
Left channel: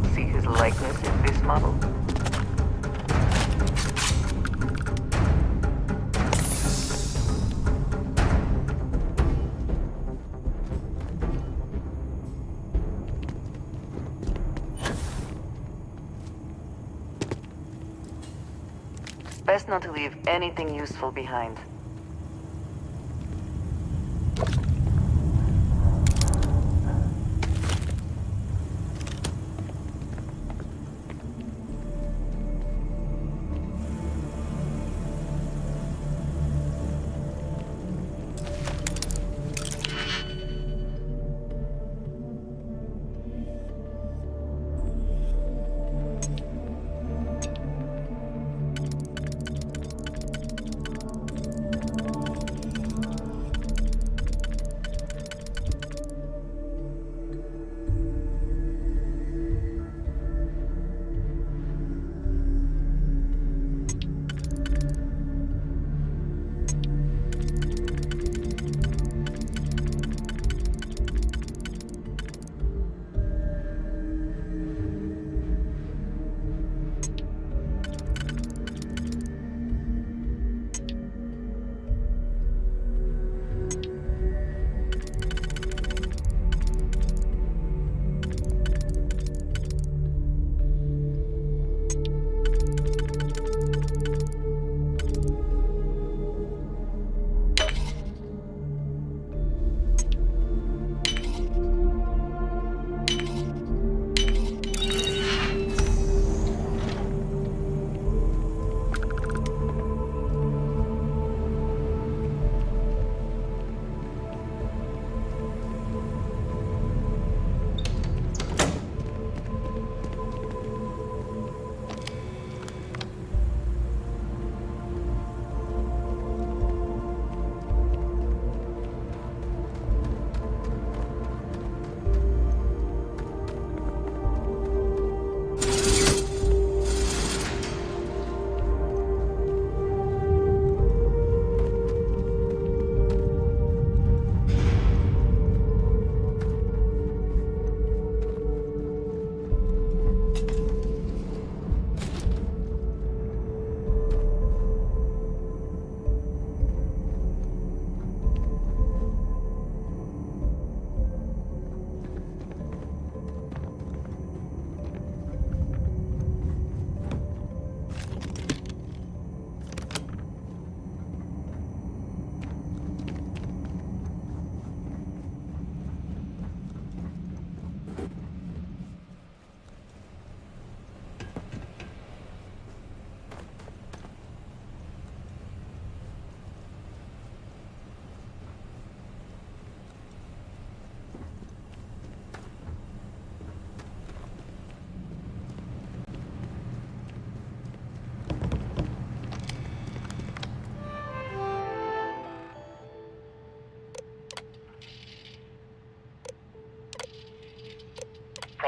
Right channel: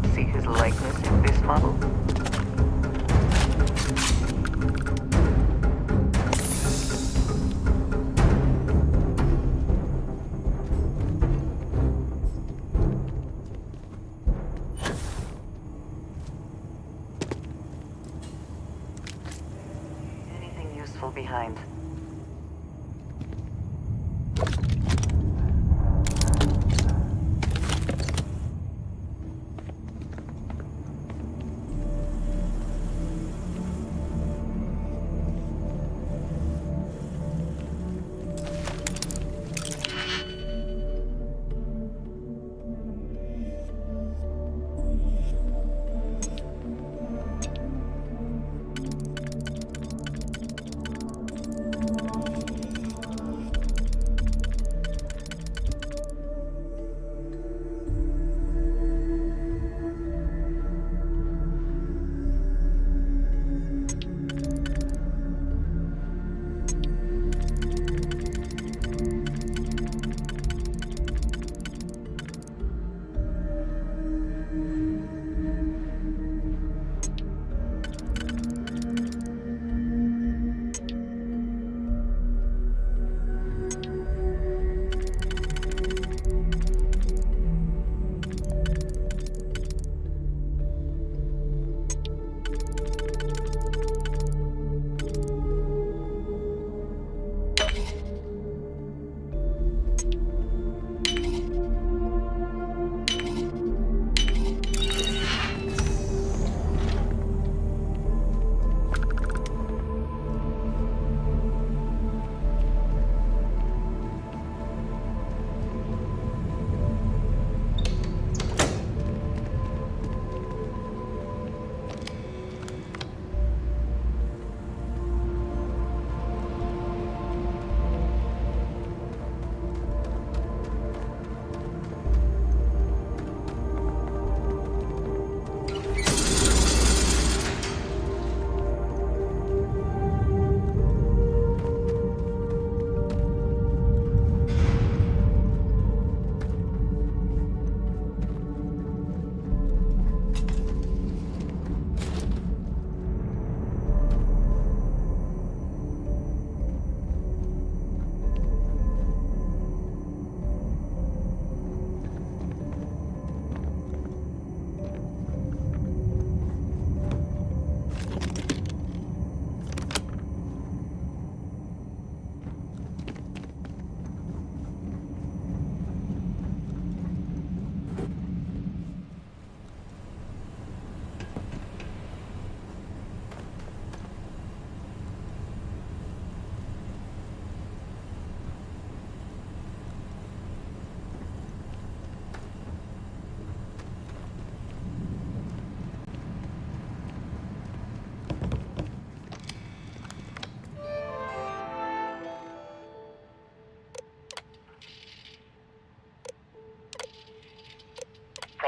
would see his likeness in this model? Best not to leave anything useful behind.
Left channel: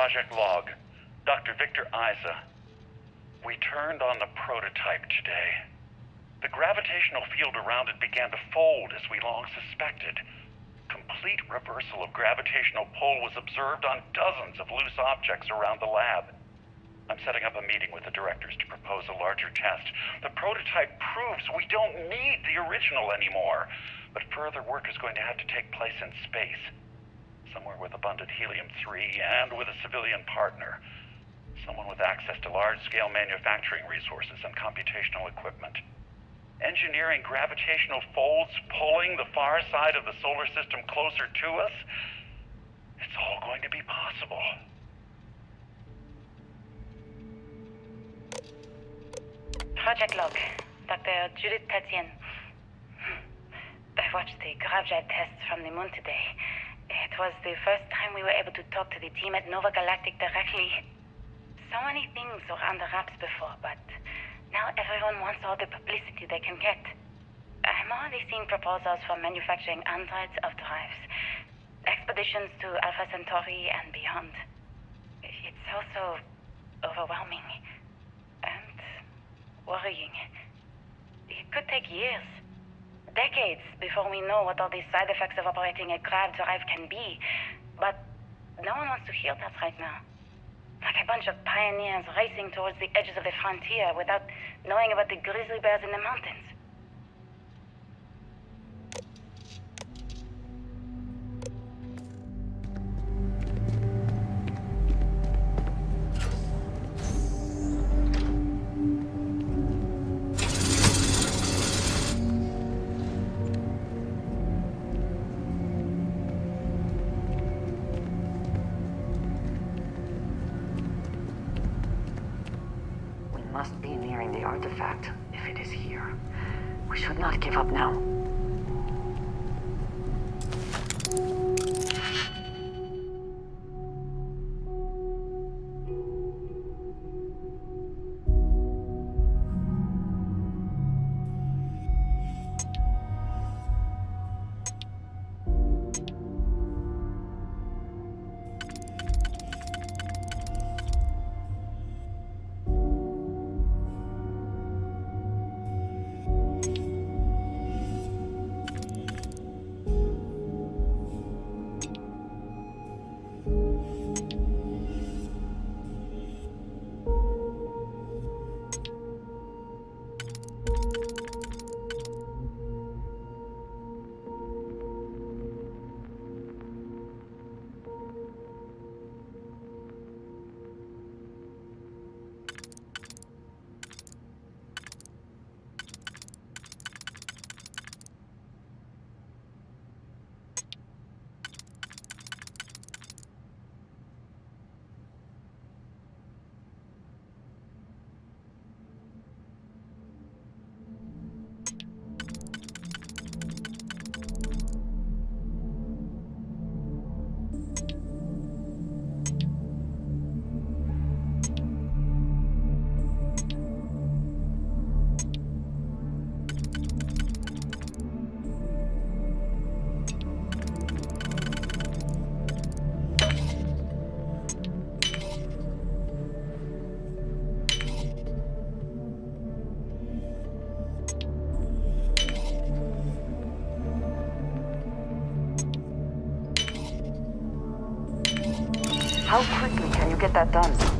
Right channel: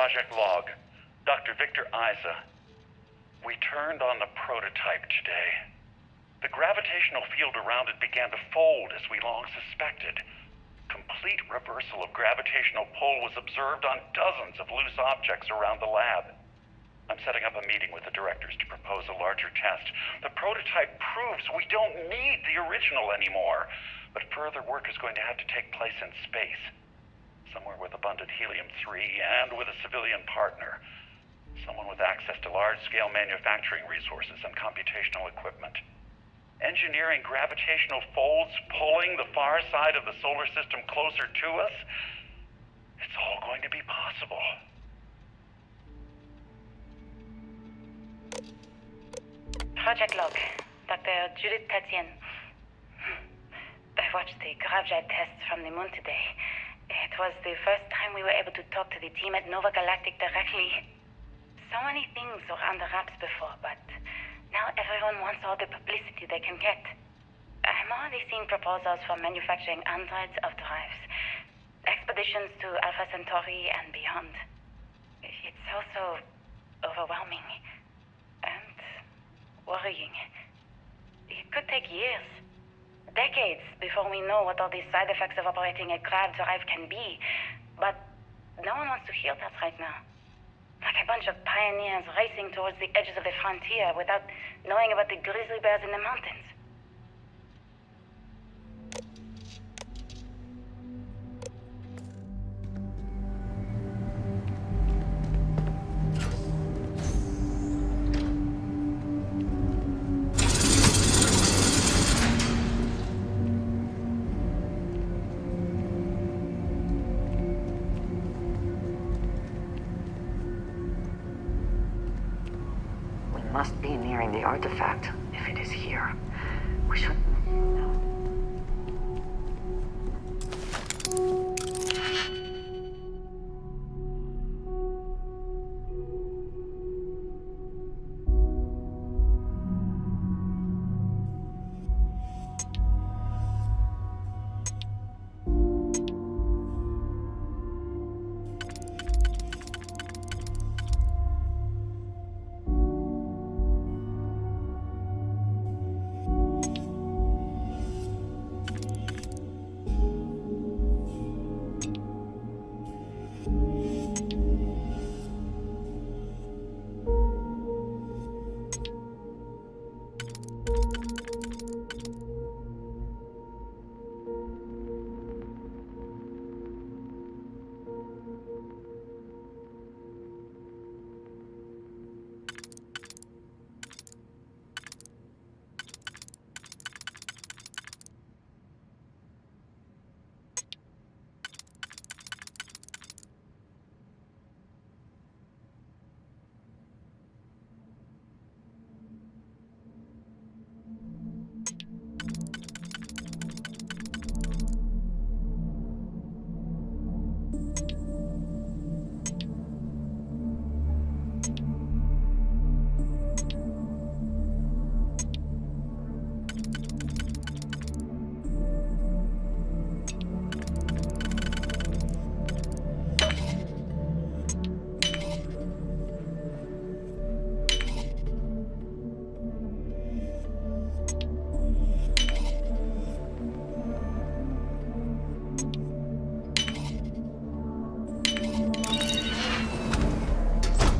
Project Log. Dr. Victor Isa. We turned on the prototype today. The gravitational field around it began to fold as we long suspected. Complete reversal of gravitational pull was observed on dozens of loose objects around the lab. I'm setting up a meeting with the directors to propose a larger test. The prototype proves we don't need the original anymore, but further work is going to have to take place in space. Somewhere with abundant helium-3 and with a civilian partner. Someone with access to large-scale manufacturing resources and computational equipment. Engineering gravitational folds pulling the far side of the solar system closer to us? It's all going to be possible. Project Log. Dr. Judith Tatien. I watched the gravjet tests from the moon today. It was the first time we were able to talk to the team at Nova Galactic directly. So many things were under wraps before, but now everyone wants all the publicity they can get. I'm already seeing proposals for manufacturing androids of drives, expeditions to Alpha Centauri and beyond. It's also overwhelming and worrying. It could take years. Decades before we know what all the side effects of operating a grav drive can be. But no one wants to hear that right now. Like a bunch of pioneers racing towards the edges of the frontier without knowing about the grizzly bears in the mountains. Must be nearing the artifact, if it is here. We should not give up now. How quickly can you get that done?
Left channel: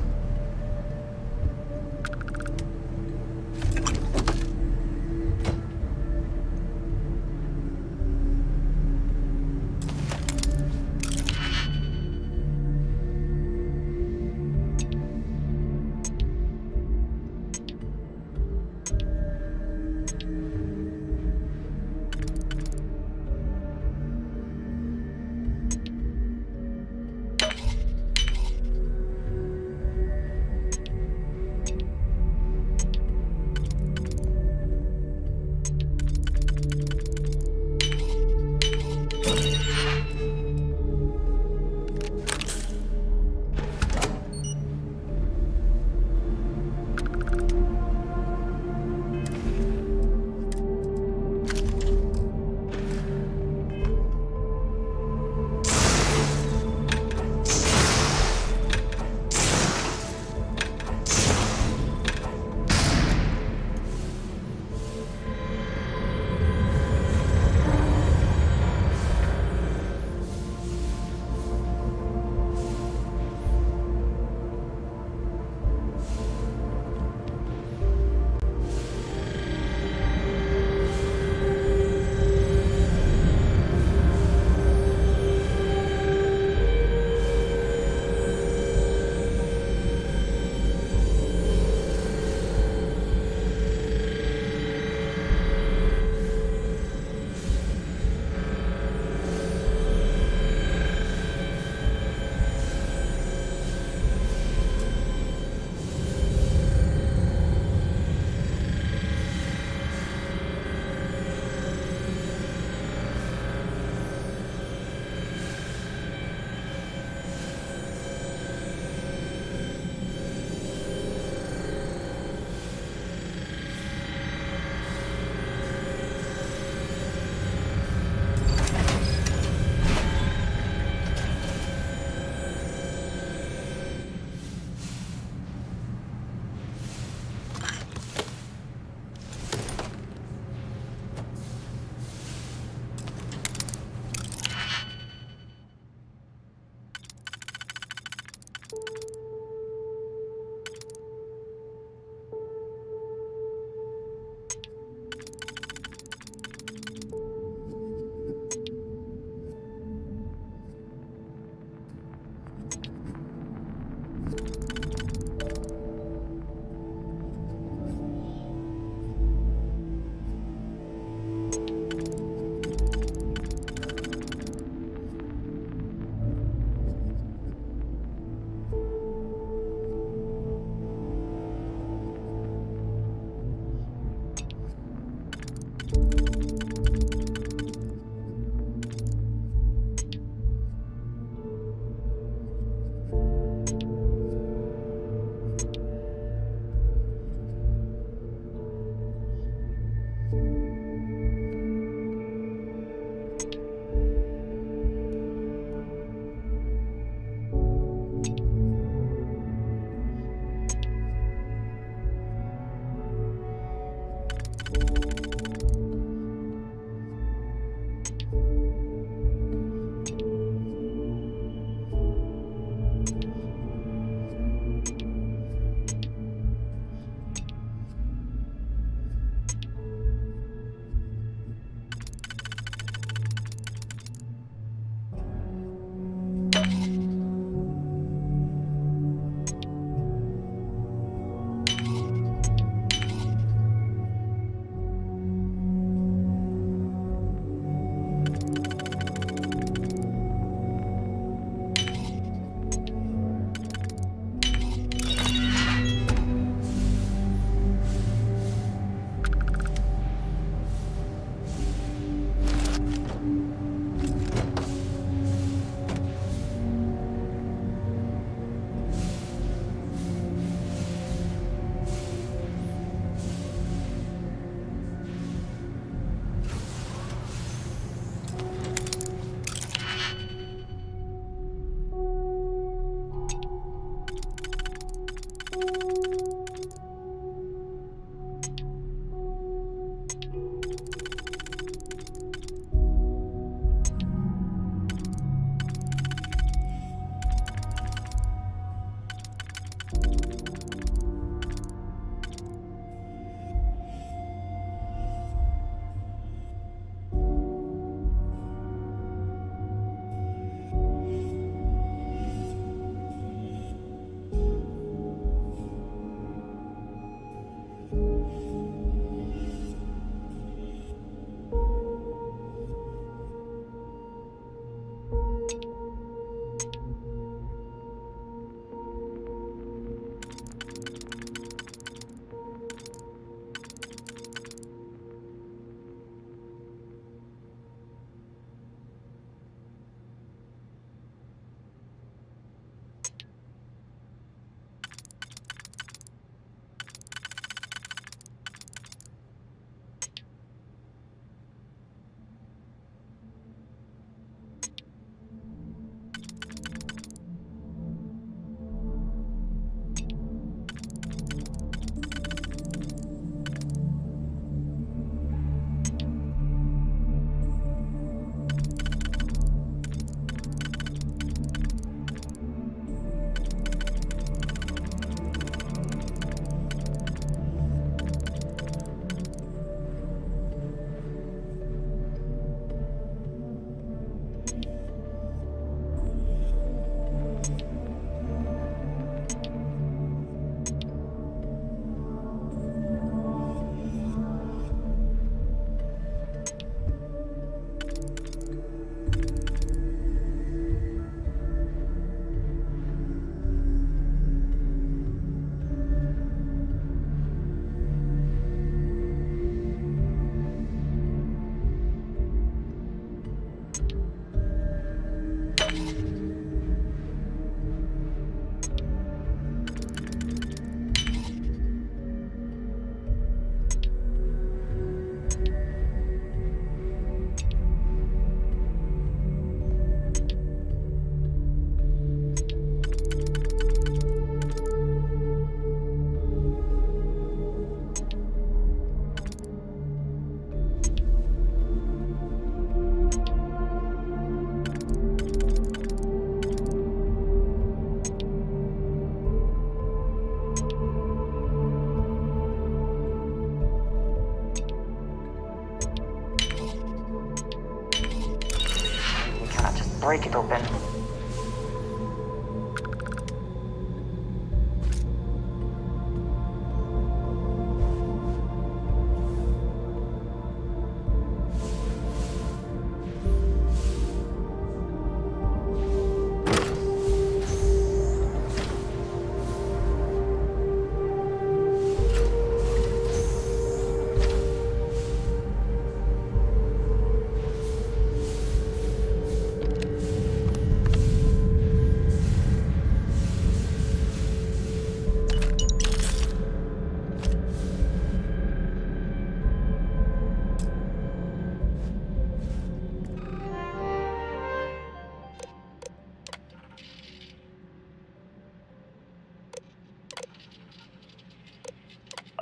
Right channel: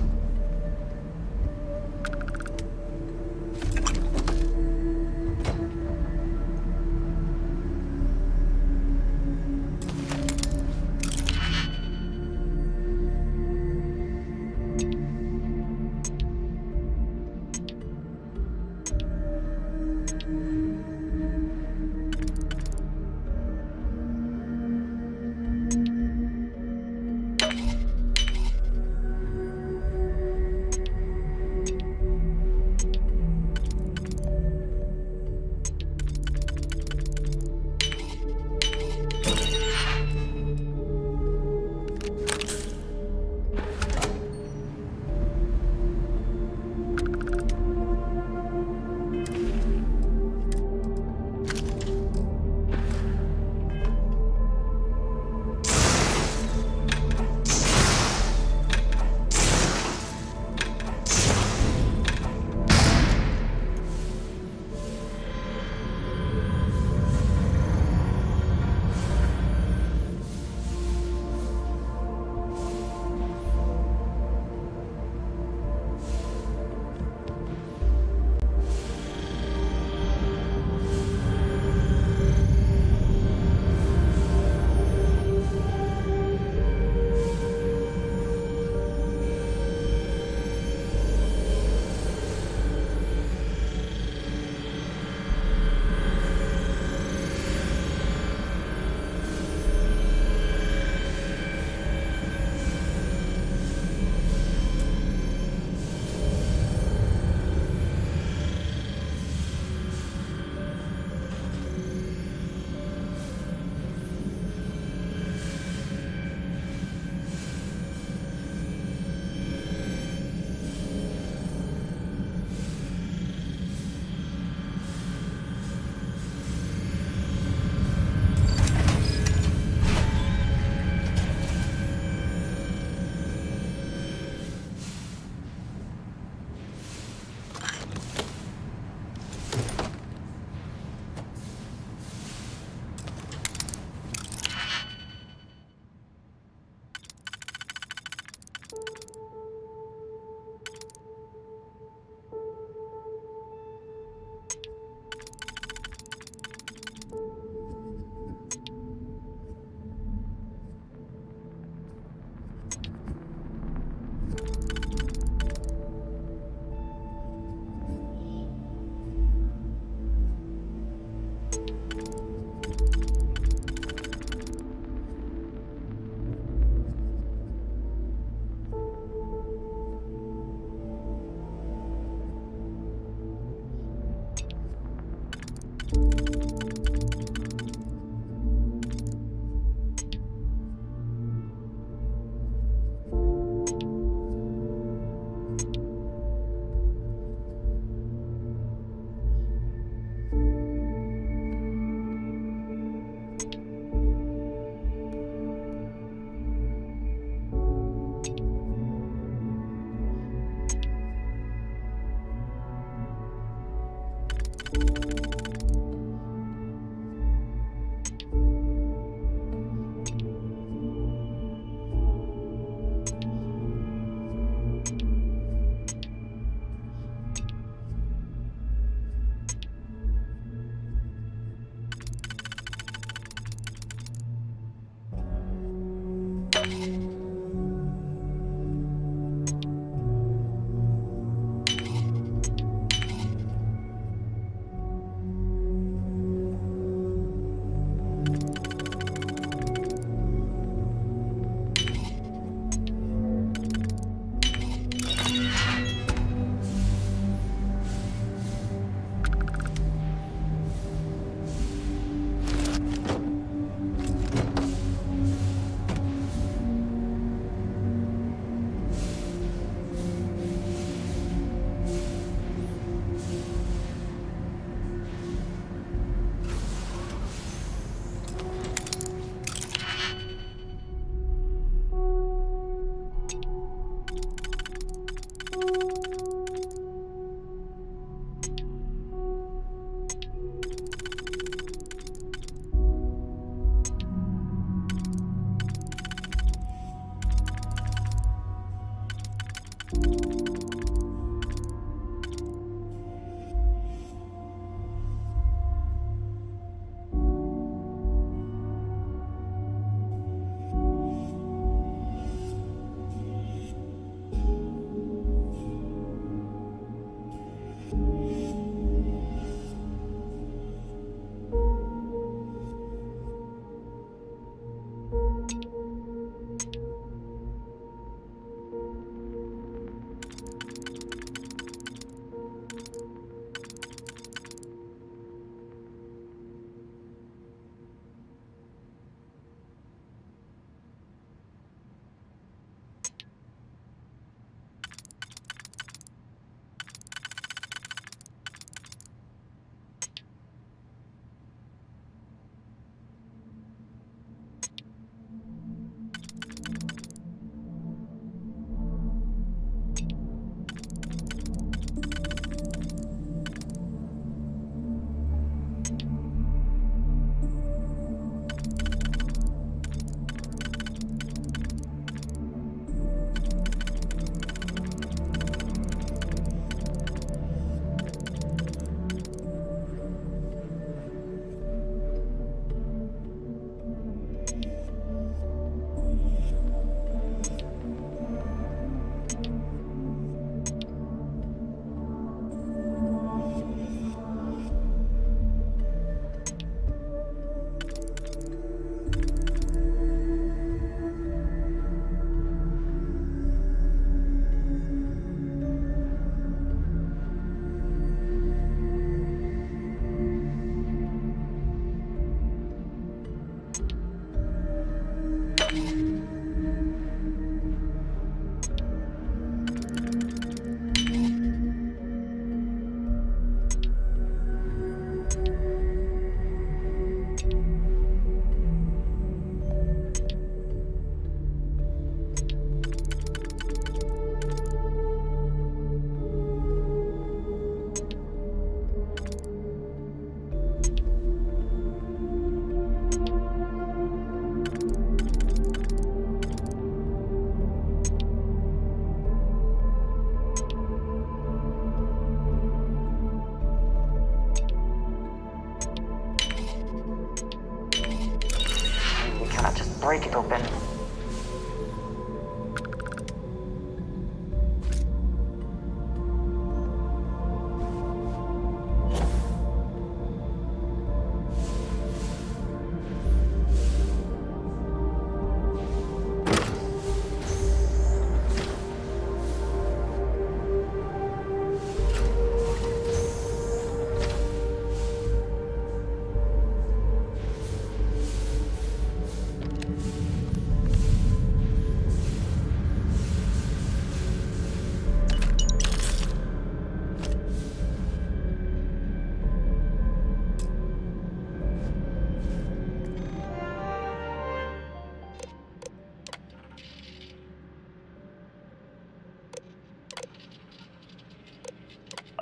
break it open.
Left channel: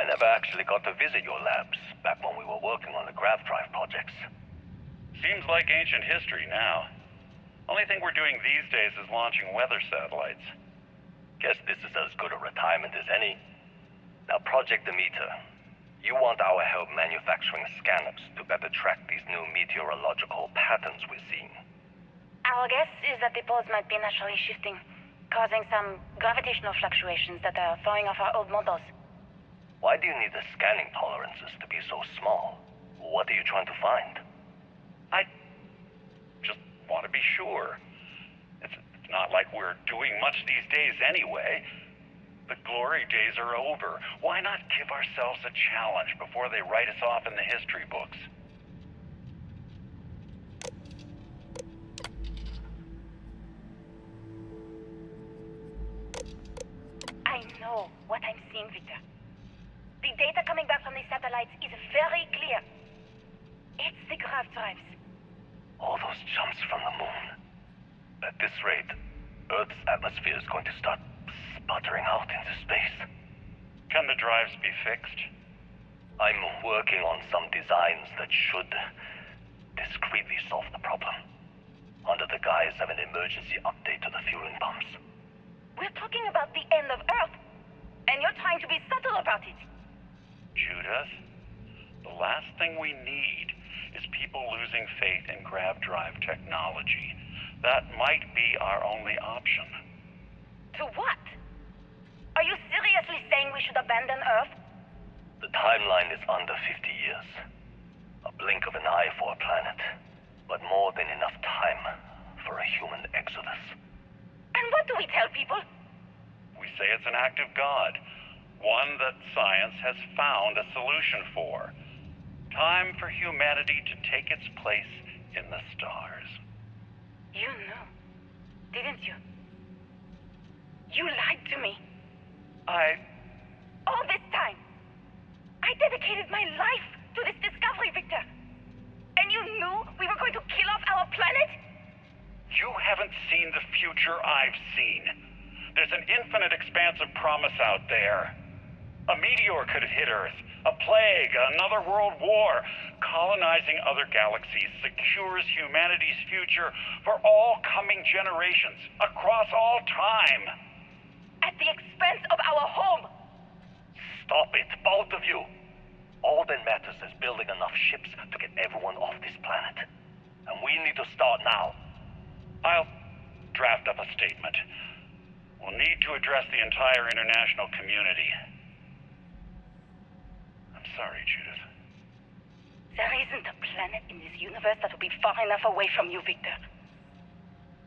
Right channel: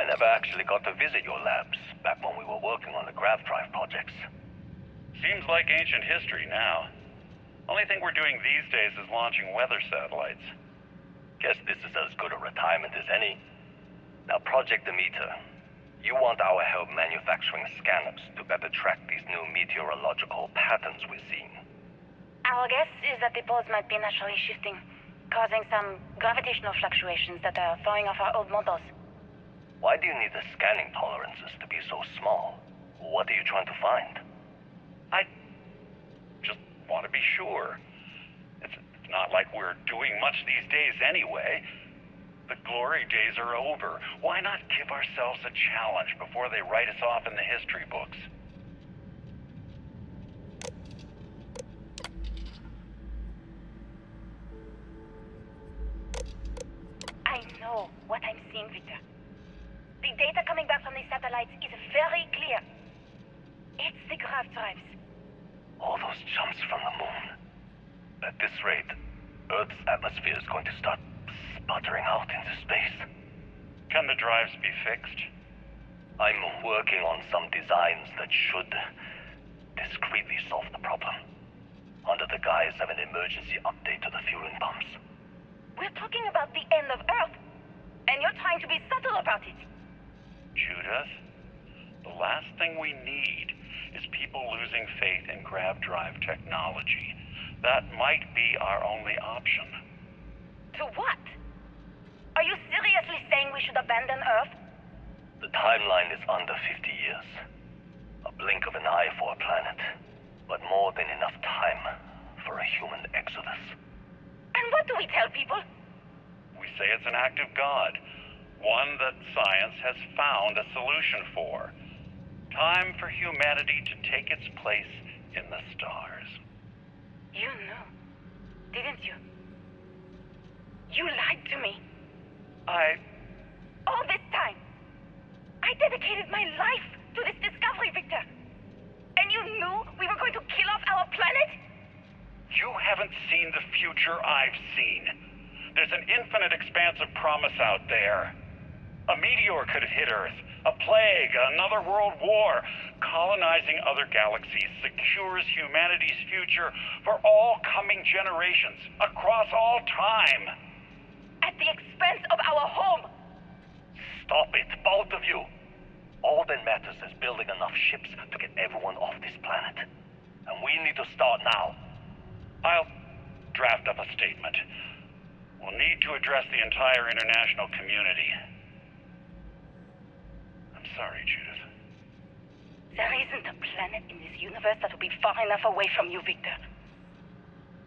never actually got to visit your labs back when we were working on the grav drive projects. Seems like ancient history now. Only thing we're doing these days is launching weather satellites. Guess this is as good a retirement as any. Now, Project Demeter, you want our help manufacturing scanners to better track these new meteorological patterns we're seeing. Our guess is that the poles might be naturally shifting, causing some gravitational fluctuations that are throwing off our old models. Why do you need the scanning tolerances to be so small? What are you trying to find? I just want to be sure. It's not like we're doing much these days anyway. The glory days are over. Why not give ourselves a challenge before they write us off in the history books? I know what I'm seeing, Victor. The data coming back from the satellites is very clear. It's the grav drives. All those jumps from the moon. At this rate, Earth's atmosphere is going to start sputtering out into space. Can the drives be fixed? I'm working on some designs that should discreetly solve the problem, under the guise of an emergency update to the fueling pumps. We're talking about the end of Earth, and you're trying to be subtle about it. Judith, the last thing we need is people losing faith in grav drive technology. That might be our only option. To what? Are you seriously saying we should abandon Earth? The timeline is under 50 years. A blink of an eye for a planet, but more than enough time for a human exodus. And what do we tell people? We say it's an act of God, one that science has found a solution for. Time for humanity to take its place in the stars. You knew, didn't you? You lied to me. All this time, I dedicated my life to this discovery, Victor. And you knew we were going to kill off our planet? You haven't seen the future I've seen. There's an infinite expanse of promise out there. A meteor could have hit Earth. A plague, another world war. Colonizing other galaxies secures humanity's future for all coming generations, across all time. At the expense of our home. Stop it, both of you. All that matters is building enough ships to get everyone off this planet. And we need to start now. I'll draft up a statement. We'll need to address the entire international community. I'm sorry, Judith. There isn't a planet in this universe that will be far enough away from you, Victor.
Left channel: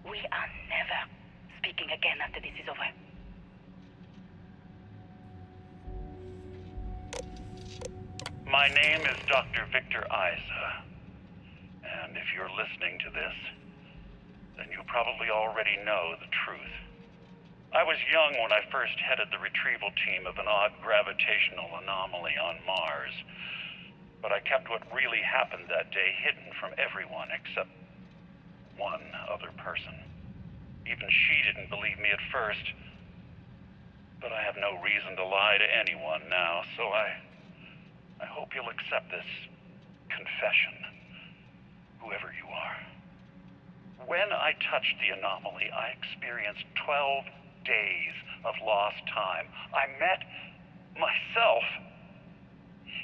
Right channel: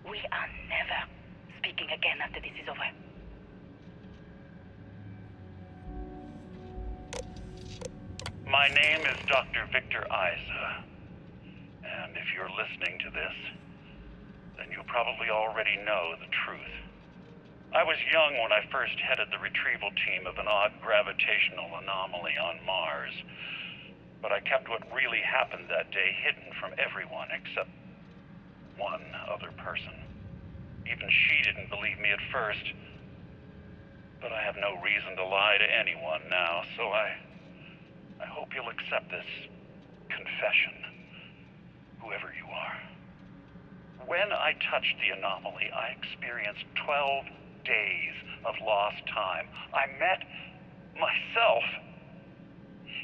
We are never speaking again after this is over. My name is Dr. Victor Isa. And if you're listening to this, then you probably already know the truth. I was young when I first headed the retrieval team of an odd gravitational anomaly on Mars. But I kept what really happened that day hidden from everyone except one other person. Even she didn't believe me at first. But I have no reason to lie to anyone now, so I hope you'll accept this confession, whoever you are. When I touched the anomaly, I experienced 12 days of lost time. I met myself.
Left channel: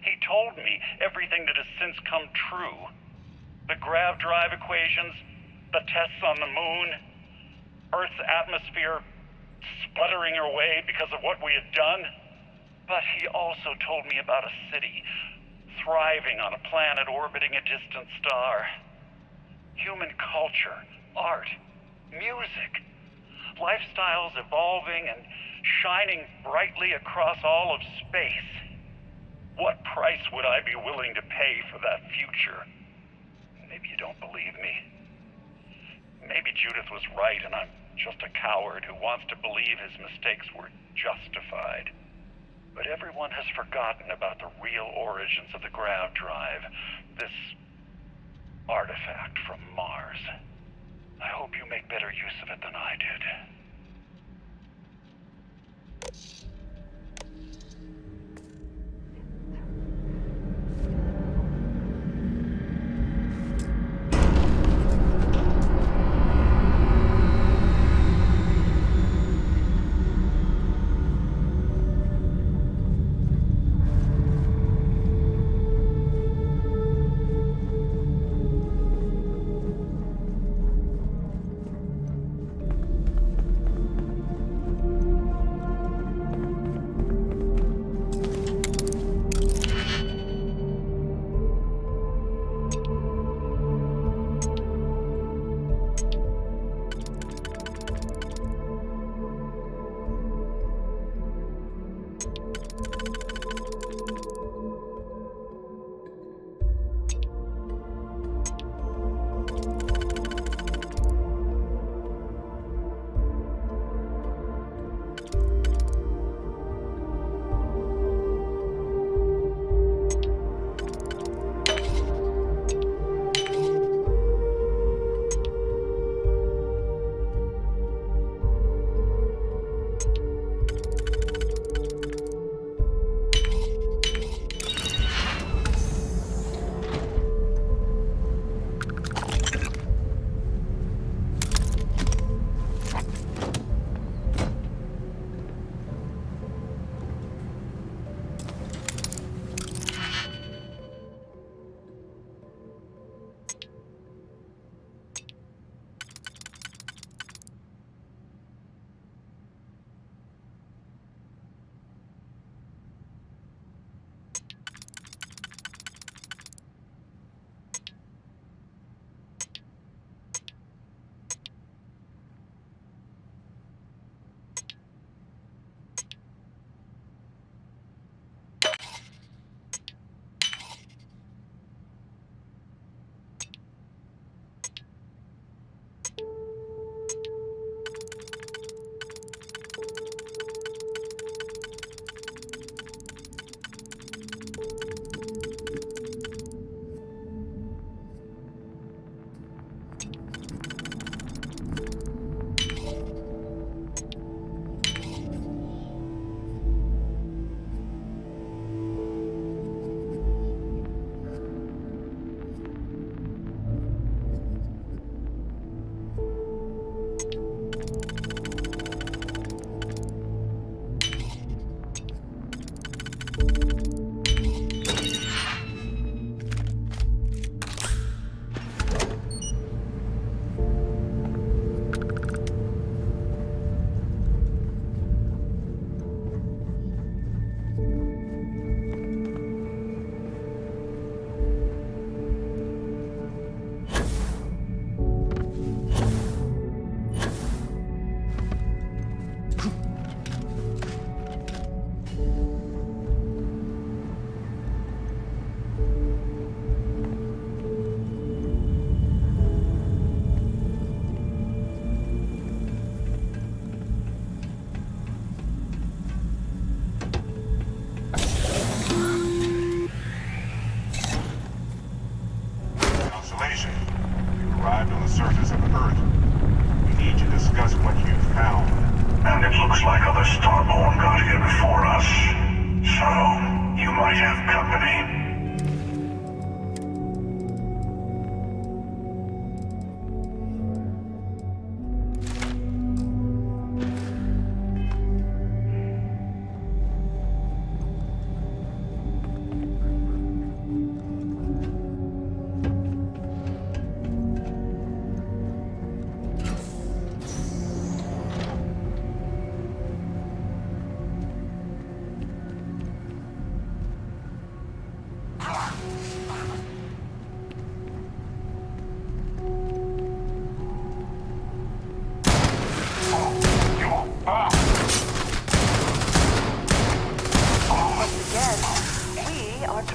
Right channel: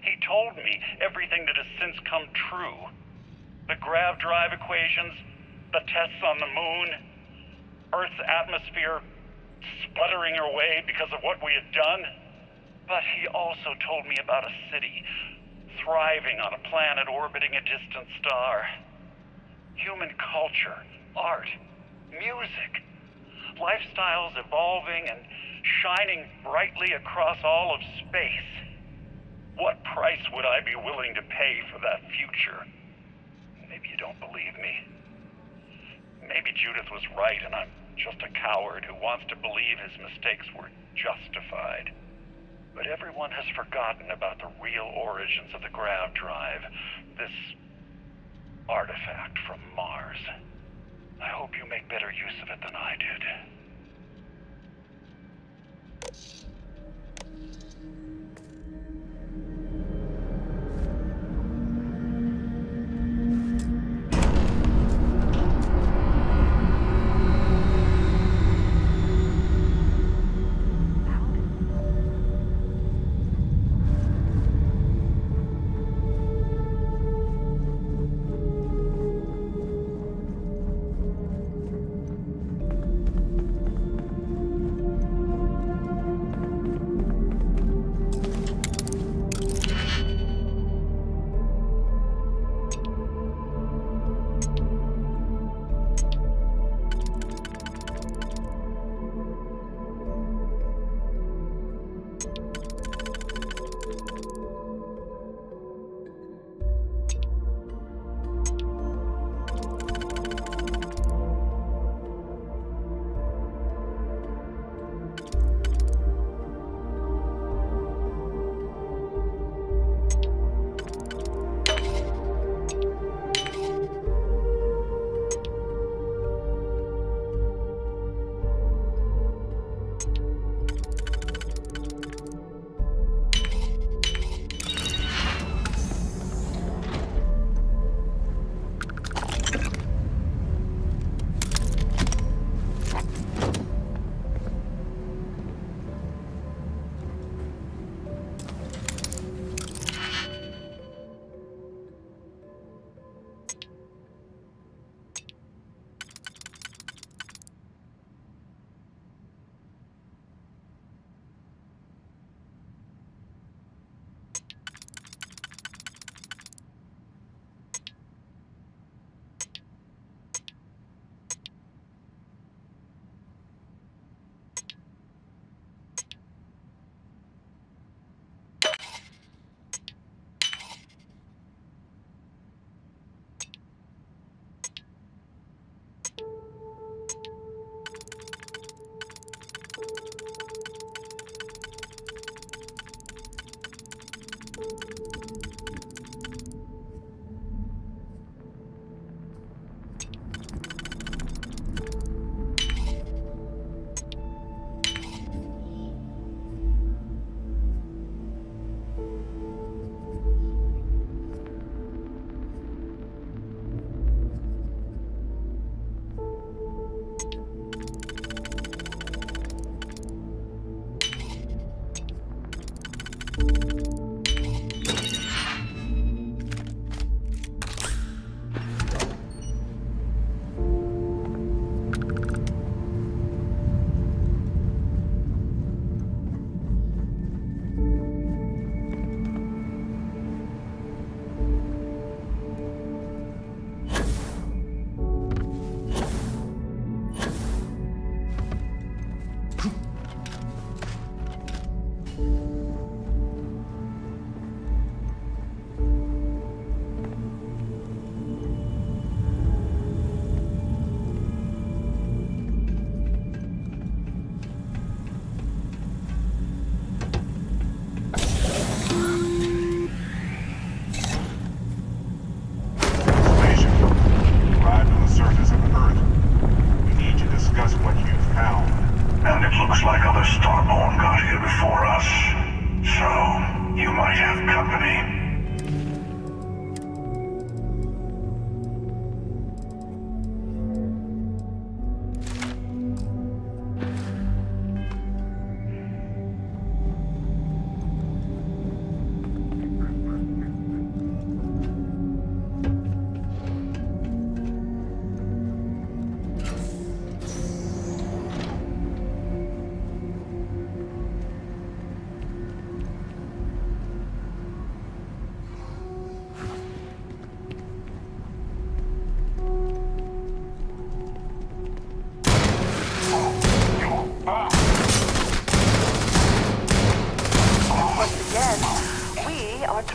He told me everything that has since come true. The grav drive equations, the tests on the moon, Earth's atmosphere sputtering away because of what we had done. But he also told me about a city thriving on a planet orbiting a distant star. Human culture, art, music, lifestyles evolving and shining brightly across all of space. What price would I be willing to pay for that future? Maybe you don't believe me. Maybe Judith was right and I'm just a coward who wants to believe his mistakes were justified. But everyone has forgotten about the real origins of the grav drive, this artifact from Mars. I hope you make better use of it than I did.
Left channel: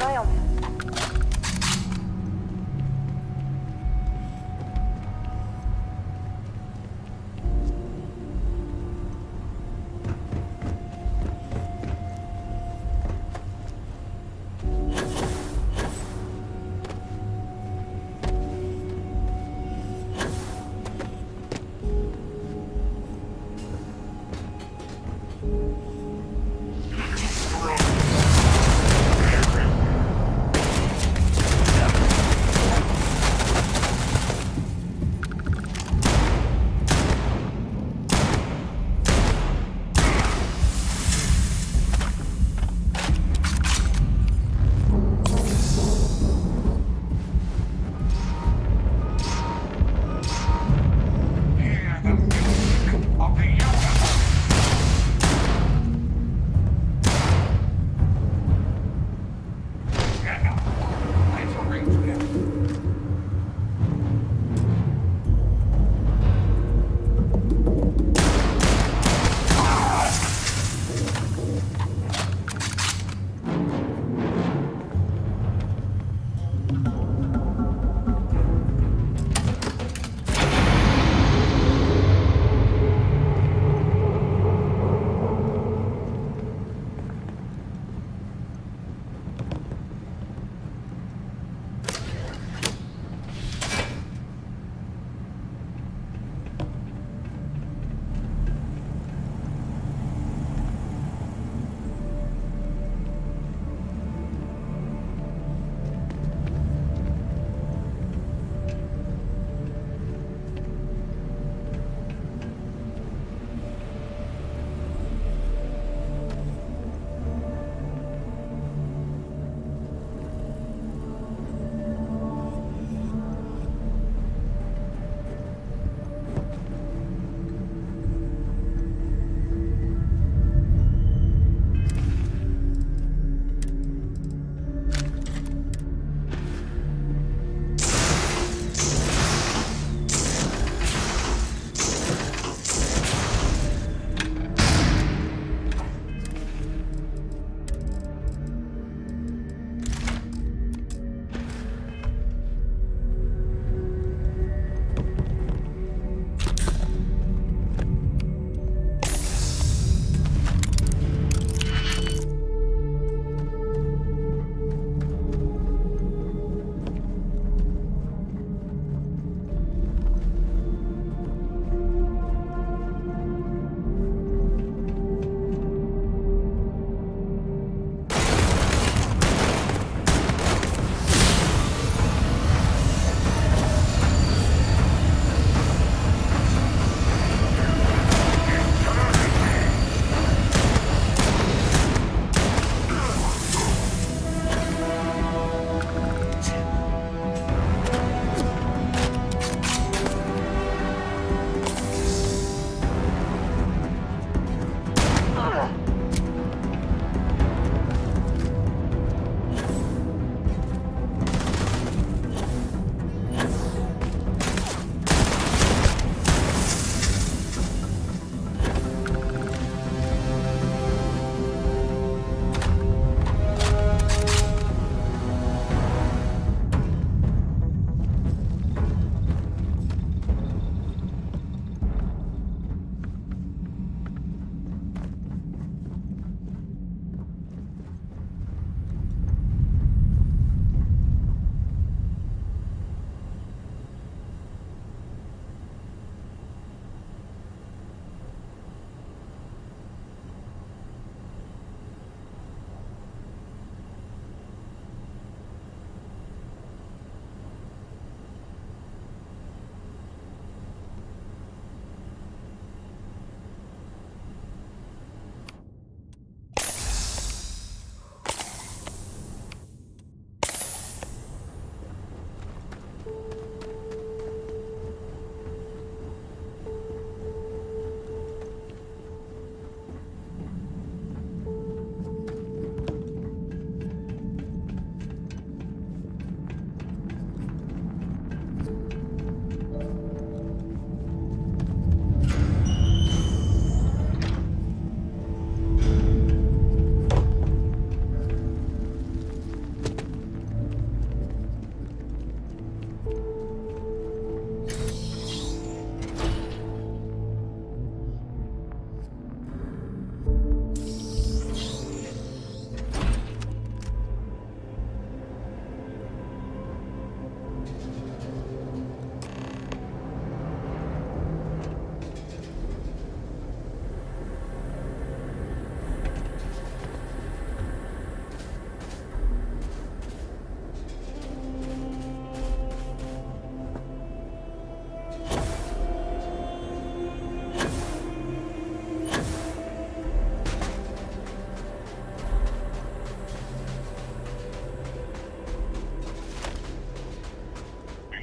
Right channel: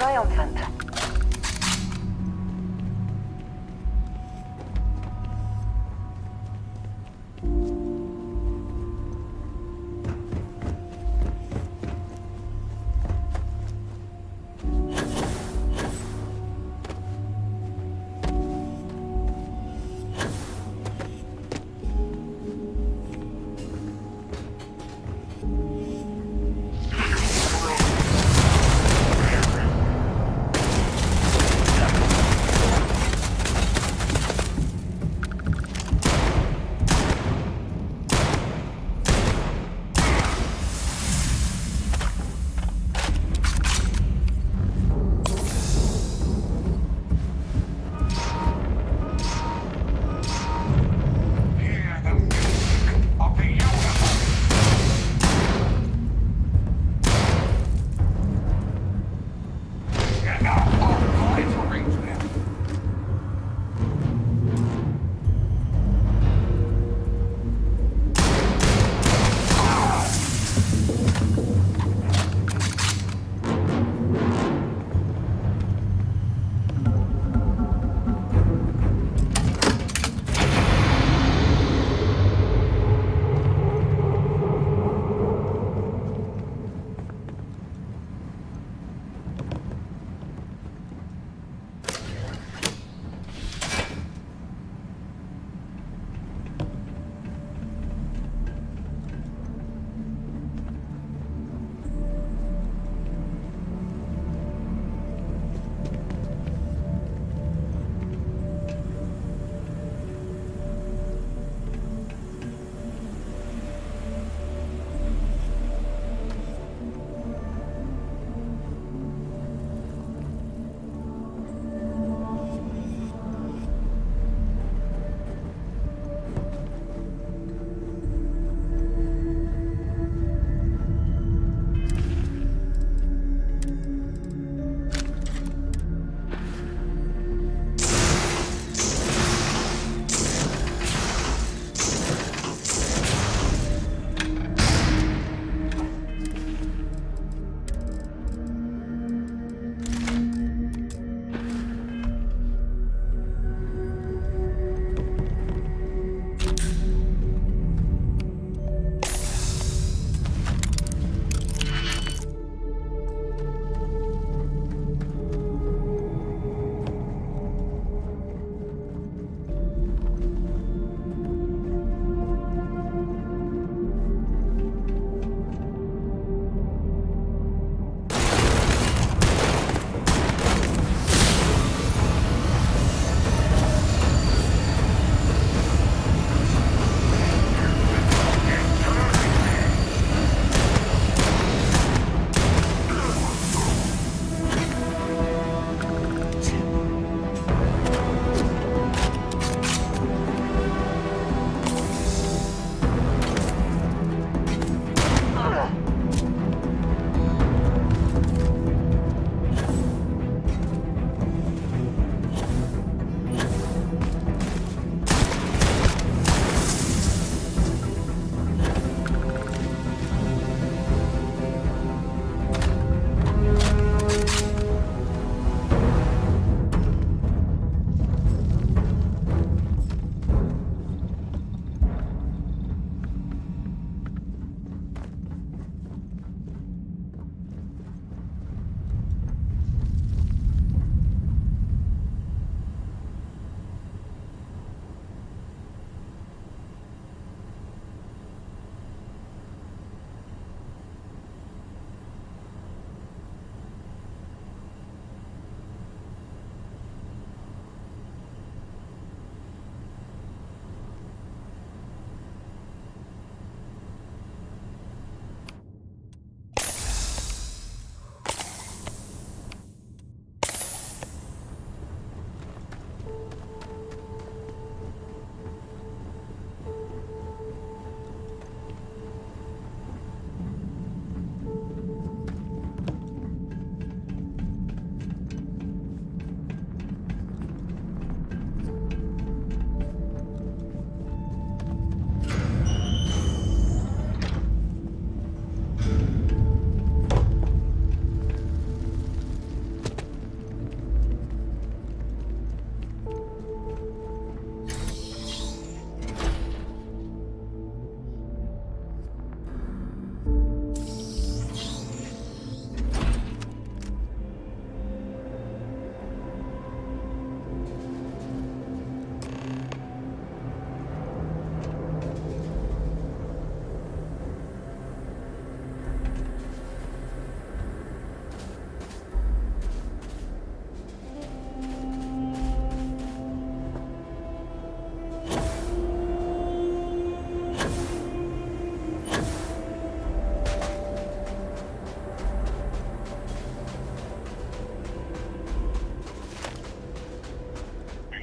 Triumphant.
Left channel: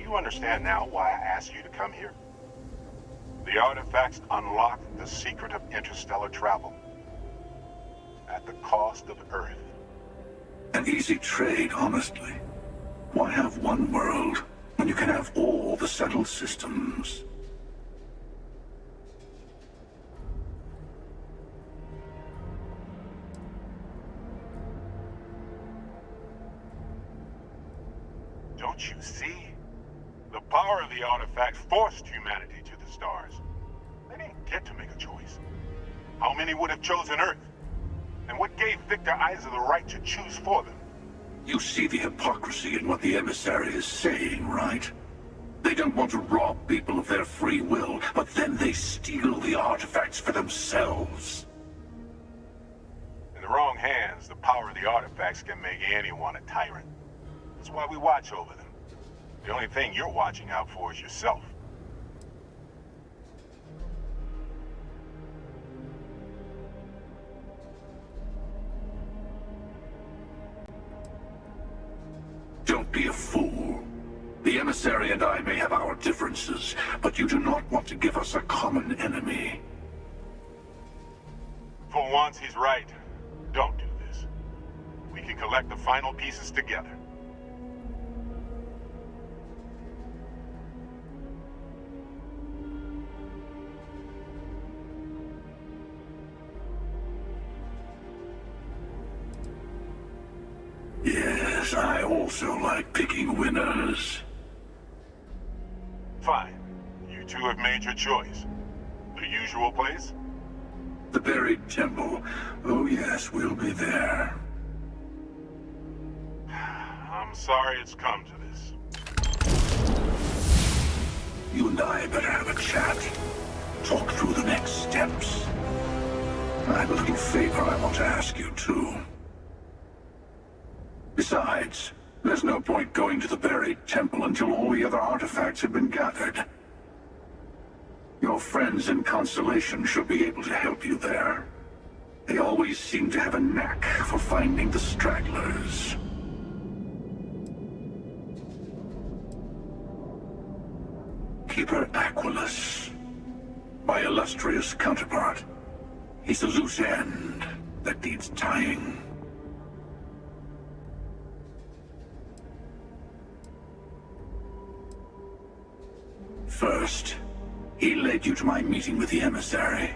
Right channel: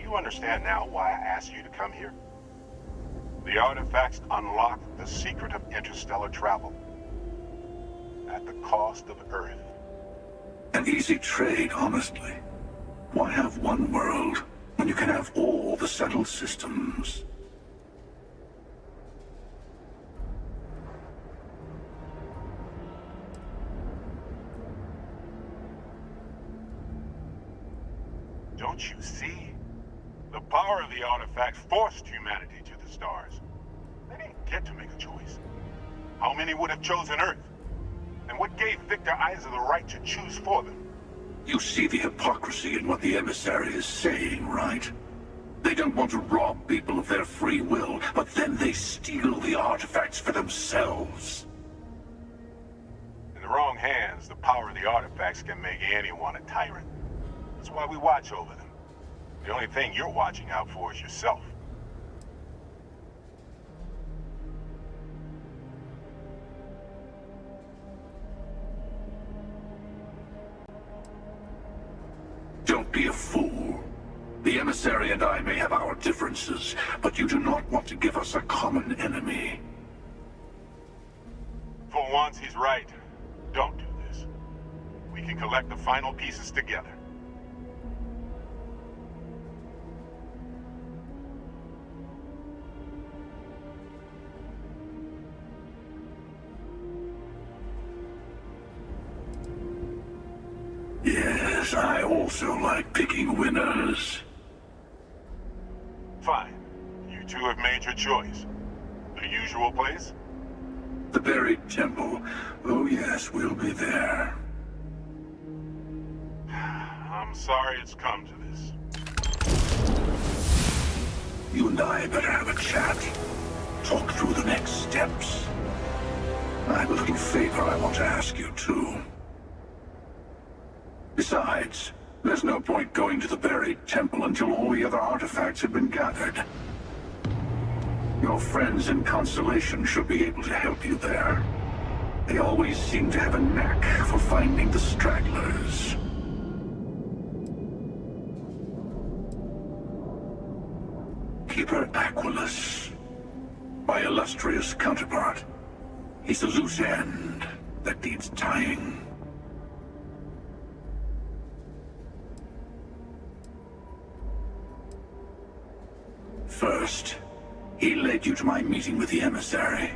you understand now why I asked you to come here? The artifacts unlock the secret of interstellar travel. At the cost of Earth. An easy trade, honestly. Why have one world when you can have all the settled systems? Don't you see? The power of the artifact forced humanity to the stars. They didn't get to make a choice. How many would have chosen Earth? And what gave Victor Isa the right to choose for them? You see the hypocrisy in what the emissary is saying, right? They don't want to rob people of their free will, but then they steal the artifacts for themselves. In the wrong hands, the power of the artifacts can make anyone a tyrant. That's why we watch over them. The only thing you're watching out for is yourself. Don't be a fool. The emissary and I may have our differences, but you do not want to give us a common enemy. For once, he's right. Don't do this. We can collect the final pieces together. Yes, I also like picking winners. Fine. You two have made your choice. The usual place? The buried temple. Oh yes, we'll be there. I'm sorry it's come to this. You and I better have a chat. Talk through the next steps. I have a little favor I want to ask you, too. Besides, there's no point going to the buried temple until all the other artifacts have been gathered. Your friends in Constellation should be able to help you there. They always seem to have a knack for finding the stragglers. Keeper Aquilus, my illustrious counterpart. He's a loose end that needs tying. First, he led you to my meeting with the emissary.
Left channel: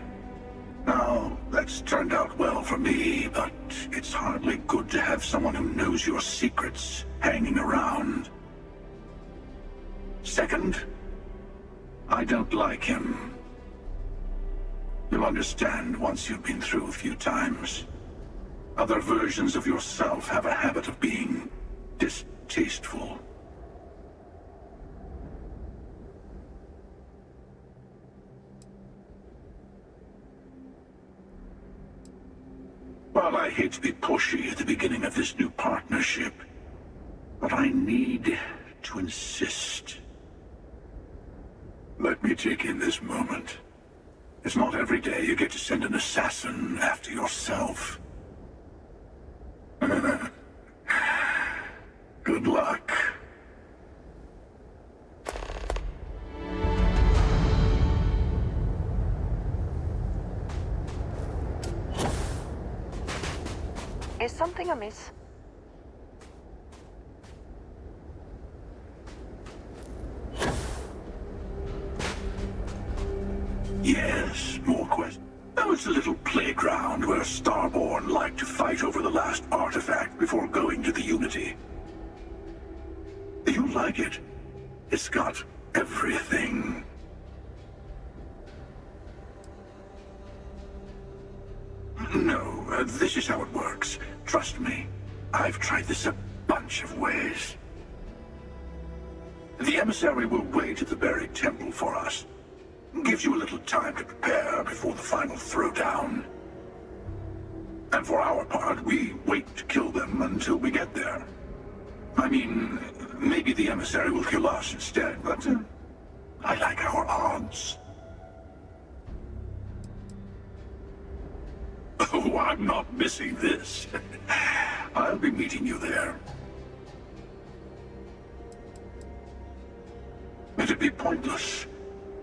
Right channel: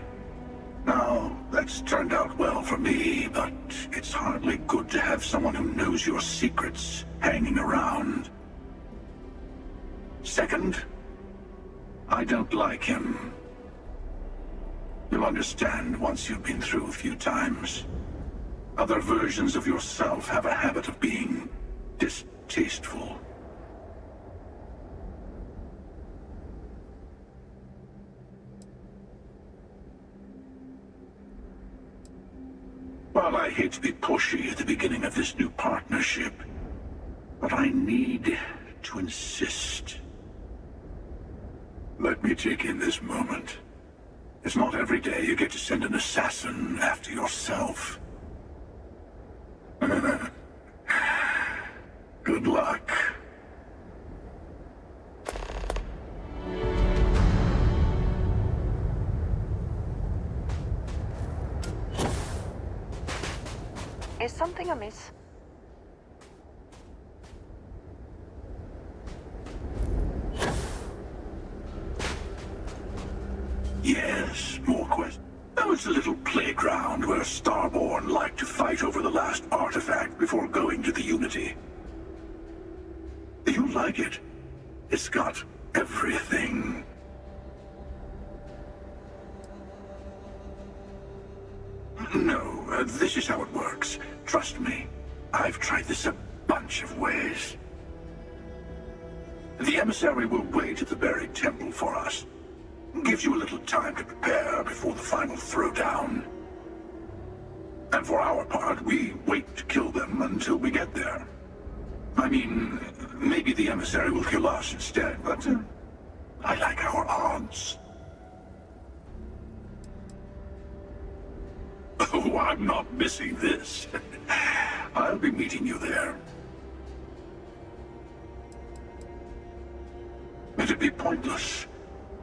Now, that's turned out well for me, but it's hardly good to have someone who knows your secrets hanging around. Second, I don't like him. You'll understand once you've been through a few times. Other versions of yourself have a habit of being distasteful. Well, I hate to be pushy at the beginning of this new partnership, but I need to insist. Let me take in this moment. It's not every day you get to send an assassin after yourself. Good luck. Is something amiss? Yes, more questions. That was a little playground where Starborn liked to fight over the last artifact before going to the Unity. You like it? It's got everything. No, this is how it works. Trust me. I've tried this a bunch of ways. The emissary will wait at the buried temple for us. Gives you a little time to prepare before the final throwdown. And for our part, we wait to kill them until we get there. I mean, maybe the emissary will kill us instead, but I like our odds. Oh, I'm not missing this. I'll be meeting you there. It'd be pointless.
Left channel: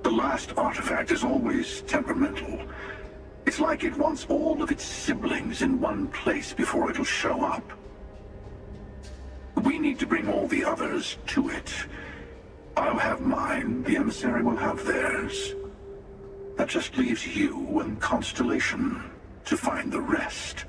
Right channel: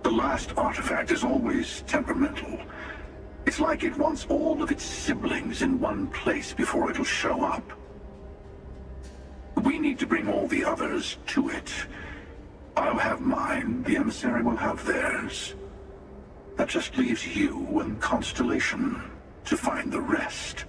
The last artifact is always temperamental. It's like it wants all of its siblings in one place before it'll show up. We need to bring all the others to it. I'll have mine, the emissary will have theirs. That just leaves you and Constellation to find the rest.